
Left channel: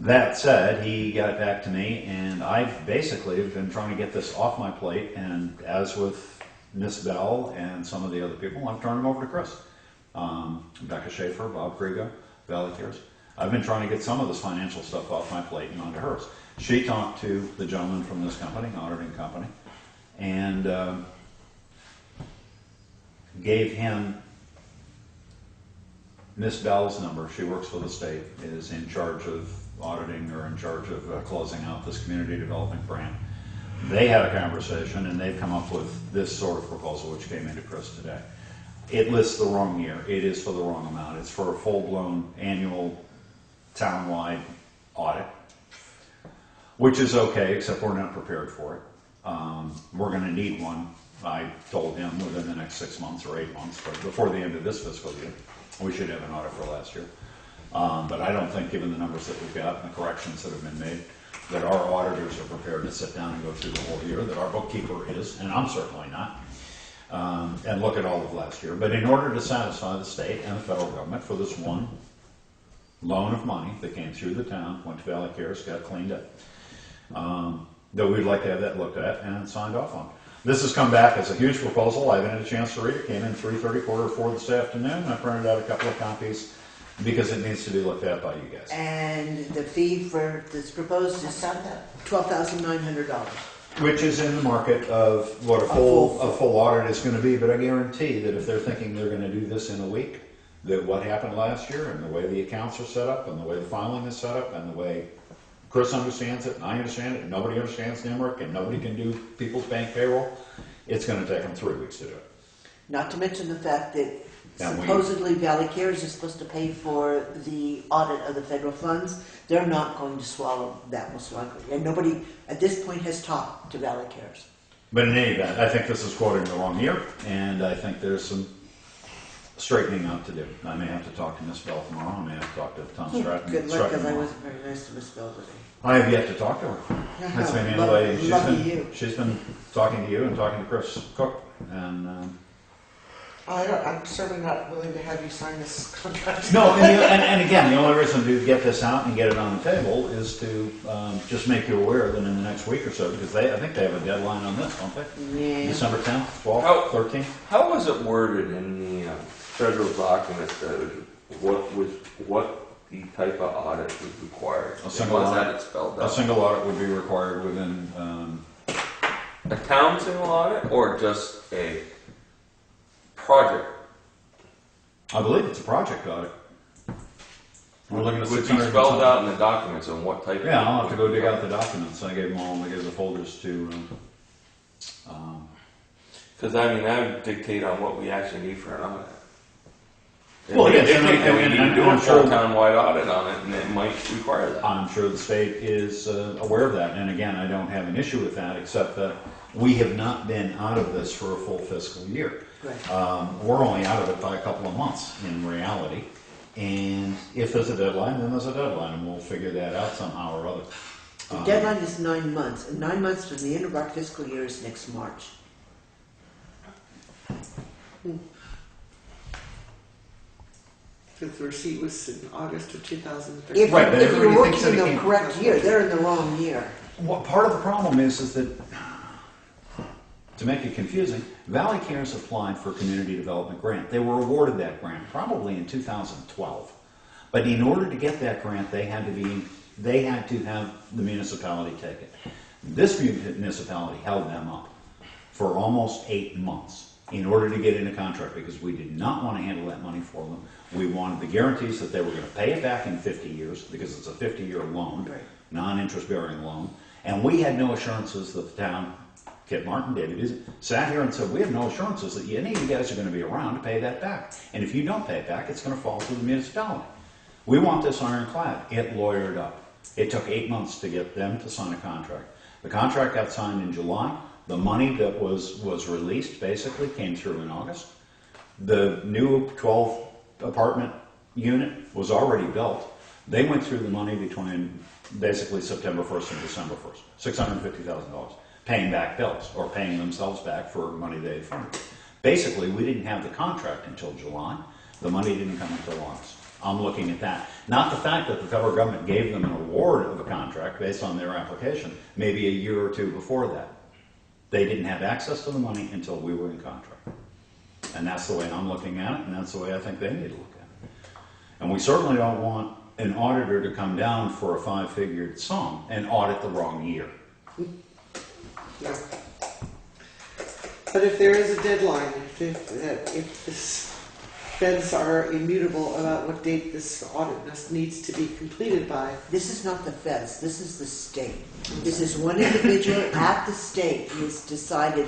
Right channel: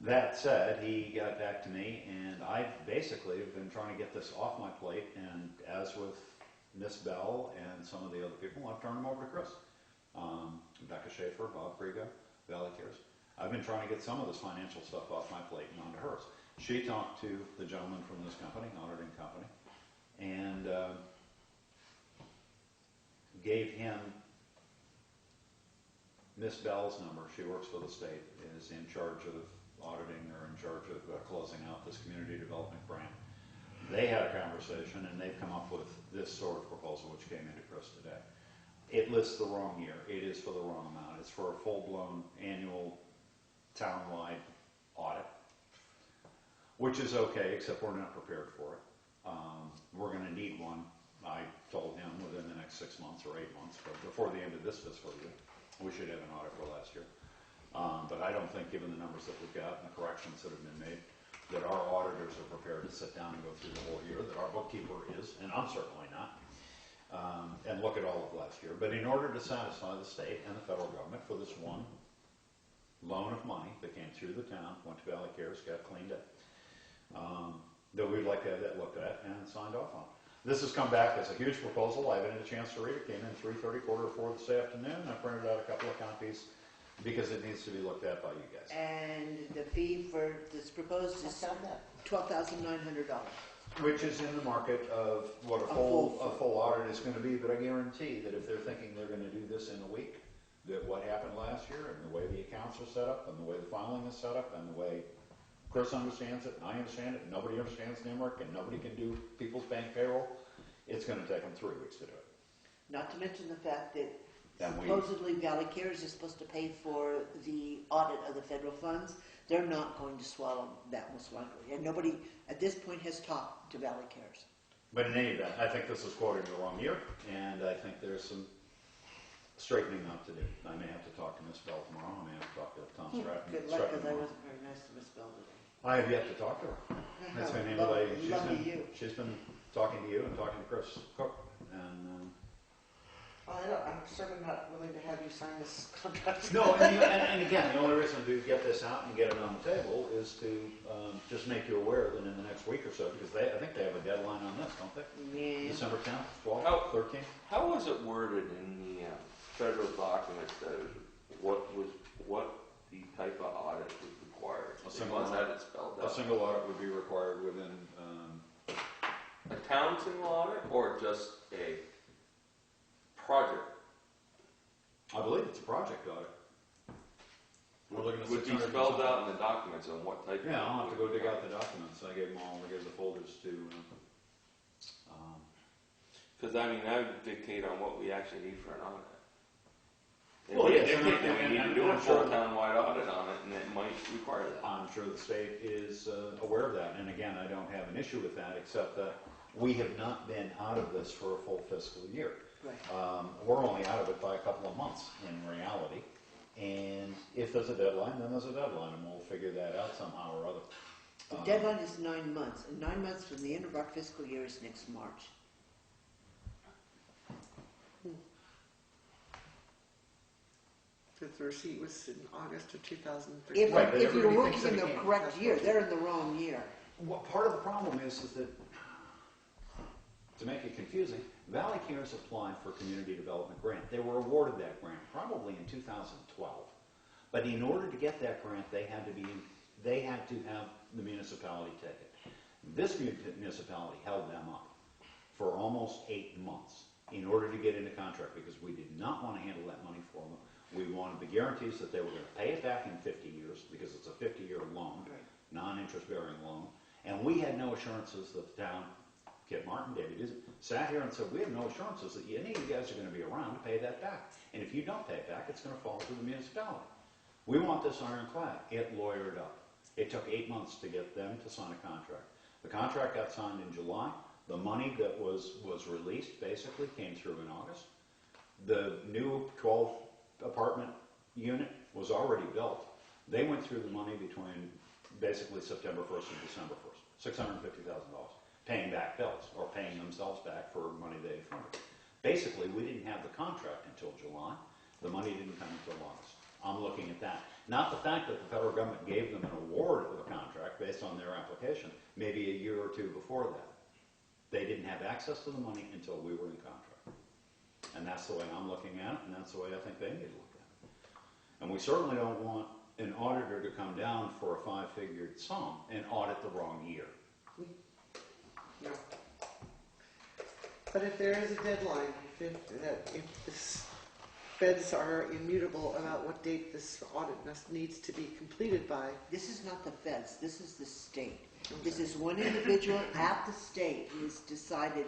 That said, he got back to me, and I've basically been trying to get this off my plate, and as with Miss Bell and some of the other people, I've turned them over to Chris. Becca Schaefer, Bob Krigo, Valley Cares. I've been trying to get some of this financial stuff off my plate and onto hers. She talked to the gentleman from this company, auditing company, and gave him Miss Bell's number. She works for the state, is in charge of auditing or in charge of closing out this community development grant. They had a conversation and they've come up with this sort of proposal, which came into Chris today. It lists the wrong year. It is for the wrong amount. It's for a full-blown annual town-wide audit, which is okay, except we're not prepared for it. We're going to need one, I told him, within the next 6 months or 8 months, but before the end of this fiscal year. We should have an audit for last year. But I don't think, given the numbers that we've got and the corrections that have been made, that our auditors are prepared to sit down and go through the whole year, that our bookkeeper is, and I'm certainly not, and look at all of last year. But in order to satisfy the state and the federal government for this one loan of money that came through the town, went to Valley Cares, got cleaned up, that we'd like to have that looked at and signed off on. This has come back as a huge proposal. I haven't had a chance to read it. Came in 3:30, 4:45 this afternoon. I printed out a couple of copies because it needs to be looked at by you guys. And the fee for this proposed is $12,900. Which is in the market of what a full audit is going to be. But I guarantee that if they're thinking they're going to do this in a week, that what happened last year and the way the accounts are set up and the way the filing is set up and the way Chris understands it and I understand it and nobody understands NIMRIC and nobody can do people's bank payroll, it's going to take them 3 weeks to do it. Not to mention the fact that And we- supposedly Valley Cares is supposed to pay for the audit of the federal funds. They're not going to swallow that, most likely. And nobody at this point has talked to Valley Cares. But in any event, I think this is quoting the wrong year, and I think there's some straightening out to do. I may have to talk to Miss Bell tomorrow. I may have to talk to Tom Stratton. Good luck, because I tomorrow. wasn't very nice to Miss Bell today. I have yet to talk to her. That's been the other lady. Lucky you. She's been talking to you and talking to Chris Cook, and I'm certainly not willing to have you sign this contract. No, and again, the only reason to get this out and get it on the table is to just make you aware that in the next week or so, because I think they have a deadline on this, don't they? Yeah. December 10th, 12th, How- 13th? How was it worded in the federal document that what the type of audit was required? A single Once audit. that it's spelled A out. single audit would be required within, A town single audit or just a project? I believe it's a project audit. We're looking at Would be 600. spelled out in the documents on what type. Yeah, I'll have to go dig out the documents. I gave them all, I gave the folders to, Because I mean, that would dictate on what we actually need for an audit. It Well, may yes, dictate that we and need to I'm do a sure- full town-wide audit on it, and it might require that. I'm sure the state is aware of that. And again, I don't have an issue with that, except that we have not been out of this for a full fiscal year. Right. We're only out of it by a couple of months in reality. And if there's a deadline, then there's a deadline, and we'll figure that out somehow or other. The deadline is 9 months, and 9 months from the end of our fiscal year is next March. Because the receipt was in August of 2013. If, Right, but if you're everybody thinks working that in it the can't- correct year, they're in the wrong year. What part of the problem is that, to make it confusing, Valley Cares applied for a community development grant. They were awarded that grant probably in 2012. But in order to get that grant, they had to have the municipality take it. This municipality held them up for almost 8 months in order to get in a contract, because we did not want to handle that money for them. We wanted the guarantees that they were going to pay it back in 50 years, because it's a 50-year loan, Right. non-interest bearing loan. And we had no assurances that the town, Kit Martin did, sat here and said, we have no assurances that any of you guys are going to be around to pay that back. And if you don't pay it back, it's going to fall to the municipality. We want this ironclad. It lawyered up. It took 8 months to get them to sign a contract. The contract got signed in July. The money that was released basically came through in August. The new 12 apartment unit was already built. They went through the money between basically September 1st and December 1st, $650,000, paying back bills or paying themselves back for money they had funded. Basically, we didn't have the contract until July. The money didn't come until August. I'm looking at that. Not the fact that the federal government gave them an award of a contract based on their application, maybe a year or two before that. They didn't have access to the money until we were in contract. And that's the way I'm looking at it, and that's the way I think they need to look at it. And we certainly don't want an auditor to come down for a 5-figured sum and audit the wrong year. No. But if there is a deadline, if this feds are immutable about what date this audit needs to be completed by, This is not the feds, this is the state. This is one individual at the state who has decided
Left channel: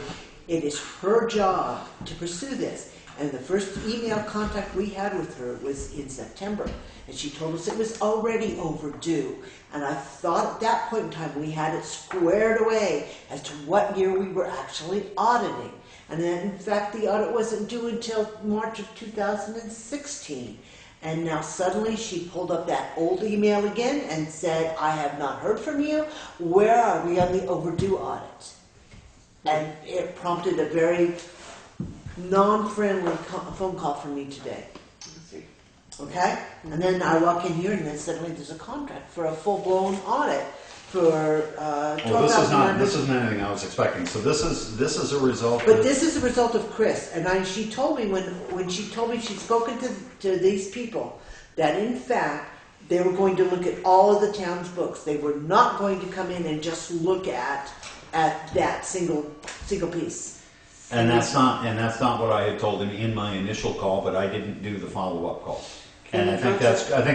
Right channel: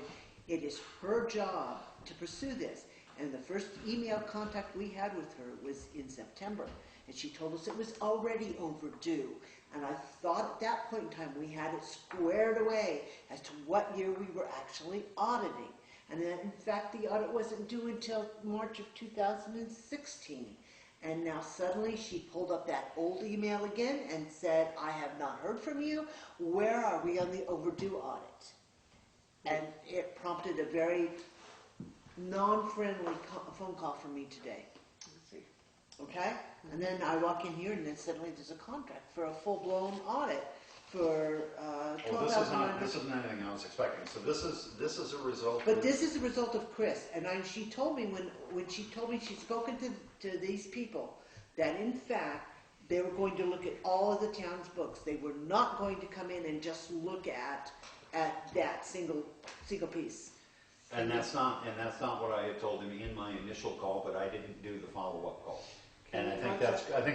it is her job to pursue this. And the first email contact we had with her was in September, and she told us it was already overdue. And I thought at that point in time we had it squared away as to what year we were actually auditing. And then, in fact, the audit wasn't due until March of 2016. And now suddenly she pulled up that old email again and said, I have not heard from you. Where are we on the overdue audit? And it prompted a very non-friendly phone call from me today. let's see. Okay? And then I walk in here and then suddenly there's a contract for a full-blown audit for Well, $12,900. this isn't anything I was expecting. So this is a result. But this is a result of Chris, and she told me when she told me she'd spoken to these people that in fact they were going to look at all of the town's books. They were not going to come in and just look at that single piece. And that's not what I had told him in my initial call, but I didn't do the follow-up call. And I think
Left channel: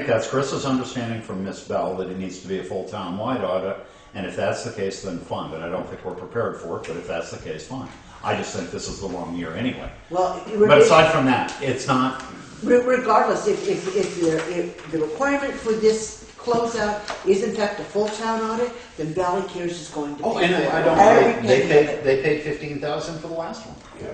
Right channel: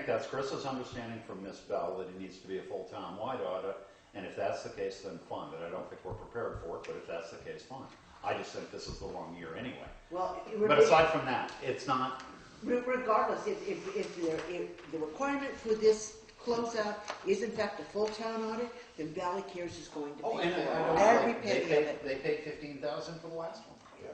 that's Chris's understanding from Miss Bell that it needs to be a full town-wide audit. And if that's the case, then fine. But I don't think we're prepared for it. But if that's the case, fine. I just think this is the wrong year anyway. Well, But aside from that, it's not. regardless, if the requirement for this closeout is in fact a full town audit, then Valley Cares is going to pay Oh, for and it. I don't Every know. penny of it. They paid $15,000 for the last one. Yeah.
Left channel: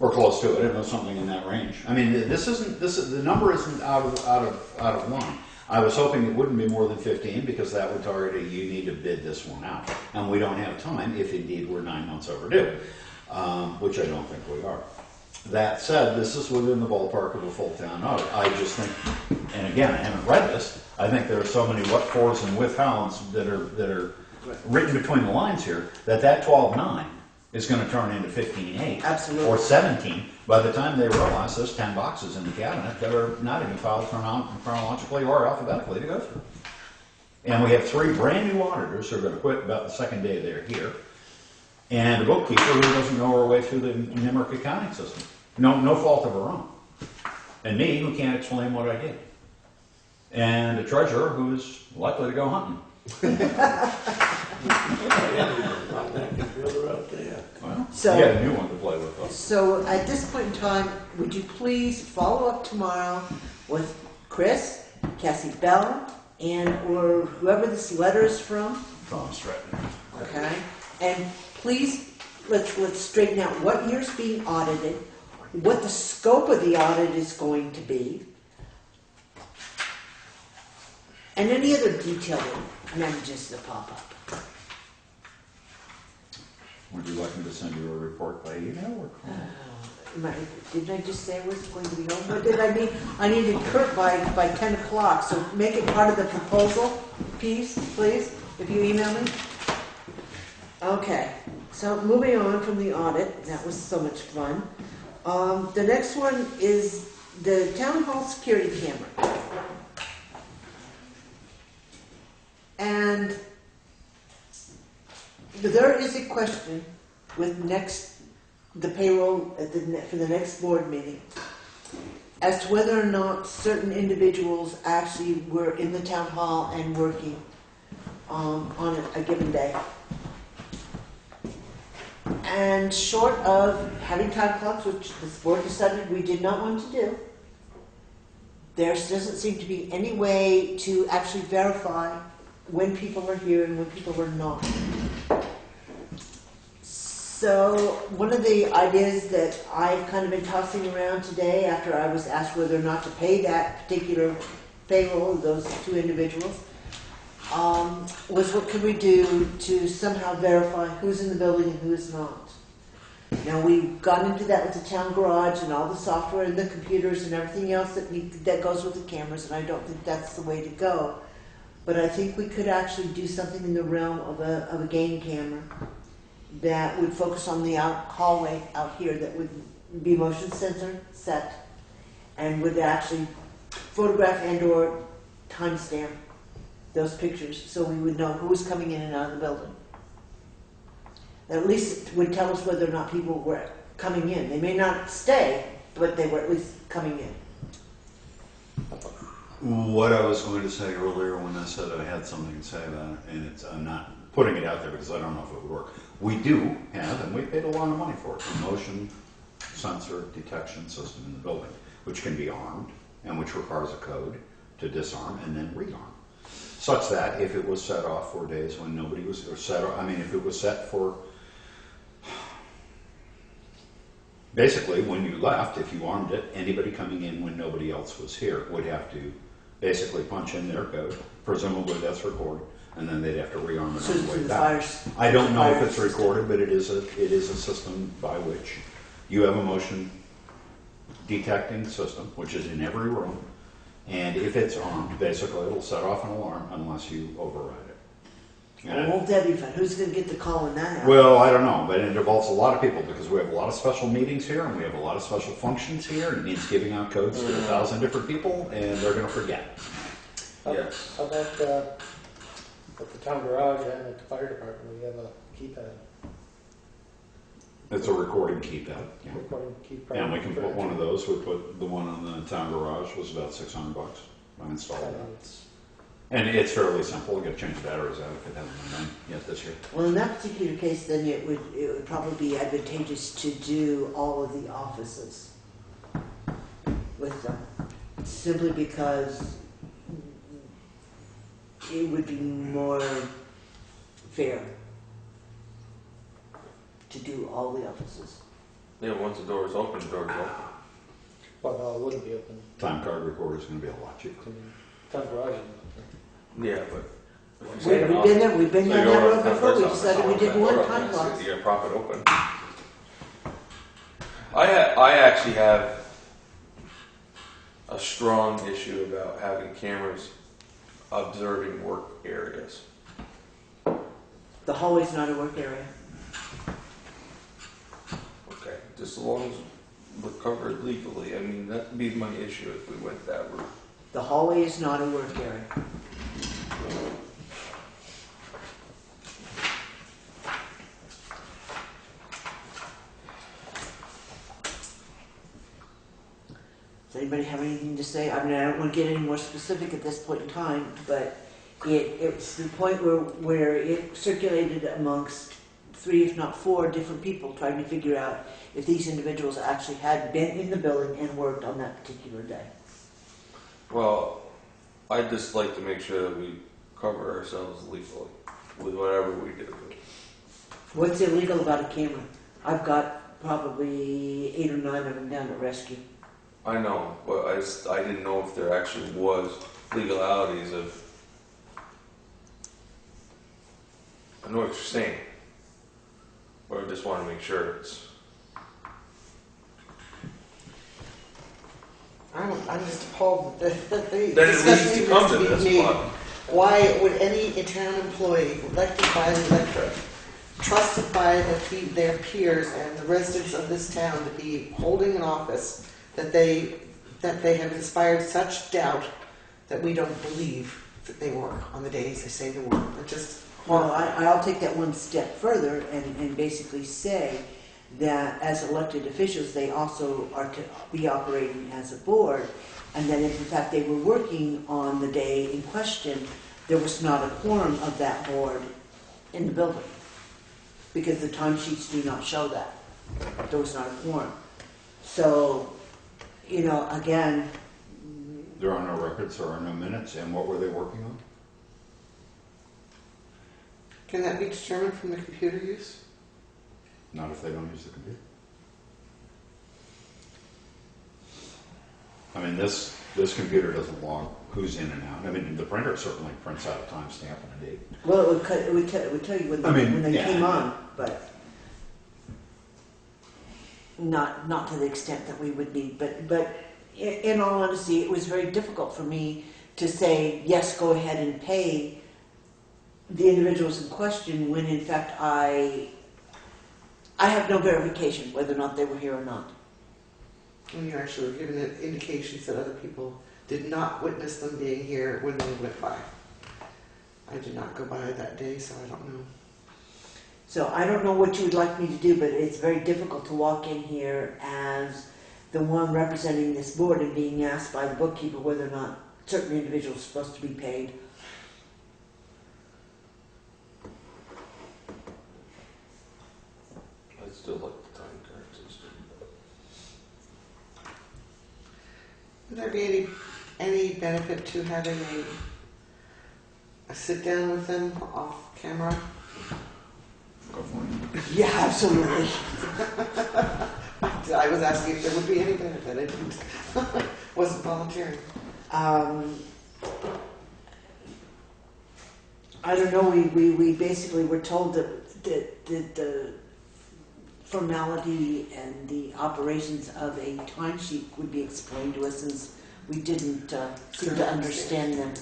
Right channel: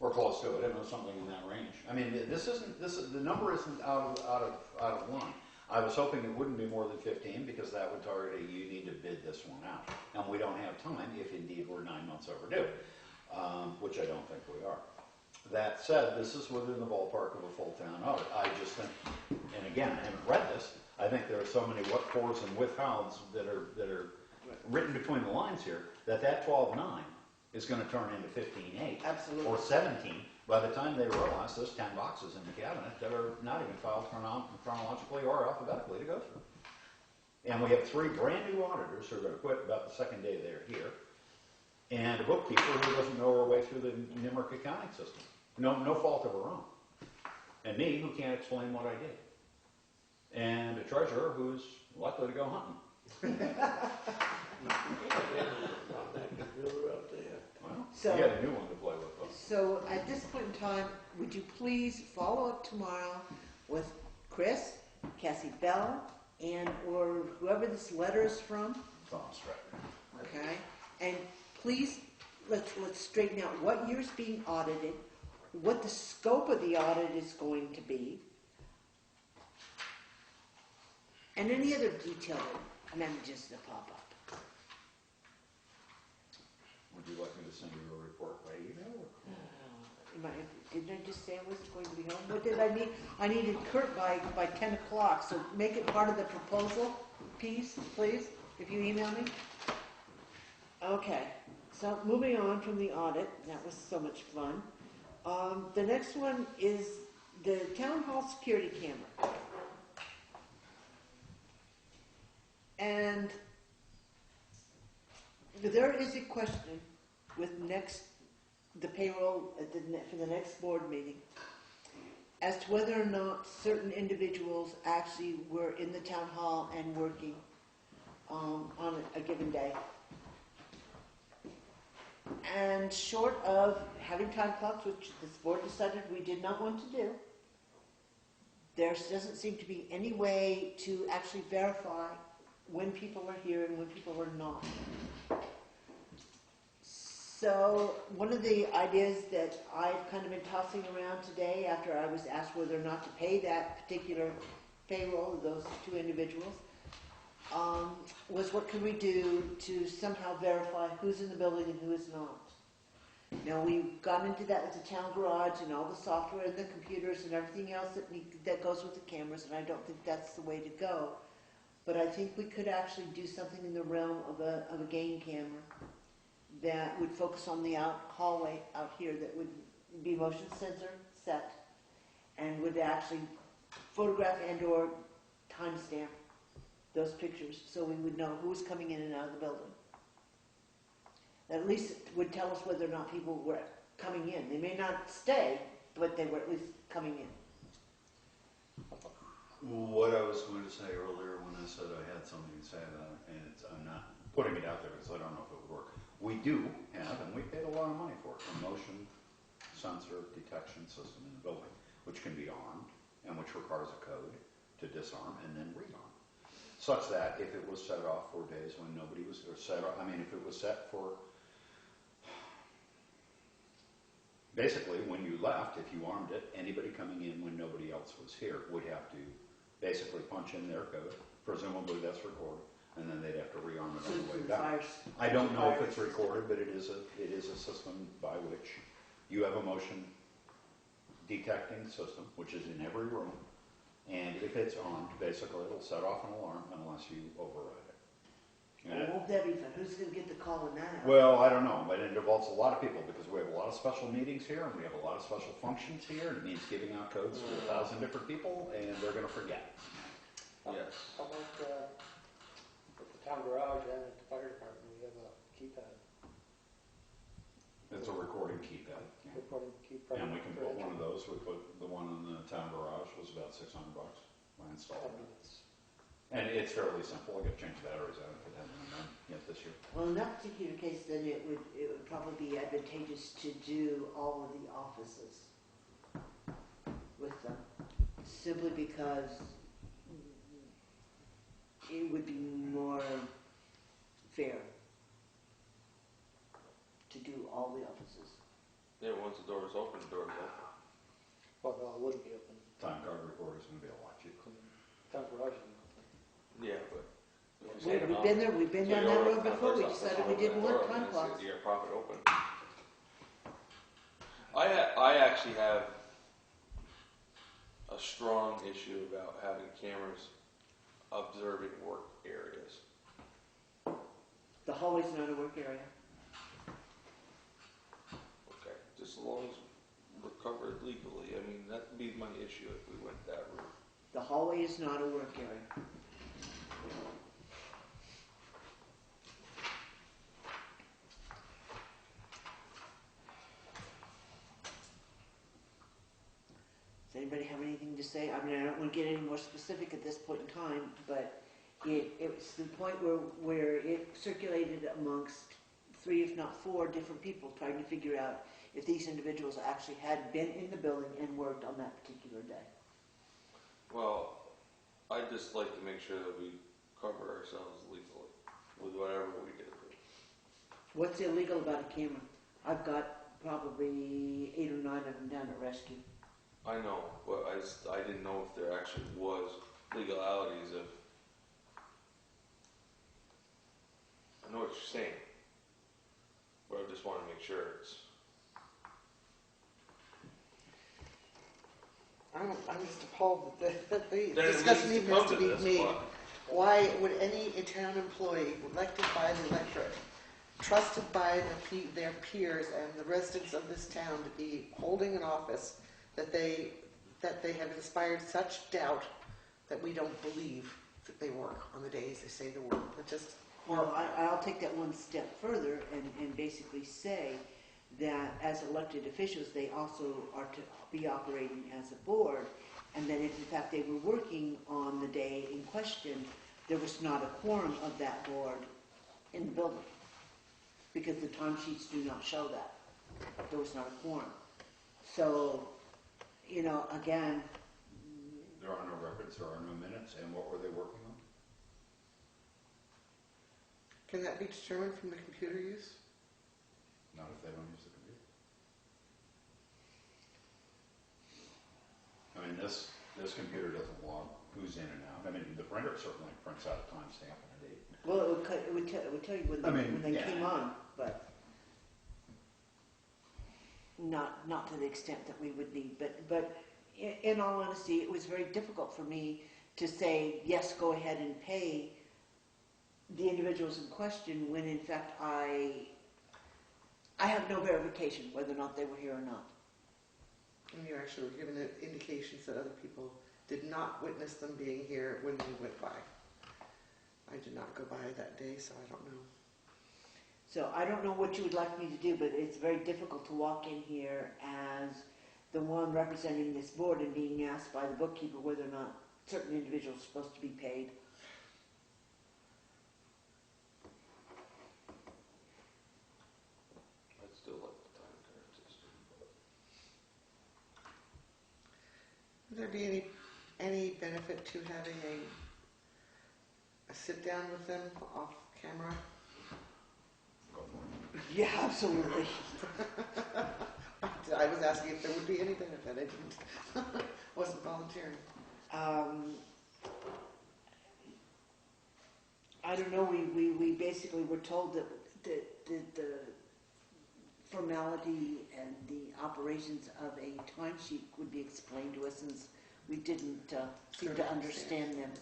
Or close to it. I don't know, something in that range. I mean, the number isn't out of line. I was hoping it wouldn't be more than 15 because that would target you need to bid this one out, and we don't have time if indeed we're 9 months overdue, which I don't think we are. That said, this is within the ballpark of a full town audit. I just think, and again, I haven't read this, I think there are so many what-fors and with-hows that are Right. written between the lines here, that 12.9 is gonna turn into 15.8. Absolutely. Or 17, by the time they realize there's 10 boxes in the cabinet that are not even filed chronologically or alphabetically to go through. And we have 3 brand new auditors who are gonna quit about the second day they're here, and a bookkeeper who doesn't know her way through the NIMRIC accounting system. No fault of her own. And me, who can't explain what I did. And a treasurer who's likely to go hunting. I didn't even run that computer out there. Well, So- you got a new one to play with, though. So at this point in time, would you please follow up tomorrow with Chris, Cassie Bell, and or whoever this letter is from, Thomas Stratton. okay? And please, let's straighten out what year's being audited, what the scope of the audit is going to be, and any other detailed messages that pop up. Would you like me to send you a report by email or call? Didn't I just say I was going to be home? What did I mean? I needed Kurt by 10 o'clock, so make it part of the proposal piece, please, if you email me. Okay, so moving on from the audit, that was so much fun. The next one is the town hall security camera. And there is a question with the payroll for the next board meeting as to whether or not certain individuals actually were in the town hall and working on a given day. And short of having time clocks, which this board decided we did not want to do, there doesn't seem to be any way to actually verify when people are here and when people are not. So one of the ideas that I've kind of been tossing around today after I was asked whether or not to pay that particular payroll, those 2 individuals, was what could we do to somehow verify who's in the building and who is not. Now, we've gone into that with the town garage and all the software and the computers and everything else that goes with the cameras, and I don't think that's the way to go. But I think we could actually do something in the realm of a game camera that would focus on the hallway out here, that would be motion sensor set and would actually photograph and or timestamp those pictures so we would know who was coming in and out of the building. At least it would tell us whether or not people were coming in. They may not stay, but they were at least coming in. What I was going to say earlier when I said I had something to say about it, and I'm not putting it out there because I don't know if it would work. We do have, and we paid a lot of money for it, a motion sensor detection system in the building, which can be armed and which requires a code to disarm and then rearm. Such that if it was set off for days when nobody was, or if it was set for, basically when you left, if you armed it, anybody coming in when nobody else was here would have to basically punch in their code, presumably that's recorded, and then they'd have to rearm it So on the way the back. fires. I don't know if it's recorded, but it is a system by which you have a motion detecting system, which is in every room, and if it's armed, basically it'll set off an alarm unless you override it. And Won't that be fun? Who's going to get the call when that happens? well, I don't know, but it involves a lot of people because we have a lot of special meetings here and we have a lot of special functions here, and it means giving out codes to 1,000 different people, and they're going to forget. Yes. How about at the town garage and at the fire department, we have a keypad, It's a recording keypad. Yeah. recording keypad. And we can put one of those. We put the one on the town garage was about $600. I installed that. And it's fairly simple. You got to change the batteries out if it hasn't been done yet this year. Well, in that particular case, then it would probably be advantageous to do all of the offices with them, simply because it would be more fair to do all the offices. Yeah, once the door is open, the door is open. Well, no, it wouldn't be open. Time card recorder is going to be a lot cheaper. I mean, town garage isn't Yeah, but. We've been down that road before. We decided we didn't want time clocks. You got profit open. I actually have a strong issue about having cameras observing work areas. The hallway's not a work area. Okay, just as long as we're covered legally. I mean, that'd be my issue if we went that route. The hallway is not a work area. Does anybody have anything to say? I mean, I don't want to get any more specific at this point in time, but it's the point where it circulated amongst 3, if not 4 different people trying to figure out if these individuals actually had been in the building and worked on that particular day. Well, I'd just like to make sure that we cover ourselves legally with whatever we do. What's illegal about a camera? I've got probably 8 or 9 of them down at rescue. I know, but I didn't know if there actually was legalities of. I know what you're saying, but I just want to make sure it's. I'm just appalled that the Then it discussion needs to even come has to to be this, made. but Why would any town employee elected by the electorate, trusted by their peers and the residents of this town to be holding an office that they have inspired such doubt that we don't believe that they work on the days they say they work? It's just Well, horrifying. I'll take that one step further and basically say that as elected officials, they also are to be operating as a board, and that if in fact they were working on the day in question, there was not a quorum of that board in the building, because the timesheets do not show that. There was not a quorum. So, you know, again, There are no records, there are no minutes, and what were they working on? Can that be determined from the computer use? Not if they don't use the computer. I mean, this computer doesn't log who's in and out. I mean, the printer certainly prints out a timestamp and a date. well, it would tell you when they yeah. came on, but not to the extent that we would need. But in all honesty, it was very difficult for me to say, yes, go ahead and pay the individuals in question, when in fact I have no verification whether or not they were here or not. When you actually were given indications that other people did not witness them being here when they went by. I did not go by that day, so I don't know. So I don't know what you would like me to do, but it's very difficult to walk in here as the one representing this board and being asked by the bookkeeper whether or not certain individuals are supposed to be paid. I'd still like the time card system. Would there be any benefit to having a sit down with them off camera? Go for it. Yeah, absolutely. I was asking if there would be any benefit. I didn't. Wasn't volunteering. I don't know. We basically were told that the formality and the operations of a timesheet would be explained to us, since we didn't seem to understand them.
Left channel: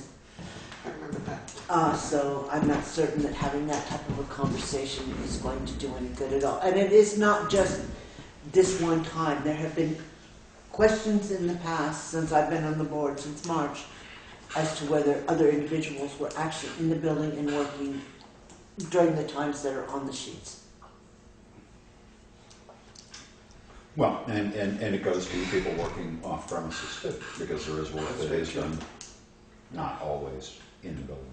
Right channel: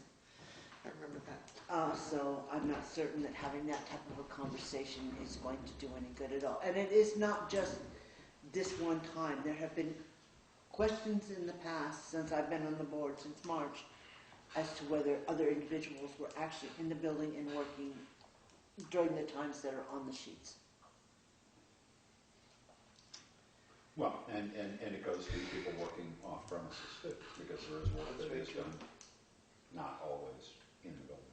I remember that. So I'm not certain that having that type of a conversation is going to do any good at all. And it is not just this one time. There have been questions in the past, since I've been on the board since March, as to whether other individuals were actually in the building and working during the times that are on the sheets. Well, and it goes to people working off premises too, because there is work that is done, not always in the building.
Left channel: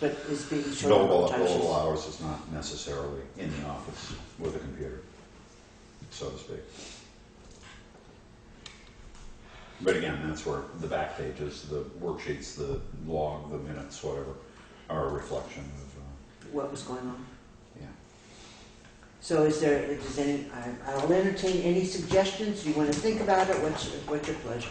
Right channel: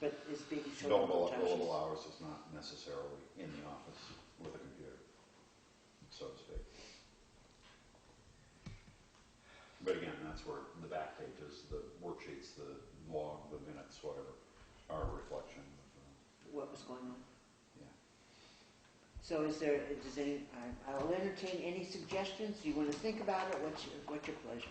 But is being shown on Billable the timesheets. billable hours is not necessarily in the office with a computer, so to speak. But again, that's where the back pages, the worksheets, the log, the minutes, whatever, are a reflection of, What was going on. yeah. So I'll entertain any suggestions. You want to think about it? What's your pleasure?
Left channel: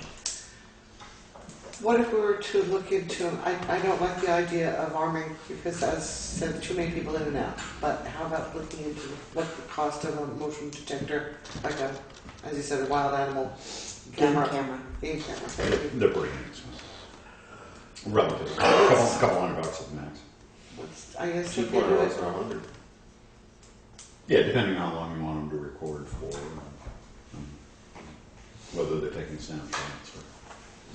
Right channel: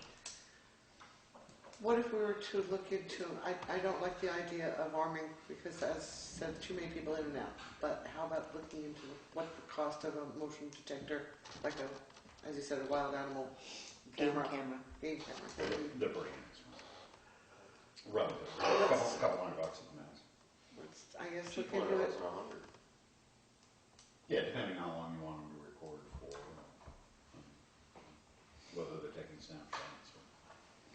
What if we were to look into, I don't like the idea of arming, because as said, too many people in and out, but how about looking into what the cost of a motion detector, like a, as you said, a wild animal Game camera? camera. Game camera. They're pretty inexpensive. Relatively. Couple $100 at the max. I guess you Cheap could one do or else it. they're 100. Yeah, depending on how long you want them to record for, whether they're taking snapshots or.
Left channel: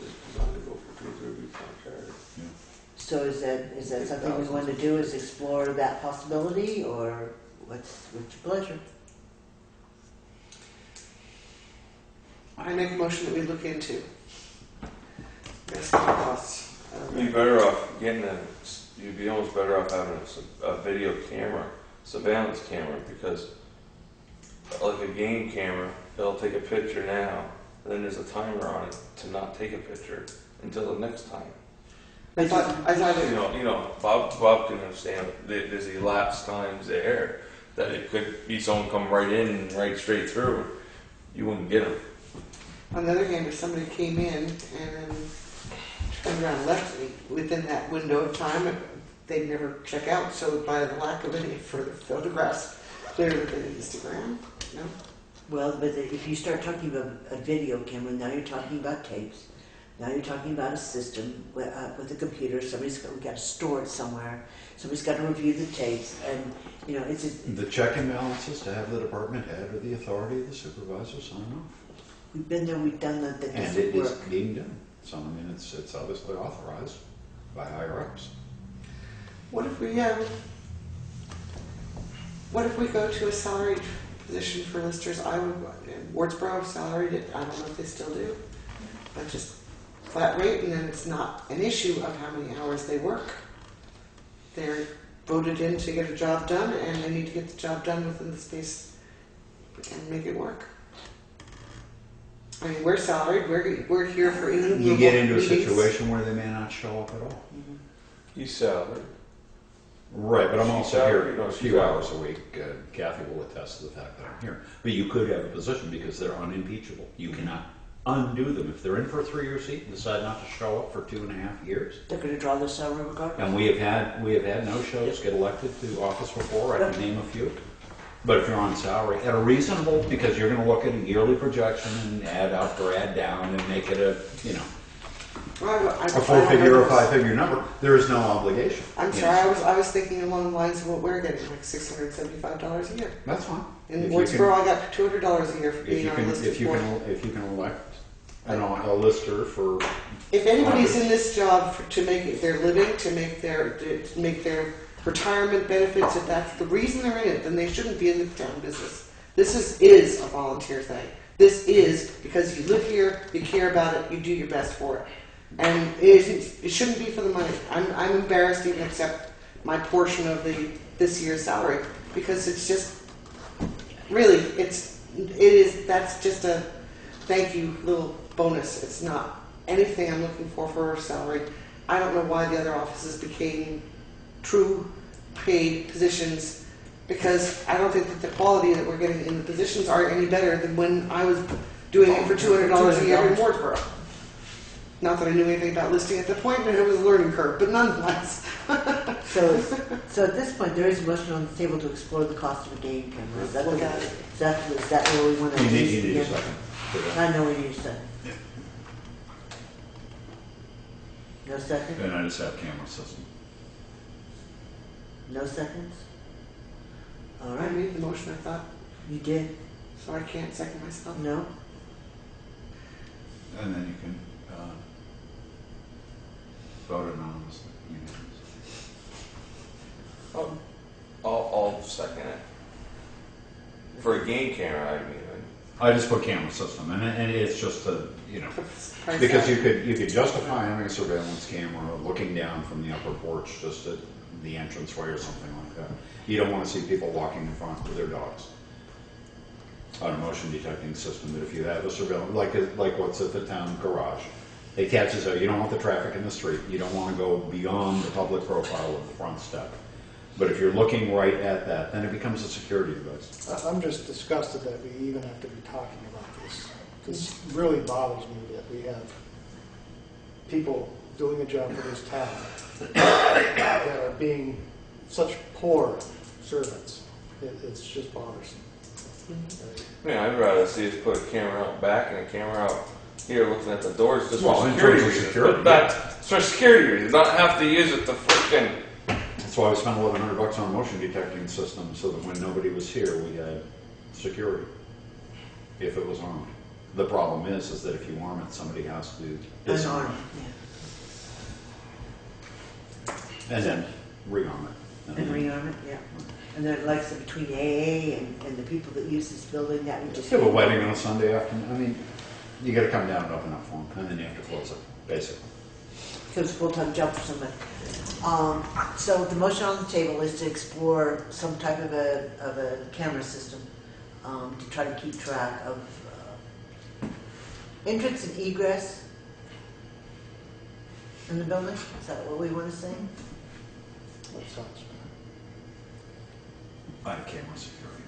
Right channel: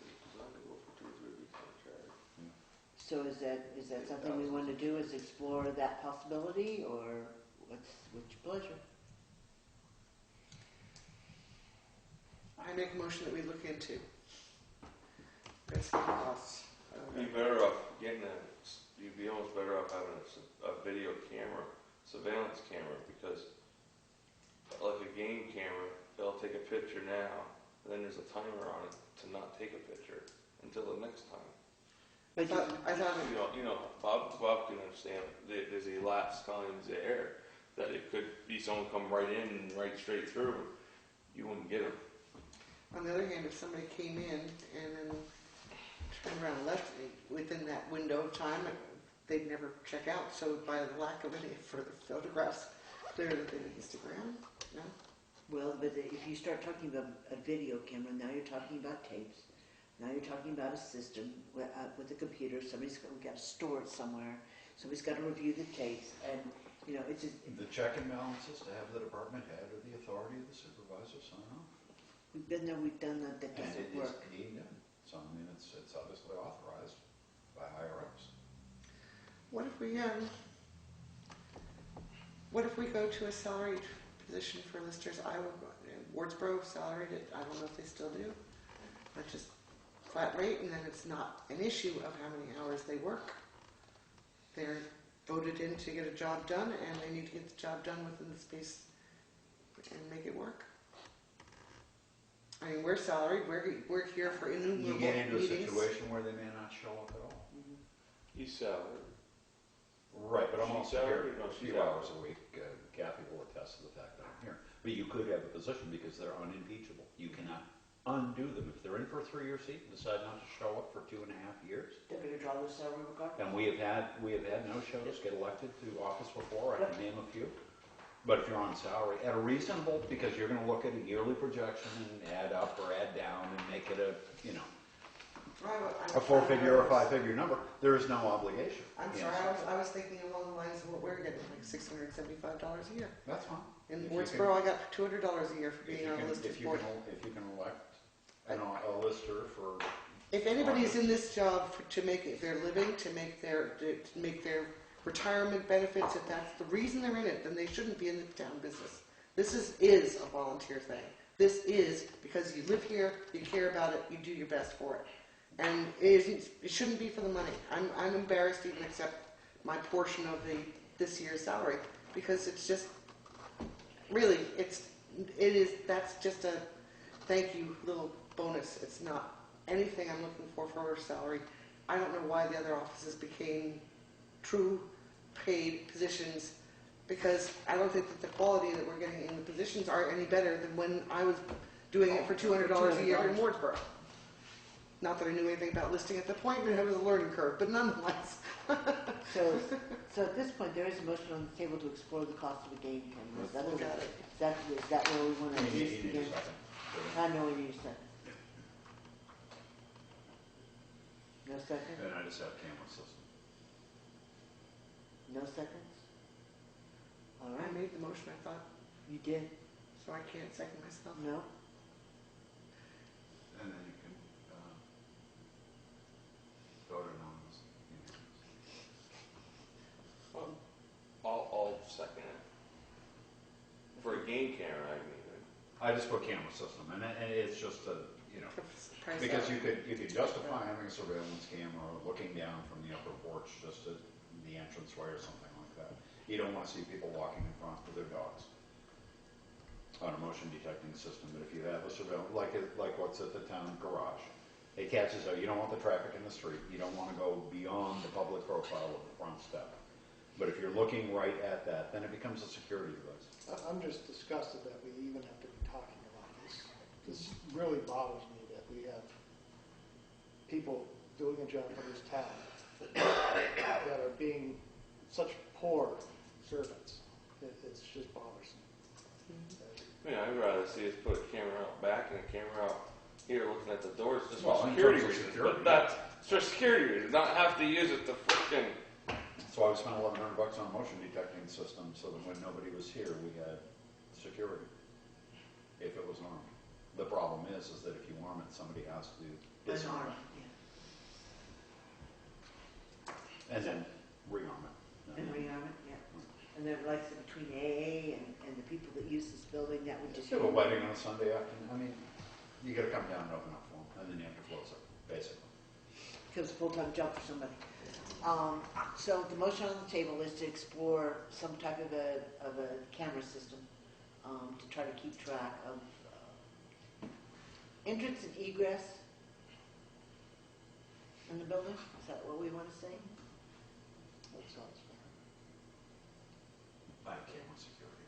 They designed to go for 2 weeks on Saturday. So is that something we want to do, is explore that possibility, or what's your pleasure? I make a motion that we look into. Estimate costs. You'd be better off getting you'd be almost better off having a video camera, surveillance camera, because like a game camera, it'll take a picture now, and then there's a timer on it to not take a picture until the next time. I thought You know, Bob can understand that there's elapsed times there that it could be someone come right in and right straight through. You wouldn't get them. on the other hand, if somebody came in and then turned around and left within that window of time, they'd never check out. So by the lack of any further photographs, clear that they didn't stick around. No. Well, but if you start talking about a video camera, now you're talking about tapes. Now you're talking about a system with a computer. Somebody's got to store it somewhere. Somebody's got to review the tapes, and you know it's The check and balances to have the department head or the authority of the supervisor sign off. we've been there, we've done that. That And doesn't it is work. being done. So, I mean, it's obviously authorized by higher ups. What if we go to a salaried position for listers? I would, Wardsboro salaried it, I don't know if they still do, but just flat rate, and then it's not an issue of how many hours they work. They're voted in to get a job done, and they need to get the job done within the space and make it work. I mean, we're salaried, we're here for You get into a meetings. situation where they may not show up at all. Mhm. He's salaried. Right, but I'm She's also salaried? here No, a she's few salaried. hours a week. Kathy will attest to the fact that I'm here. But you could have a position because they're unimpeachable. You cannot undo them. If they're in for a 3-year seat and decide not to show up for 2.5 years. They're going to draw their salary regardless. And we have had no-shows get elected to office before. I can name a few. But if you're on salary, at a reasonable, because you're going to look at a yearly projection and add up or add down and make it a, Well, a 4-figure or 5-figure number, there is no obligation. I'm You sorry, know, I was thinking along the lines of what we're getting, like $675 a year. That's fine. In If you Wardsboro, I got $200 a year for If being you on can, a listed if you board. can, if you can elect, a lister for, If anybody's in this job to make it their living, to make their retirement benefits, if that's the reason they're in it, then they shouldn't be in the town business. This is a volunteer thing. This is because you live here, you care about it, you do your best for it. And it shouldn't be for the money. I'm embarrassed to even accept my portion of this year's salary, because it's just really that's just a thank you little bonus. It's not anything I'm looking for a salary. I don't know why the other offices became true paid positions, because I don't think that the quality that we're getting in the positions are any better than when I was doing it for $200 a year in Wardsboro. Not that I knew anything about listing at the point, but it was a learning curve, but nonetheless. So at this point, there is a motion on the table to explore the cost of a game camera. Is that Look at it. is that where we want to you use need a again? second for that. I know we need a second. No second? And I just have camera system. No seconds? All I right, made the motion, I thought, you did. so I can't second myself. No? And then you can, vote anonymously. I'll second it. For a game camera, I mean. I just put camera system, and it's just a, Price because tag. you could justify having a surveillance camera looking down from the upper porch just at the entranceway or something like that. You don't want to see people walking in front with their dogs. On a motion detecting system, that if you have a surveillance, like what's at the town garage, it catches out. You don't want the traffic in the street. You don't want to go beyond the public profile of the front step. But if you're looking right at that, then it becomes a security device. I'm just disgusted that we even have to be talking about this. This really bothers me that we have people doing a job for this town that are being such poor servants. It's just bothersome. I mean, I'd rather see us put a camera out back and a camera out here looking at the doors just Well, for in security terms of reasons. security, But that's for security reasons, not have to use it to frickin' That's why we spent $1,100 on a motion detecting system, so that when nobody was here, we had security, if it was armed. The problem is that if you arm it, somebody has to disarm Unarmed, it, and then rearm it. and then- rearm it, yeah. And then like so between AA and the people that use this building, that would just. You have a wedding on a Sunday afternoon, I mean, you gotta come down and open up for them, and then you have to close it, basically. Becomes a full-time job for somebody. So the motion on the table is to explore some type of a camera system to try to keep track of entrance and egress in the building. Is that what we want to say? That sounds I have camera security.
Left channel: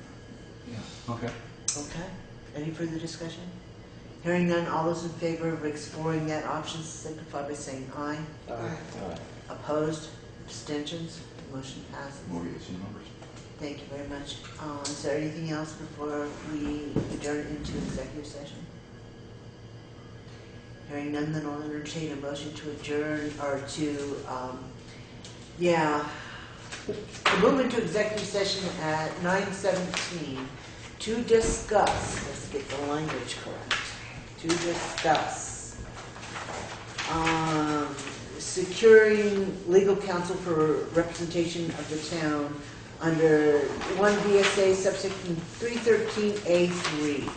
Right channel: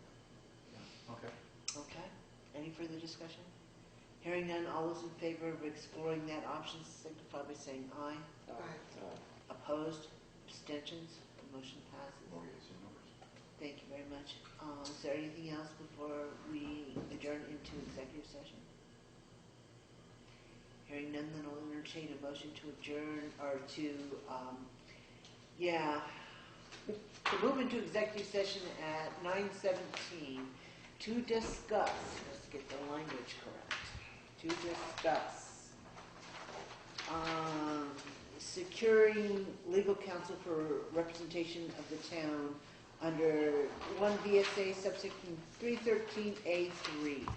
Yeah. Okay. Okay. Any further discussion? Hearing none, all those in favor of exploring that option signify by saying aye. bad. Opposed? Abstentions? Motion passes. We'll get some numbers. Thank you very much. Is there anything else before we adjourn into executive session? Hearing none, then I'll entertain a motion to adjourn or to move into executive session at 9:17 to discuss, let's get the language correct, to discuss securing legal counsel for representation of the town under 1 VSA subsection 313A3.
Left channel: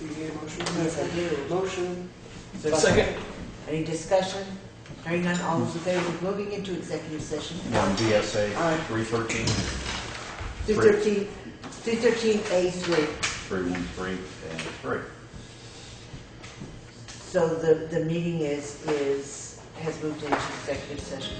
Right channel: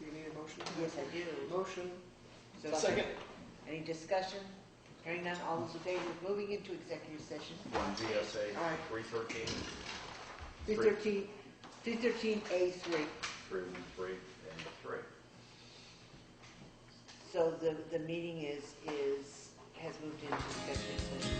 You need a motion? Yes, I do. Motion. Second. Any discussion? Hearing none, all those in favor of moving into executive session? 1 VSA Aye. 313, 313A3. 313, and 3. So the meeting has moved into executive session.